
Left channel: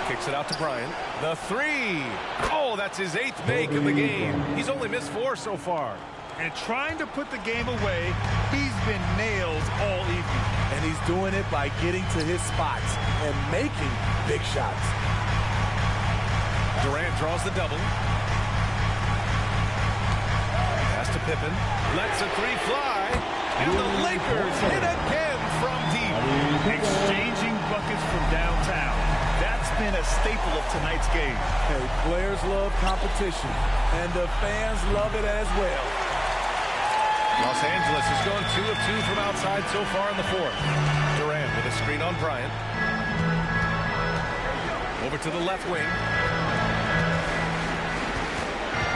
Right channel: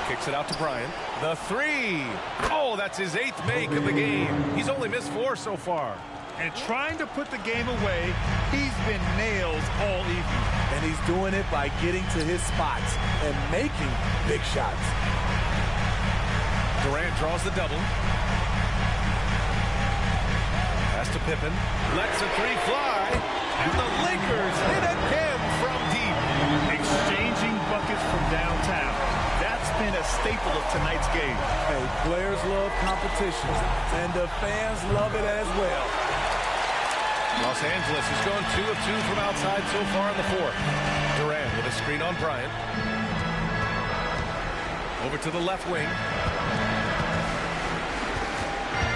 Kicks it out to Bryant. The 3. Oh, that's his 8th make of the game. He's only missed 4 so far. And trying to put the game away, he's been nailed all evening. And he's doing it by getting to his spots and making big shots. Durant draws the double. Pass to Pippen. Lets a 3 fly. And the Lakers hit again from deep. Exchanging buckets from downtown. That's been a staple of tonight's game. Hey, players love competition, and the fans love it as well. Los Angeles has gone 2 of 2 from outside so far in the 4th. Durant with a screen on Bryant. Over to the left wing.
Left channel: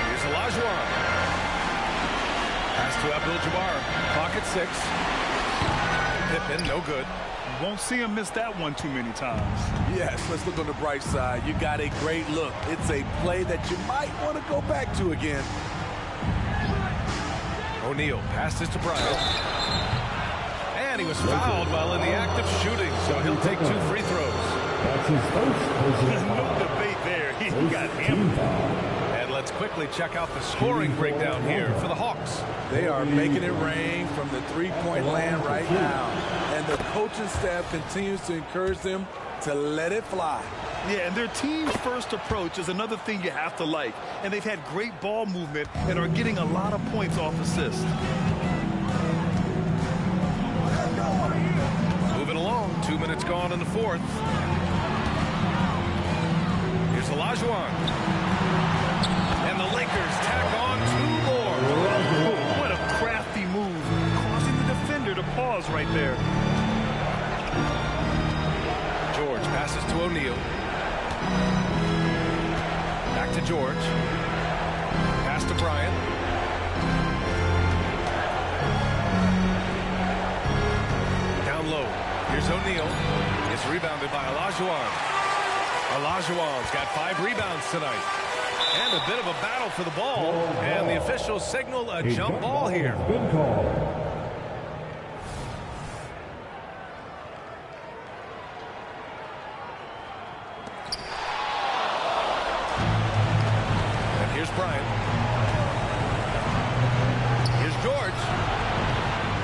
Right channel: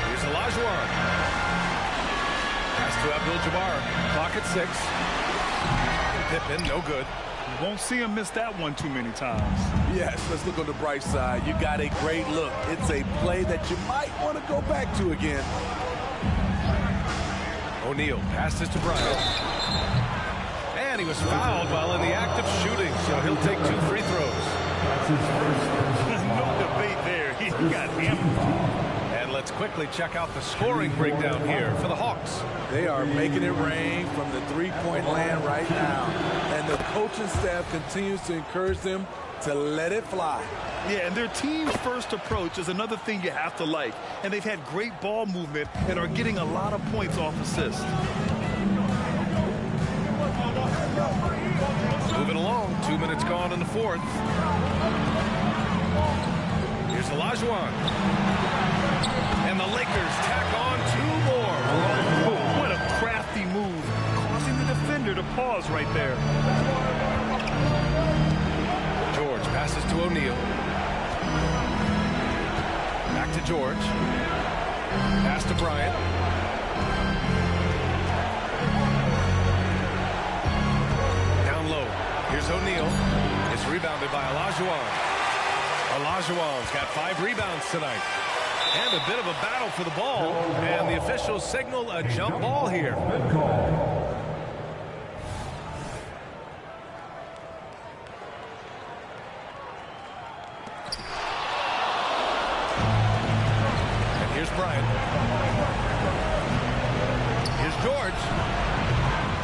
Here's Olajuwon. Pass to Abdul-Jabbar. Clock at 6. Pippen, no good. You won't see him miss that one too many times. Yes, let's look on the bright side. You got a great look. It's a play that you might want to go back to again. O'Neal passes to Bryant. And he was fouled while in the act of shooting, so he'll take 2 free throws. That's his first. No debate there. He got hammered. And let's quickly check out the scoring breakdown here for the Hawks. They are making it rain from the 3-point land right now. And the coaching staff continues to encourage them to let it fly. Yeah, and their team's first approach is another thing you have to like. And they've had great ball movement and are getting a lot of points off assists. Moving along, 2 minutes gone in the 4th. Here's Olajuwon. And the Lakers tack on 2 more. Oh, what a crafty move, causing the defender to pause right there. George passes to O'Neal. Back to George. Pass to Bryant. Down low. Here's O'Neal. It's rebounded by Olajuwon. Olajuwon's got 5 rebounds tonight. And a bit of a battle for the ball. And the officials signal a jump ball here. Good call. And here's Bryant. Here's George.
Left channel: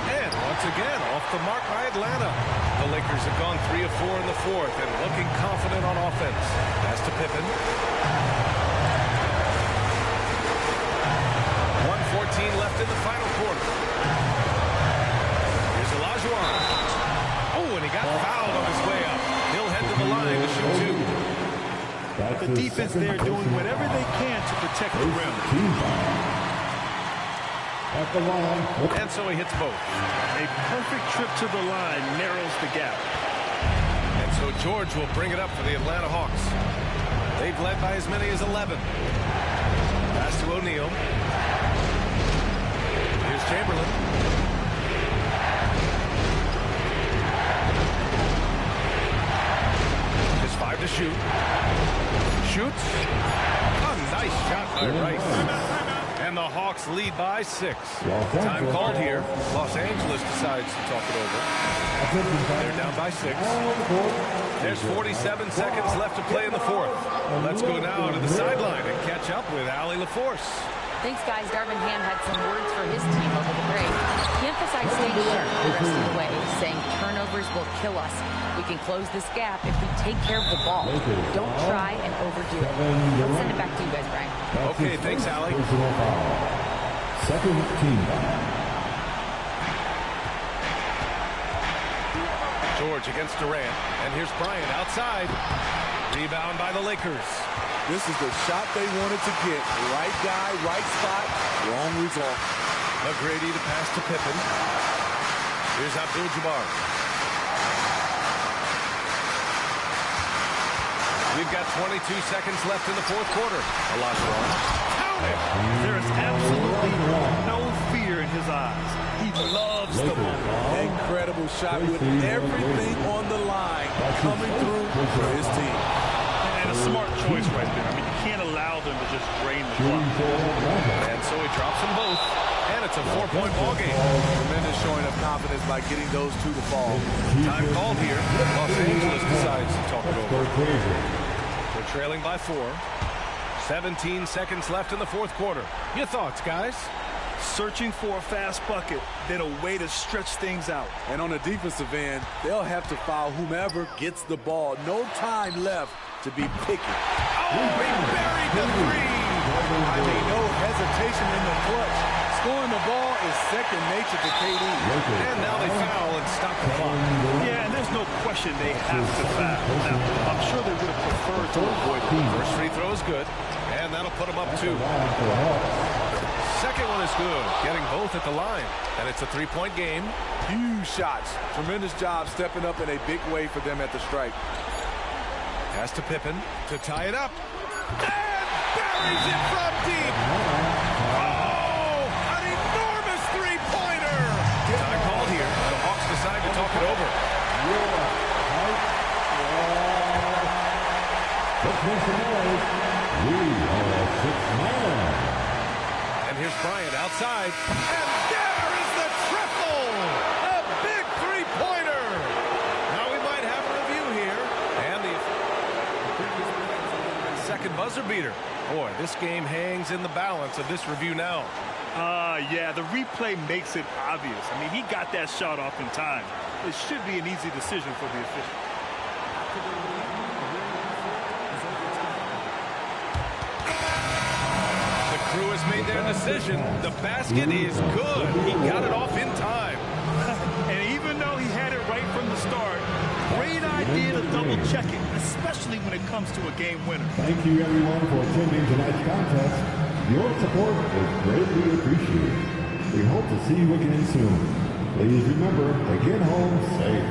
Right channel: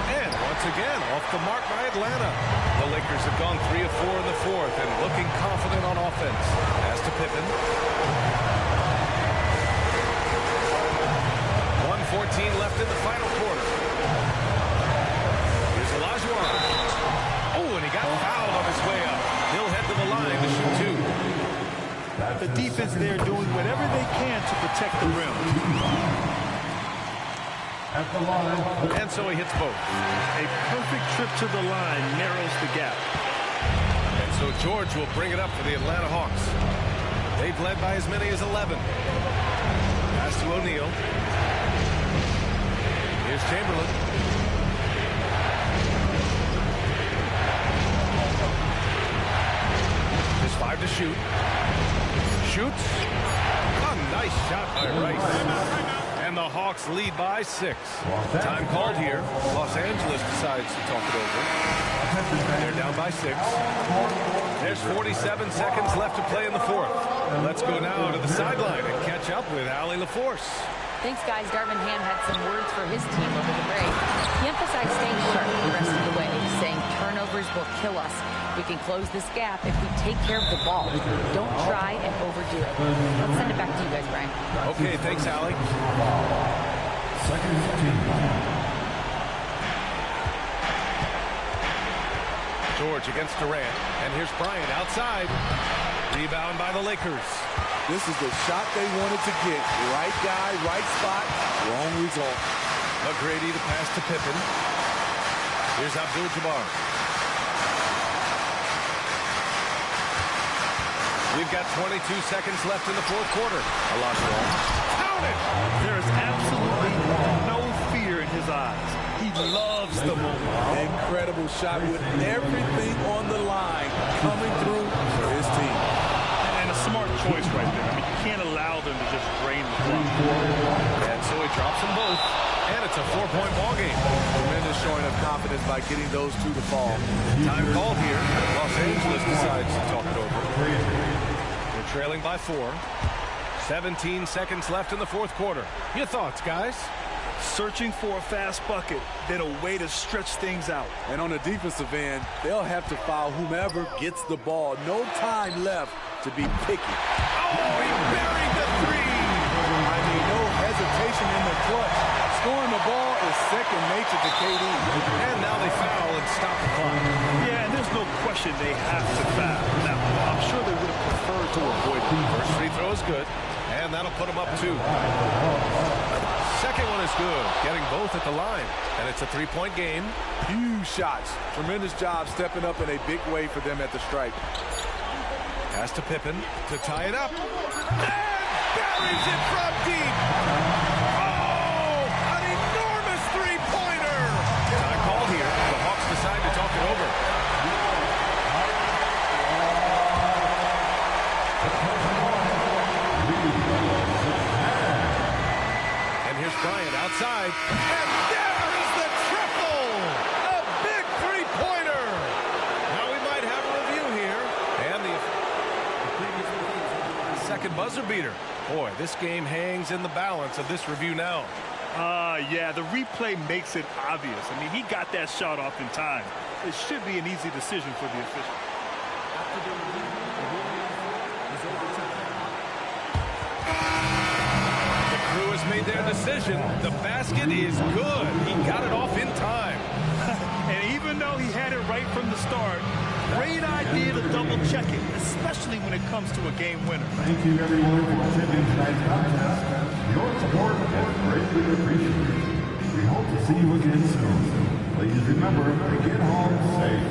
And once again, off the mark by Atlanta. The Lakers have gone 3 of 4 in the fourth and looking confident on offense. Pass to Pippen. 1:14 left in the final quarter. Here's Olajuwon. Oh, and he got fouled on his way up. He'll head to the line to shoot 2. The defense there doing whatever they can to protect the rim. At the line. And so he hits both. A perfect trip to the line narrows the gap. And so George will bring it up for the Atlanta Hawks. They've led by as many as 11. Pass to O'Neal. Here's Chamberlain. Just 5 to shoot. Shoots. A nice shot by Rice. And the Hawks lead by 6. Time called here. Los Angeles decides to talk it over. They're down by 6. There's 47 seconds left to play in the fourth. Let's go now to the sideline and catch up with Allie LaForce. Thanks, guys. Darvin Ham had some words for his team over the break. He emphasized staying sharp the rest of the way, saying turnovers will kill us. We can close this gap if we take care of the ball. Don't try and overdo it. Let's send it back to you guys, Brian. Okay, thanks, Allie. Second team. George against Durant. And here's Bryant outside. Rebound by the Lakers. This is the shot they wanted to get. Right guy, right spot, wrong result. McGrady to pass to Pippen. Here's Abdul-Jabbar. We've got 22 seconds left in the fourth quarter. Olajuwon. Count it! There is absolutely no fear in his eyes. He loves the moment. Incredible shot with everything on the line coming through for his team. And a smart choice right there. I mean, you can't allow them to just drain the clock. And so he drops them both. And it's a 4-point ball game. Tremendous showing of confidence by getting those 2 to fall. Time called here. Los Angeles decides to talk it over. They're trailing by 4. 17 seconds left in the fourth quarter. Your thoughts, guys? Searching for a fast bucket, then a way to stretch things out. And on the defensive end, they'll have to foul whomever gets the ball. No time left to be picky. Oh, he buried the 3. I mean, no hesitation in the clutch. Scoring the ball is second nature to KD. And now they foul and stop the clock. Yeah, and there's no question they have to foul. Now, I'm sure they would have preferred to avoid it. First free throw is good, and that'll put them up 2. Second one is good, getting both at the line. And it's a 3-point game. Huge shots. Tremendous job stepping up in a big way for them at the stripe. Pass to Pippen to tie it up. And buries it from deep. Oh, an enormous 3-pointer. Time called here. The Hawks decide to talk it over. And here's Bryant outside. And there is the triple! A big 3-pointer! Now we might have a review here. And the previous play is the second buzzer beater. Boy, this game hangs in the balance of this review now. Yeah, the replay makes it obvious. I mean, he got that shot off in time. It should be an easy decision for the official. After the review, the ruling is overtime. The crew has made their decision. The basket is good. He got it off in time. And even though he had it right from the start, great idea to double check it, especially when it comes to a game winner. Thank you, everyone, for attending tonight's contest. Your support is greatly appreciated. We hope to see you again soon. Please remember to get home safe.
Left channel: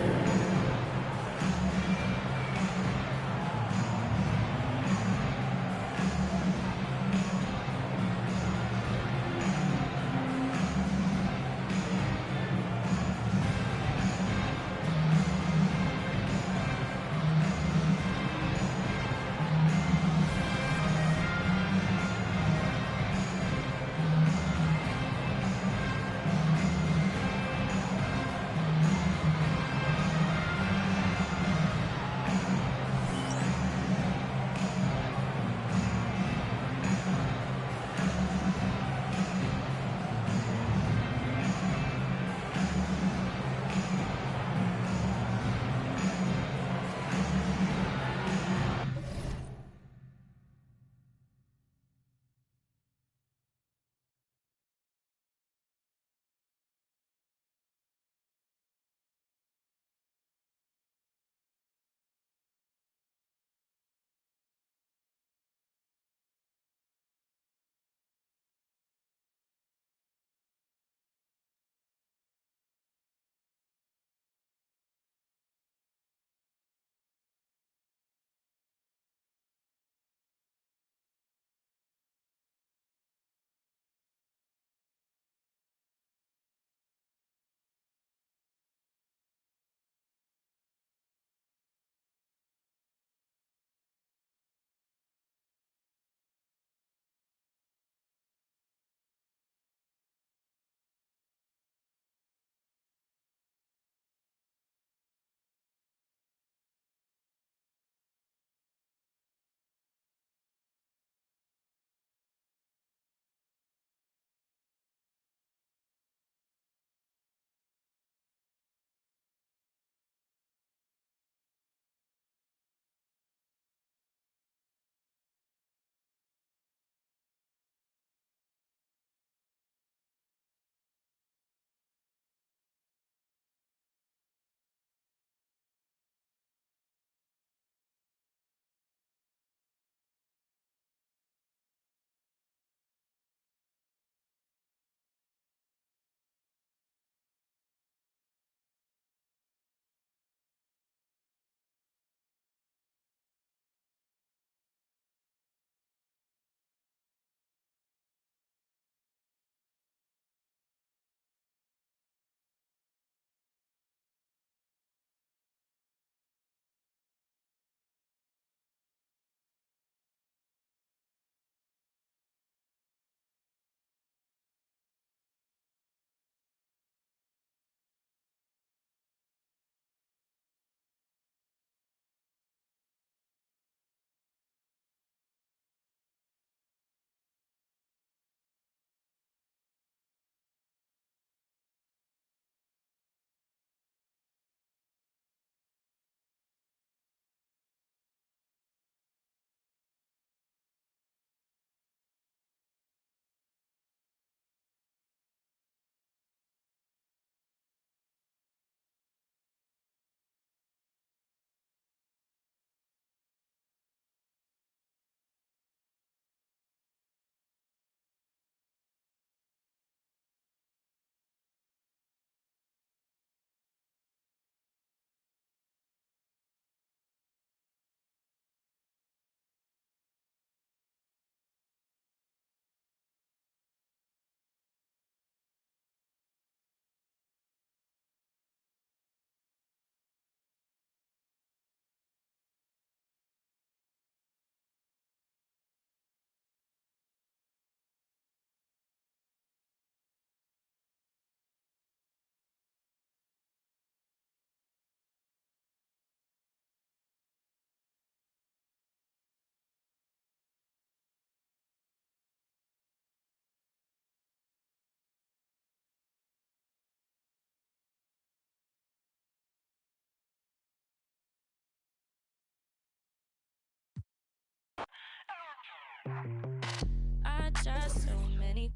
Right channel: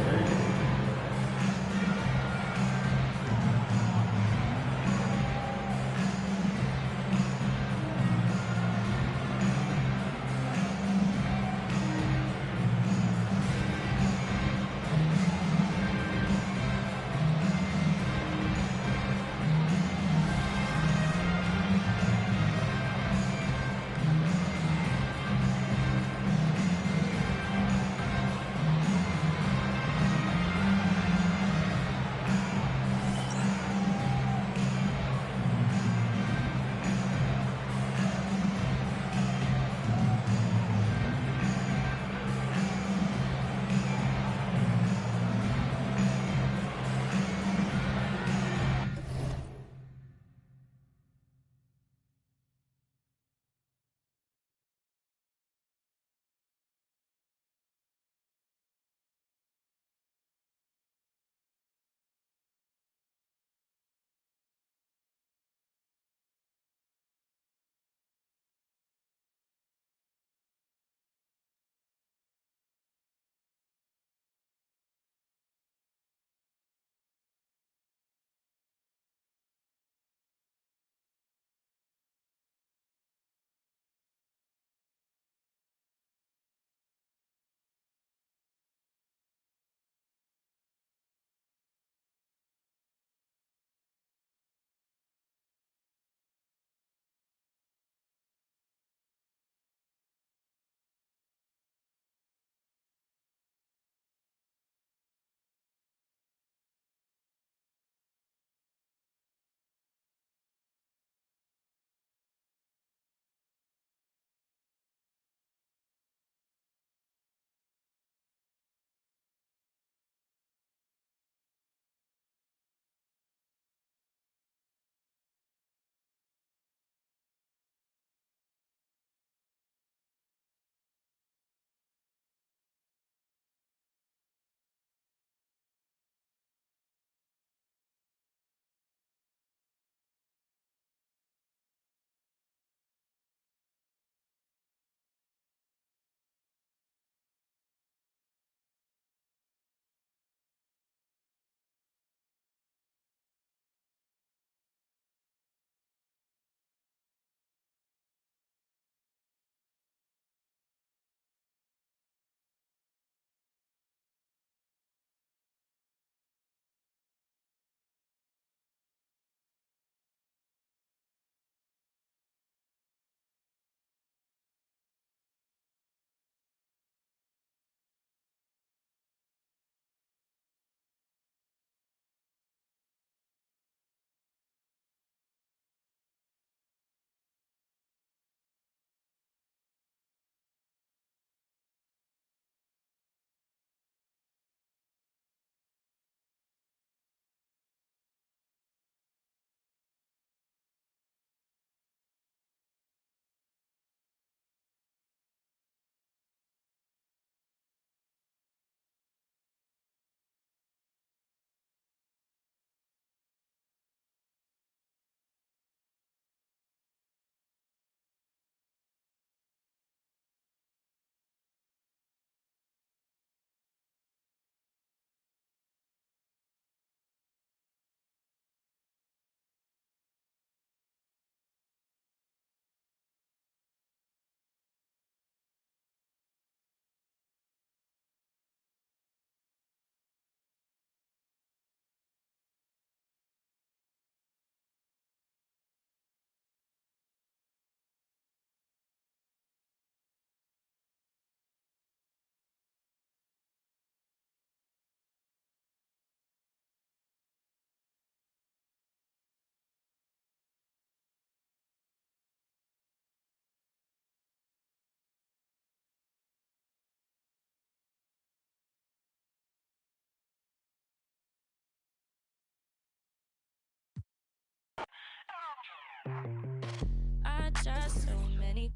I tried so many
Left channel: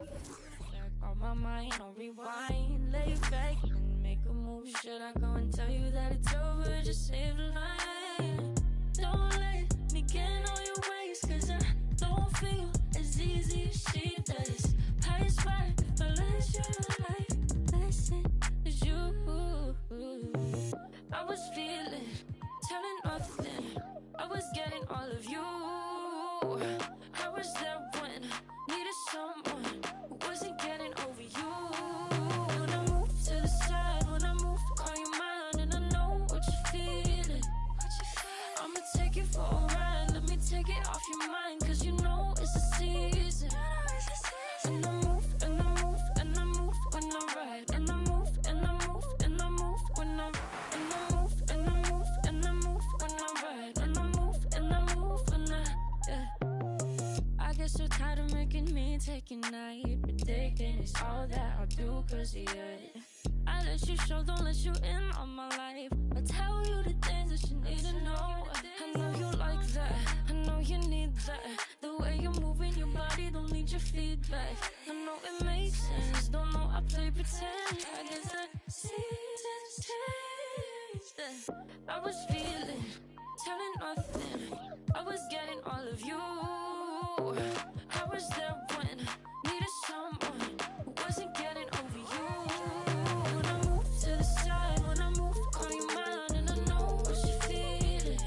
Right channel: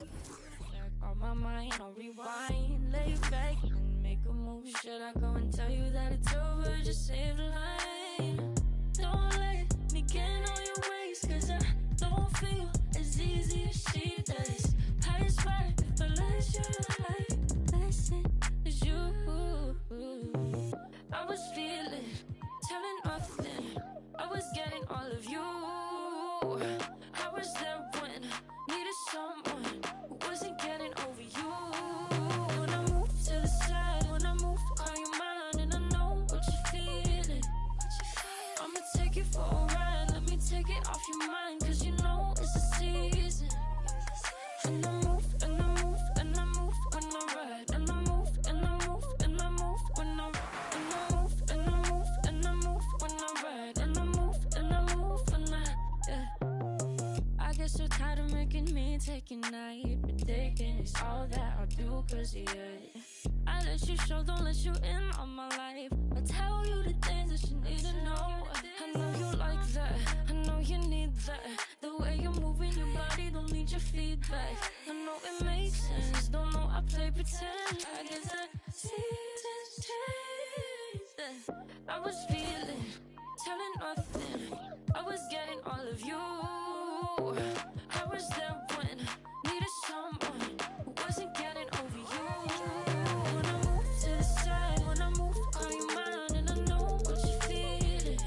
times. On my mind, on rewind, lay back and make a move. Should I go and tell you that it's over? Just save the line. Don't let me get on your ways, cause I don't feel as easy as she does. I swear if I let you like listen as you. I was feeling, telling nothing. I was getting all of you. I was there when needed someone who wasn't getting over you. When I move to the side, when I move, call you mine, and I know what you're feeling. I'ma take it for a ride, let me take it off your mind, cause you know it's a season. And I move, and I move, and I move when I ride, and I move, and I move, and I move when I move, and I move, and I move when I ride, and I move, and I move when yeah. I get so tired of making me take a night, but taking is all that I'll do cause of you. I let you show, don't let you in on my life. I tell you the things that you need to know. I know you like that, I know you need that. The way you're moving your body, don't need your feedback. I know it makes sense, don't know I play pretend. I guess the seasons changed. I was feeling, telling nothing. I was getting all of you. I was there when needed someone who wasn't getting over you. When I move to the side, when I move, call you mine, and I know what you're feeling.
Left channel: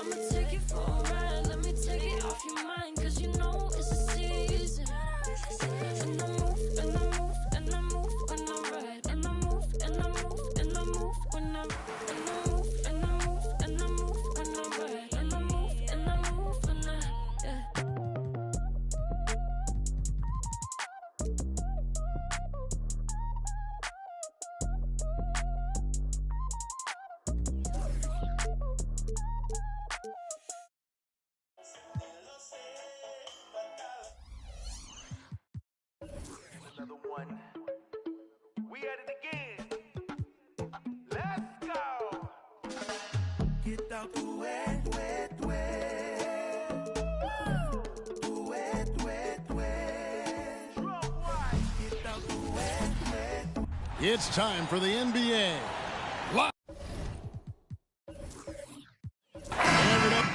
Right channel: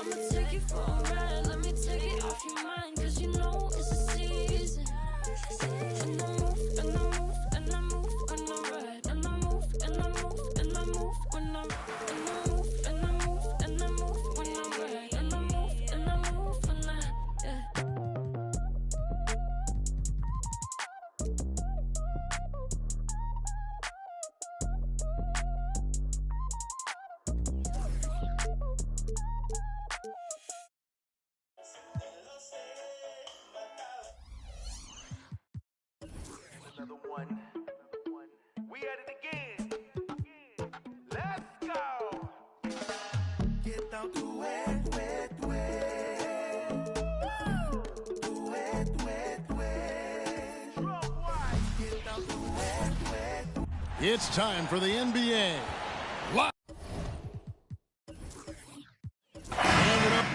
I'ma take it for a ride, let me take it off your mind, cause you know it's a season. And I move, and I move, and I move when I ride, and I move, and I move, and I move when I move, and I move, and I move when I ride, and I move, and I move when yeah. Another one. We at it again. Let's go. Get out the wet, wet, wet. The wet, wet, wet. Drum wide. Get out the wet, wet. It's time for the NBA. Live. And it up.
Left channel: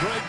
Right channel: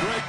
Great.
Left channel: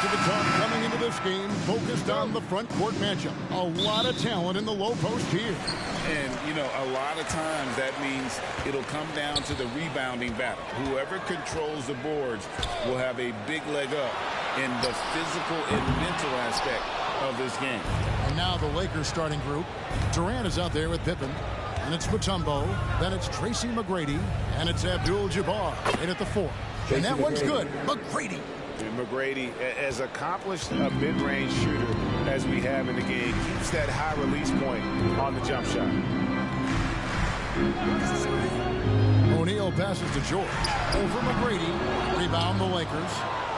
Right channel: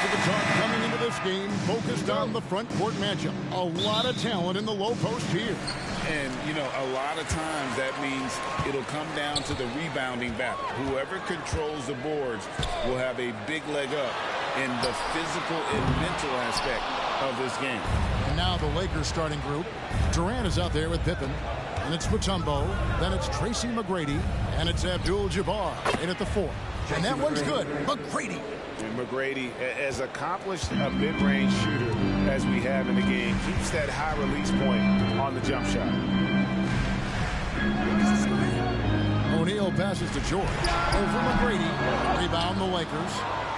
Most of the talk coming into this game focused on the front court matchup. A lot of talent in the low post here. And, you know, a lot of times that means it'll come down to the rebounding battle. Whoever controls the boards will have a big leg up in the physical and mental aspect of this game. And now the Lakers starting group. Durant is out there with Pippen. And it's Mutombo. Then it's Tracy McGrady. And it's Abdul-Jabbar in at the 4. And that one's good. McGrady. And McGrady, as accomplished a mid-range shooter as we have in the game, keeps that high release point on the jump shot. O'Neal passes to George. Over McGrady. Rebound the Lakers.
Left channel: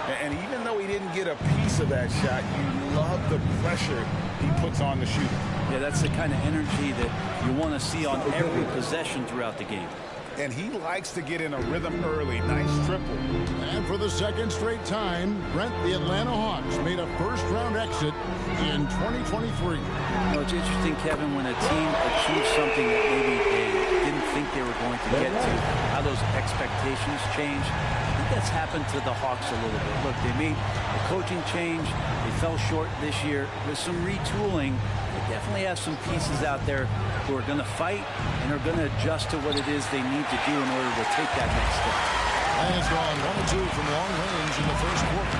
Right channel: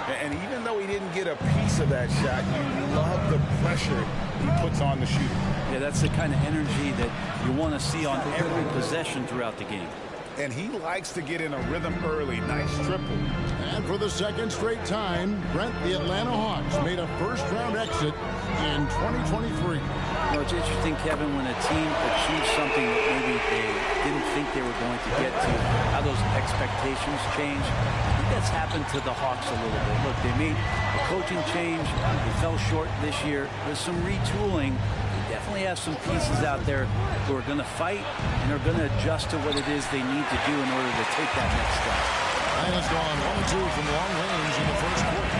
And even though he didn't get a piece of that shot, you love the pressure he puts on the shooter. Yeah, that's the kind of energy that you want to see on every possession throughout the game. And he likes to get in a rhythm early. Nice triple. And for the second straight time, Brent, the Atlanta Hawks made a first-round exit in 2023. Well, it's interesting, Kevin, when a team achieves something that maybe they didn't think they were going to get to, how those expectations change. I think that's happened to the Hawks a little bit. Look, they made a coaching change. They fell short this year. With some retooling, they definitely have some pieces out there who are going to fight and are going to adjust to what it is they need to do in order to take that next step. Lang has gone 1 of 2 from long range in the first quarter.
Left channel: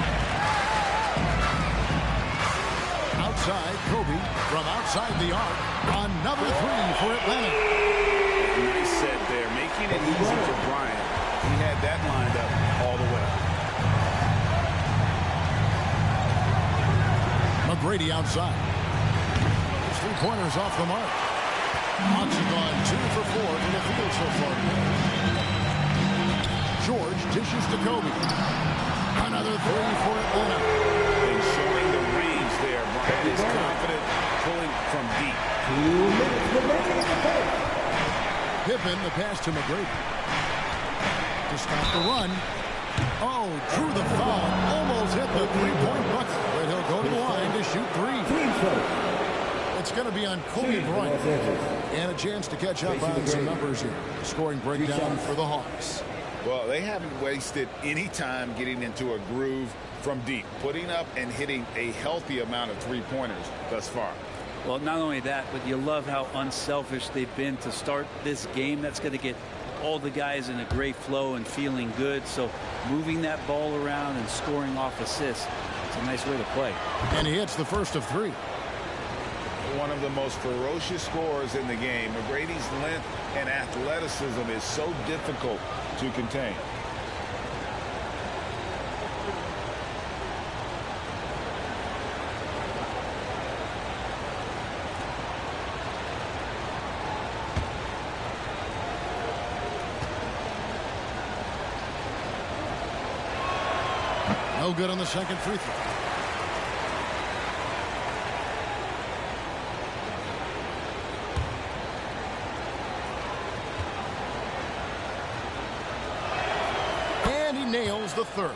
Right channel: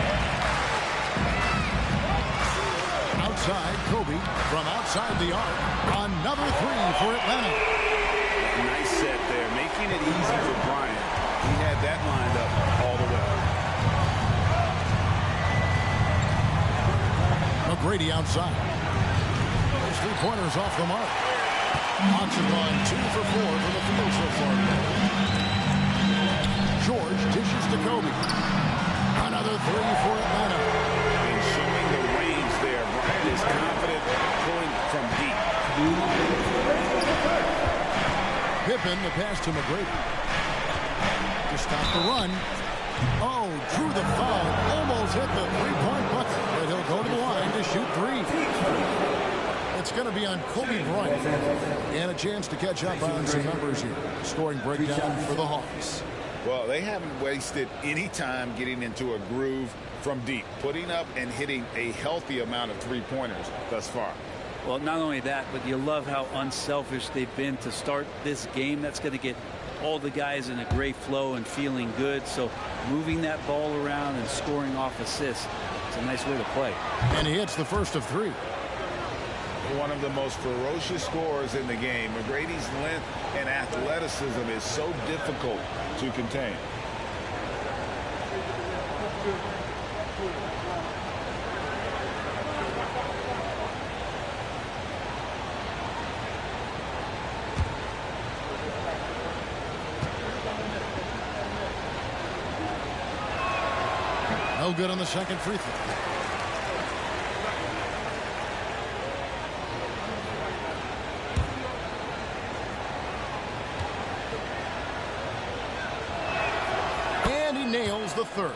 Outside, Kobe from outside the arc. Another 3 for Atlanta. Nice set there, making it easy for Bryant. He had that lined up all the way. McGrady outside. His 3-pointers off the mark. Hawks have gone 2 for 4 from the field so far today. George dishes to Kobe. Another 3 for Atlanta. And showing the range there. Bryant is confident pulling from deep. Pippen, the pass to McGrady. To stop the run. Oh, drew the foul and almost hit the 3-point bucket. But he'll go to the line to shoot 3. It's going to be on Kobe Bryant. And a chance to catch up on some numbers here. Scoring breakdown for the Hawks. Well, they haven't wasted any time getting into a groove from deep, putting up and hitting a healthy amount of 3-pointers thus far. Well, not only that, but you love how unselfish they've been to start this game. That's going to get all the guys in a great flow and feeling good. So moving that ball around and scoring off assists, it's a nice way to play. And he hits the first of 3. One of the most ferocious scorers in the game. McGrady's length and athleticism is so difficult to contain. No good on the second free throw. And he nails the third.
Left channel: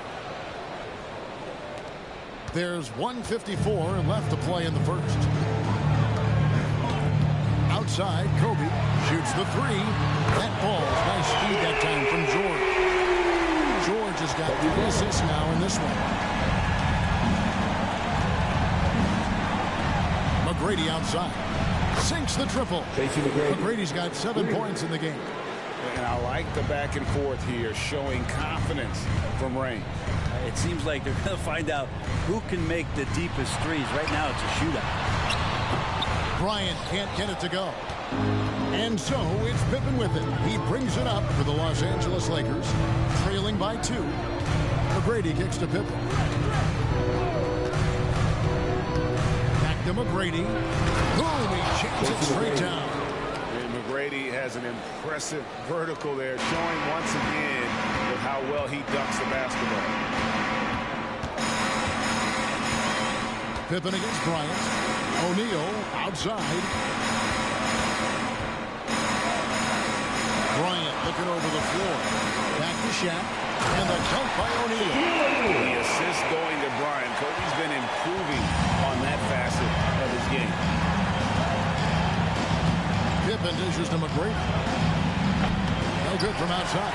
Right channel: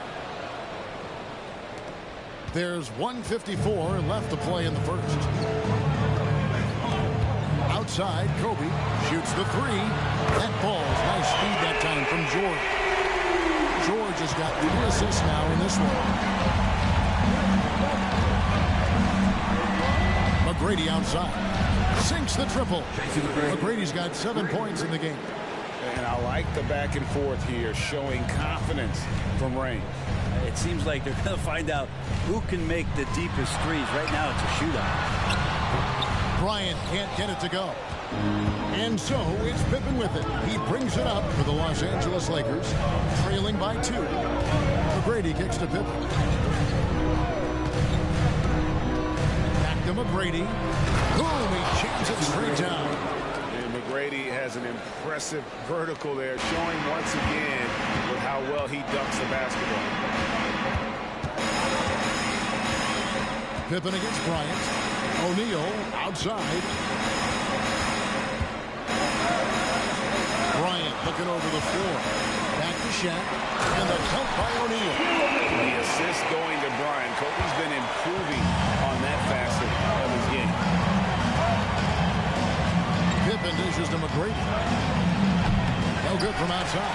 There's 1:54 left to play in the first. Outside, Kobe shoots the 3. That falls. Nice speed that time from George. George has got 3 assists now in this one. McGrady outside. Sinks the triple. McGrady's got 7 points in the game. And I like the back and forth here, showing confidence from range. It seems like they're going to find out who can make the deepest threes. Right now, it's a shootout. Bryant can't get it to go. And so it's Pippen with it. He brings it up for the Los Angeles Lakers, trailing by 2. McGrady kicks to Pippen. Back to McGrady. Boom, he jams it straight down. And McGrady has an impressive vertical there, showing once again with how well he dunks the basketball. Pippen against Bryant. O'Neal outside. Bryant looking over the floor. Back to Shaq. And the dunk by O'Neal. The assist going to Bryant. Kobe's been improving on that facet of his game. Pippen dishes to McGrady. No good from outside.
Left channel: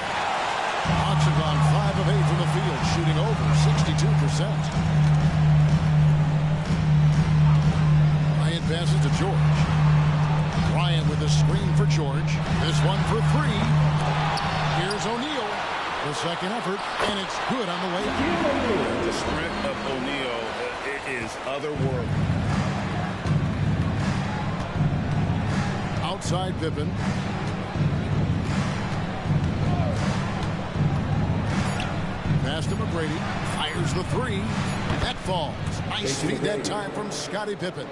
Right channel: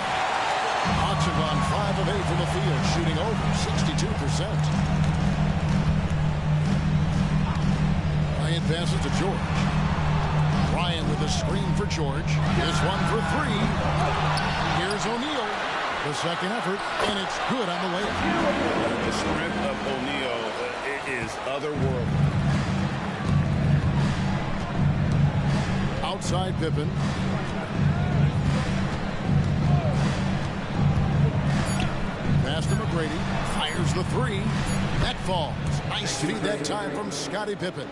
Hawks have gone 5 of 8 from the field, shooting over 62%. Bryant passes to George. Bryant with a screen for George. This one for three. Here's O'Neal. The second effort, and it's good on the way up. The strength of O'Neal is otherworldly. Outside Pippen. Pass to McGrady. Fires the three. That falls. Nice feed that time from Scottie Pippen.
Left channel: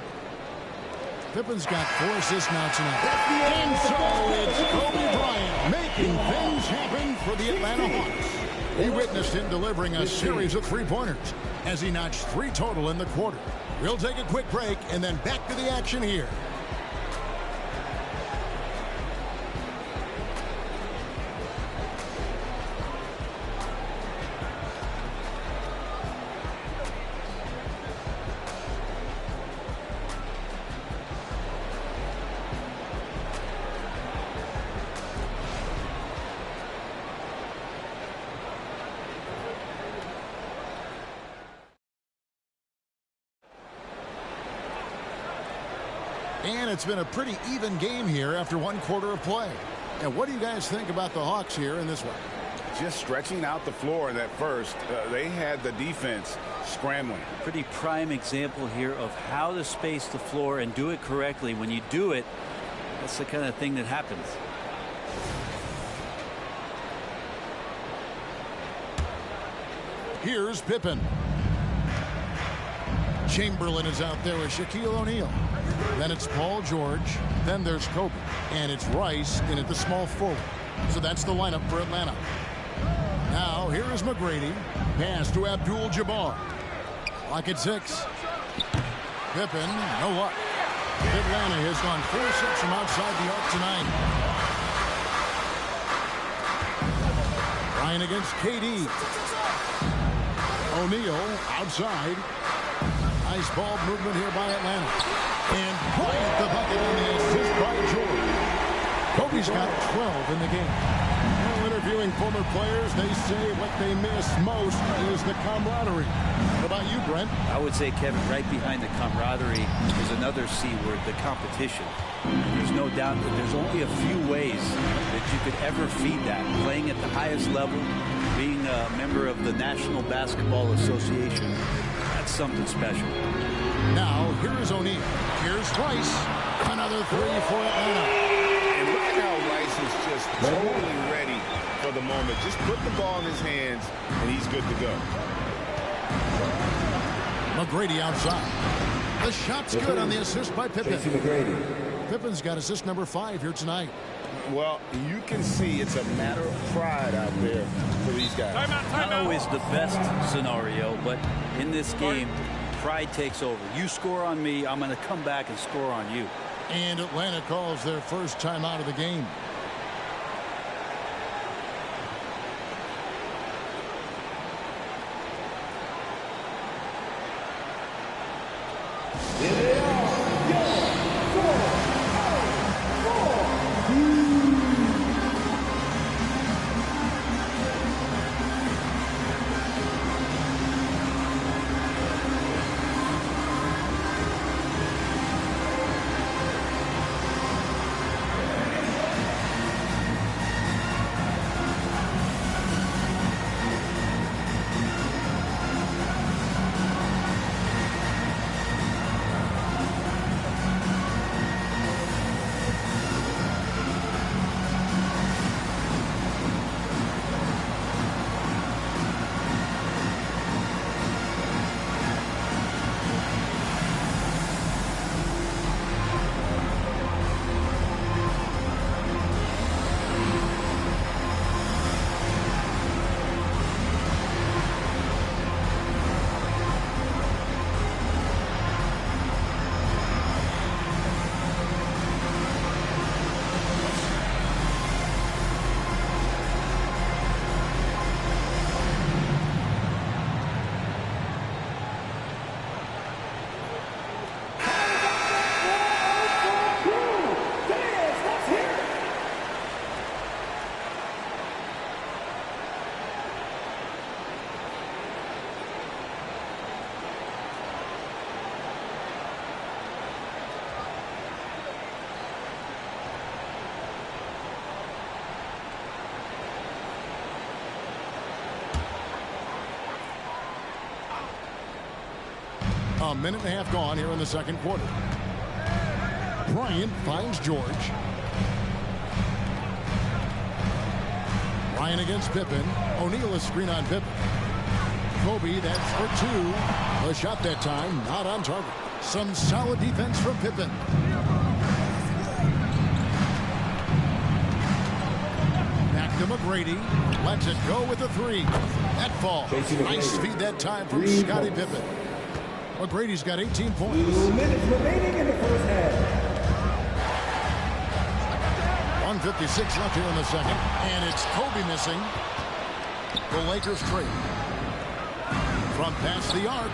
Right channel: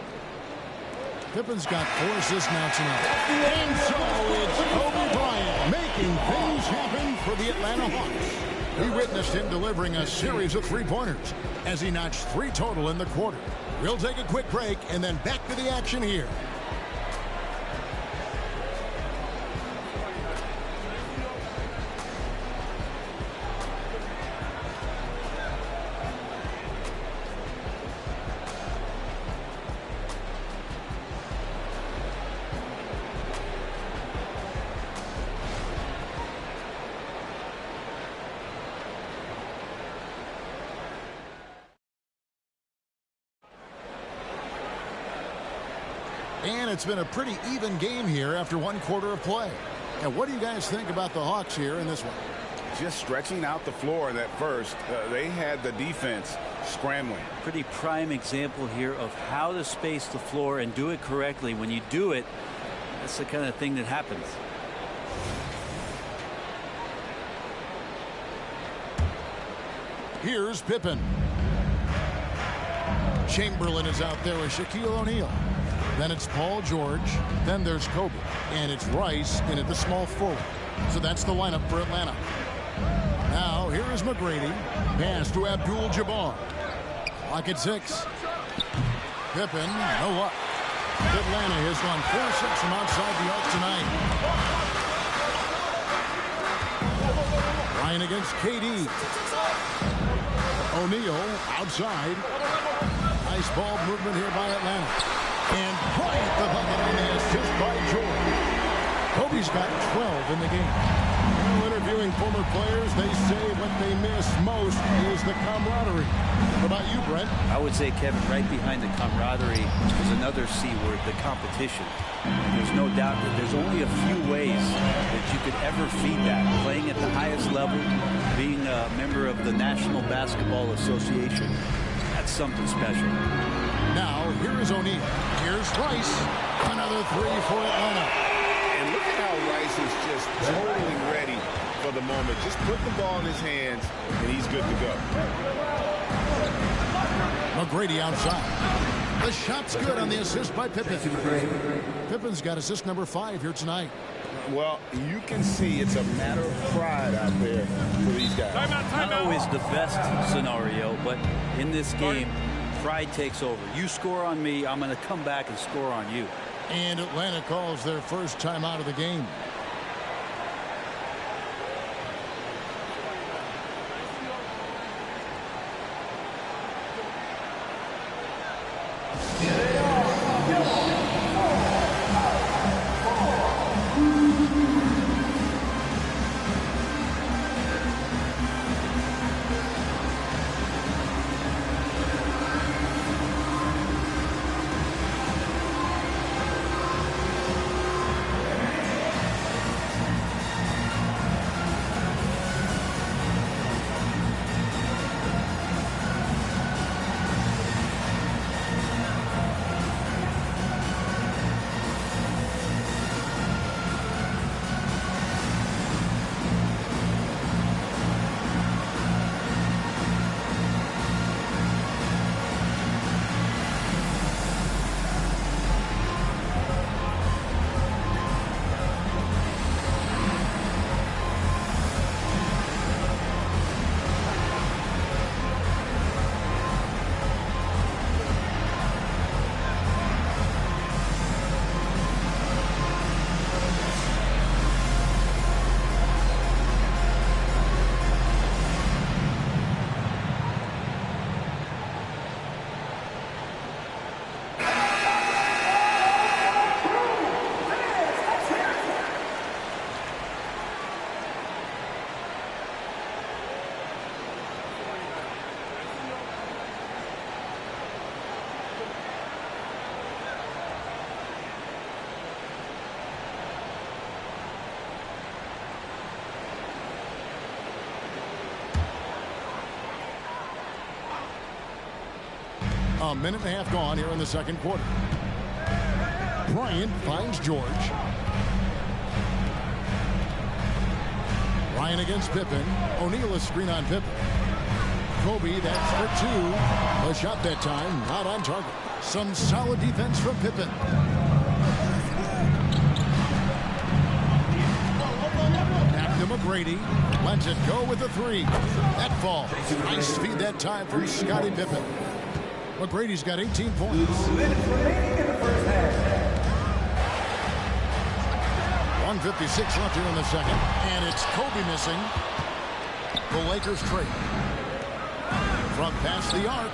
Pippen's got 4 assists now tonight. And so it's Kobe Bryant making things happen for the Atlanta Hawks. We witnessed him delivering a series of three-pointers as he notched 3 total in the quarter. We'll take a quick break and then back to the action here. And it's been a pretty even game here after 1 quarter of play. And what do you guys think about the Hawks here in this one? Just stretching out the floor in that first. They had the defense scrambling. Pretty prime example here of how to space the floor and do it correctly. When you do it, that's the kind of thing that happens. Here's Pippen. Chamberlain is out there with Shaquille O'Neal. Then it's Paul George. Then there's Kobe. And it's Rice in at the small forward. So that's the lineup for Atlanta. Now here is McGrady. Pass to Abdul-Jabbar. Clock at 6. Pippen, no luck. Atlanta has gone 4-6 from outside the arc tonight. Bryant against KD. O'Neal outside. Nice ball movement here by Atlanta. And Bryant the bucket on the assist by George. Kobe's got 12 in the game. Now interviewing former players, they say what they miss most is the camaraderie. What about you, Brent? I would say, Kevin, right behind the camaraderie is another C word, the competition. And there's no doubt that there's only a few ways that you could ever feed that. Playing at the highest level, being a member of the National Basketball Association, that's something special. Now, here is O'Neal. Here's Rice. Another 3 for Atlanta. And look at how Rice is just totally ready for the moment. Just put the ball in his hands, and he's good to go. McGrady outside. The shot's good on the assist by Pippen. Pippen's got assist number 5 here tonight. Well, you can see it's a matter of pride out there for these guys. Not always the best scenario, but in this game, pride takes over. You score on me, I'm going to come back and score on you. And Atlanta calls their first time out of the game. A minute and a half gone here in the second quarter. Bryant finds George. Bryant against Pippen. O'Neal is screen on Pippen. Kobe, that's for two. A shot that time, not on target. Some solid defense from Pippen. Back to McGrady. Lets it go with a three. That falls. Nice feed that time from Scottie Pippen. McGrady's got 18 points. 2 minutes remaining in the first half. 1:56 left here in the second. And it's Kobe missing. The Lakers trade. From past the arc.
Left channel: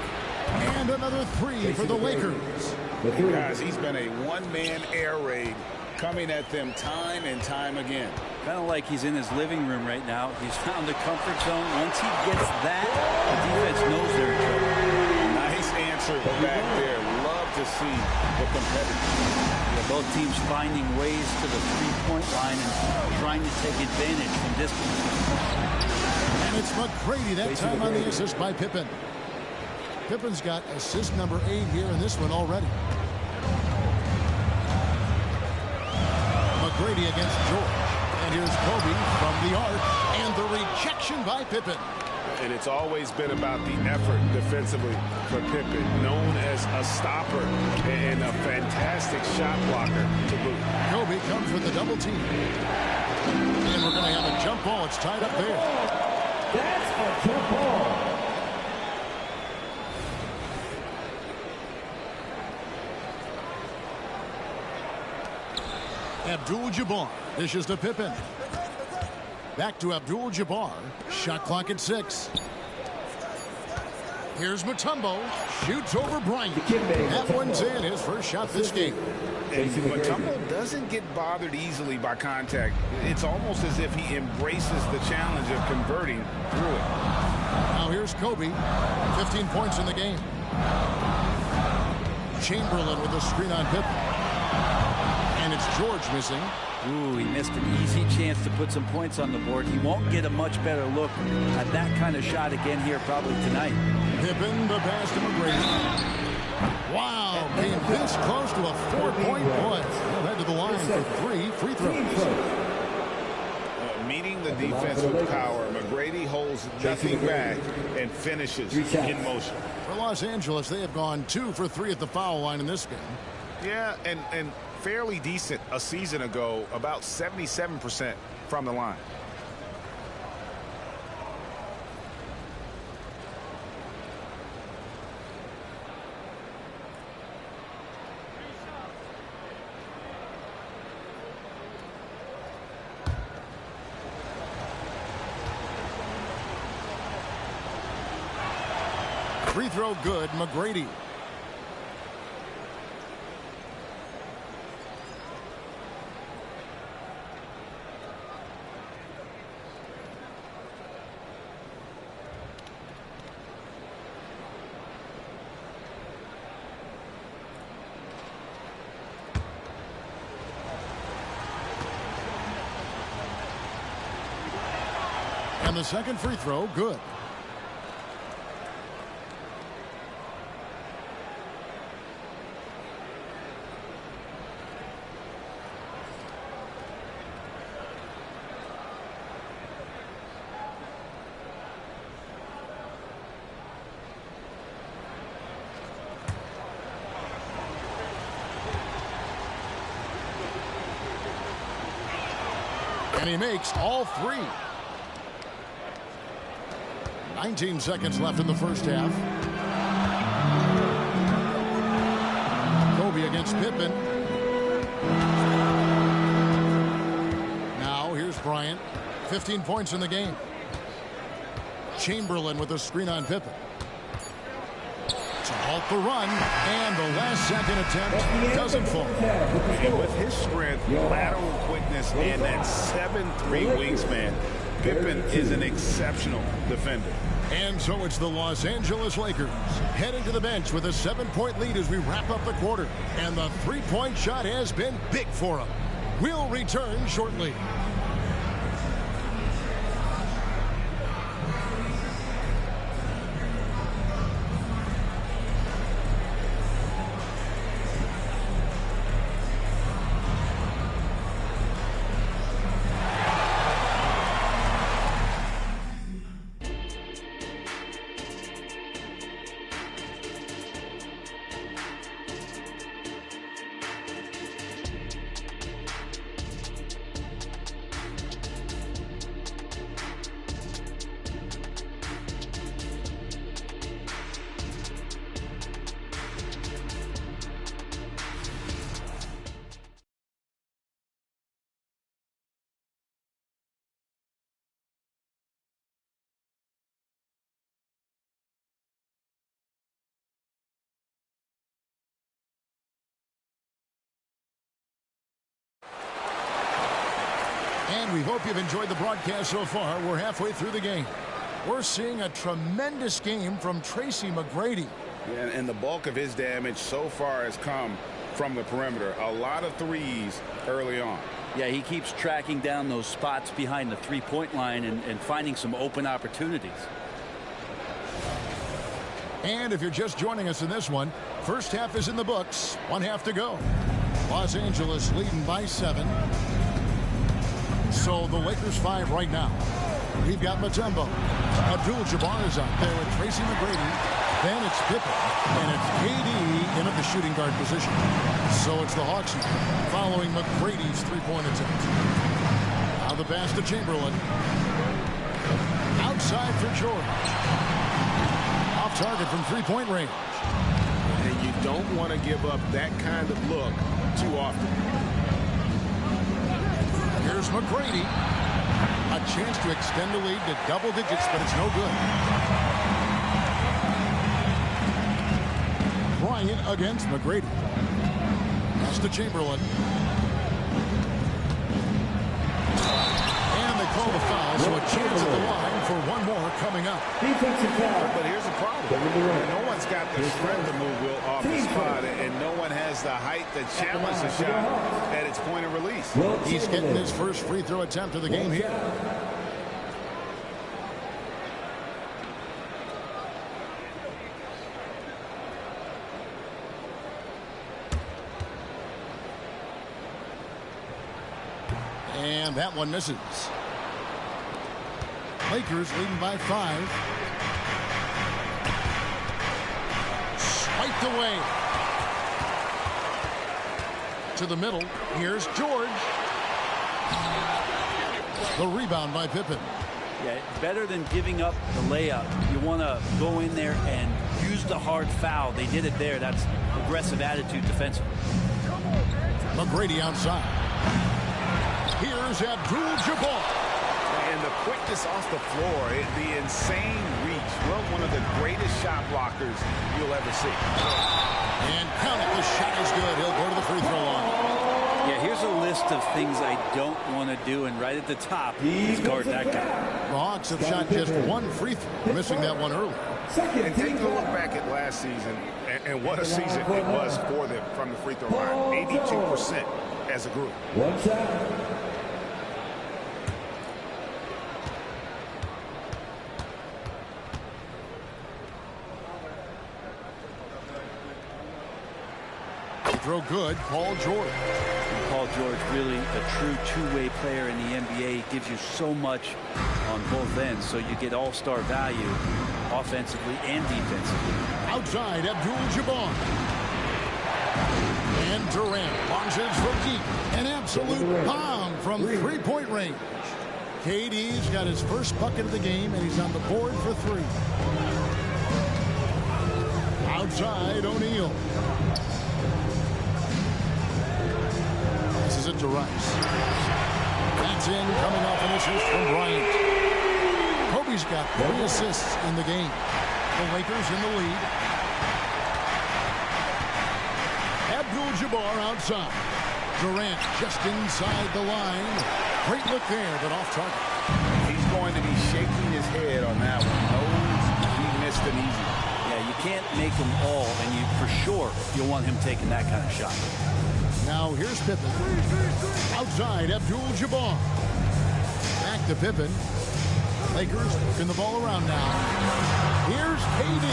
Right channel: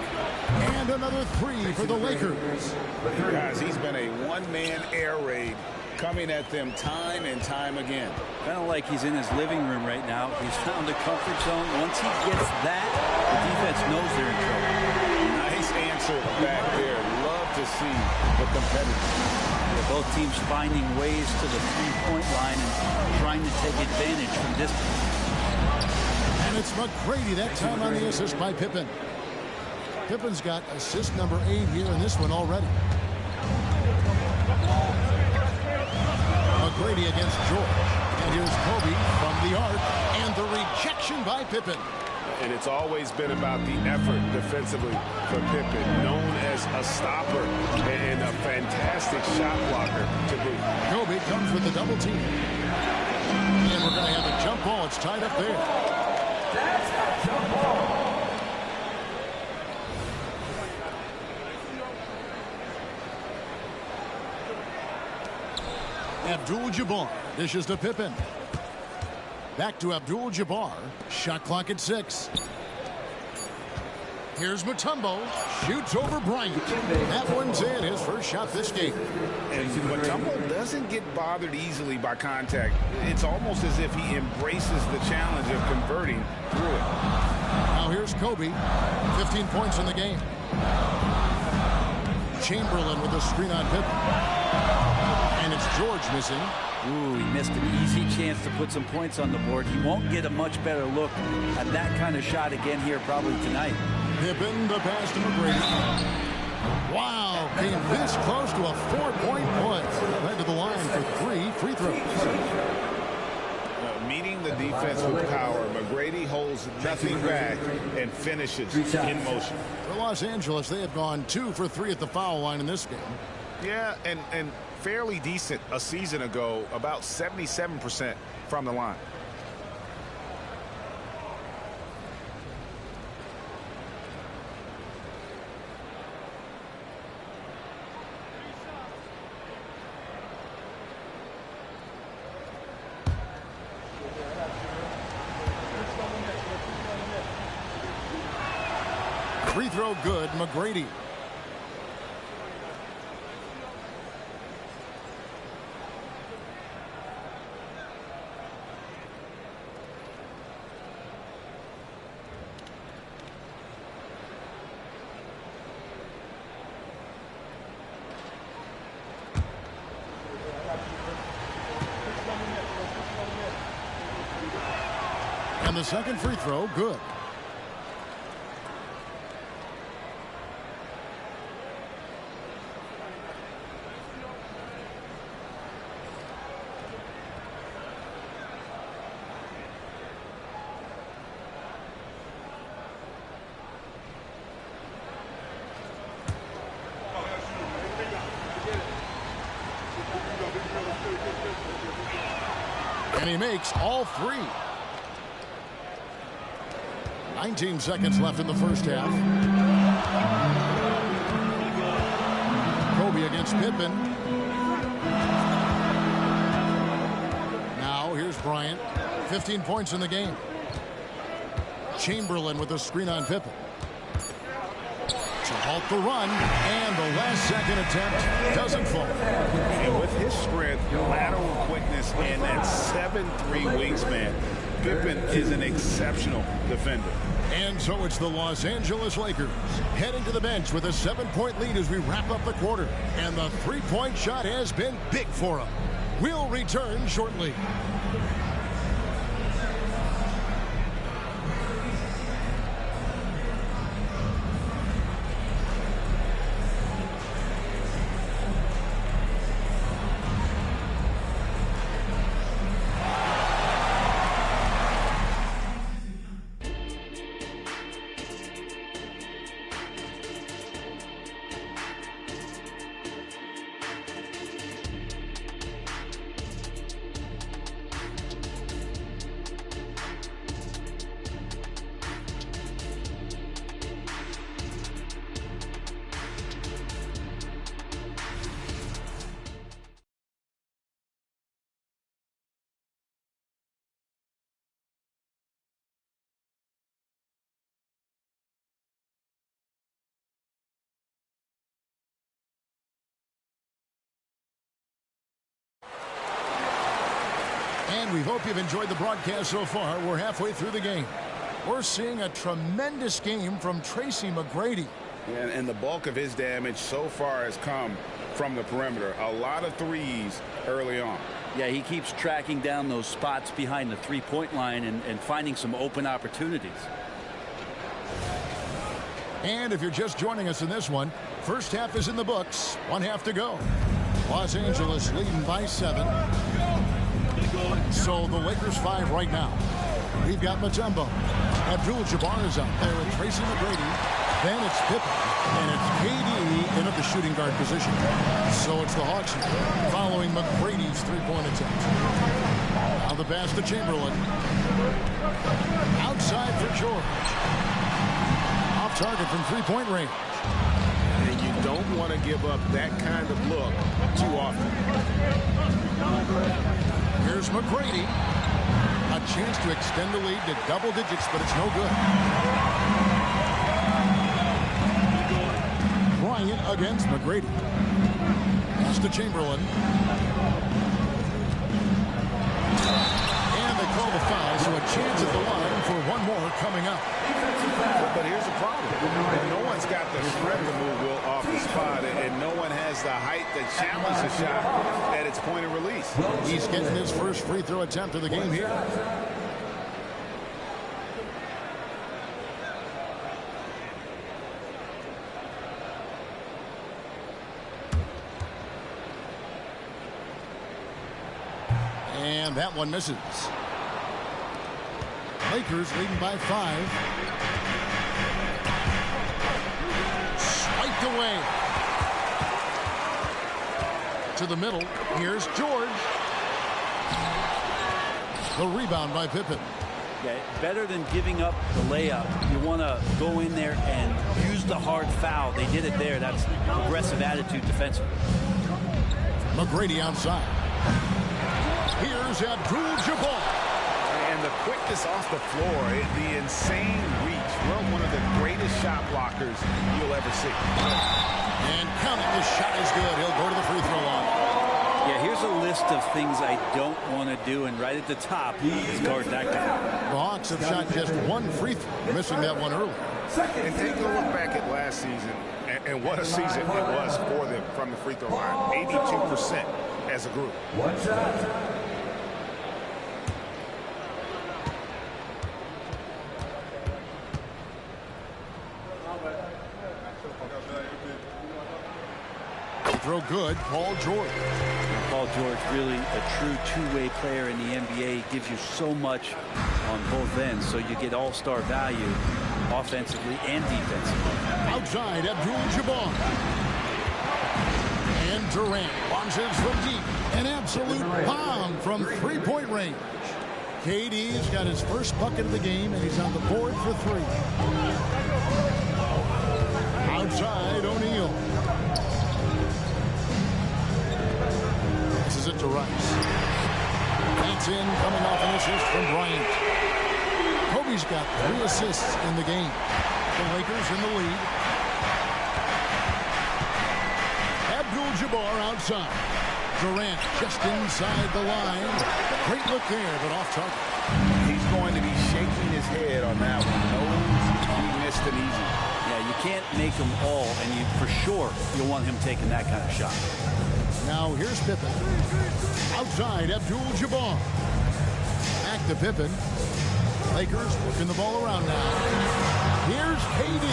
And another three for the Lakers. Guys, he's been a one-man air raid coming at them time and time again. Kind of like he's in his living room right now. He's found a comfort zone. Once he gets that, the defense knows they're in trouble. Nice answer back there. Love to see the competitors. Yeah, both teams finding ways to the three-point line and trying to take advantage from distance. And it's McGrady that time on the assist by Pippen. Pippen's got assist number 8 here in this one already. McGrady against George. And here's Kobe from the arc. And the rejection by Pippen. And it's always been about the effort defensively for Pippen, known as a stopper and a fantastic shot blocker to boot. Kobe comes with the double team. And we're going to have a jump ball. It's tied up there. That's a jump ball. Abdul-Jabbar dishes to Pippen. Back to Abdul-Jabbar. Shot clock at 6. Here's Mutombo. Shoots over Bryant. That one's in. His first shot this game. And Mutombo doesn't get bothered easily by contact. It's almost as if he embraces the challenge of converting through it. Now here's Kobe. 15 points in the game. Chamberlain with a screen on Pippen. And it's George missing. Ooh, he missed an easy chance to put some points on the board. He won't get a much better look at that kind of shot again here probably tonight. Pippen, the pass to McGrady. Wow, came this close to a 4-point play. He'll head to the line for 3 free throws. Meeting the defense with power, McGrady holds nothing back and finishes in motion. For Los Angeles, they have gone 2 for 3 at the foul line in this game. Yeah, and fairly decent a season ago, about 77% from the line. Free throw good, McGrady. And the second free throw, good. And he makes all 3. 19 seconds left in the first half. Kobe against Pippen. Now here's Bryant. 15 points in the game. Chamberlain with a screen on Pippen. To halt the run, and the last second attempt doesn't fall. And with his strength, lateral quickness, and that 7'3" wingspan, Pippen is an exceptional defender. And so it's the Los Angeles Lakers heading to the bench with a 7-point lead as we wrap up the quarter. And the three-point shot has been big for them. We'll return shortly. And we hope you've enjoyed the broadcast so far. We're halfway through the game. We're seeing a tremendous game from Tracy McGrady. Yeah, and the bulk of his damage so far has come from the perimeter. A lot of threes early on. Yeah, he keeps tracking down those spots behind the three-point line and finding some open opportunities. And if you're just joining us in this one, first half is in the books. 1 half to go. Los Angeles leading by 7. So the Lakers 5 right now. We've got Mutombo. Abdul-Jabbar is out there with Tracy McGrady. Then it's Pippen. And it's KD in at the shooting guard position. So it's the Hawks now, following McGrady's three-point attempt. Now the pass to Chamberlain. Outside for George. Off target from three-point range. And you don't want to give up that kind of look too often. Here's McGrady. A chance to extend the lead to double digits, but it's no good. Bryant against McGrady. Pass to Chamberlain. And they call the foul, so a chance at the line for one more coming up. But here's the problem. No one's got the strength to move Will off the spot, and no one has the height to challenge the shot at its point of release. He's getting his first free throw attempt of the game here. And that one misses. Lakers leading by 5. Swiped away. To the middle. Here's George. The rebound by Pippen. Yeah, better than giving up the layup. You want to go in there and use the hard foul. They did it there. That's aggressive attitude defensively. McGrady outside. Here's Abdul-Jabbar. And the quickness off the floor, the insane reach. Well, one of the greatest shot blockers you'll ever see. And count it, this shot is good. He'll go to the free throw line. Yeah, here's a list of things I don't want to do, and right at the top is guard that guy. The Hawks have shot just one free throw, missing that one early. And taking a look back at last season, and what a season it was for them from the free throw line. 82% as a group. One shot. Throw good, Paul George. And Paul George, really a true two-way player in the NBA. He gives you so much on both ends, so you get all-star value offensively and defensively. Outside, Abdul-Jabbar. And Durant launches from deep. An absolute bomb from three-point range. KD's got his first bucket of the game, and he's on the board for 3. Outside, O'Neal. Passes it to Rice. That's in, coming off an assist from Bryant. Kobe's got 3 assists in the game. The Lakers in the lead. Abdul-Jabbar outside. Durant just inside the line. Great look there, but off target. He's going to be shaking his head on that one. Knows he missed an easy. Yeah, you can't make them all, and you for sure you'll want him taking that kind of shot. Now here's Pippen. Outside, Abdul-Jabbar. Back to Pippen. Lakers working the ball around now. Here's KD.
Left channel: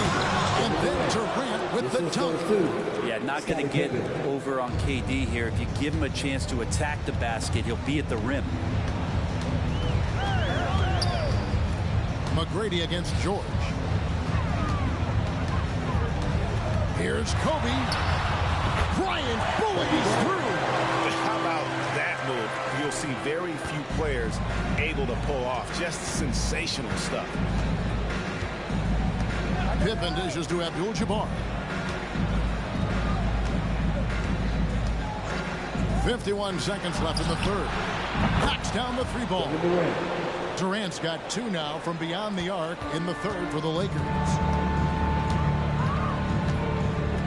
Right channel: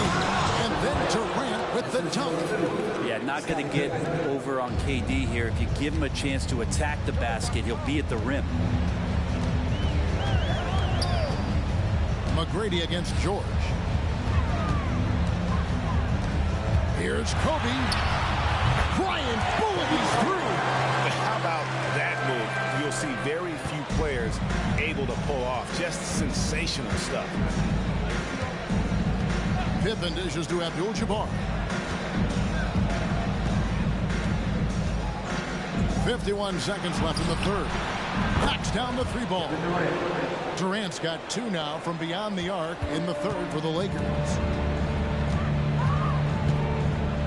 And then Durant with the dunk. Yeah, not going to get over on KD here. If you give him a chance to attack the basket, he'll be at the rim. McGrady against George. Here's Kobe. Bryant bullies through. How about that move? You'll see very few players able to pull off just sensational stuff. Pippen dishes to Abdul-Jabbar. 51 seconds left in the third. Knocks down the 3 ball. Durant's got 2 now from beyond the arc in the third for the Lakers.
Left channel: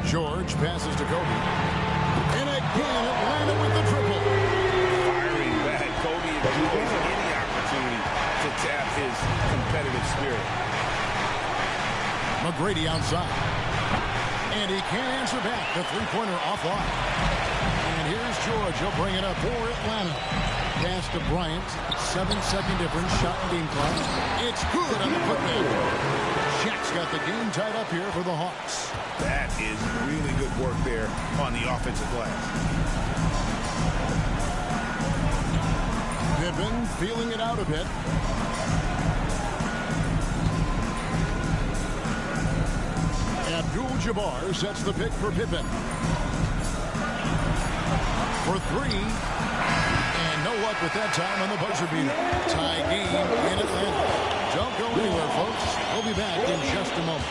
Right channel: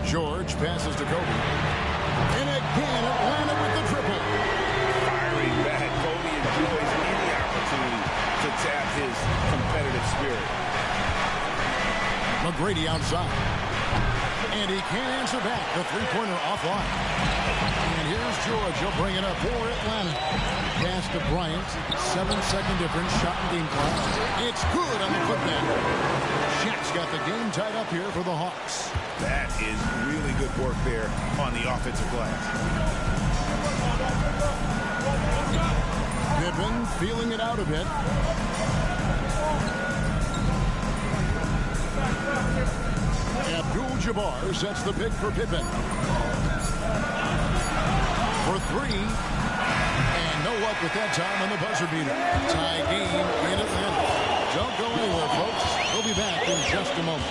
George passes to Kobe. And again, Atlanta with the triple. Firing back Kobe enjoys any opportunity to tap his competitive spirit. McGrady outside. And he can't answer back. The three-pointer offline. And here's George. He'll bring it up for Atlanta. Pass to Bryant. 7-second difference. Shot in game clock. It's good on the putback. Shaq's got the game tied up here for the Hawks. That is really good work there on the offensive glass. Pippen feeling it out a bit. Abdul-Jabbar sets the pick for Pippen. For three. And no luck with that time on the buzzer beater. Tie game in Atlanta. Don't go anywhere, folks. We'll be back in just a moment.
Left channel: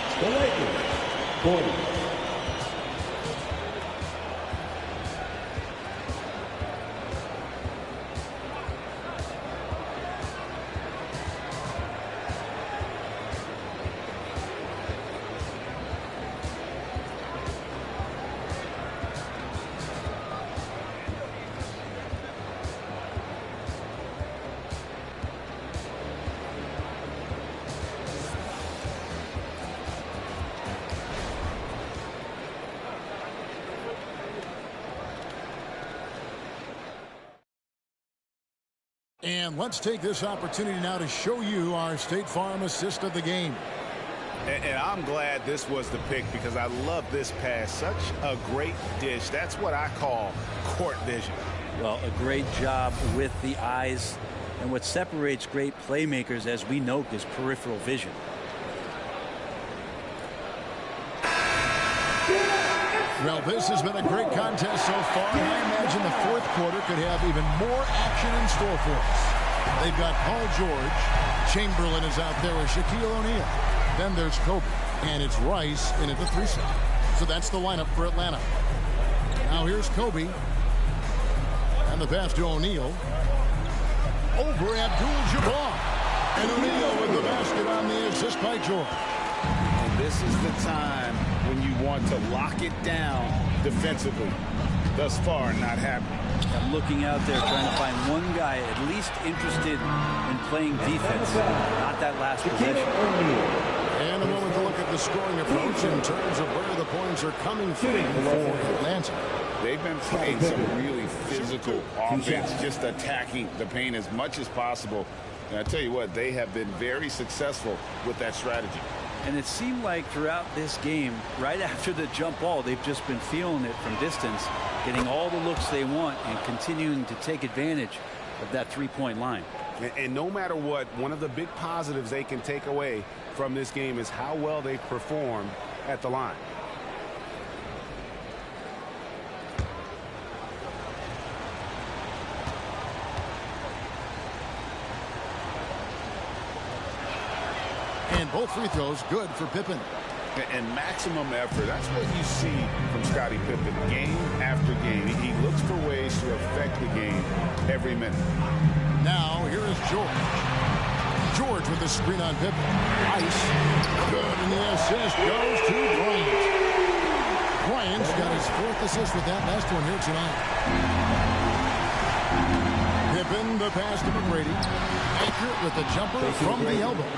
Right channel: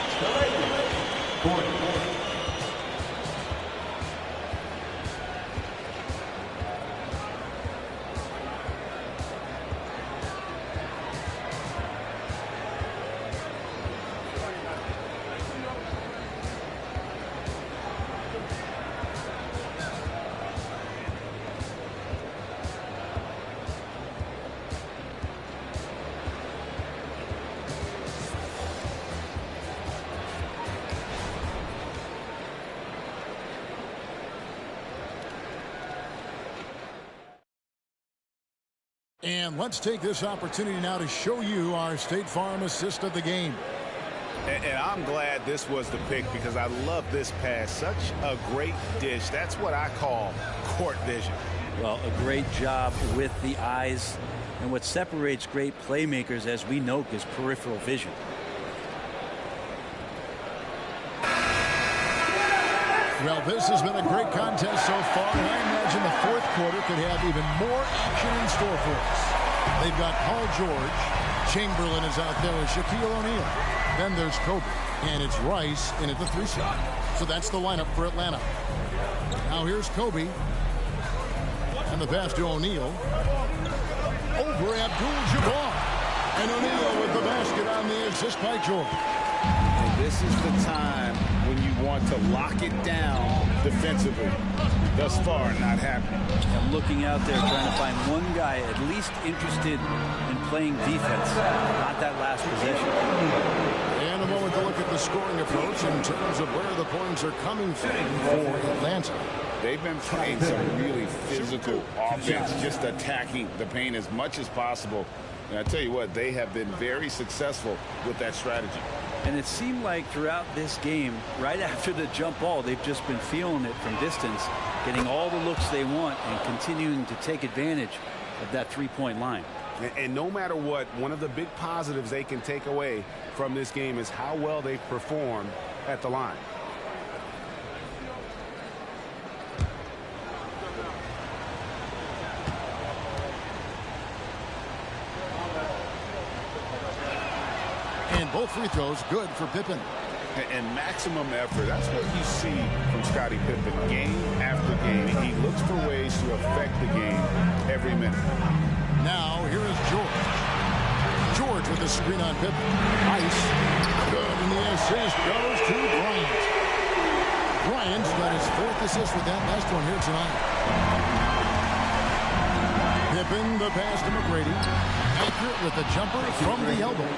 And let's take this opportunity now to show you our State Farm assist of the game. And I'm glad this was the pick because I love this pass. Such a great dish. That's what I call court vision. Well, a great job with the eyes. And what separates great playmakers, as we know, is peripheral vision. Well, this has been a great contest so far, and I imagine the fourth quarter could have even more action in store for us. They've got Paul George. Chamberlain is out there with Shaquille O'Neal. Then there's Kobe, and it's Rice in at the 3 slot. So that's the lineup for Atlanta. Now here's Kobe. And the pass to O'Neal. Over Abdul-Jabbar. And O'Neal with the basket on the assist by George. And this is the time when you want to lock it down defensively. Thus far, not happening. I'm looking out there trying to find one guy at least interested in playing defense, not that last possession. And a moment to look at the scoring approach in terms of where the points are coming from for Atlanta. They've been playing some really physical offense, just attacking the paint as much as possible. And I tell you what, they have been very successful with that strategy. And it seemed like throughout this game, right after the jump ball, they've just been feeling it from distance, getting all the looks they want and continuing to take advantage of that three-point line. And no matter what, one of the big positives they can take away from this game is how well they've performed at the line. And both free throws good for Pippen. And maximum effort. That's what you see from Scottie Pippen game after game. He looks for ways to affect the game every minute. Now here is George. George with the screen on Pippen. Ice. Good, and the assist goes to Bryant. Bryant's got his fourth assist with that last one here tonight. Pippen, the pass to McGrady. Accurate with the jumper from the elbow.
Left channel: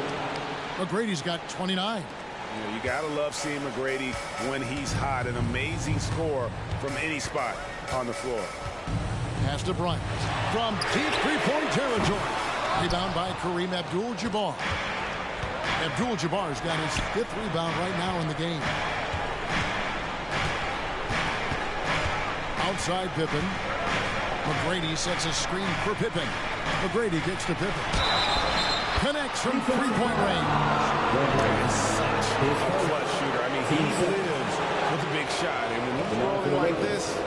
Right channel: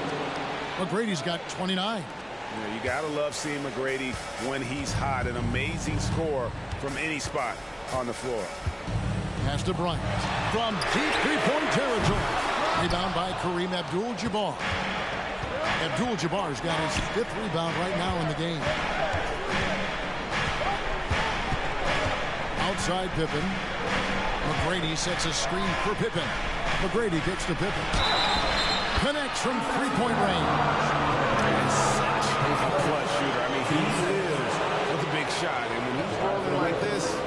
McGrady's got 29. You know, you got to love seeing McGrady when he's hot. An amazing score from any spot on the floor. Pass to Bryant from deep three-point territory. Rebound by Kareem Abdul-Jabbar. Abdul-Jabbar's got his 5th rebound right now in the game. Outside Pippen. McGrady sets a screen for Pippen. McGrady kicks to Pippen. Connects from three-point range. And such a clutch shooter. I mean, he lives with a big shot. And when he's rolling like this,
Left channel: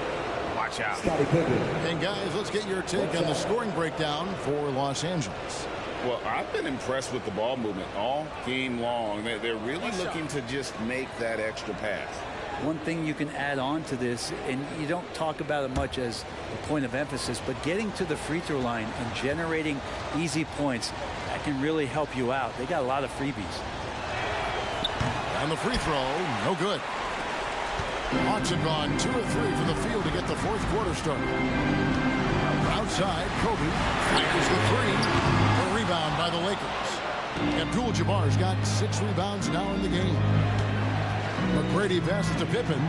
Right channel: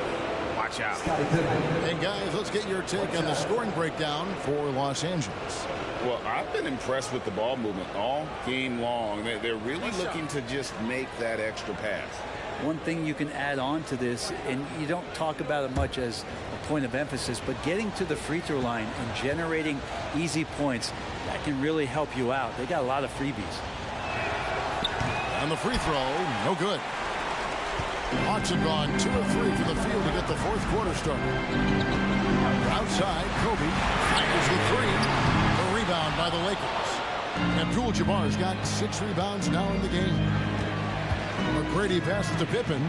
watch out. And guys, let's get your take on the scoring breakdown for Los Angeles. Well, I've been impressed with the ball movement all game long. They're really looking to just make that extra pass. One thing you can add on to this, and you don't talk about it much as a point of emphasis, but getting to the free throw line and generating easy points, that can really help you out. They got a lot of freebies. And the free throw, no good. Hawks have gone 2 of 3 from the field to get the fourth quarter started. outside. Kobe fires the three. The rebound by the Lakers. Abdul-Jabbar's got 6 rebounds now in the game. McGrady passes to Pippen.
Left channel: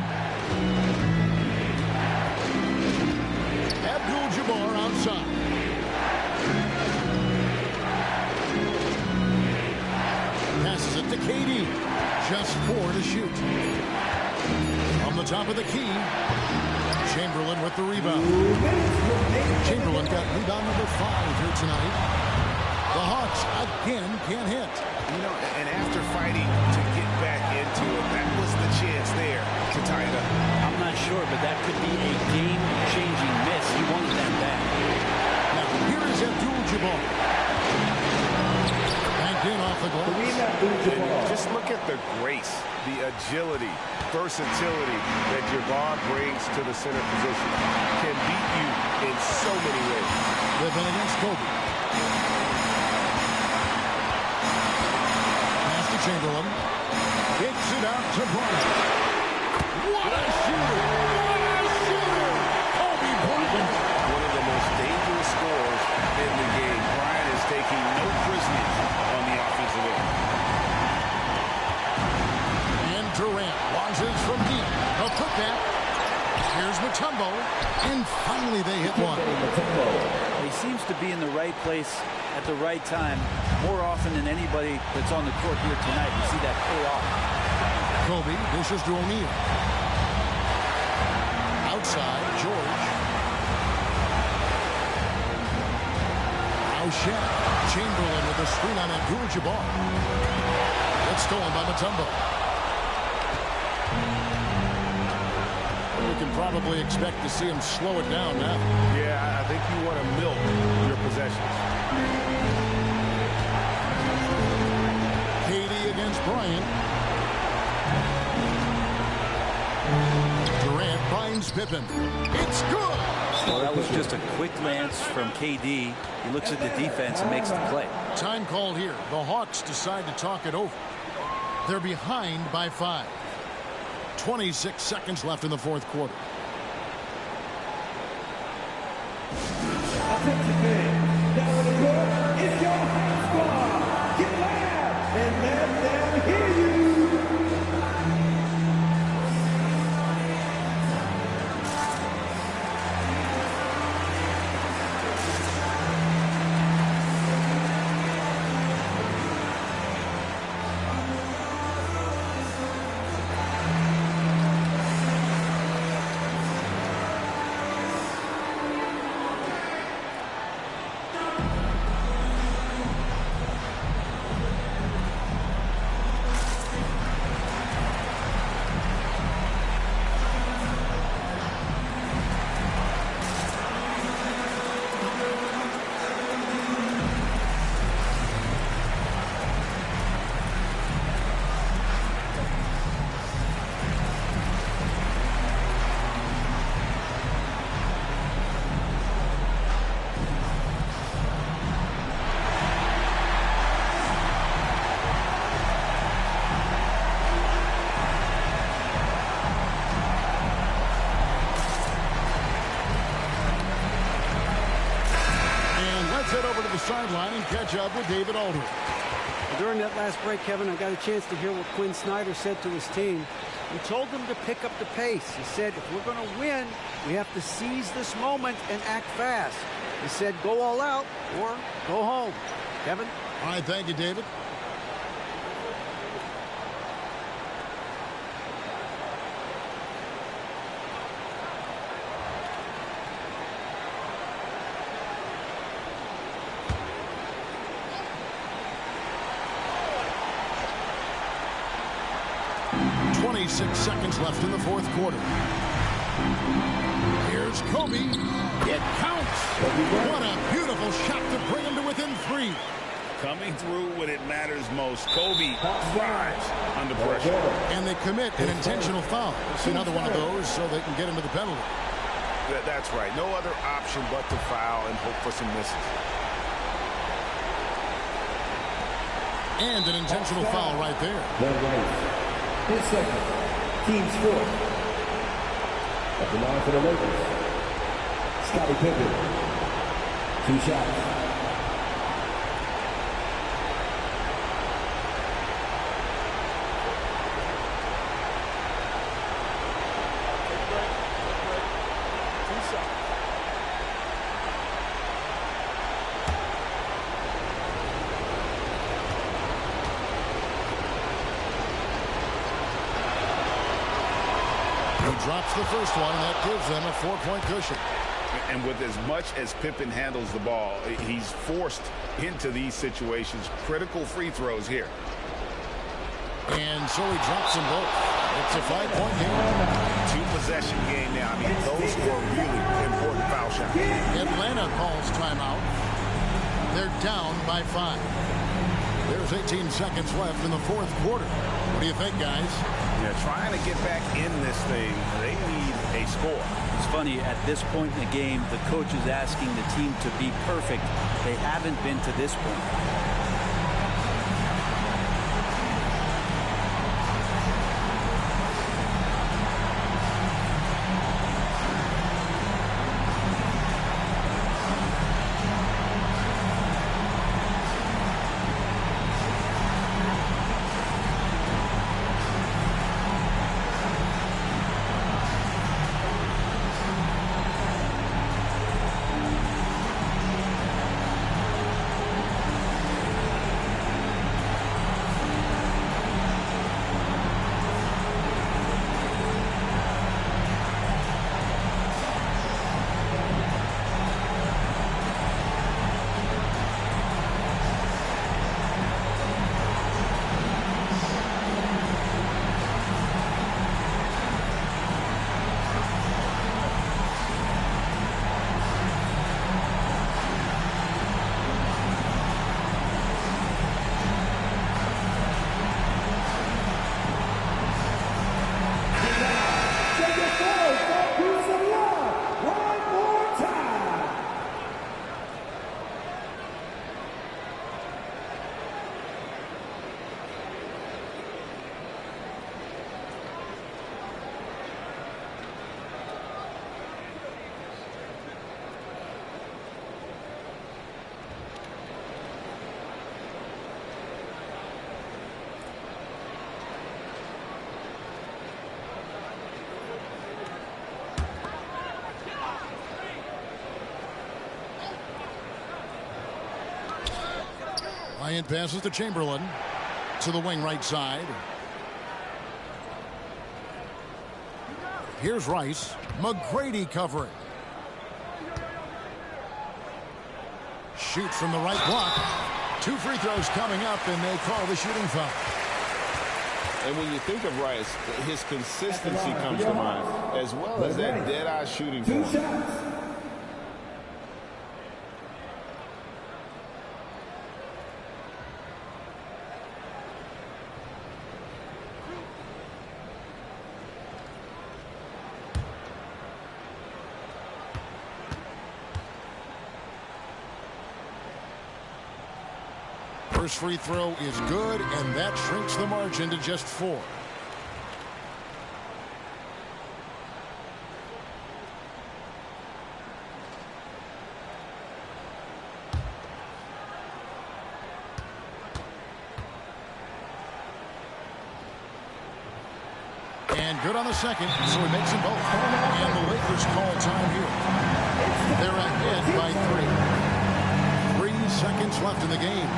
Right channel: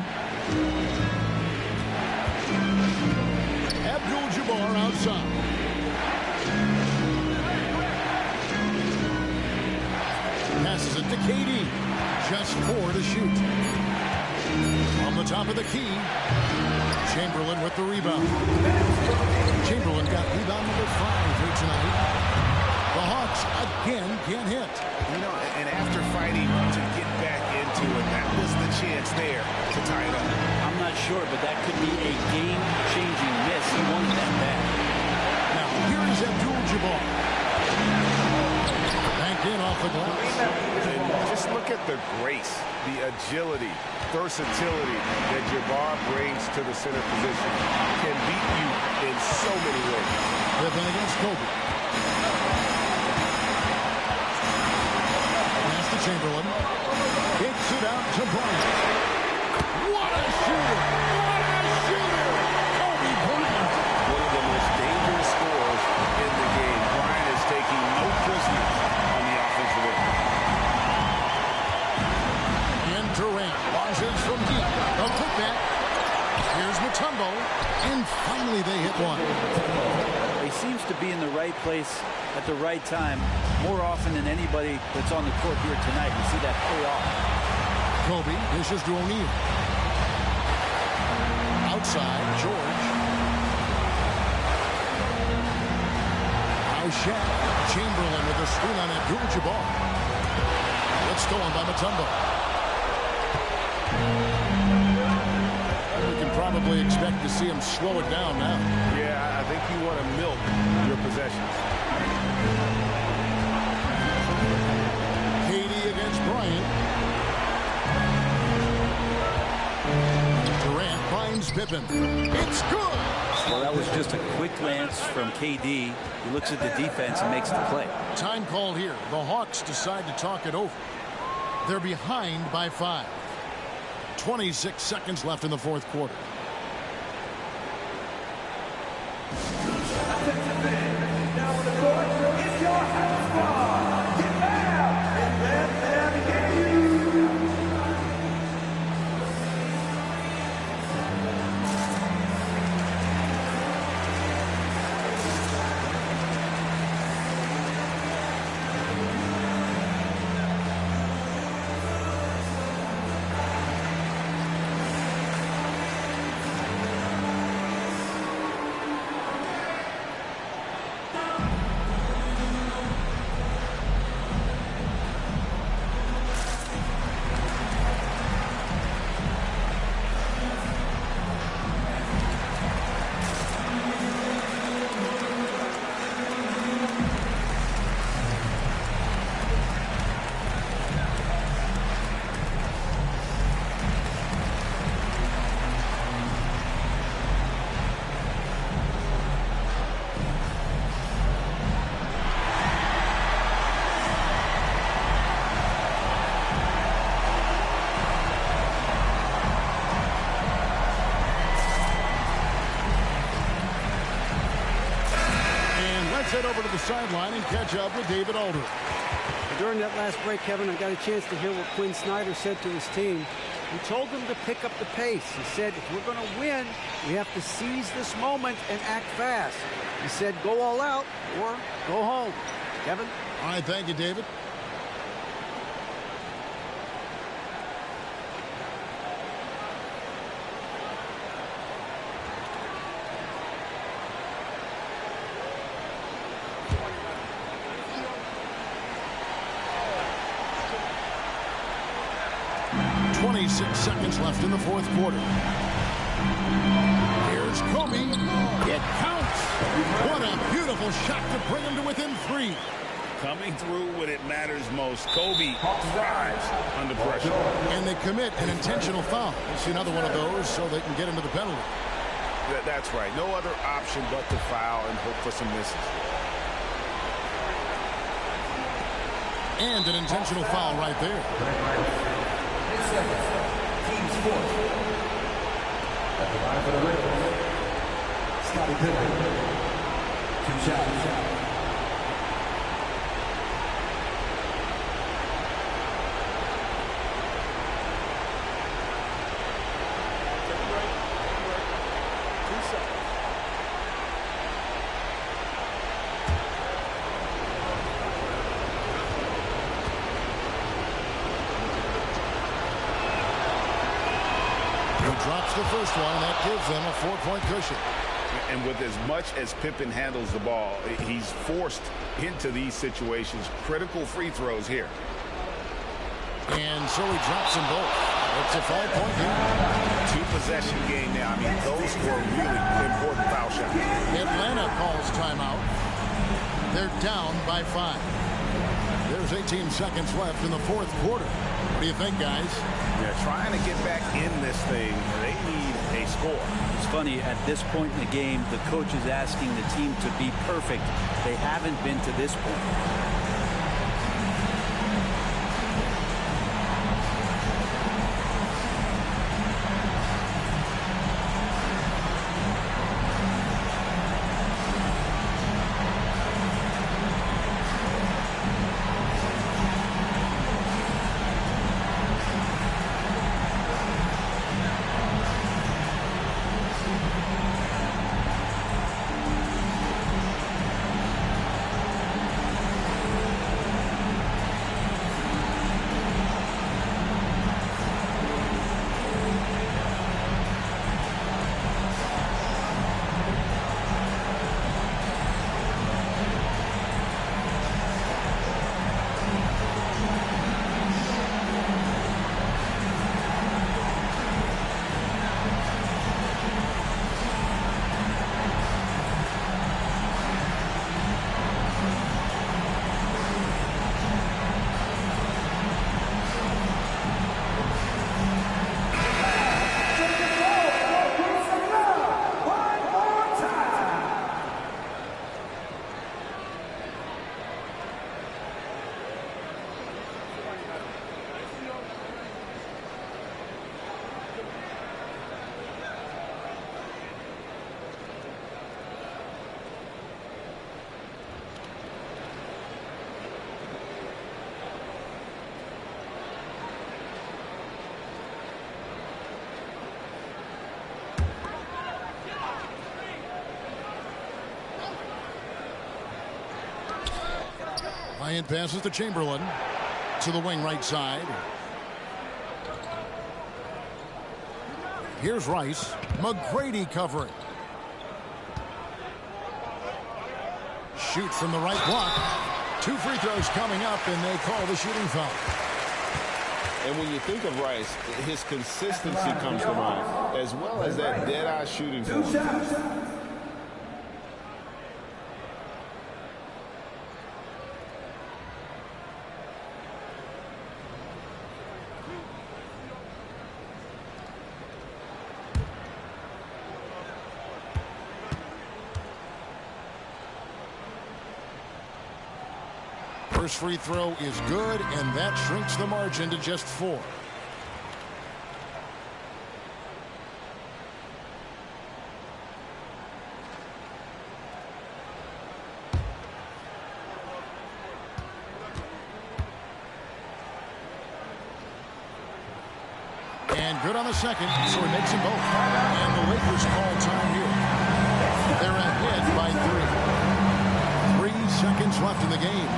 Abdul-Jabbar outside. Passes it to KD. Just 4 to shoot. On the top of the key, Chamberlain with the rebound. Chamberlain got rebound number 5 here tonight. The Hawks again can't hit. You know, and after fighting to get back into it, that was the chance there to tie it up. I'm not sure, but that could be a game-changing miss. He wanted that bad. Now, here is Abdul-Jabbar. Banked in off the glass. And just look at the grace, the agility, versatility that Jabbar brings to the center position. Can beat you in so many ways. Pippen against Kobe. Pass to Chamberlain. Kicks it out to Bryant. What a shooter! What a shooter! Kobe Bryant. One of the most dangerous scorers in the game. Bryant is taking no prisoners on the offensive end. And Durant launches from deep. A putback. Here's Mutombo. And finally they hit one. He seems to be in the right place at the right time more often than anybody that's on the court here tonight. We see that pay off. Kobe dishes to O'Neal. Outside, George. Now Shaq. Chamberlain with a screen on Abdul-Jabbar. It's stolen by Mutombo. We can probably expect to see him slow it down now. Yeah, I think you want to milk your possessions. KD against Bryant. Durant finds Pippen. It's good. Well, that was just a quick glance from KD. He looks at the defense and makes the play. Time called here. The Hawks decide to talk it over. They're behind by 5. 26 seconds left in the fourth quarter. Down on the court, it's your high squad. Get loud and let them hear you. Let's head over to the sideline and catch up with David Aldridge. During that last break, Kevin, I got a chance to hear what Quinn Snyder said to his team. He told them to pick up the pace. He said, if we're going to win, we have to seize this moment and act fast. He said, go all out or go home. Kevin? All right, thank you, David. .26 seconds left in the fourth quarter. Here's Kobe. It counts. What a beautiful shot to bring him to within 3. Coming through when it matters most. Kobe thrives under pressure. And they commit an intentional foul. We'll see another one of those so they can get into the penalty. That's right. No other option but to foul and hope for some misses. And an intentional foul right there. His second. Team's fourth. At the line for the Lakers, Scottie Pippen. 2 shots. Take a break. Take a break. 2 shots. He drops the first one, and that gives them a 4-point cushion. And with as much as Pippen handles the ball, he's forced into these situations. Critical free throws here. And so he drops them both. It's a 5-point game. 2-possession game now. I mean, those were really important foul shots. Atlanta calls timeout. They're down by 5. There's 18 seconds left in the fourth quarter. What do you think, guys? Yeah, trying to get back in this thing, they need a score. It's funny, at this point in the game, the coach is asking the team to be perfect. They haven't been to this point. Bryant passes to Chamberlain to the wing right side. Here's Rice. McGrady covering. Shoot from the right block. 2 free throws coming up, and they call the shooting foul. And when you think of Rice, his consistency comes to mind, as well as that dead-eye shooting form. First free throw is good, and that shrinks the margin to just 4. And good on the second, so he makes them both. And the Lakers call time here. They're ahead by 3. 3 seconds left in the game.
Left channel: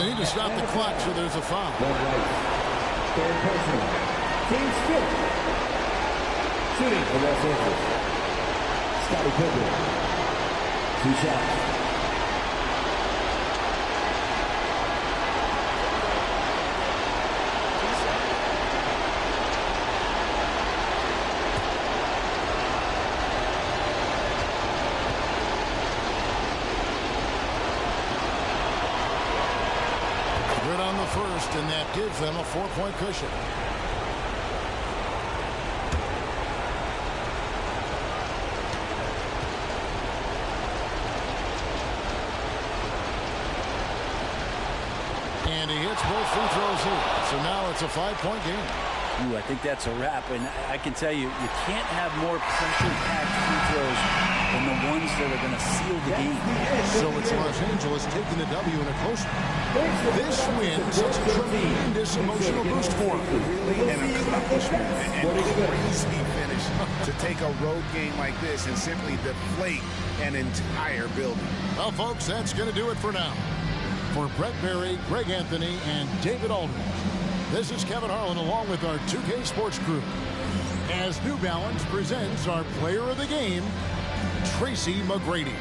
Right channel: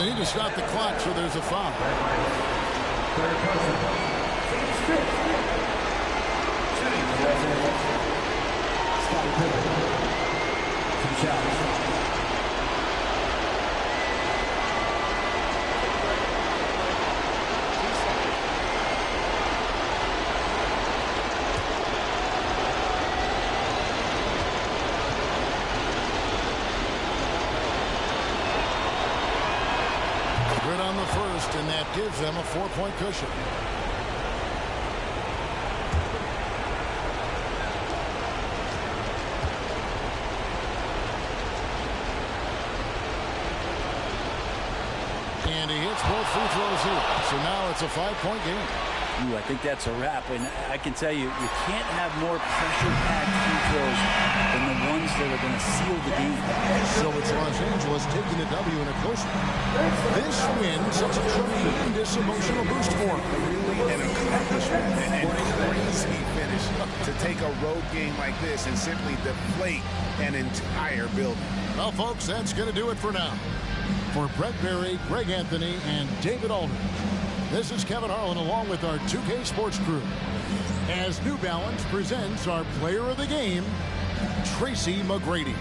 And they need to stop the clock, so there's a foul. Third personal. Team's fifth. Shooting for Los Angeles. Scottie Pippen. 2 shots. Good on the first, and that gives them a 4-point cushion. And he hits both free throws here. So now it's a 5-point game. Ooh, I think that's a wrap. And I can tell you, you can't have more pressure-packed free throws than the ones that are going to seal the game. So it's Los Angeles taking the W in a close one. This win sets a tremendous emotional boost for them. Really an accomplishment and crazy finish to take a road game like this and simply deflate an entire building. Well, folks, that's going to do it for now. For Brett Berry, Greg Anthony, and David Aldridge, this is Kevin Harlan along with our 2K Sports crew as New Balance presents our player of the game, Tracy McGrady.